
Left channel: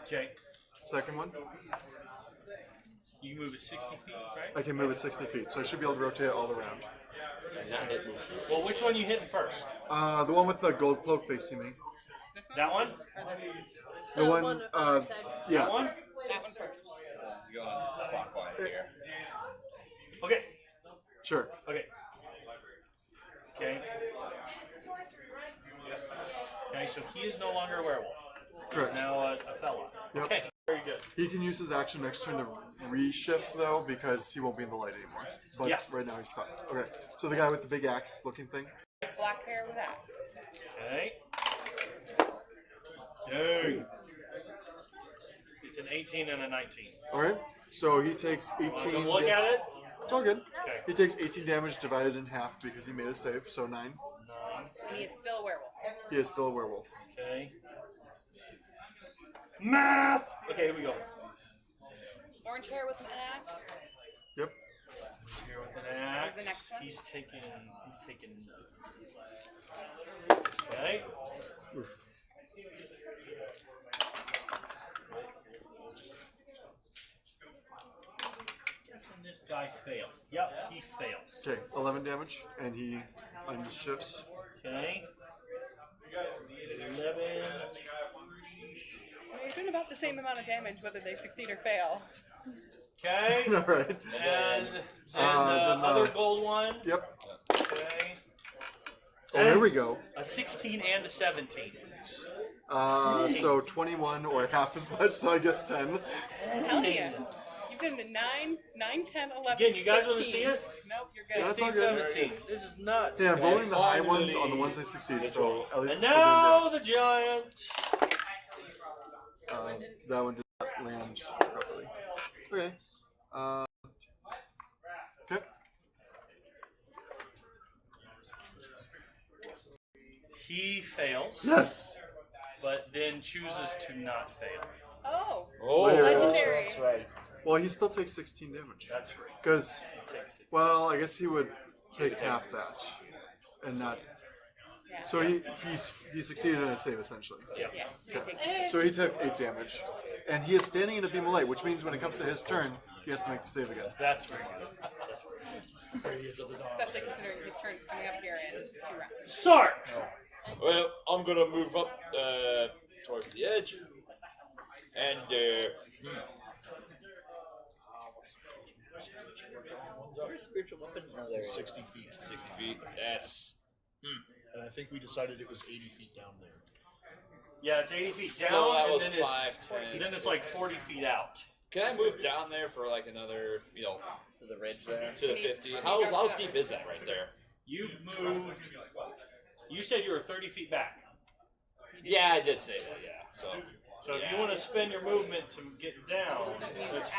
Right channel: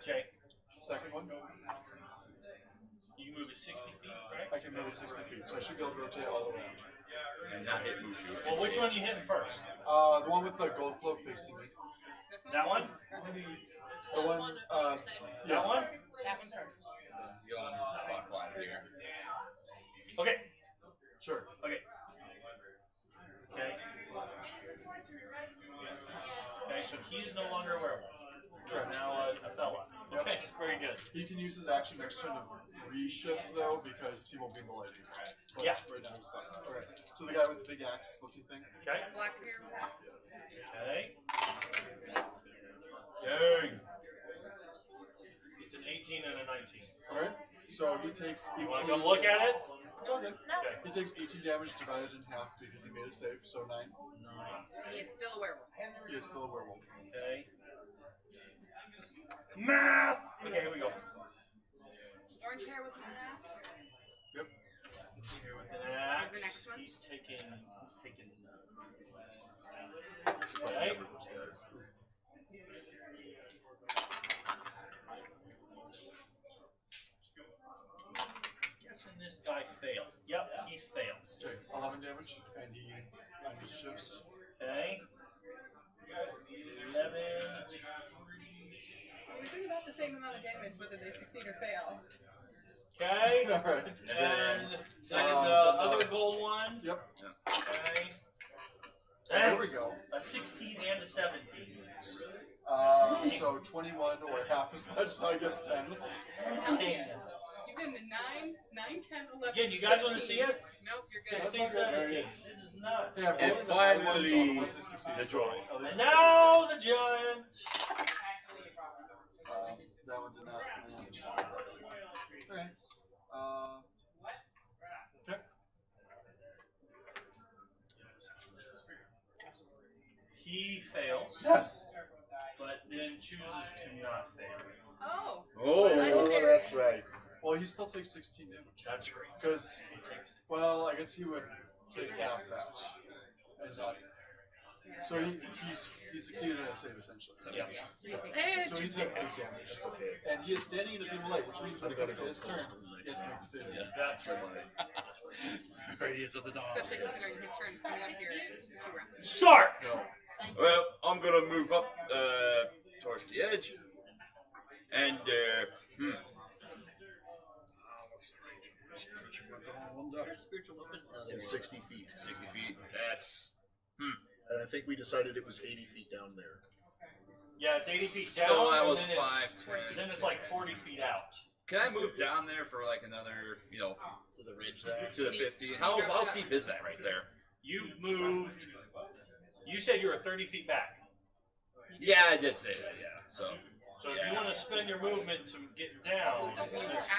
Okay. Second one. You move to 60 feet, right? I can move it 60 feet, so I should be able to rotate all around. Well, which one are you hitting first? The one with the gold cloak facing me. That one? The one, yeah. That one? Clockwise here. Okay. Sure. Okay. He can use his action next turn to reshift though, because he won't be in the light anymore. But Yeah. right now he's stuck. Okay. So the guy with the big axe looking thing. Okay. Black hair with axe. Okay. Hey. It's an 18 and a 19. Alright. So he takes 18. Wanna look at it? It's all good. Okay. He takes 18 damage divided in half because he made a save, so 9. He is still a werewolf. He is still a werewolf. Okay. Math! Okay, here we go. Orange hair with an axe. Yep. Here with an axe. next one? He's taking. Okay. Oof. This guy fails. Yep, he fails. Okay, 11 damage, and he unshifts. Okay. 11. We're doing about the same amount of damage whether they succeed or fail. Okay. Alright. And the then, other gold one. Yep. Okay. There we go. A 16 and a 17. So 21 or half as much, so I guess 10. Tell you. You did a 9, 10, 11. Yeah, you guys want to see it? Nope, you're good. That's all 16, good. 17. This is nuts. Yeah, Yeah, bowling the high finally. ones are the ones that succeed, so at least And it's still now the Giants. doing that one did not land correctly. Okay. Okay. He fails, Yes! but then chooses to not fail. Oh, Oh, legendary. That's right. Well, he still takes 16 damage. That's right. Because, well, I guess he would take half that. And not. Yeah. So he succeeded in a save, essentially. Yes. Yeah. Okay. So he took 8 damage. And he is standing in a beam of light, which means when it comes to his turn, he has to make the save again. That's right. Radiance of the dawn. Except it starts coming up here in 2 rounds. Sark! Well, I'm gonna move up towards the edge, and Spiritual weapon. Yeah, 60 feet. 60 feet. That's And I think we decided it was 80 feet down there. Yeah, it's 80 feet down. so that and was then it's- 5, And 10. then it's like 40 feet out. Can I move down there for like another, To the ridge there. to the 50? How steep is that right there? You moved. You said you were 30 feet back. Yeah, I did say that. Yeah. So So if you want to spend your movement to get down, it's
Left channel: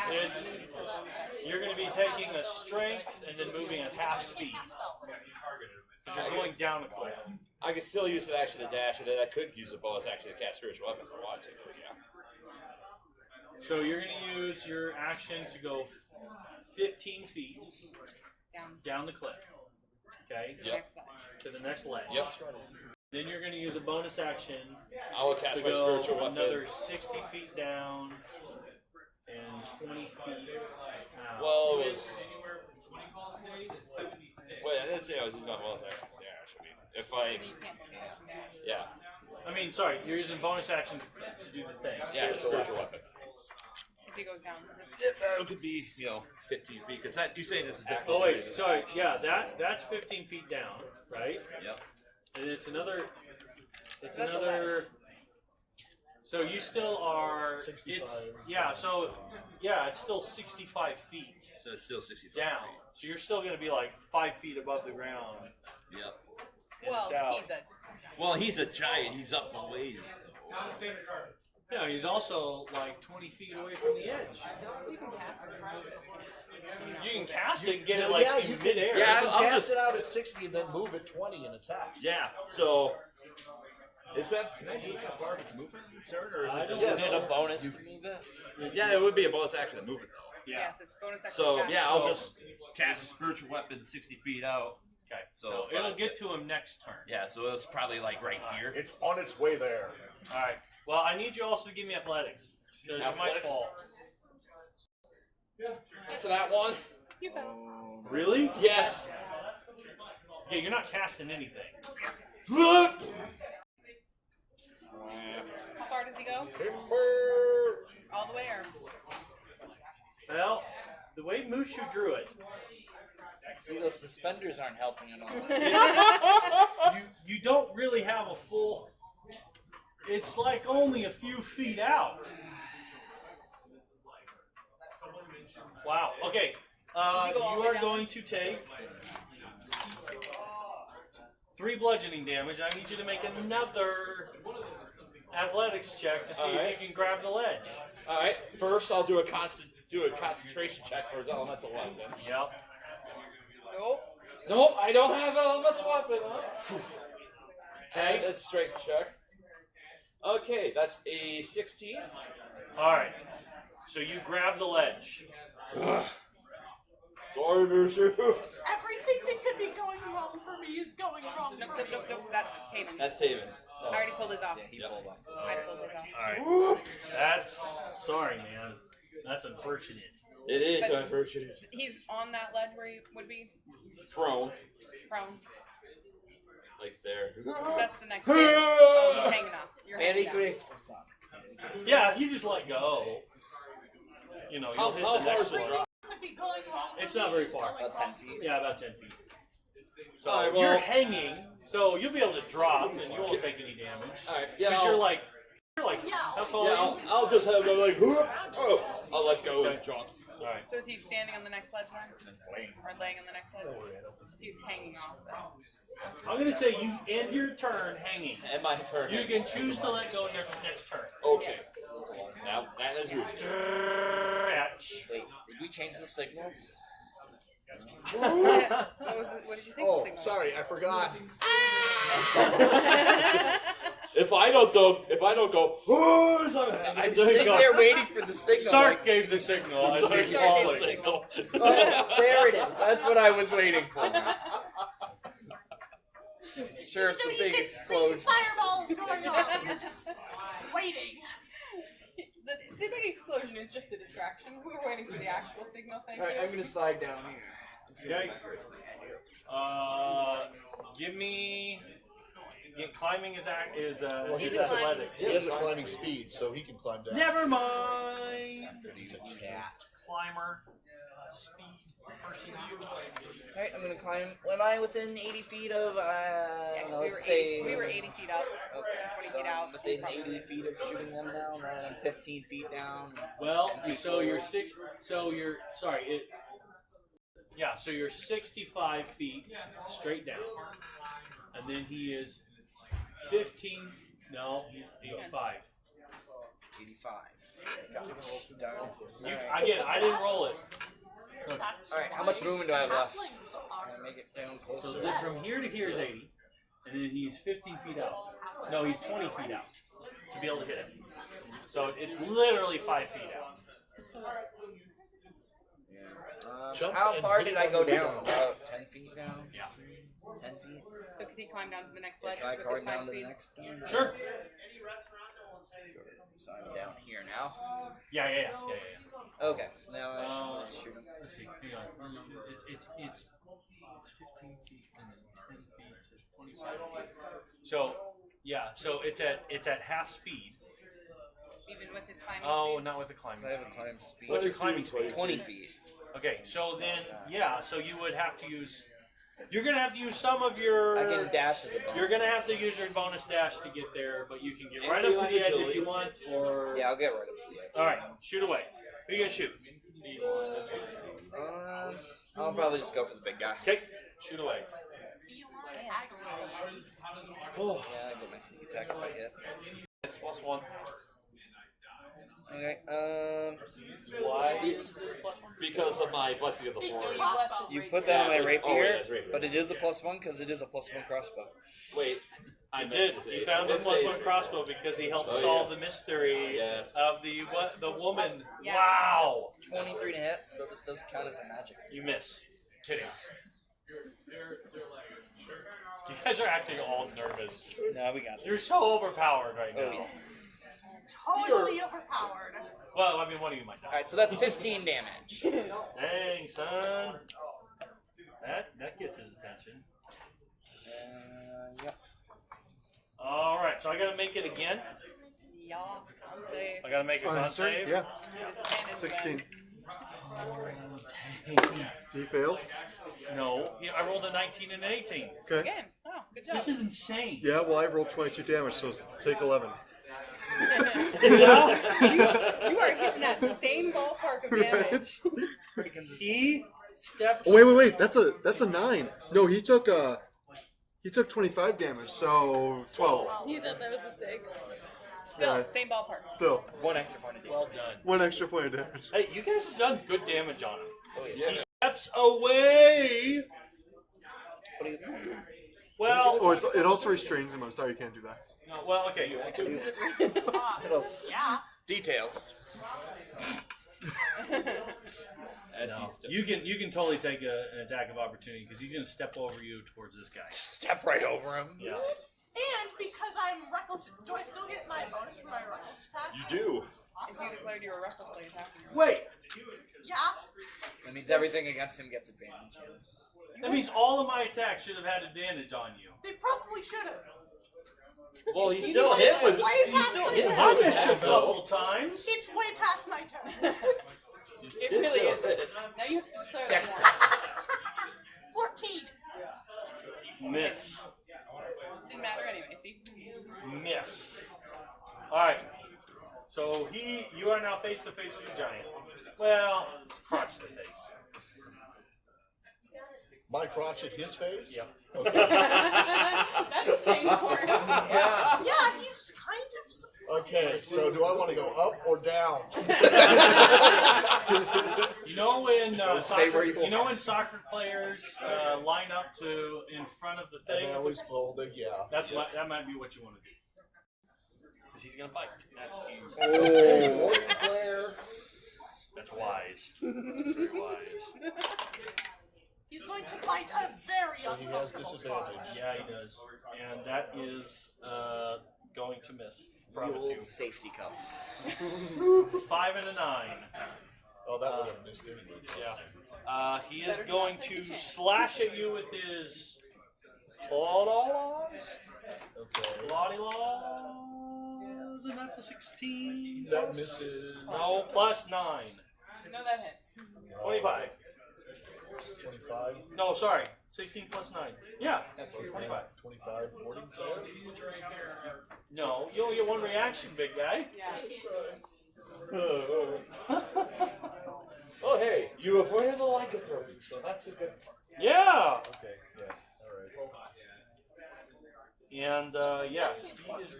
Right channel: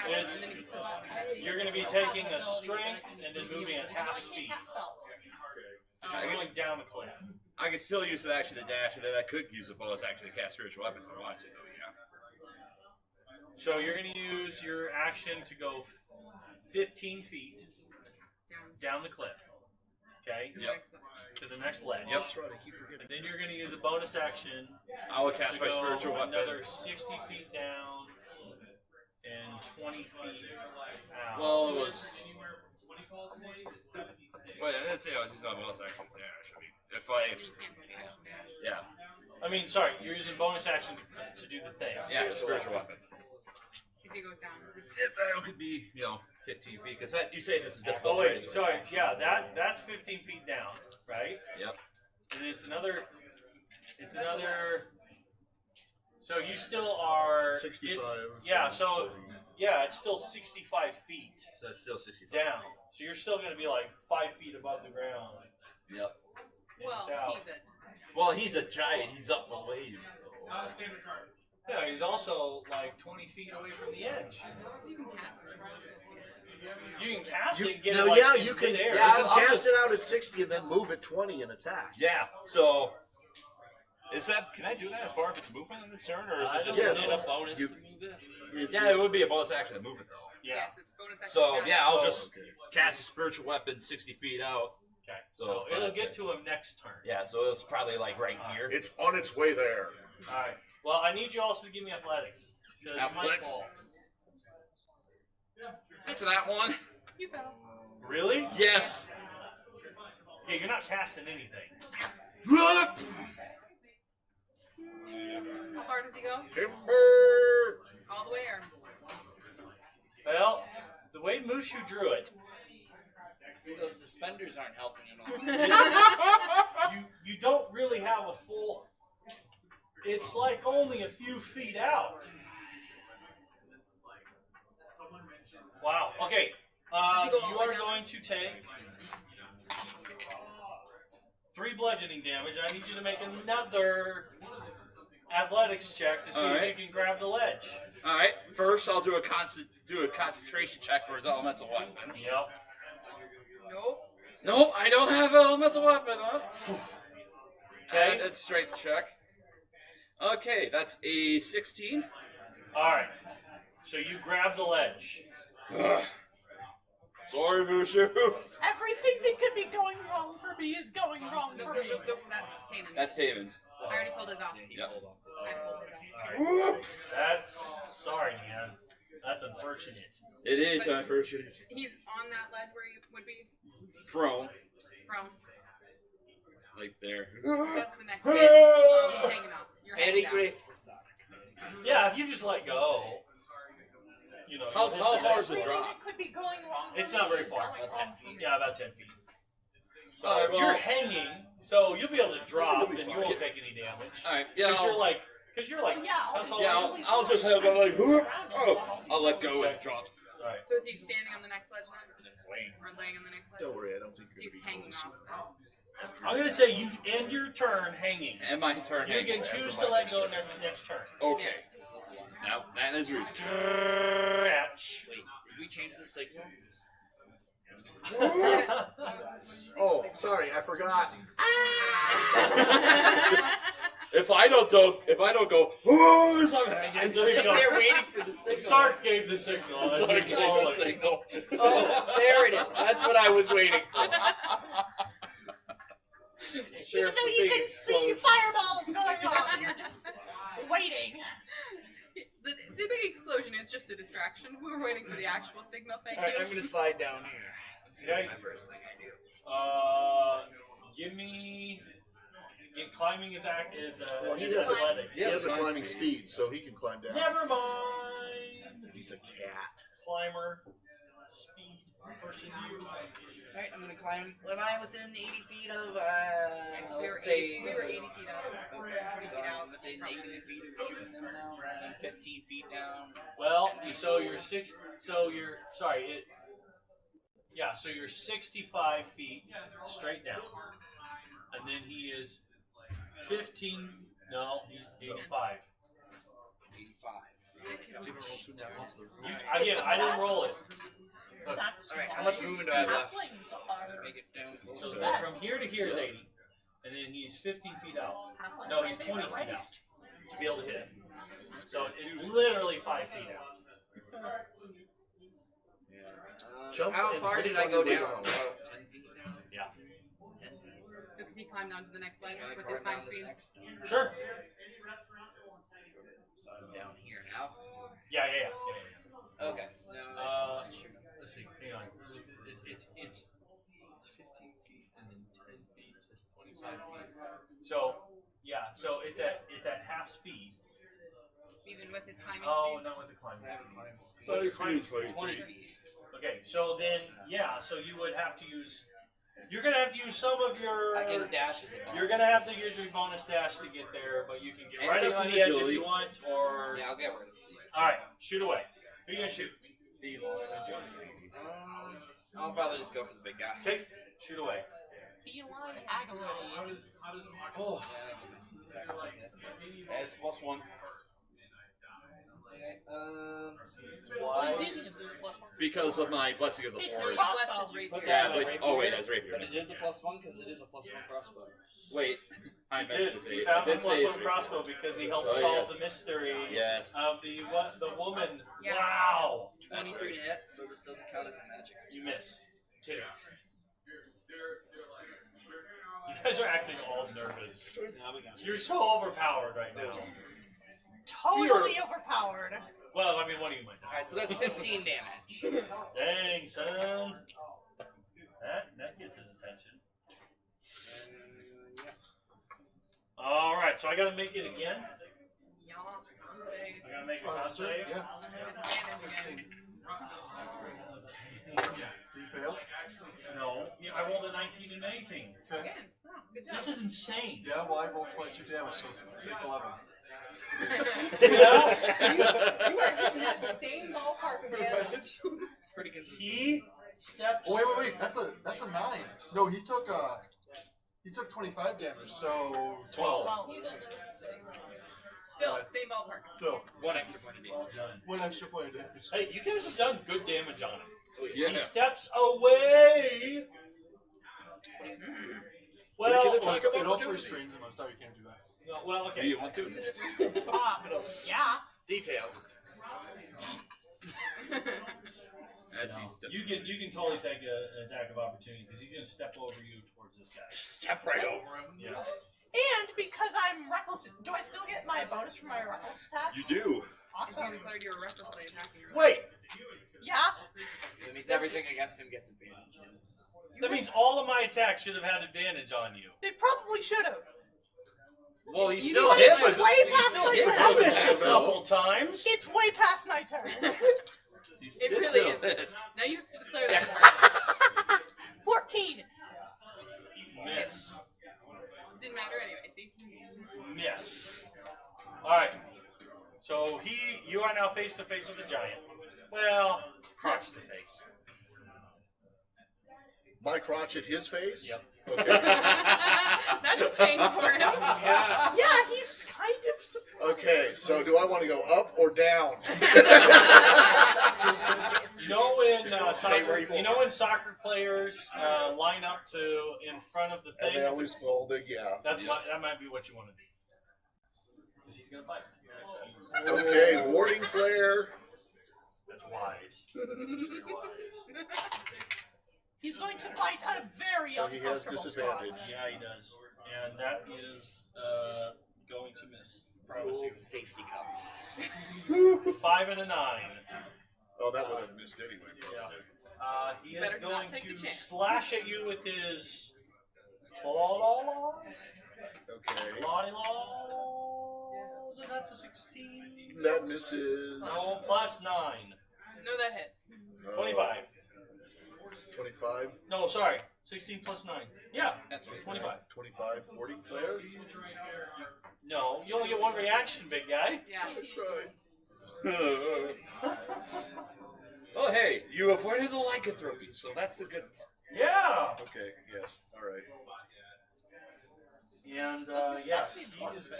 you're going to be taking a strength and then moving at half speed. So you're going down the cliff. I can still use the action to dash, and then I could use the bonus action to cast spiritual weapon if I wanted to. Yeah. So you're going to use your action to go 15 feet down the cliff. Okay? Yep. To the next ledge. Yep. Then you're going to use a bonus action I would cast to my spiritual go another weapon. 60 feet down and 20 feet out. Well, it was. Wait, I didn't say I was using my bonus action. Yeah, I should be. If I. Yeah. I mean, sorry, you're using bonus action to do the thing. Yeah, the spiritual weapon. If he goes down. If that could be, 15 feet. Because that you say this is difficult. Oh wait, sorry, yeah, that's 15 feet down, right? Yep. And it's another. So you still are. 65. It's still 65 feet So it's still 60 down. So you're still going to be like 5 feet above the ground. Yep. And Well, it's out. he's a. Well, he's a giant. He's up a ways. No, he's also like 20 feet away from the edge. You can cast it. You can cast it and get Now, it like yeah, in you can, midair. Yeah, I'll cast just- it out at 60 and then move at 20 and attack. Yeah. So. Is that? Can I do that as part of his movement in this turn, or is it just? Yes. Is it a bonus You- to move it? Yeah, it would be a bonus action to move it. Yeah. So it's bonus action. So cast. yeah, I'll just cast a spiritual weapon 60 feet out. Okay. So It'll get to him next turn. Yeah, so it's probably like right here. It's on its way there. Alright. Well, I need you also to give me athletics. Because it's my Athletics? fault. That's that one. You fell. Really? Yes. Yeah, you're not casting anything. How far does he go? Timber! All the way or? Well, the way Mushu drew it, See, those suspenders aren't helping at all. you don't really have a full. It's like only a few feet out. Okay. Does he go all You the way are down? going to take 3 bludgeoning damage. I need you to make another athletics check to see All right. if you can grab the ledge. All right. First, I'll do a concentration check for his elemental weapon. Yep. Nope. Nope, I don't have an elemental weapon. Huh? Okay. And that's strength check. Okay, that's a 16. All right. So you grab the ledge. Sorry, Mushu. Everything that could be going wrong for me is going wrong Nope, for nope, me. nope, nope. That's Taven's. That's Taven's. I already pulled his off. Yep. I pulled his off. All right. That's sorry, man. That's unfortunate. It is But- unfortunate. He's on that ledge where he would be Prone, from. like there. That's the next hit. Oh, he's hanging off. You're Very hanging down. graceful son. Yeah, if you just let go, you know. How you'll hit far the is next the one. drop? It could be going wrong. It's not very far. About 10 feet. Yeah, about 10 feet. So All right, well- you're hanging, so you'll be able to drop, and you won't take any damage. All right, yeah. Because you're I'll, like, that's all. yeah, I'll just have go like, oh, I'll let go and drop. All right. So is he standing on the next ledge then? Or laying on the next ledge? Don't worry, I don't think He's hanging off though. I'm gonna say you end your turn hanging. And my turn. You can choose to let go next turn. Okay. Now that is yours. Stretch. Wait, did we change the signal? What did you think? Oh, the signal sorry, I forgot. If I don't go, oh, sorry, I think they're waiting for the signal. Sark gave the signal as Sark he gave followed. the signal. Oh, there it is. That's what I was waiting for. Sure, Even it's though a you big can see explosion. fireballs going off, you're just waiting. The big explosion is just a distraction. We were waiting for the actual signal. Thank Alright, I'm you. gonna slide down here. That's gonna be Okay. my first thing I do. Give me. Climbing is Well, is he has athletics. a climbing speed, so he can climb down. Never mind. He's a cat. Climber, speed, person. Alright, I'm gonna climb. Am I within 80 feet of, We let's were say... 80 we were 80 feet up. 20 So feet I'm out. within 80 feet of shooting them now, and then 15 feet down. Well, so you're 65 feet straight down, and then he is 15. No, he's 85. 85. Again, I didn't roll it. Alright, how much movement do I have left? Make it down So closer. then from here to here is 80, and then he's 15 feet out. No, he's 20 feet out to be able to hit it. So it's literally 5 feet out. Jump How and far hit did it I on go the down? ground. About 10 feet down? Yeah. 10 feet? So could he climb down to the next ledge Can I with climb his down 5 to the speed? next one? Sure. So I'm down here now. Yeah. Okay, so now I should shoot him. Let's see. Hang on. It's 15 feet and then 10 feet is 25 feet. So yeah. So it's at half speed. Even with his climbing Oh, speed? not with the climbing. So I have a climb speed. What's your climbing speed? 20 feet. Okay. So then yeah. So you would have to use. You're gonna have to use some of your. I can dash as a bonus. You're gonna have to use your bonus dash to get there, but you can get right up to the edge if you want, or. Yeah, I'll get right up to the edge. All right, shoot away. Who you gonna shoot? I'll probably just go for the big guy. Okay, shoot away. Oh, Yeah, I'll get my sneak attack if I hit. it's +1. Okay, Why? Because of my blessing of the It's forest. really blessed his you rapier. put that on my Yeah, rapier, oh, wait, that's rapier. but it is a +1 because it is a +1 crossbow. Wait, I He meant did. to say He found the I did say +1 it's crossbow because he helped Oh, solve yes. the mystery Yes. of the woman. Yeah. Wow. 23 to hit, so this does count as a magic. You miss. Kidding. You guys are acting all nervous. No, we got You're so overpowered right now. Oh, yeah. Totally overpowered. Well, I mean, one of you might die. Alright, so that's 15 damage. Dang, son. That gets his attention. Yeah. All right, so I gotta make it again. Yeah, I'll say. I gotta make a Oh, con yes, sir. save. Yeah. Disadvantage 16. again. He failed. No, yeah, I rolled a 19 and an 18. Okay. Again. Oh, good job. This is insane. Yeah, well, I rolled 22 damage, so take 11. You are getting that same ballpark of damage. Pretty consistent. He steps. Oh, wait. That's a 9. No, he took 25 damage, so 12. You thought that was a 6. Still, Yeah. same ballpark. Still, 1 extra point of damage. Well done. 1 extra point of damage. Hey, you guys have done good damage on him. Yeah. He steps away. What do you think? Well, Oh, it also restrains him. I'm sorry you can't do that. no, well, okay. You want to? Yeah. Details. As No. he steps You can totally take an attack of opportunity because he's going to step over you towards this guy. Step right over him. Yeah. And because I'm reckless, do I still get my bonus for my reckless attack? You do. Awesome. You declared you were recklessly attacking her. Wait, Yeah. That means everything against him gets advantage. that means all of my attacks should have had advantage on you. They probably should have. Well, he You still know, hit it's with. way He past still my hit turn. I with missed a his couple times. It's way past my turn. It really is. Now you have to declare this more. 14. Miss. Didn't matter anyway. See? Miss. Alright. So you are now face to face with the giant. Well, cross to face. My crotch in his face? That's a change for him. Yeah, he's kind of. Okay, so do I want to go up or down? You know when soccer players line up to in front of the And I thing? was balding, yeah. That's what that might be which one. He's gonna bite. Okay, warning flare. That's wise. He's going to fight a very So he has disadvantage. Yeah, he does. And that is going to miss. Rule safety cup. 5 and a 9. Oh, that would have been a mistake. He is going to slash at you with his claws. Okay. Claws. That's a 16. That misses. Oh, plus 9. No, that hits. 25. 25. No, sorry. 16 plus 9. Yeah, that's 25. 25, 40. No, you only get one reaction, big guy. Yeah. Oh, hey, you avoided the lycanthropy, so that's the good. Yeah. Okay, yes, alright. And yeah, he's going to do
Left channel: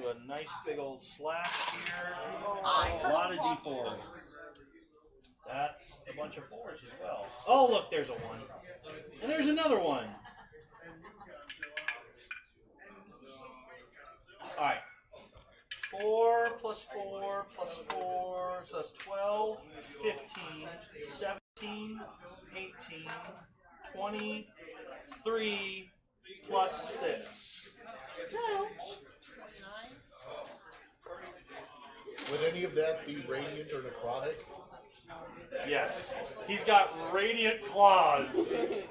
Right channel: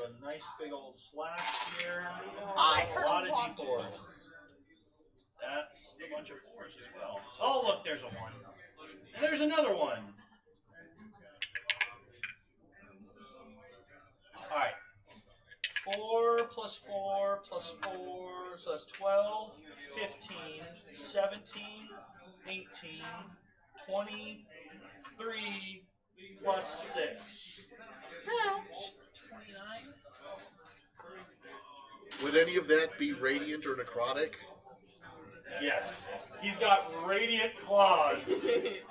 a nice big old slash here. A lot of d4s. That's a bunch of 4s as well. Oh, look, there's a 1. There's another one. Alright. 4 plus 4 plus 4, so that's 12, 15, 17, 18, 23, plus 6. Would any of that be radiant or necrotic? Yes. He's got radiant claws.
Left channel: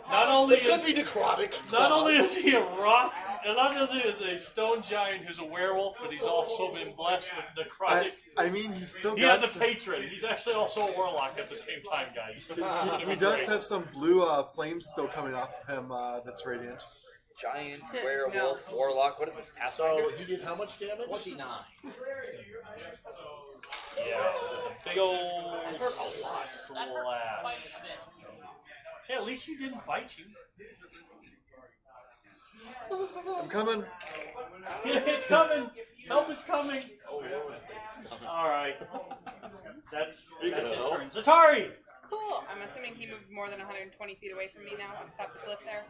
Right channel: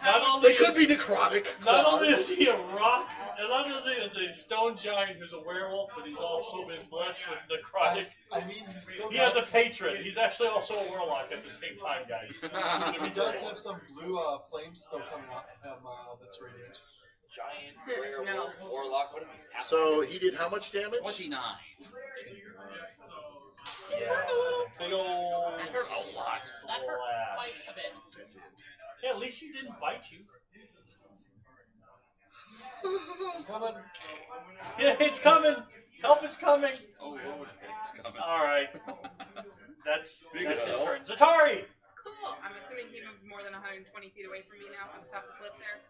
Not only They could is be necrotic. not only is he a rock, and not only is he a stone giant who's a werewolf, but he's also been blessed with the necrotic. I mean, he's still He has has, a patron. He's actually also a warlock at the same time, guys. he does have some blue flames still coming off him that's radiant. Giant werewolf warlock. What is this? So he did how much damage? 29. Yeah. Big old slash. Yeah, at least he didn't bite you. I'm coming. Yeah, it's coming. Help is coming. All right. That's his turn. Zatari. Cool. I'm assuming you move more than 120 feet away from me now. I'll stop the cliff there.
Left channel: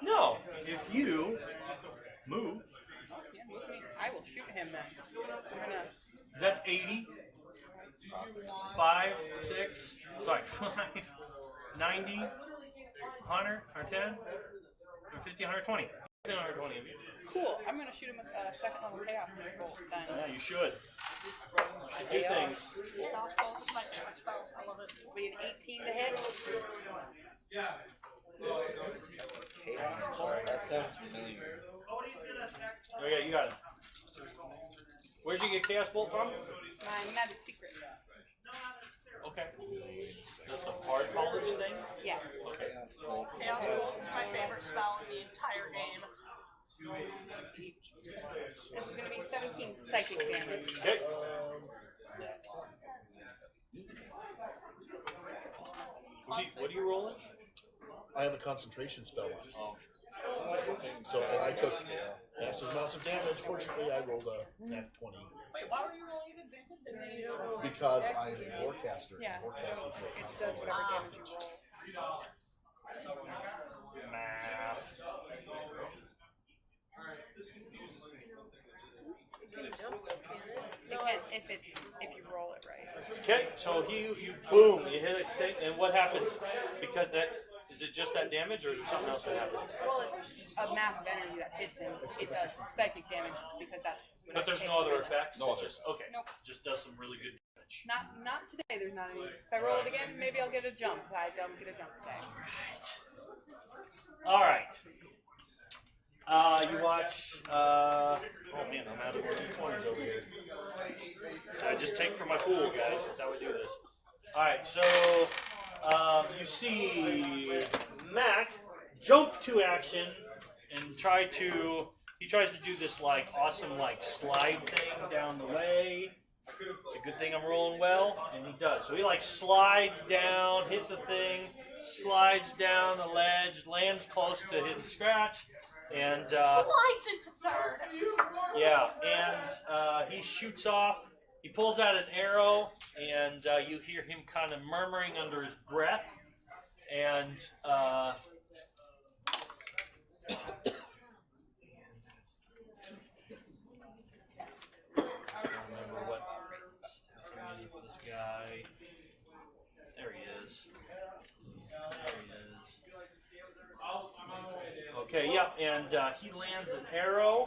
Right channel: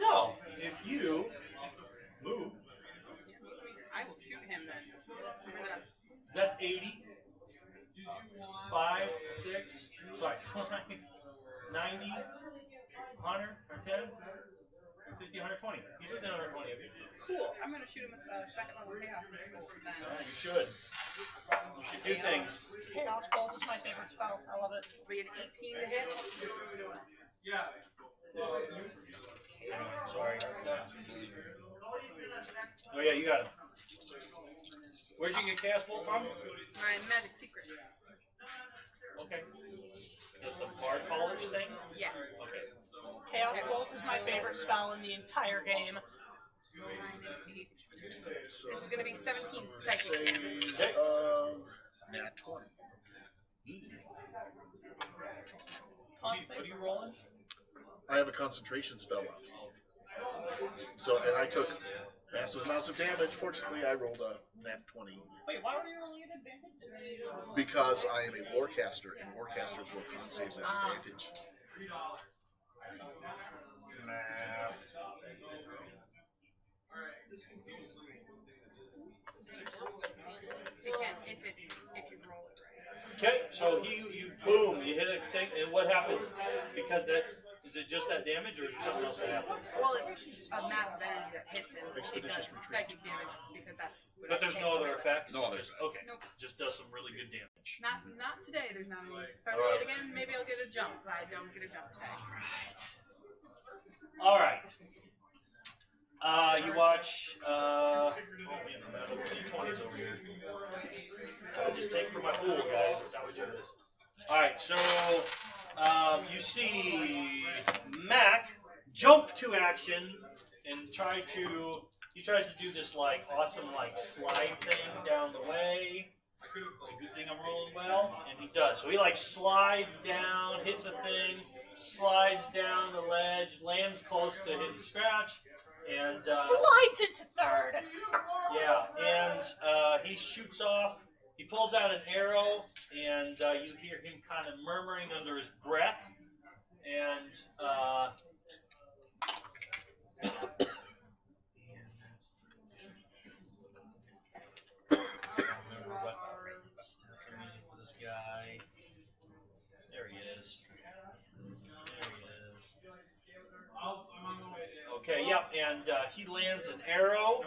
No. If you move, I will shoot him. I'm gonna. that's 80. 5, 6, right, 5, 90, 100, 110, 150, 120. 120. Cool. I'm gonna shoot him with the second one. Chaos bolt then. You should. You should do things. Raise 18 today. That sounds familiar. Oh yeah, you got it. Where'd you get Chaos Bolt from? My magic secrets. Okay. Is it a part college thing? Yes. Chaos bolt. Chaos Bolt was my favorite spell in the entire game. What do you roll? I have a concentration spell. So, and I took massive amounts of damage. Fortunately, I rolled a nat 20. Because I am a warcaster, and warcasters roll con-saves at advantage. If you roll it right. Okay, so you boom, you hit it, and what happens? Because that, is it just that damage or is something else that happens? Well, it's a massive enemy that hits him. It does psychic damage because that's. But there's no other effects? No. Just, okay, just does some really good damage. Not today. There's not. If I roll again, maybe I'll get a jump. I don't get a jump today. Alright. You watch, oh man, I'm out of 20s over here. Just take from my pool, guys. That's how we do this. Alright, so, you see Mac jump to action and he tries to do this, like, awesome, like, slide thing down the way. It's a good thing I'm rolling well, and he does. So he, like, slides down, hits the thing, slides down the ledge, lands close to his scratch, and, Slides into third. yeah, and, he shoots off. He pulls out an arrow, and you hear him kind of murmuring under his breath, and this guy. There he is. Okay, yeah, and he lands an arrow.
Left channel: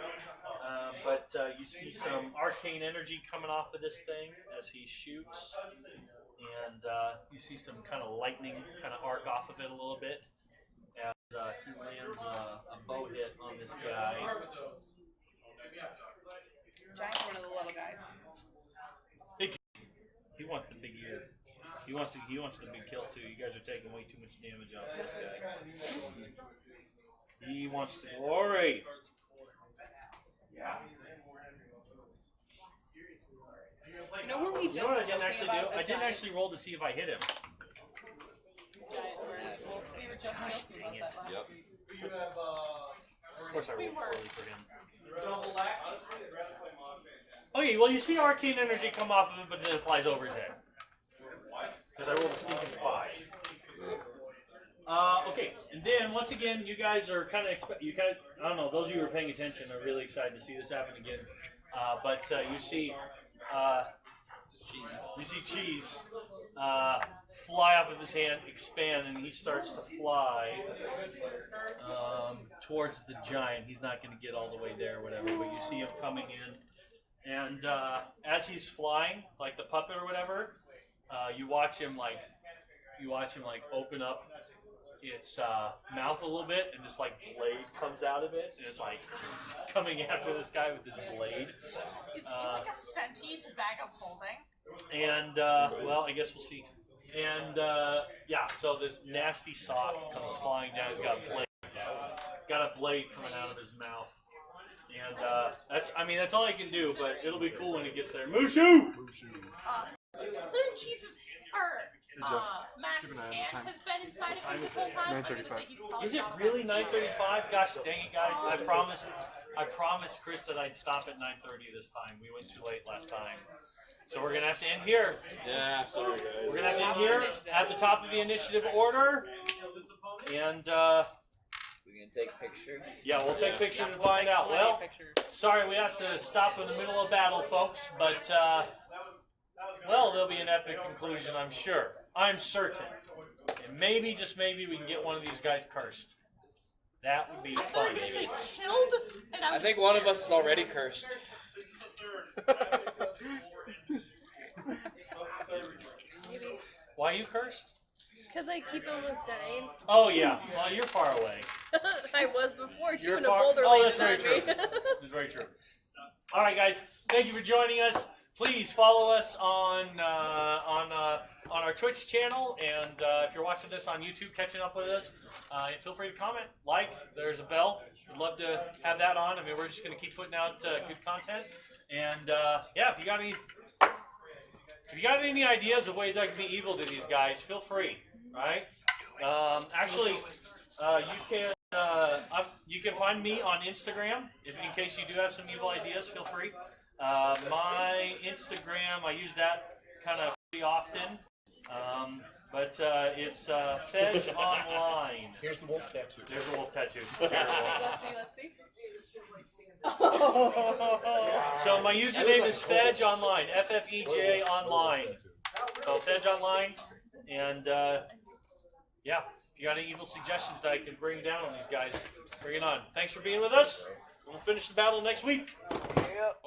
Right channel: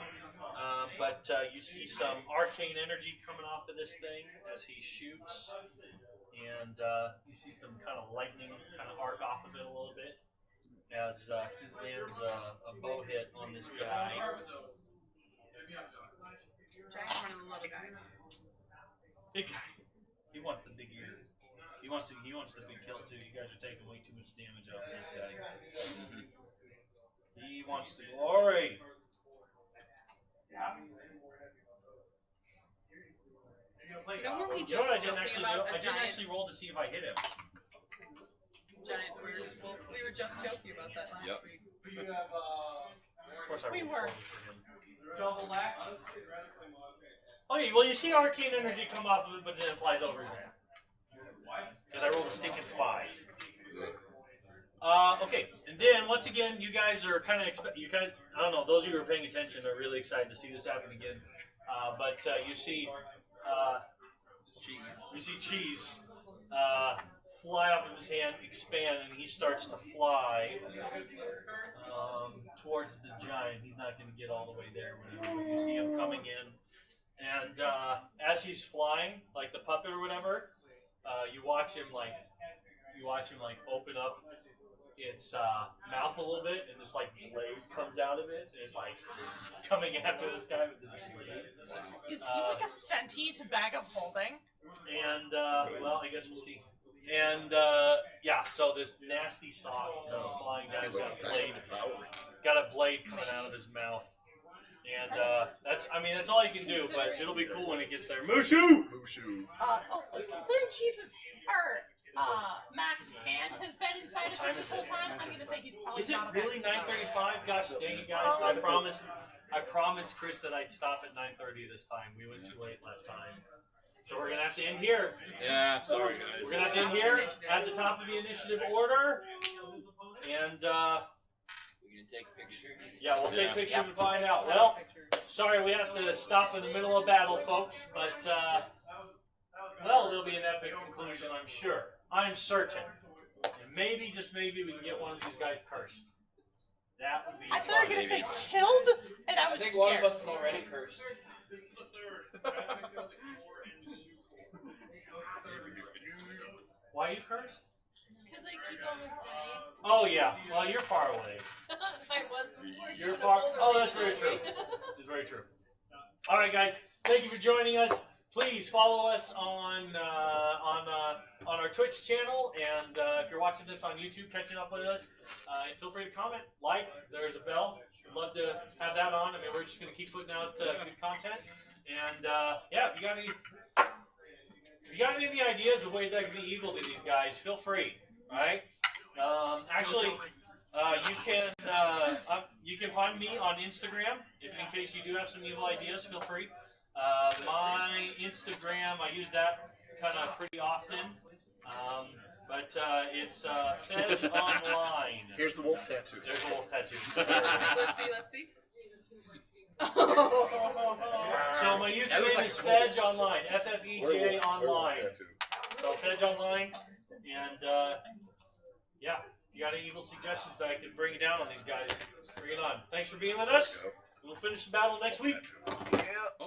But you see some arcane energy coming off of this thing as he shoots, and you see some kind of lightning kind of arc off of it a little bit as he lands a bow hit on this guy. Jack's one of the little guys. He wants the big ear. He wants the big kill too. You guys are taking way too much damage off this guy. He wants the glory. He You know what I didn't actually do? I didn't actually roll to see if I hit him. Giant weird. So you're just joking about that, huh? Of course I rolled for him. Okay, well you see arcane energy come off of him, but then it flies over his head. Because I rolled 65. Okay, and then once again, you guys are kind of, I don't know, those of you who are paying attention are really excited to see this happen again. But you see Cheese fly off of his hand, expand, and he starts to fly towards the giant. He's not going to get all the way there or whatever, but you see him coming in. And as he's flying, like the puppet or whatever, you watch him like open up its mouth a little bit, and this like blade comes out of it, and it's like coming after this guy with this blade. Is he like a sentient bag of holding? And well, I guess we'll see. And yeah, so this nasty sock comes flying down. He's got a blade coming out of his mouth. And that's all you can do, but it'll be cool when it gets there. Mushu! Considering Jesus or Mac's hand has been inside of him this whole time. 9:35. Is it really 9:35? Gosh dang it, guys! I promised Chris that I'd stop at 9:30 this time. We went too late last time, so we're gonna have to end here. Yeah, sorry guys. We're gonna have to end here at the top of the initiative order, and We gonna take a picture? yeah, we'll take pictures and find out. Well, sorry we have to stop in the middle of battle, folks, but well, there'll be an epic conclusion, I'm sure. I'm certain. And maybe, just maybe, we can get one of these guys cursed. That would be I thought you were fun. gonna say killed, and I think one of us is already cursed. Why are you cursed? Because I keep almost dying. Oh yeah, well you're far away. I was before too, You're and a far. boulder Oh, waved that's very at me. true. That's very true. All right, guys. Thank you for joining us. Please follow us on our Twitch channel, and if you're watching this on YouTube, catching up with us, feel free to comment, like. There's a bell. We'd love to have that on. I mean, we're just going to keep putting out good content. And yeah, if you got any ideas of ways I can be evil to these guys, feel free. All right. Actually, you can find me on Instagram. If in case you do have some evil ideas, feel free. My Instagram, I use that kind of pretty often. But it's Fedge Online. Here's the wolf tattoo. There's a wolf tattoo. Let's see. So my username is Fedge Online. FFEJ Online. So Fedge Online. And yeah, if you got any evil suggestions that I can bring down on these guys, bring it on. Thanks for being with us. We'll finish the battle next week. Yeah.